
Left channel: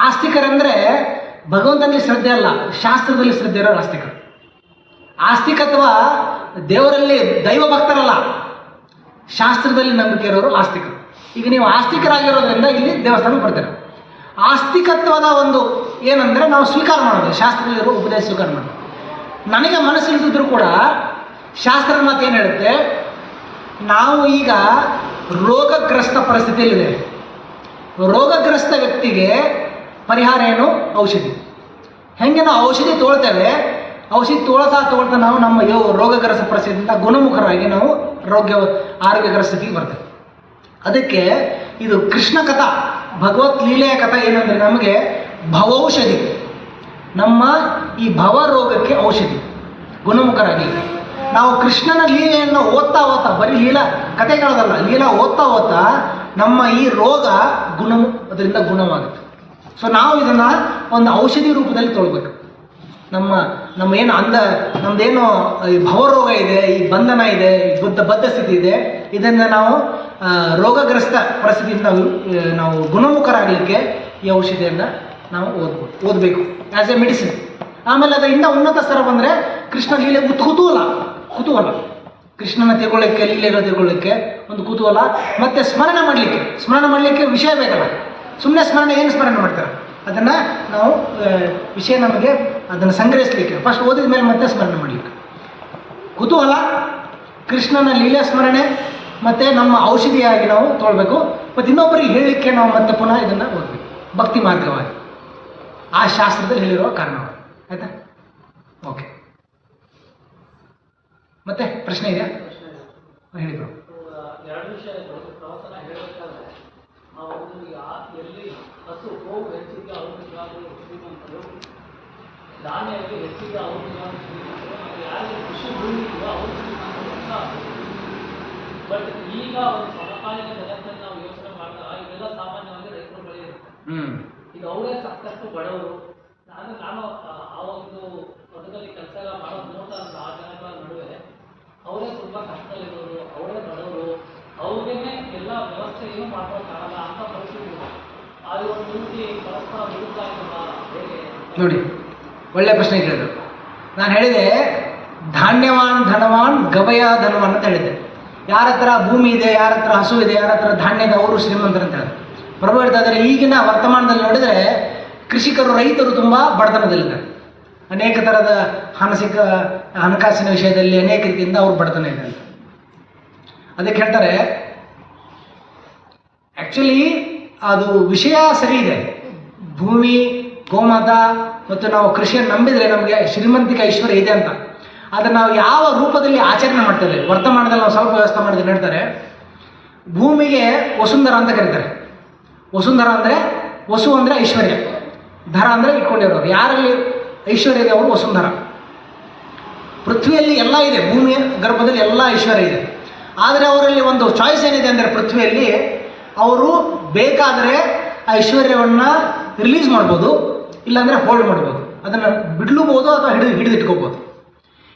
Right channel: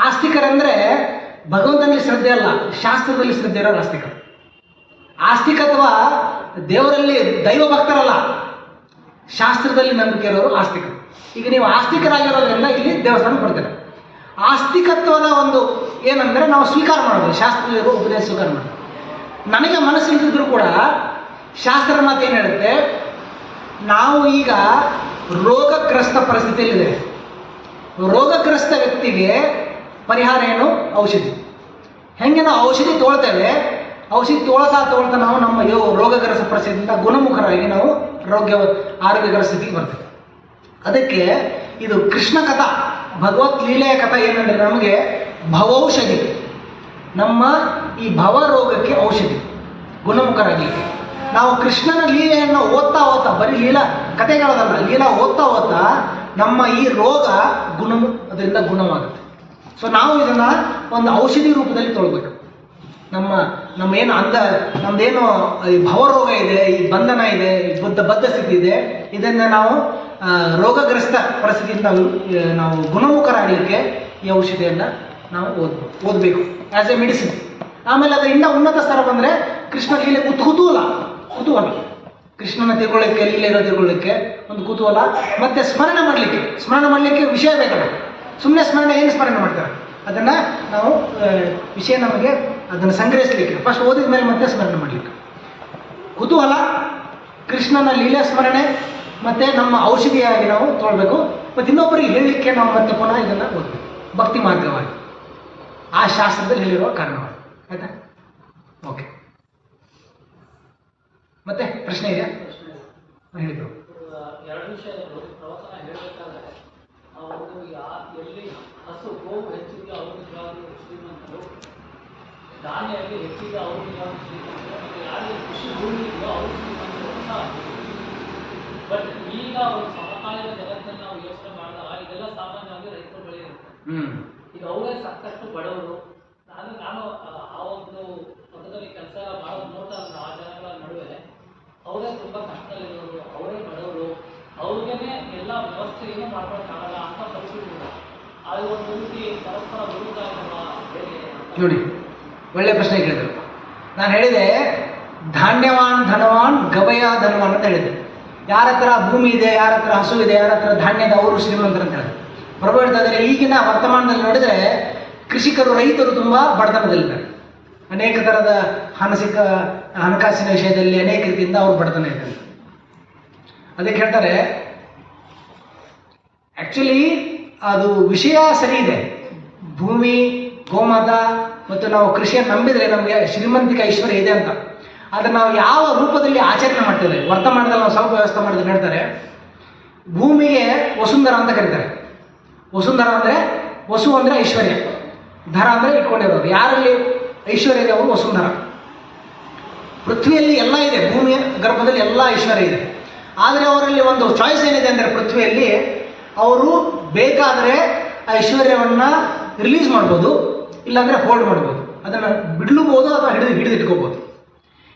ಆಸ್ತಿಕರಂದ್ರೆ ಭಗವಂತನಲ್ಲಿ ಶ್ರದ್ಧೆ ಅಲ್ಲ, ಶಾಸ್ತ್ರದಲ್ಲಿ ಶ್ರದ್ಧೆ ಇರೋರು ಆಸ್ತಿಕರು. ಆಸ್ತಿಕತ್ವ ದೇವರಲ್ಲಿ ದೈವ ಭಕ್ತರಲ್ಲ, ಶಾಸ್ತ್ರದಲ್ಲಿ ನಂಬಿಕೆ ಇರೋರು ಆಸ್ತಿಕರು. ಈಗ ನೀವು ಆಸ್ತಿಕರಾಗಿರೋದ್ರಿಂದ ಇಲ್ಲಿ ದೇವಸ್ಥಾನಕ್ಕೆ ಬರ್ತಾರೆ. ಆಸ್ತಿಕತ್ವದ ಒಂದು ಏನಂದರೆ ನಾವು ಸ್ವೀಕಾರ ಮಾಡೋದು, ಶಾಸ್ತ್ರದಲ್ಲಿರೋ ಉಪದೇಶ ಸ್ವೀಕಾರ ಮಾಡೋದು. ನನಗೆ ಮನಸ್ಸಿಲ್ದಿದ್ರು ಕೂಡ ಶಾಸ್ತ್ರದ ಮಾತು ಏನು ಹೇಳುತ್ತೆ, ನಾವು ಈಗ ರೋಗಗ್ರಸ್ತ ಪರಿಸ್ಥಿತಿಯಲ್ಲಿದೆ. ರೋಗಗ್ರಸ್ತ ವ್ಯಕ್ತಿಗೆ ಪರಿಹಾರ ಏನು? ಔಷಧಿ. ಹೆಂಗೆ ನಾವು ಔಷಧಿ ತೊಗೊಳ್ತೇವೆ, ಔಷಧಿ ತೊಗೊಳ್ತಾ ನಾವು ನಮ್ಮ ರೋಗಗ್ರಸ್ತ ಪರಿಸ್ಥಿತಿಯಿಂದ ಗುಣಮುಖರಾಗಿ ನಾವು ಆರೋಗ್ಯಕರ ಸ್ಥಿತಿಗೆ ಬರ್ತೇವೆ. ಅದಕ್ಕೆ ಇದು ಕೃಷ್ಣ ಕಥಾ, ಭಗವತ್ ಲೀಲೆಯ ಕಥಾ ಏನಂದರೆ ನಮಗೆ ಭವೌಷಧಿ. ನಮ್ಮ ಈ ಭವ ರೋಗಕ್ಕೆ ಔಷಧಿ, ಗುಣಮುಖರಾಗಲಿಕ್ಕೆ. ನಾವು ಕೃಷ್ಣನ ಲೀಲೆಯನ್ನು ಓದ್ತಾ ಬರೀ ಲೀಲಾ ಕಥೆಗಳದಲ್ಲ, ಲೀಲಾ ಓದ್ತಾ ನಮ್ಮ ಈ ರೋಗ ಅದರಿಂದ ಗುಣವಾಗುತ್ತೆ. ಸೊ ನಾವು ಇದನ್ನು ಒಂದು ಔಷಧಿ ರೂಪದಲ್ಲಿ ತೊಗೊಳ್ಬೇಕು. ನಮ್ಮ ನಮ್ಮದೇನು ಈ ಭವರೋಗ ಇದೆ, ಈ ಬಂಧನ ಇದೆ, ಈ ಬದ್ಧ ಸ್ಥಿತಿ ಇದೆ, ಇದನ್ನು ನಾವು ರೋಗಗ್ರಸ್ತ ಪರಿಸ್ಥಿತಿಯಿಂದ ನಾವು ಗುಣಮುಖರಾಗಲಿಕ್ಕೆ ಈ ಔಷಧಿಯನ್ನು ನಾವು ಓದಬೇಕು ಆ್ಯಸ್ ಎ ಮೆಡಿಸಿನ್. ಆಮೇಲೆ ಅದು ಇನ್ನೂ ಉನ್ನತ ಸ್ತರ ಬಂದರೆ ಕೃಷ್ಣ ಲೀಲೆ ಕುತೂಹಲ, ಕೃಷ್ಣನ ತಿಳ್ಕೊಳ್ಳಿಕ್ಕೆ, ಲೀಲೆಗಳು ತಿಳ್ಕೊಳ್ಳಿಕ್ಕೆ ಒಂದು ಕುತೂಹಲ, ಮತ್ತು ಸ್ಮರಣೆ ಮಾಡಲಿಕ್ಕೆ ವಿಷಯ ಬೇಕಲ್ಲ. ಸುಮ್ಮನೆ ಏನು ಸ್ಮರಣೆ ಮಾಡ್ತಾರೆ, ಅದನ್ನು ನಾವು ವಿಷಯ ನಮಗೆ ಅದನ್ನು ಸಂಗ್ರಹಿಸಲಿಕ್ಕೆ ಫಸ್ಟ್ ಓದಿದ ಮೇಲೆ ಮತ್ತೆ ಸ್ಮರಣೆ ಮಾಡಲಿಕ್ಕೆ ಕುತೂಹಲ, ಕೃಷ್ಣನ ಲೀಲೆ ಸ್ಮರಣೆ, ಮತ್ತು ನಮ್ಮ ಔಷಧಿಯಾಗಿ ನಾವು ತೊಗೊಳ್ಬೇಕು. ಮತ್ತು ಇನ್ನೊಬ್ಬರಿಗೆ ಹೇಳಲಿಕ್ಕೆ ನಾವು ಮತ್ತೆ ಪುನಃ ಇದನ್ನು ಓದಬೇಕು ಭಕ್ತಿ ಮಾರ್ಗವಾಗಿ, ಆ ಶಾಸ್ತ್ರದಲ್ಲಿ ಹೇಳಿರುವ ಕಾರಣವಾಗಿ. ಆಯಿತಾ? ಓಕೆ, ಮತ್ತೆ ಪ್ರಶ್ನೆ ಇದೆಯಾ? ಹೇಳಿದ್ರು ಎರಡು ವಿಷಯ ಪ್ರವಚನ ಹೇಳಬೇಕಾದ್ರೆ ಎಲ್ಲಿ ಹಸು ಗೋವು ಹೆಚ್ಚಿಗೆ ಔಷಧಿಯಾಗಿ ಶ್ರೀಮಂತರು, ಧಾನ್ಯಕ್ಕೆ ಹೆಚ್ಚಿಗೆ ಔಷಧಿಯಾಗಿ ಶ್ರೀಮಂತರು, ಯಾರಿಗೆ ಕೃಷಿ ಭೂಮಿ ಇದೆಯೋ ಅವರು ಶ್ರೀಮಂತರು. ಬಟ್ ಈಗ ಒಂದು ಸಮಕಾಲೀನ ಜಗತ್ತನ್ನು ನಾವು ಯೋಚನೆ ಮಾಡಿದಾಗ ಇದೆಲ್ಲ ಸಾಮಾನ್ಯವಾಗಿ ರೈತರ ಬಳಿ ಇರುತ್ತೆ. ಈಗ ಅವರೇ ಸಾಕಷ್ಟು ಬಡವರು. ನಾನು ಆ ಒಂದು ಪದದಲ್ಲಿ ಕೆಲಸ ಮಾಡೋದು ನೋಡ್ತಾ ಆ ಜನಗಳ ನಡುವೆ ಅವರೇ ತುಂಬ ಕಷ್ಟದಲ್ಲಿರೋರು, ಅವರೇ ಬಡವರು, ಅವ್ರಿಗೇನೆ ಎಲ್ಲ ವ್ಯವಸ್ಥೆ ಏನು ಮಾಡ್ಕೊಳಕ್ಕಾಗಲ್ಲ ಅಂತ ಪರಿಸ್ಥಿತಿ ಇದೆ. ಅದು ಒಂದು ರೀತಿ ಪರಸ್ಪರ ವಿರುದ್ಧ ಹೇಗೆ ನೋಡಿ, ಒಳ್ಳೆ ಪ್ರಶ್ನೆ ಕೇಳಿದ್ರು. ನಾನು ಹೇಳಿದೆ ಧಾನ್ಯವಾನ್ ಧನವಾನ್ ಗವಯ ಧನವಾನ್ ಅಂತ ಹೇಳಿದ್ದೆ. ಯಾರ ಹತ್ರ ಭೂಮಿ ಇದೆ, ಯಾರ ಹತ್ರ ಹಸು ಇದೆ, ಯಾರ ಹತ್ರ ಧಾನ್ಯದ ಅವರು ಶ್ರೀಮಂತರು ಅಂತ ಹೇಳಿದ್ರು. ಪ್ರಭು ಹೇಳ್ತಾ ಇದ್ದಾರೆ, ಈಗಿನ ವರ್ತಮಾನದಲ್ಲಿ ನೋಡಿದರೆ ರೈತರು ತುಂಬ ಬಡತನದಲ್ಲಿದ್ದಾರೆ. ಅನೇಕ ಥರದ ಹಣಕಾಸಿನ ವಿಷಯದಲ್ಲಿ ಅನೇಕ ರೀತಿಯಿಂದ ಅವರು ಬಡತನ ಇದ್ದಾರೆ. ಅದಕ್ಕೆ ಹೇಳ್ತಾರೆ ಆ್ಯಕ್ಚುಲಿ ಅದು ವಿಷಯ ಸರಿ ಇದೆ, ಭೂಮಿ, ಗೋಮಾತ ಮತ್ತು ನಾವು ಕೃಷಿಯನ್ನು ನಂಬಿದರೆ ನಮಗೆ ಶ್ರೀಮಂತಿಕ ಐಶ್ವರ್ಯ ಇದೆ ಅಂತ. ಆದರೆ ನಾವು ಯಾವ ರೂಪದಲ್ಲಿ ಆಚರಣೆ ಮಾಡ್ತೇವೆ, ವರ್ತಮಾನದಲ್ಲಿ ನಾವು ಸ್ವಲ್ಪ ವ್ಯವಸ್ಥೆ ಮಾಡಿದ್ರೆ ಹೇಳ್ತಾರೆ, ಭೂಮಿಗೆ ವಸುಂಧರ ಅಂತ ಕರೀತಾರೆ. ವಸುಂಧರ ಅಂದರೆ ವಸು ಅಂದರೆ ಐಶ್ವರ್ಯ, ಧರ ಅಂದರೆ ಇಟ್ಕೊಂಡಿರೋದು. ಯಾರಲ್ಲಿ ಐಶ್ವರ್ಯ ಇದೆ ಅವರು ವಸುಂಧರ. ಪೃಥ್ವಿಯಲ್ಲಿ ಎಲ್ಲ ಇದೆ, ಭೂಮಿಯ ಗರ್ಭದಲ್ಲಿ ಎಲ್ಲ ಐಶ್ವರ್ಯ ಇದೆ. ಆದರೆ ಅವರಲ್ಲಿ ಒಂದು ಚಾಯ್ಸ್ ಏನಿದೆ ಅಂದರೆ ಪೃಥ್ವಿಯಲ್ಲಿ ಅವರು ಬೇಕಾದರೆ ಐಶ್ವರ್ಯವನ್ನು ರಿಲೀಸ್ ಮಾಡ್ಬೋದು, ಇಲ್ಲಾಂದರೆ ಹೋಲ್ಡ್ ಮಾಡ್ಬೋದು, ಅದನ್ನು ಬಿಡ್ಲೂಬೋದು ಅಥವಾ ಹಿಡಿದಿಟ್ಕೋಬೋದು.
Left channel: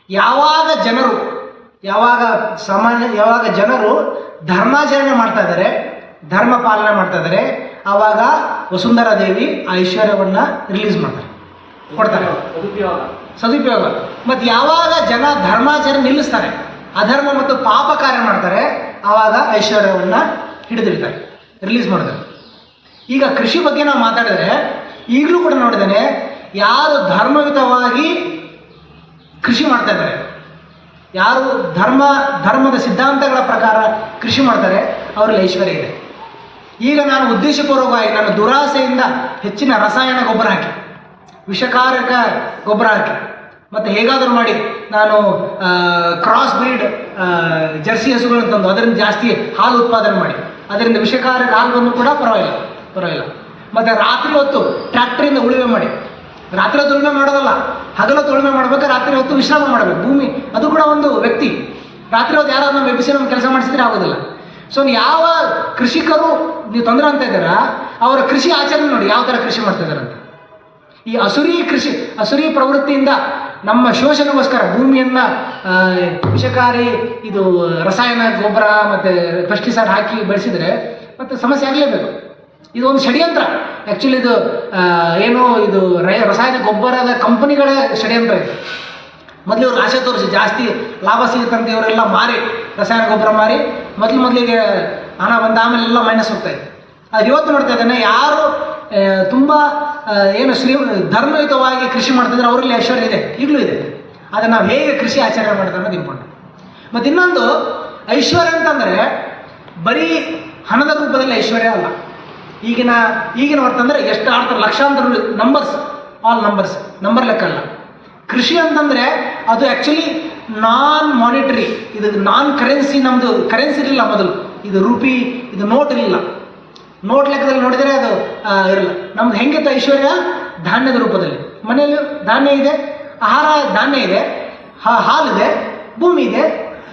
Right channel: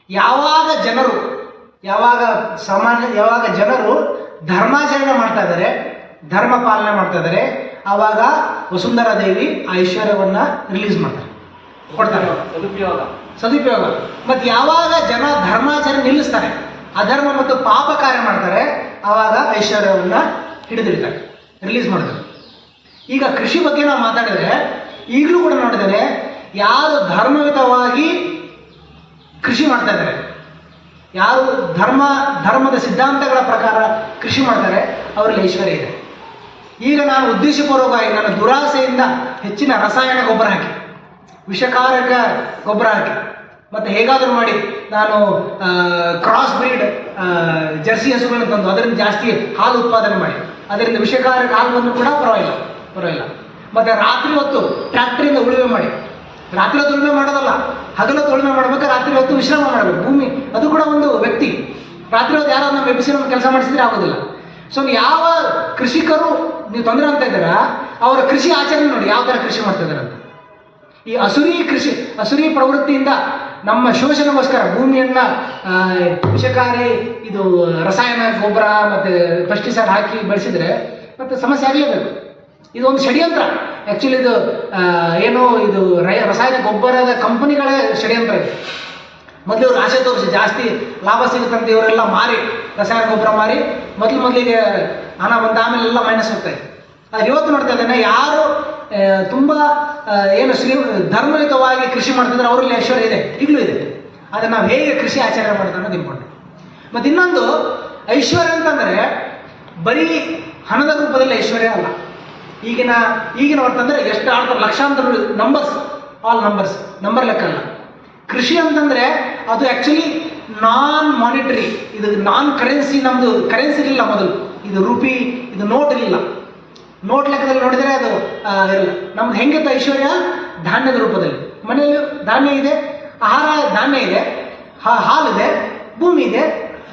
ಯಾವಾಗ ಜನರು ಧರ್ಮಾಚರಣೆ ಮಾಡ್ತಾ ಇದ್ದಾರೆ, ಧರ್ಮ ಪಾಲನೆ ಮಾಡ್ತಾ ಇದ್ದಾರೆ, ಆವಾಗ ವಸುಂಧರಾ ದೇವಿ ಆ ಐಶ್ವರ್ಯವನ್ನು ರಿಲೀಸ್ ಮಾಡ್ತಾರೆ, ಕೊಡ್ತಾರೆ, ಸದುಪಯೋಗ. ಮತ್ತು ಯಾವಾಗ ಜನ ಧರ್ಮಾಚರಣೆ ನಿಲ್ಲಿಸ್ತಾರೆ, ಅಧರ್ಮ ಮತ್ತು ಪಾಪ ಕಾರ್ಯ ಮಾಡ್ತಾರೆ, ಆವಾಗ ಐಶ್ವರ್ಯವನ್ನು ಹಿಡಿದಿಡ್ತಾರೆ, ರಿಲೀಸ್ ಮಾಡ್ತಾರೆ. ಈಗ ಕೃಷಿ ಬಗ್ಗೆ ನಾವು ಮಾತಾಡಿದ್ರೆ ಈಗಲೂ ಕೂಡ ನೋಡಿದ್ದೇನೆ, ಯಾರು ಧರ್ಮಯುತವಾಗಿ ಕೃಷಿ ಮಾಡ್ತಾ ಇದ್ದಾರೆ, ಯಾರು ಧರ್ಮದ ಸಿದ್ಧಾಂತಗಳ ಪ್ರಕಾರ ಕೃಷಿ ಮಾಡ್ತಾರೆ, ಅವರಲ್ಲಿ ಐಶ್ವರ್ಯ ಇದೆ. ಈಗ ನಾನು ಉದ್ದೇಶಪೂರ್ವಕವಾಗಿ ನನ್ನ ದುರಾಸೆಯಿಂದ ಹೆಚ್ಚಿನ ರಸಾಯನ ಗೊಬ್ಬರ ಹಾಕಿ, ವಿಷಕಾರಕ ಗೊಬ್ಬರ ಹಾಕಿ, ಮತ್ತು ಹೇಗಾದರೂ ಮಾಡಿ ನಾನು ಕ್ರಾಸ್ ಬ್ರೀಡ್ ಜರ್ಸಿ ಹಸುಗಳನ್ನು ತಂದು ಅದರಿಂದ ಜಾಸ್ತಿ ಹಾಲು ಉತ್ಪಾದನೆ ಮಾಡಿ ಅದರಿಂದ ವಿಷಕಾರಕ ಹಾಕುವಂದ್ರೂ ಕೂಡ ಪರವಾಗಿಲ್ಲ. ಮತ್ತು ರಾತ್ರಿ ಹೊತ್ತು ಟ್ರ್ಯಾಕ್ಟರಿಂದ ಉಳುಮೆ ಮಾಡಿ, ರಾತ್ರಿ ಹೊತ್ತು ಉಳುಮೆ ಮಾಡೋದಲ್ಲ, ಹಗಲೊತ್ತು ಉಳುಮೆ ಮಾಡಬೇಕು, ರಾತ್ರಿ ಹೊತ್ತು ವಿಶ್ರಾಮ ಮಾಡಬೇಕು. ಭೂಮಿ ಅದು ಕೂಡ ಒಂದು ವ್ಯಕ್ತಿ. ರಾತ್ರಿ ಹೊತ್ತು ಯಾರಾದ್ರು ನಮ್ಮ ಎಬ್ಬಿಸಿ ನಮ್ಮ ಕೆಲಸ ಮಾಡಿಸಿದ್ರೆ ಆಗೋದಿಲ್ಲ. ಸೊ ಯಾವ ಕೃಷಿಕರು ನೀವು ತೊಂದರೆ ಅಂತ ಇದ್ದೀರಾ, ಅವರ ಕೃಷಿ ಆಚರಣೆ ನೋಡಿ ಯಾವ ಥರ ಕೃಷಿ ಮಾಡ್ತಾ ಇದ್ದಾರೆ ಅಂತ. ಈ ಅಸುರಿ ಪ್ರವೃತ್ತಿಯಿಂದ ನಮ್ಮ ಶೋಷಣೆಗೋಸ್ಕರ ಭೂಮಿಯನ್ನು ವಿಷಕಾರಿ ಇದು ರಸಾಯನ ಗೊಬ್ಬರ ಮತ್ತು ಪೆಸ್ಟಿಸೈಡ್ ಹಾಕಿ ಬೆಳೆಸಿದರೆ ಮತ್ತು ಸಮಸ್ಯೆ ಆಗಲೇಬೇಕು. ಇದು ಒಂದು ಷಡ್ಯಂತ್ರ. ಆ್ಯಕ್ಚುಲಿ ಇದು ರಸಾಯನ ಗೊಬ್ಬರದ ಕಂಪನಿಗಳೇ ಷಡ್ಯಂತ್ರ ಇದೆ. ಮೊದಲು ಇವ್ರು ಆಸೆ ತೋರಿಸಿ ಜಾಸ್ತಿ ಲಾಭ ಸಿಗುತ್ತಂತ ಇವರೆಲ್ಲ ಮಾರಿ ರಸಾಯನ ಗೊಬ್ಬರ ಮಾರಿ ಮೊದಲಿಗೆ ಹಣ ಬಂದ ಆಮೇಲೆ ಎಲ್ಲ ಮೈನಸ್ ಹೋಗ್ತಾ ಇದೆ. ಅದು ಇವತ್ತು ನೋಡ್ತಾ ಇದ್ದಾನೆ, ಯಾರು ತುಂಬ ಧರ್ಮಯುತವಾಗಿ ಕೃಷಿ ಮಾಡ್ತಿದ್ರೆ ಅವರಲ್ಲಿ ಐಶ್ವರ್ಯ ಇದೆ, ಈಗಲೂ ಇದೆ. ಆದರೆ ನಾವು ಹೇಗೆ ಕೃಷಿ ಆಚರಣೆ ಮಾಡೋದು ಅನ್ನೋದು ಇಂಪಾರ್ಟೆಂಟ್. ಮತ್ತು ಇನ್ನೊಂದು ಐಶ್ವರ್ಯ ಅಂತಂದರೆ ಬರೀ ಹಣದ ರೂಪದಲ್ಲಿ ಐಶ್ವರ್ಯ ಅಲ್ಲ. ಈಗಿನ ಅಂತಂದರೆ ಎಷ್ಟು ಆಡ್ತಾರೆ, ಲಕ್ಷಾಂತರ ನಂಬರ್ ಲೆಕ್ಕ ಅಲ್ಲ. ಕೃಷಿ ಅಂತಂದರೆ ಅದು ಆ್ಯಕ್ಚುಲಿ ನಾನ್ ಮಾನಿಟರಿ, ಇದು ನಾನ್ ಕರೆನ್ಸಿ. ನಮ್ಮದು ಕರೆನ್ಸಿ ಇರಲಿಲ್ಲ ಮೊದಲು, ಇದು ರೂಪಿ, ಇದು ನೋಟ್ ಇರಲಿಲ್ಲ. ನೋಟ್ ಲೆಕ್ಕದಲ್ಲಿ ನೋಡಿದರೆ ಅದು ಇರಲ್ಲ. ನಮ್ದು ಹೆಂಗಿತ್ತು ಐಶ್ವರ್ಯ? ಧಾನ್ಯದ ರೂಪದಲ್ಲಿ. ಮನೆಯಲ್ಲಿ ಧಾನ್ಯ ಇದೆ, ಆಹಾರ ಧಾನ್ಯ ಇದೆ, ಹಾಲಿದೆ, ಭೂಮಿ ಇದೆ,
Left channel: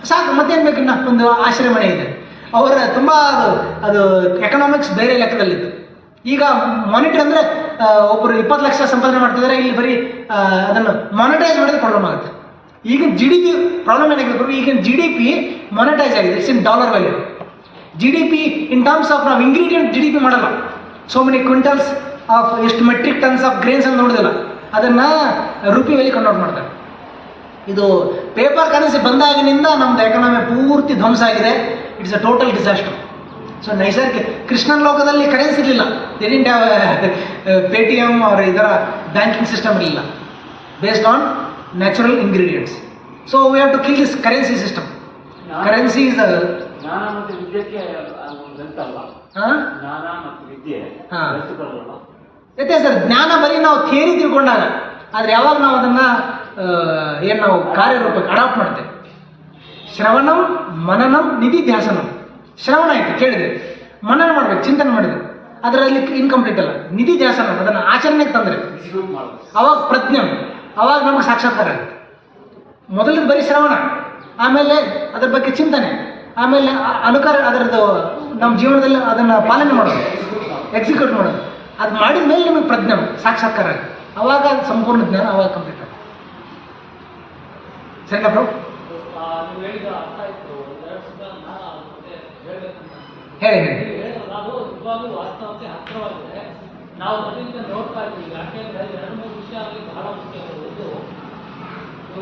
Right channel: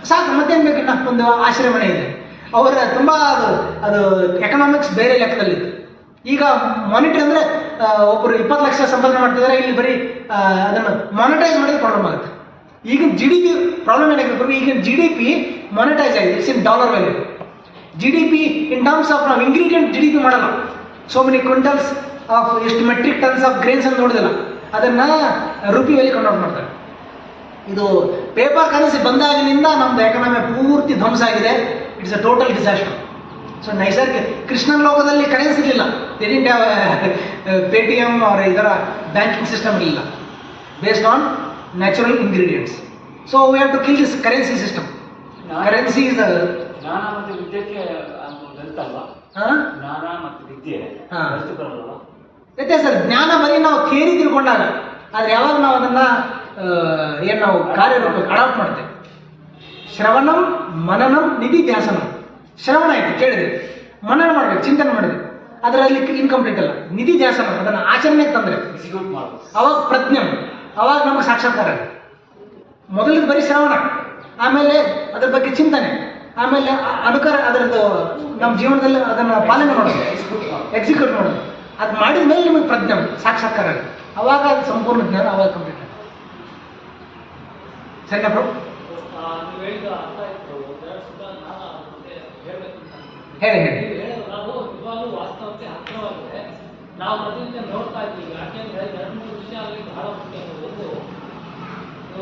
ಸಾಕು. ಮತ್ತೇನು ಬೇಕಿನ್ನ ಒಂದು ಆಶ್ರಯ ಮನೆ ಇದೆ. ಅವರ ತುಂಬ ಅದು ಎಕನಾಮಿಕ್ಸ್ ಬೇರೆ ಲೆಕ್ಕದಲ್ಲಿತ್ತು. ಈಗ ಮಾನಿಟರಿ ಅಂದರೆ ಒಬ್ಬರು 20 ಲಕ್ಷ ಸಂಪಾದನೆ ಮಾಡ್ತಿದ್ದಾರೆ, ಇಲ್ಲಿ ಬರೀ ಅದನ್ನು ಮಾನಿಟೈಸ್ ಮಾಡಿದ್ರೆ ಪ್ರಾಬ್ಲಮ್ ಆಗುತ್ತೆ. ಈಗಿನ GDP ಪ್ರಾಬ್ಲಮ್ ಏನಾಗಿದೆ ಬರೋ, ಈಗಿನ GDP ಮಾನಿಟೈಸ್ ಆಗಿದೆ, it's in dollar value. GDP in terms of ನಾವು ಇಂಗ್ರೀಡಿಯೆಂಟ್ GDP ಮಾಡಲ್ಲ. ಸೋ ಮೆನಿ ಕ್ವಿಂಟಲ್ಸ್ ಆಫ್ ಎಷ್ಟು ಮೆಟ್ರಿಕ್ ಟನ್ಸ್ ಆಫ್ ಗ್ರೇನ್ಸ್ ಅಂತ ನೋಡೋದಿಲ್ಲ, ಅದನ್ನು ರುಪಿ ವ್ಯಾಲಿ ಕನ್ವರ್ಟ್ ಮಾಡ್ತಾರೆ. ಇದು ಪೇಪರ್ ಕರೆನ್ಸಿ ಬಂದಾಗಿನಿಂದ ನಮ್ಮದು ಎಕನಾಮಿ ಪೂರ್ತಿ ಧ್ವಂಸ ಆಗಿದೆ. It's a total disaster. So ನೈಸರ್ಗಿಕ ಕೃಷ್ಣನ ಲೋಕದಲ್ಲಿ ಕರೆನ್ಸಿ ಇರಲಿಲ್ಲ, ಡಿಡ್ಂಟ್ ಹ್ಯಾವ್ Paytm ಅವರ ಇದರ ಬ್ಯಾಂಕಿಂಗ್ ಸಿಸ್ಟಮ್ ಇರಲಿಲ್ಲ, based on natural ingredients. So we have to kill this currency system. Currency is ಜ್ಞಾನ ಮತ್ತು ವಿದ್ಯೆಗೆ ಜ್ಞಾನ ಮತ್ತು ವಿದ್ಯೆ ವ್ಯತ್ಯಾಸ. ಜ್ಞಾನ ಬರೀ ನಾವು ಥಿಯರಿ ತಿಳ್ಕೊಂಡಾಗ, ಆದರೆ ಯಾವಾಗ ನಾವು ಅದನ್ನು ನಾವು ಕಾರ್ಯರೂಪಕ್ಕೆ ಅಡಾಪ್ಟ್ ಮಾಡ್ತೇವೆ. ಶ್ರವಣಂ ಮನನಂ ನಿಧಿಧ್ಯಾಸನಂ. ಶ್ರವಣ ಆಯಿತು, ಕೇಳಿದೆ, ಮನನ ಮಾಡ್ಬೇಕು, ಚಿಂತನೆ ಮಾಡಿದೆ, ಅದರಲ್ಲಿ ಇನ್ಕಂಪ್ಲೀಟ್ ಅಲ್ಲ. ನಿಧಿಧ್ಯಾಸನ, ಅದನ್ನು ಆಚರಣೆಗೆ ತಂದರೆ ಅವಾಗ ಪ್ರಜ್ಞಂ, ಅವಾಗ ನಮಗೆ ಸಾಕ್ಷಾತ್ಕಾರ. ಮೊದಲಿಗೆ ಬರೀ ಶ್ರವಣ, ಆಮೇಲೆ ಅದರ ಬಗ್ಗೆ ಚಿಂತನೆ, ಆಮೇಲೆ ಅದರದ್ದು ನಮ್ಮ ಜೀವನದಲ್ಲಿ ಅದನ್ನು ಪಾಲನೆ ಮಾಡೋದು, ಎಕ್ಸಿಕ್ಯೂಟ್ ಮಾಡೋದು. ಅದು ಮಾಡಿದ ಮೇಲೆ ನಿಮಗೆ ಪ್ರಜ್ಞೆ ಸಾಕ್ಷಾತ್ಕಾರ ಆಗುತ್ತೆ. ಅವಾಗ ಅದು ಸಂಪೂರ್ಣ ಜ್ಞಾನ, ಅವಾಗ ಕಂಪ್ಲೀಟ್ ಆಗುತ್ತೆ. ಸರಿನಾ ಬ್ರೋ? ನೀವು ಹೇಳಿದ ಅರ್ಥ ಆಯಿತು. ಹೇಳಿ. ನಾವು ಇವಾಗಲೂ ವಾಸ್ತವಕ್ಕೆ ಹತ್ತಿರವಾಗಿದೆ. ನಾವು ಮೊದಲಿಂದ ನೋಡ್ತಾ ಇದ್ದೀವಿ. ಯಾಕೆಂದರೆ 2-3 ವಿಷಯ ಅಲ್ಲಿ ಬಹಳ ಮುಖ್ಯ.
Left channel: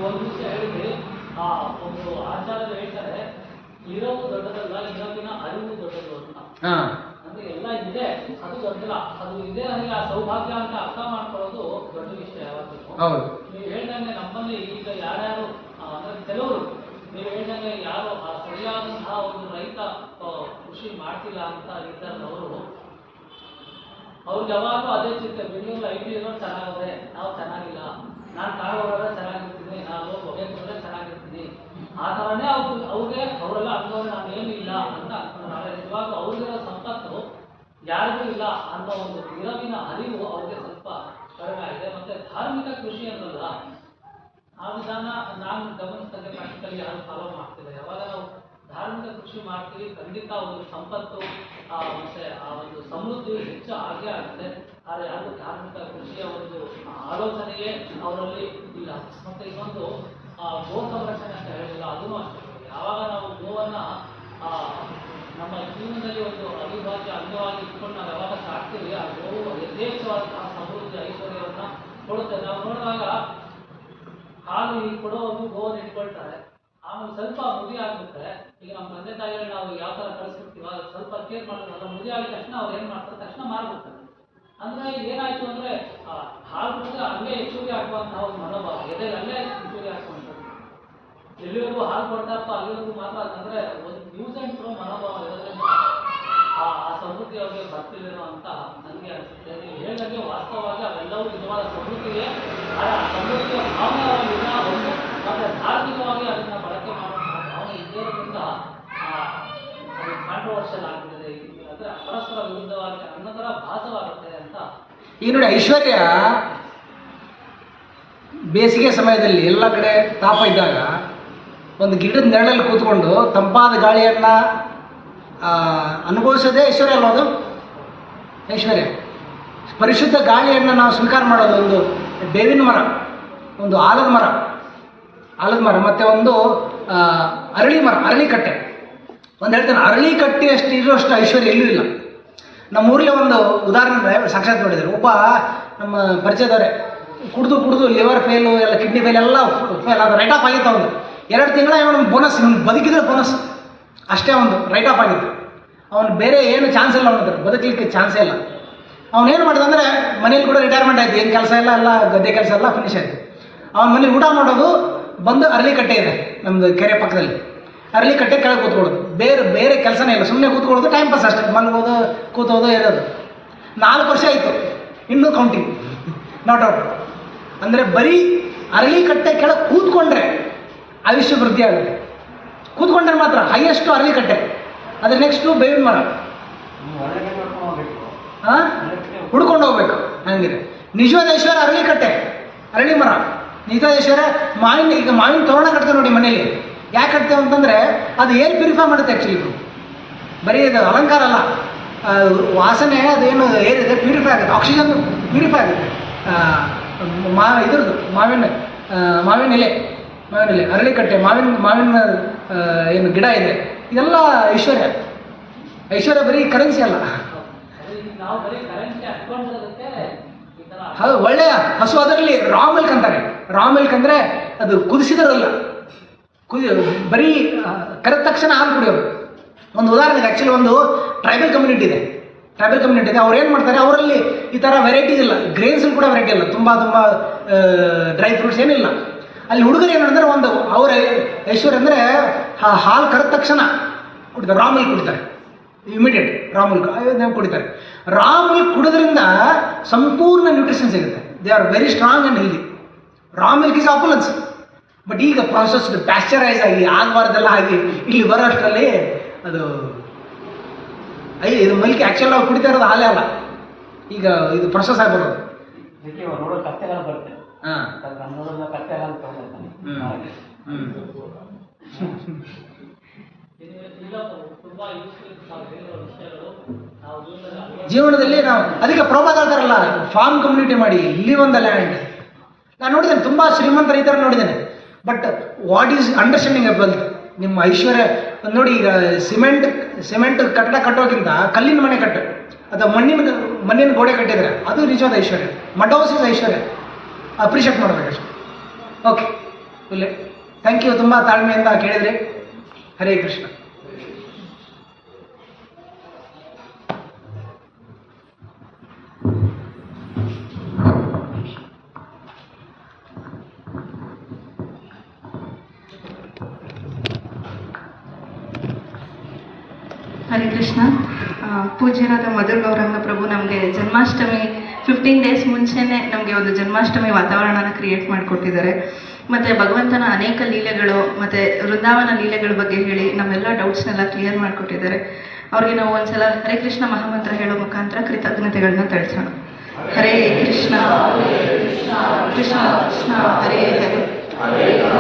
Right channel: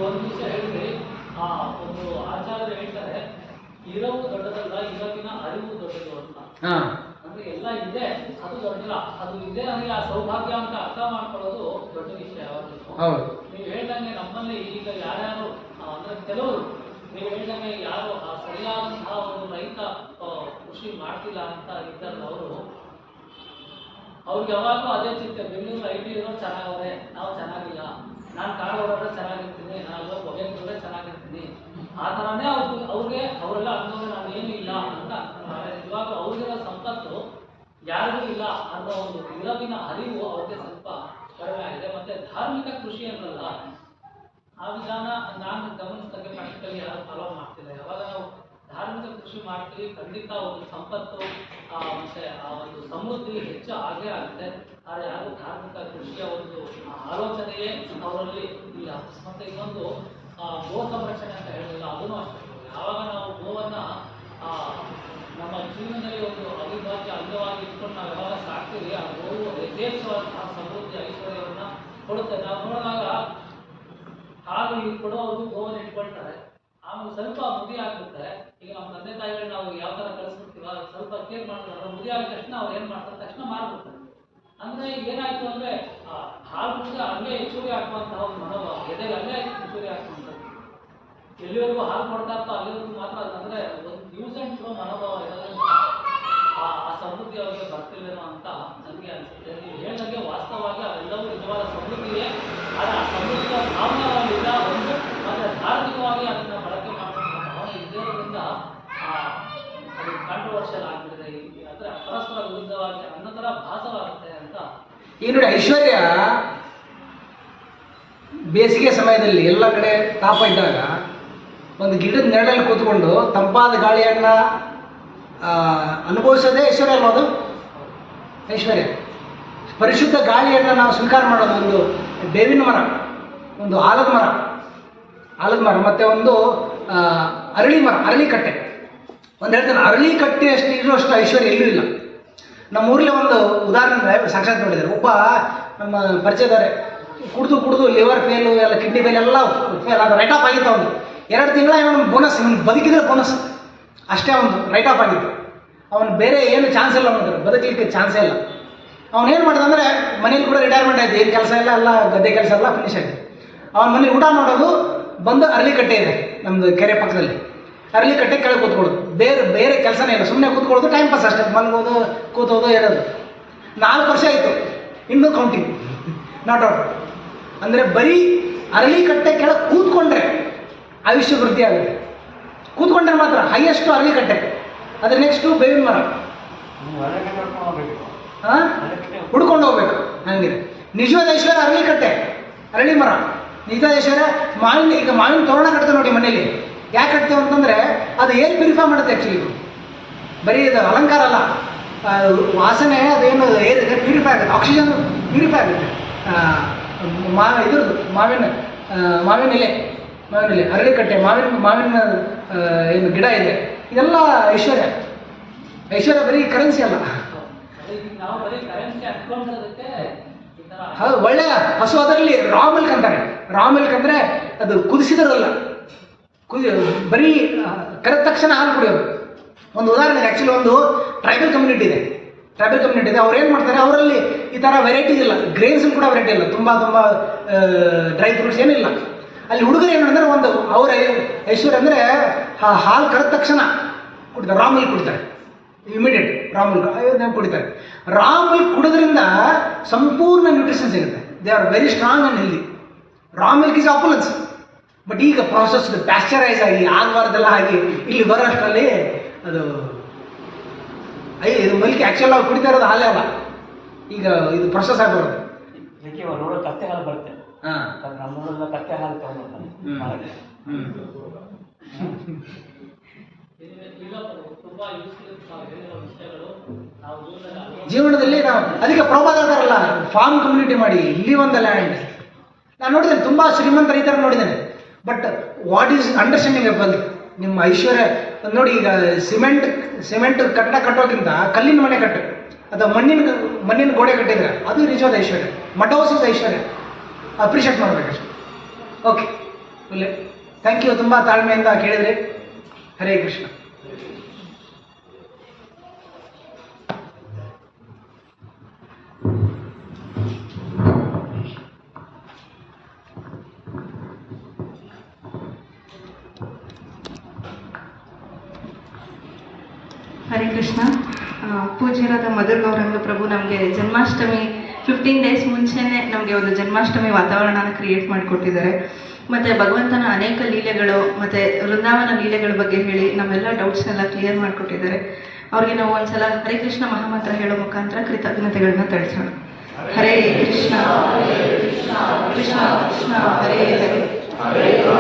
ಒಂದು ವಿಷಯ ಹೇಳಿದ್ರಿ, ಒಂದು ಆಚಾರ್ಯರು ಹೇಳ್ತಾರೆ, ಇರವು ದೊಡ್ಡದಲ್ಲ, ಇರವಿನ ಅರಿವು ದೊಡ್ಡದು ಅಂತ. ಅಂದ್ರೆ ಎಲ್ಲ ಇದೆ, ಅದು ದೊಡ್ಡಲ್ಲ. ಅದು ಇದೆ ಅಂದ್ರೆ ಆ ಸೌಭಾಗ್ಯ ಅಂತ ಅರ್ಥ ಮಾಡ್ಕೊಳ್ಳೋದು ದೊಡ್ಡ ವಿಷಯ. ನೀವು ಹೇಳ್ದಂಗೆ ನಮ್ಮಲ್ಲಿ ಈಗ ಯಾರ್ಯಾರು ಅಂದ್ರೆ ಕೆಲವರು, ನೀವು ಹೇಳ್ದಂಗೆ ಯಾರು ಆ ಸರಿಯಾದಂತಹ ಒಂದು ರೈತ ಕೃಷಿ ಮಾಡ್ತಿಲ್ಲ ಅಂತ ಇದ್ದಾರೆ, ಅವ್ರಿಗೆ ಯಾವಾಗಲೂ ಅದೇ ಚಿಂತೆ. ಬೆಂಗಳೂರು IT ಇರೋರು ಚೆನ್ನಾಗಿದೆ, ನಾವು ಚೆನ್ನಾಗಿಲ್ಲ. ನಾನು ಕಾಡು ಹೋಗೋದ್ರೆ ಚೆನ್ನಾಗಿರ್ತೀನಿ, ನಾನು ಹೊಗೆ ಹೋದ್ರೆ ಚೆನ್ನಾಗಿರ್ತೀನಿ. ಆ ಥರನೇ ಅವರೆಲ್ಲ ಅನ್ಕೊಂಡ್ರೆ ನಾನು ಏನೂ ಇಲ್ಲ ಅಂತ ಅನ್ಕೊಂಡ್ರೆ, ಇವಾಗ ಅವ್ರಿಗಿರೋ ಸಂಪತ್ತು ಯಾರಿಗೂ ಇಲ್ಲ ಅನ್ನೋ ಒಂದು ಇರವಿನ ಅರಿವು ಅವ್ರಿಗೆ ಸ್ವಲ್ಪ ಕಡಿಮೆ ಆಗಿದೆ. ಮತ್ತು ಧಾರ್ಮಿಕ ಕೃಷಿ ಅನ್ನಲ್ಲ, ಆ ವಿಧಾನ ನಾನು ಗಮನಿಸಿದಂಗೆ ಪ್ರಾಕ್ಟಿಕಲಿ ಯಾರು ಫಾಲೋ ಮಾಡ್ತಿಲ್ಲ. ಯಾವಾಗ ನಾವು ಧಾರ್ಮಿಕ ಕೃಷಿ ಮಾಡ್ತೀವಿ ಖಂಡಿತ ಒಂದು ಸಂಪತ್ತು ಮತ್ತೆ ಆ ಒಂದು ಸಮೃದ್ಧಿ ಹೆಚ್ಚು ಆಗೇ ಆಗುತ್ತೆ. ಆದರೆ ಯಾರು ಧಾರ್ಮಿಕ ಕೃಷಿಯ ಒಂದು ಆಲೋಚನೆಯೇ ಅವರಲ್ಲಿ ಇಲ್ಲ. ಮತ್ತೆ ಇನ್ನೊಂದು ಗೋ ಸಂರಕ್ಷಣೆ ಅಂತ ಹೇಳಿಲ್ಲ, ಅದೂ ಅಷ್ಟೇ. ಯಾವಾಗ ನಾವು ಗೋವನ್ನು ನಮ್ಮ ಜೀವನದಲ್ಲಿ ಒಂದು ಅವಿಭಾಜ್ಯ ಅಂಗವಾಗಿ ಇಟ್ಕೊಂಡು ನಾವು ಯಾವಾಗ ಸಾಕ್ತೀವಿ, ಆ ಗೋವು ಯಥೇಚ್ಛವಾದಂತಹ ಸಮೃದ್ಧಿ ಐಶ್ವರ್ಯವನ್ನು ಕೊಡುತ್ತೆ. ನಾವು ನೋಡುವಾಗ ಹಾಲು ಕೊಡುವವರು ಗೋವನ್ನು ಇಟ್ಕೊಳ್ತಾರೆ, ಆಮೇಲೆ ಸ್ವಲ್ಪ ಮುದಿ ಆಗ್ಬಿಟ್ರೆ, ಈಗ ನಮ್ಮ ತಂದೆ ತಾಯಿಗಳು ನಾವು ಯಾವ ಥರ ಕಳಿಸ್ಬಿಡ್ತೀವ, ಸ್ವಲ್ಪ ಕೇರ್ ಮಾಡ್ತಾರೆ, ಮುದಿ ಆಗಿದ ತಕ್ಷಣ ಅವ್ರು ಏನು ಮಾಡ್ತಾರೆ, ತಕ್ಷಣ ಮಾರ್ಬಿಡ್ತಾರೆ. ಅಂದರೆ ಏನಾಯ್ತು ಅಂದರೆ ಹಾಲು ಕೂಡ ಹಂಗೆ ಹೆಚ್ಚುವರಿ ಹಾಕುವಂತಹ ಒಂದು ಮನೋಭಾವ, ಎದೆಗೆ ಹಂಗೆ ಹೆಚ್ಚುವರಿ ಹಾಕುವಂಥದ್ದು. ಎಲ್ಲಿವರೆಗೂ ಹಾಲು ಕೊಡ್ತಾ ಇರ್ತೋ ಅಲ್ಲಿವರೆಗೂ ಮಾತ್ರ, ಅದಂದರೆ ಒಂದು ಯೂಸ್ ಆ್ಯಂಡ್ ಥ್ರೋ ಮನೋಭಾವ ಇರೋದ್ರಿಂದ ಆ ಸಮೃದ್ಧಿ ಅವರಿಗೆ ಬರ್ತಿಲ್ಲೇನೋ ಅಂತ ನನಗೆ ಅನಿಸುತ್ತೆ. ನೀವು ಹೇಳಿದಂಗೆ ವಾಸ್ತವವಾಗಿ ಅವೆಲ್ಲವೂ ನಿಜವಾದ ಸಮೃದ್ಧಿಯೇ. ಆದರೆ ಆ ಸಮೃದ್ಧಿಯ ಭಾವನೆಗಳಿಂದ ಒಂದು ಮತ್ತು ಧಾರ್ಮಿಕವಾಗಿ ಅದನ್ನು ಬಳಕೆ ಮಾಡುವಂತಹ ಭಾವನೆ ಇದ್ದೇ ಇರೋದ್ರಿಂದ ಅದು ಕಾಂಟ್ರವರ್ಷಿಯಲ್ ಆಗಿಬಿಟ್ಟಿದೆ. ಅಂದರೆ ಪರಸ್ಪರ ವಿರುದ್ಧವಾಗಿ ಅನ್ನೋ ಥರ ಭಾಸವಾಗುತ್ತೆ ಅಂತ. ಈಗ ನೋಡಿ, ಐಶ್ವರ್ಯ ಬೇಸಿಗೆ ಸಮಯದಲ್ಲಿ ಎಲ್ಲ ಕಡೆ ತಾಪ ಇದ್ದಾಗ ಒಂದು ಗಿಡದ ನೆರಳಲ್ಲಿ ಕೂತ್ಕೊಂಡು ತಂಪಾದ ಗಾಳಿಯನ್ನು ಅನುಭವಿಸೋದೇ ಐಶ್ವರ್ಯ ಅಲ್ವ? ಅದು ಐಶ್ವರ್ಯ. ಪರಿಶುದ್ಧ ಗಾಳಿಯನ್ನು ನಾವು ಸ್ವೀಕಾರ ಮಾಡೋದು ಒಂದು ಬೇವಿನ ಮರ, ಒಂದು ಆಲದ ಮರ ಮತ್ತು ಒಂದು ಅರಳಿ ಮರ, ಅರಳಿಕಟ್ಟೆ. ಒಂದು ಹೇಳ್ತೇನೆ, ಅರಳಿಕಟ್ಟೆಯಷ್ಟು ಇರುವಷ್ಟು ಐಶ್ವರ್ಯ ಎಲ್ಲೂ ಇಲ್ಲ. ನಮ್ಮ ಊರಲ್ಲಿ ಒಂದು ಉದಾಹರಣೆ ಸಾಕ್ಷಾತ್ ನೋಡಿದ್ದಾರೆ. ಒಬ್ಬ ನಮ್ಮ ಪರಿಚಯದವರೇ ಕುಡಿದು ಲಿವರ್ ಫೇಲು ಎಲ್ಲ, ಕಿಡ್ನಿ ಫೇಲ್ ಎಲ್ಲ ಫೇಲ್, ಅದು ರೈಟ್ ಆಫ್ ಆಗಿತ್ತು. ಅವನು 2 ತಿಂಗಳ ಅವನು ಬೋನಸ್, ಬದುಕಿದ್ರೆ ಬೋನಸ್ ಅಷ್ಟೇ, ಒಂದು ರೈಟ್ ಆಫ್ ಆಗಿತ್ತು. ಅವನು ಬೇರೆ ಏನು ಚಾನ್ಸ್ ಇಲ್ಲ, ಅವನಿದ್ರೆ ಬದುಕಲಿಕ್ಕೆ ಚಾನ್ಸೇ ಇಲ್ಲ. ಅವನೇನು ಮಾಡಿದ ಅಂದರೆ ಮನೇಲಿ ಕೂಡ ರಿಟೈರ್ಮೆಂಟ್ ಆಯಿತು, ಏನು ಕೆಲಸ ಇಲ್ಲ, ಎಲ್ಲ ಗದ್ದೆ ಕೆಲಸ ಎಲ್ಲ ಫಿನಿಶ್ ಆಯಿತು. ಅವನ ಮನೇಲಿ ಊಟ ಮಾಡೋದು ಬಂದು ಅರಳಿಕಟ್ಟೆ ಇದೆ ನಮ್ಮದು ಕೆರೆ ಪಕ್ಕದಲ್ಲಿ, ಅರಳಿಕಟ್ಟೆ ಕೆಳಗೆ ಕೂತ್ಕೊಳ್ಳೋದು, ಬೇರೆ ಕೆಲಸನೇ ಇಲ್ಲ, ಸುಮ್ಮನೆ ಕೂತ್ಕೊಳ್ಳೋದು, ಟೈಮ್ ಪಾಸ್ ಅಷ್ಟೇ, ಮಲಗೋದು, ಕೂತೋದು, ಹೇಳೋದು. 4 ವರ್ಷ ಆಯಿತು, ಇನ್ನೂ ಕೌಂಟಿಂಗ್ ನಾಟ್ ಔಟ್. ಅಂದರೆ ಬರೀ ಅರಳಿಕಟ್ಟೆ ಕೆಳಗೆ ಕೂತ್ಕೊಂಡ್ರೆ ಆಯುಷ್ಯ ವೃದ್ಧಿ ಆಗುತ್ತೆ. ಕೂತ್ಕೊಂಡ್ರೆ ಮಾತ್ರ ಹೈಯೆಸ್ಟು ಅರಳಿಕಟ್ಟೆ, ಅದ್ರ ನೆಕ್ಸ್ಟು ಬೇವಿನ ಮರ, ಹುಡ್ಕೊಂಡು ಹೋಗ್ಬೇಕು. ಹಂಗಿದೆ ನಿಜವಾದ ಐಶ್ವರ್ಯ ಅರಳಿಕಟ್ಟೆ, ಅರಳಿ ಮರ ನಿಜವಾದ ಐಶ್ವರ್ಯ. ಈಗ ಮಾವಿನ ತೋರಣ ಕಟ್ತೇವೆ ನೋಡಿ ಮನೇಲಿ, ಯಾಕೆ ಕಟ್ತೇವೆ ಅಂತಂದರೆ ಅದು ಏರ್ ಪ್ಯೂರಿಫೈ ಮಾಡುತ್ತೆ. ಆ್ಯಕ್ಚುಲಿ ಬರೀ ಇದು ಅಲಂಕಾರ ಅಲ್ಲ, ವಾಸನೆ ಅದೇನು ಏರ್ ಇದೆ ಪ್ಯೂರಿಫೈ ಆಗುತ್ತೆ, ಆಕ್ಸಿಜನ್ ಪ್ಯೂರಿಫೈ ಆಗುತ್ತೆ. ಇದ್ರದ್ದು ಮಾವಿನ ಎಲೆ, ಅರಳಿಕಟ್ಟೆ, ಮಾವಿನ ಏನು ಗಿಡ ಇದೆ, ಇದೆಲ್ಲ ಐಶ್ವರ್ಯ ಬರೀ ಕರೆನ್ಸಿ ಅಲ್ಲ. ಹೌದು, ಒಳ್ಳೆಯ ಹಸು. ಅದರಲ್ಲಿ ರಾ ಮಿಲ್ಕ್ ಅಂತಾರೆ. ರಾ ಮಿಲ್ಕ್ ಅಂದರೆ ಅದು ಕುದಿಸಿದರಲ್ಲ, ಬರೀ ಕರೆದ ತಕ್ಷಣ ಹಾಲು ಕುಡಿಯೋದು. ಒಂದು ಉದಾಹರಣೆಗೆ, ಆ್ಯಕ್ಚುಲಿ ಒಂದು ಟ್ರೈಬಲ್ ಕಮ್ಯುನಿಟಿ ಇದೆ. ಅವ್ರು ಏನು ಮಾಡ್ತಾರೆ, ಅವರಲ್ಲಿ ಈ ಥರ ವೆರೈಟೀಸ್ ಇಲ್ಲ, ಗ್ರೇನ್ಸ್ ಕೂಡ ವೆರೈಟಿ ಇಲ್ಲ, ತುಂಬ ಡ್ರೈ ಫ್ರೂಟ್ಸ್ ಏನಿಲ್ಲ. ಅಲ್ಲಿ ಹುಡುಗರು ಏನು ಅಂದರೆ ಒಂದು ಅವರ ಐಶ್ವರ್ಯ ಅಂದರೆ ಹಾಲು ಕರೆದ ತಕ್ಷಣ ಕುಡಿತಾರೆ, ರಾ ಮಿಲ್ಕ್ ಕುಡಿತಾರೆ, ಇಮಿಡಿಯೇಟ್ ರಾ ಮಿಲ್ಕ್ ಕುಡಿತಾರೆ. ರಾ ಮಿಲ್ಕ್ ಕುಡಿದ್ರಿಂದ ಸಂಪೂರ್ಣ ನ್ಯೂಟ್ರಿಷನ್ ಸಿಗುತ್ತೆ. They are very strong and healthy. Raw milk is opulence. But ಈಗ ಪ್ರಾಸೆಸ್ಡ್ ಪ್ಯಾಸ್ಚರೈಸ್ ಆಗಿ ಆಗಬಾರ್ದೆಲ್ಲ ಆಗಿ ಇಲ್ಲಿ ಬರೋ ಅಷ್ಟರಲ್ಲಿ ಅದು ಇದು ಮಿಲ್ಕ್ ಆ್ಯಕ್ಚುಲ್ ನಾವು ಕುಡಿತಾ ಇರೋದು ಹಾಲೇ ಅಲ್ಲ, ಈಗ ಇದು ಪ್ರೊಸೆಸ್ ಆಗಿ ಬರೋದು. ಬರುತ್ತೆ. ಜೀವನದಲ್ಲಿ ನಾವು ಅದಕ್ಕೆ ಪ್ರೋಪಾಗ್ ಹೇಳ್ತಾರಲ್ಲ, ಫಾರ್ಮ್ ಕಮ್ಯುನಿಟಿ ಮಾಡಿ, ಲಿವ್ ಆನ್ ದ ಲ್ಯಾಂಡ್. ನಾನು ನೋಡಿದ್ದೇನೆ, ತುಂಬ ಶ್ರೀಮಂತ ರೈತರ ನೋಡಿದ್ದೇನೆ. ಬಟ್ ವಾಟ್ ಈಸ್ ಅಂಡರ್ಸ್ಟ್ಯಾಂಡಿಂಗ್ ಬಂದು ನಿಮ್ಮ ಐಶ್ವರ್ಯ ನೋಡಿ. ಈಗ ಸಿಮೆಂಟ್ ಕಟ್ಟಡ ಕಟ್ಟೋಕ್ಕಿಂತ ಕಲ್ಲಿನ ಮನೆ ಕಟ್ಟು ಅಥವಾ ಮಣ್ಣಿನ ಗೋಡೆ ಕಟ್ಟಿದ್ರೆ ಅದು ನಿಜವಾದ ಐಶ್ವರ್ಯ. ಮಡ್ ಹೌಸ್ ಇಸ್ ಐಶ್ವರ್ಯ. ಅಪ್ರಿಷಿಯೇಟ್ ಮಾಡಬೇಕಷ್ಟೆ. Okay, thank you. ತುಂಬ ತಾಳ್ಮೆಯಿಂದ ಕೇಳಿದ್ರಿ. ಹರೇ ಕೃಷ್ಣ. ಹರೇ ಕೃಷ್ಣ. ಪೂಜ್ಯರಾದ ಮಧುರ್ ಗೌರಂಗ ಪ್ರಭು ನಮಗೆ ಜನ್ಮಾಷ್ಟಮಿ 15 ಡೇಸ್ ಮುಂಚೆನೇ ನಮಗೆ ಒಂದು ಜನ್ಮಾಷ್ಟಮಿ ವಾತಾವರಣನ ಕ್ರಿಯೇಟ್ ಮಾಡಿಕೊಟ್ಟಿದ್ದಾರೆ. ಮತ್ತು ಭಗವಂತನ ಅನೇಕ ಲೀಲೆಗಳು ಮತ್ತು ವೃಂದಾವನ ಲೀಲೆಗಳ ಬಗ್ಗೆ ಹೇಳಿ ನಮ್ಮೆಲ್ಲ ಡೌಟ್ಸ್ನೆಲ್ಲ ಕ್ಲಿಯರ್ ಮಾಡಿಕೊಟ್ಟಿದ್ದಾರೆ. ಅವ್ರಿಗೆ ನಾವು ಒಂದ್ಸಲ ಹರೇ ಕೃಷ್ಣ ಮಹಾಮಂತ್ರ ಹೇಳೋ ಮುಖಾಂತರ ಕೃತಜ್ಞತೆಗಳನ್ನ ತಿಳಿಸೋಣ. ಹರೇ ಕೃಷ್ಣ ಕೃಷ್ಣ ಕೃಷ್ಣ ಹರೇ ಹರೇ ಹರೇಯೋ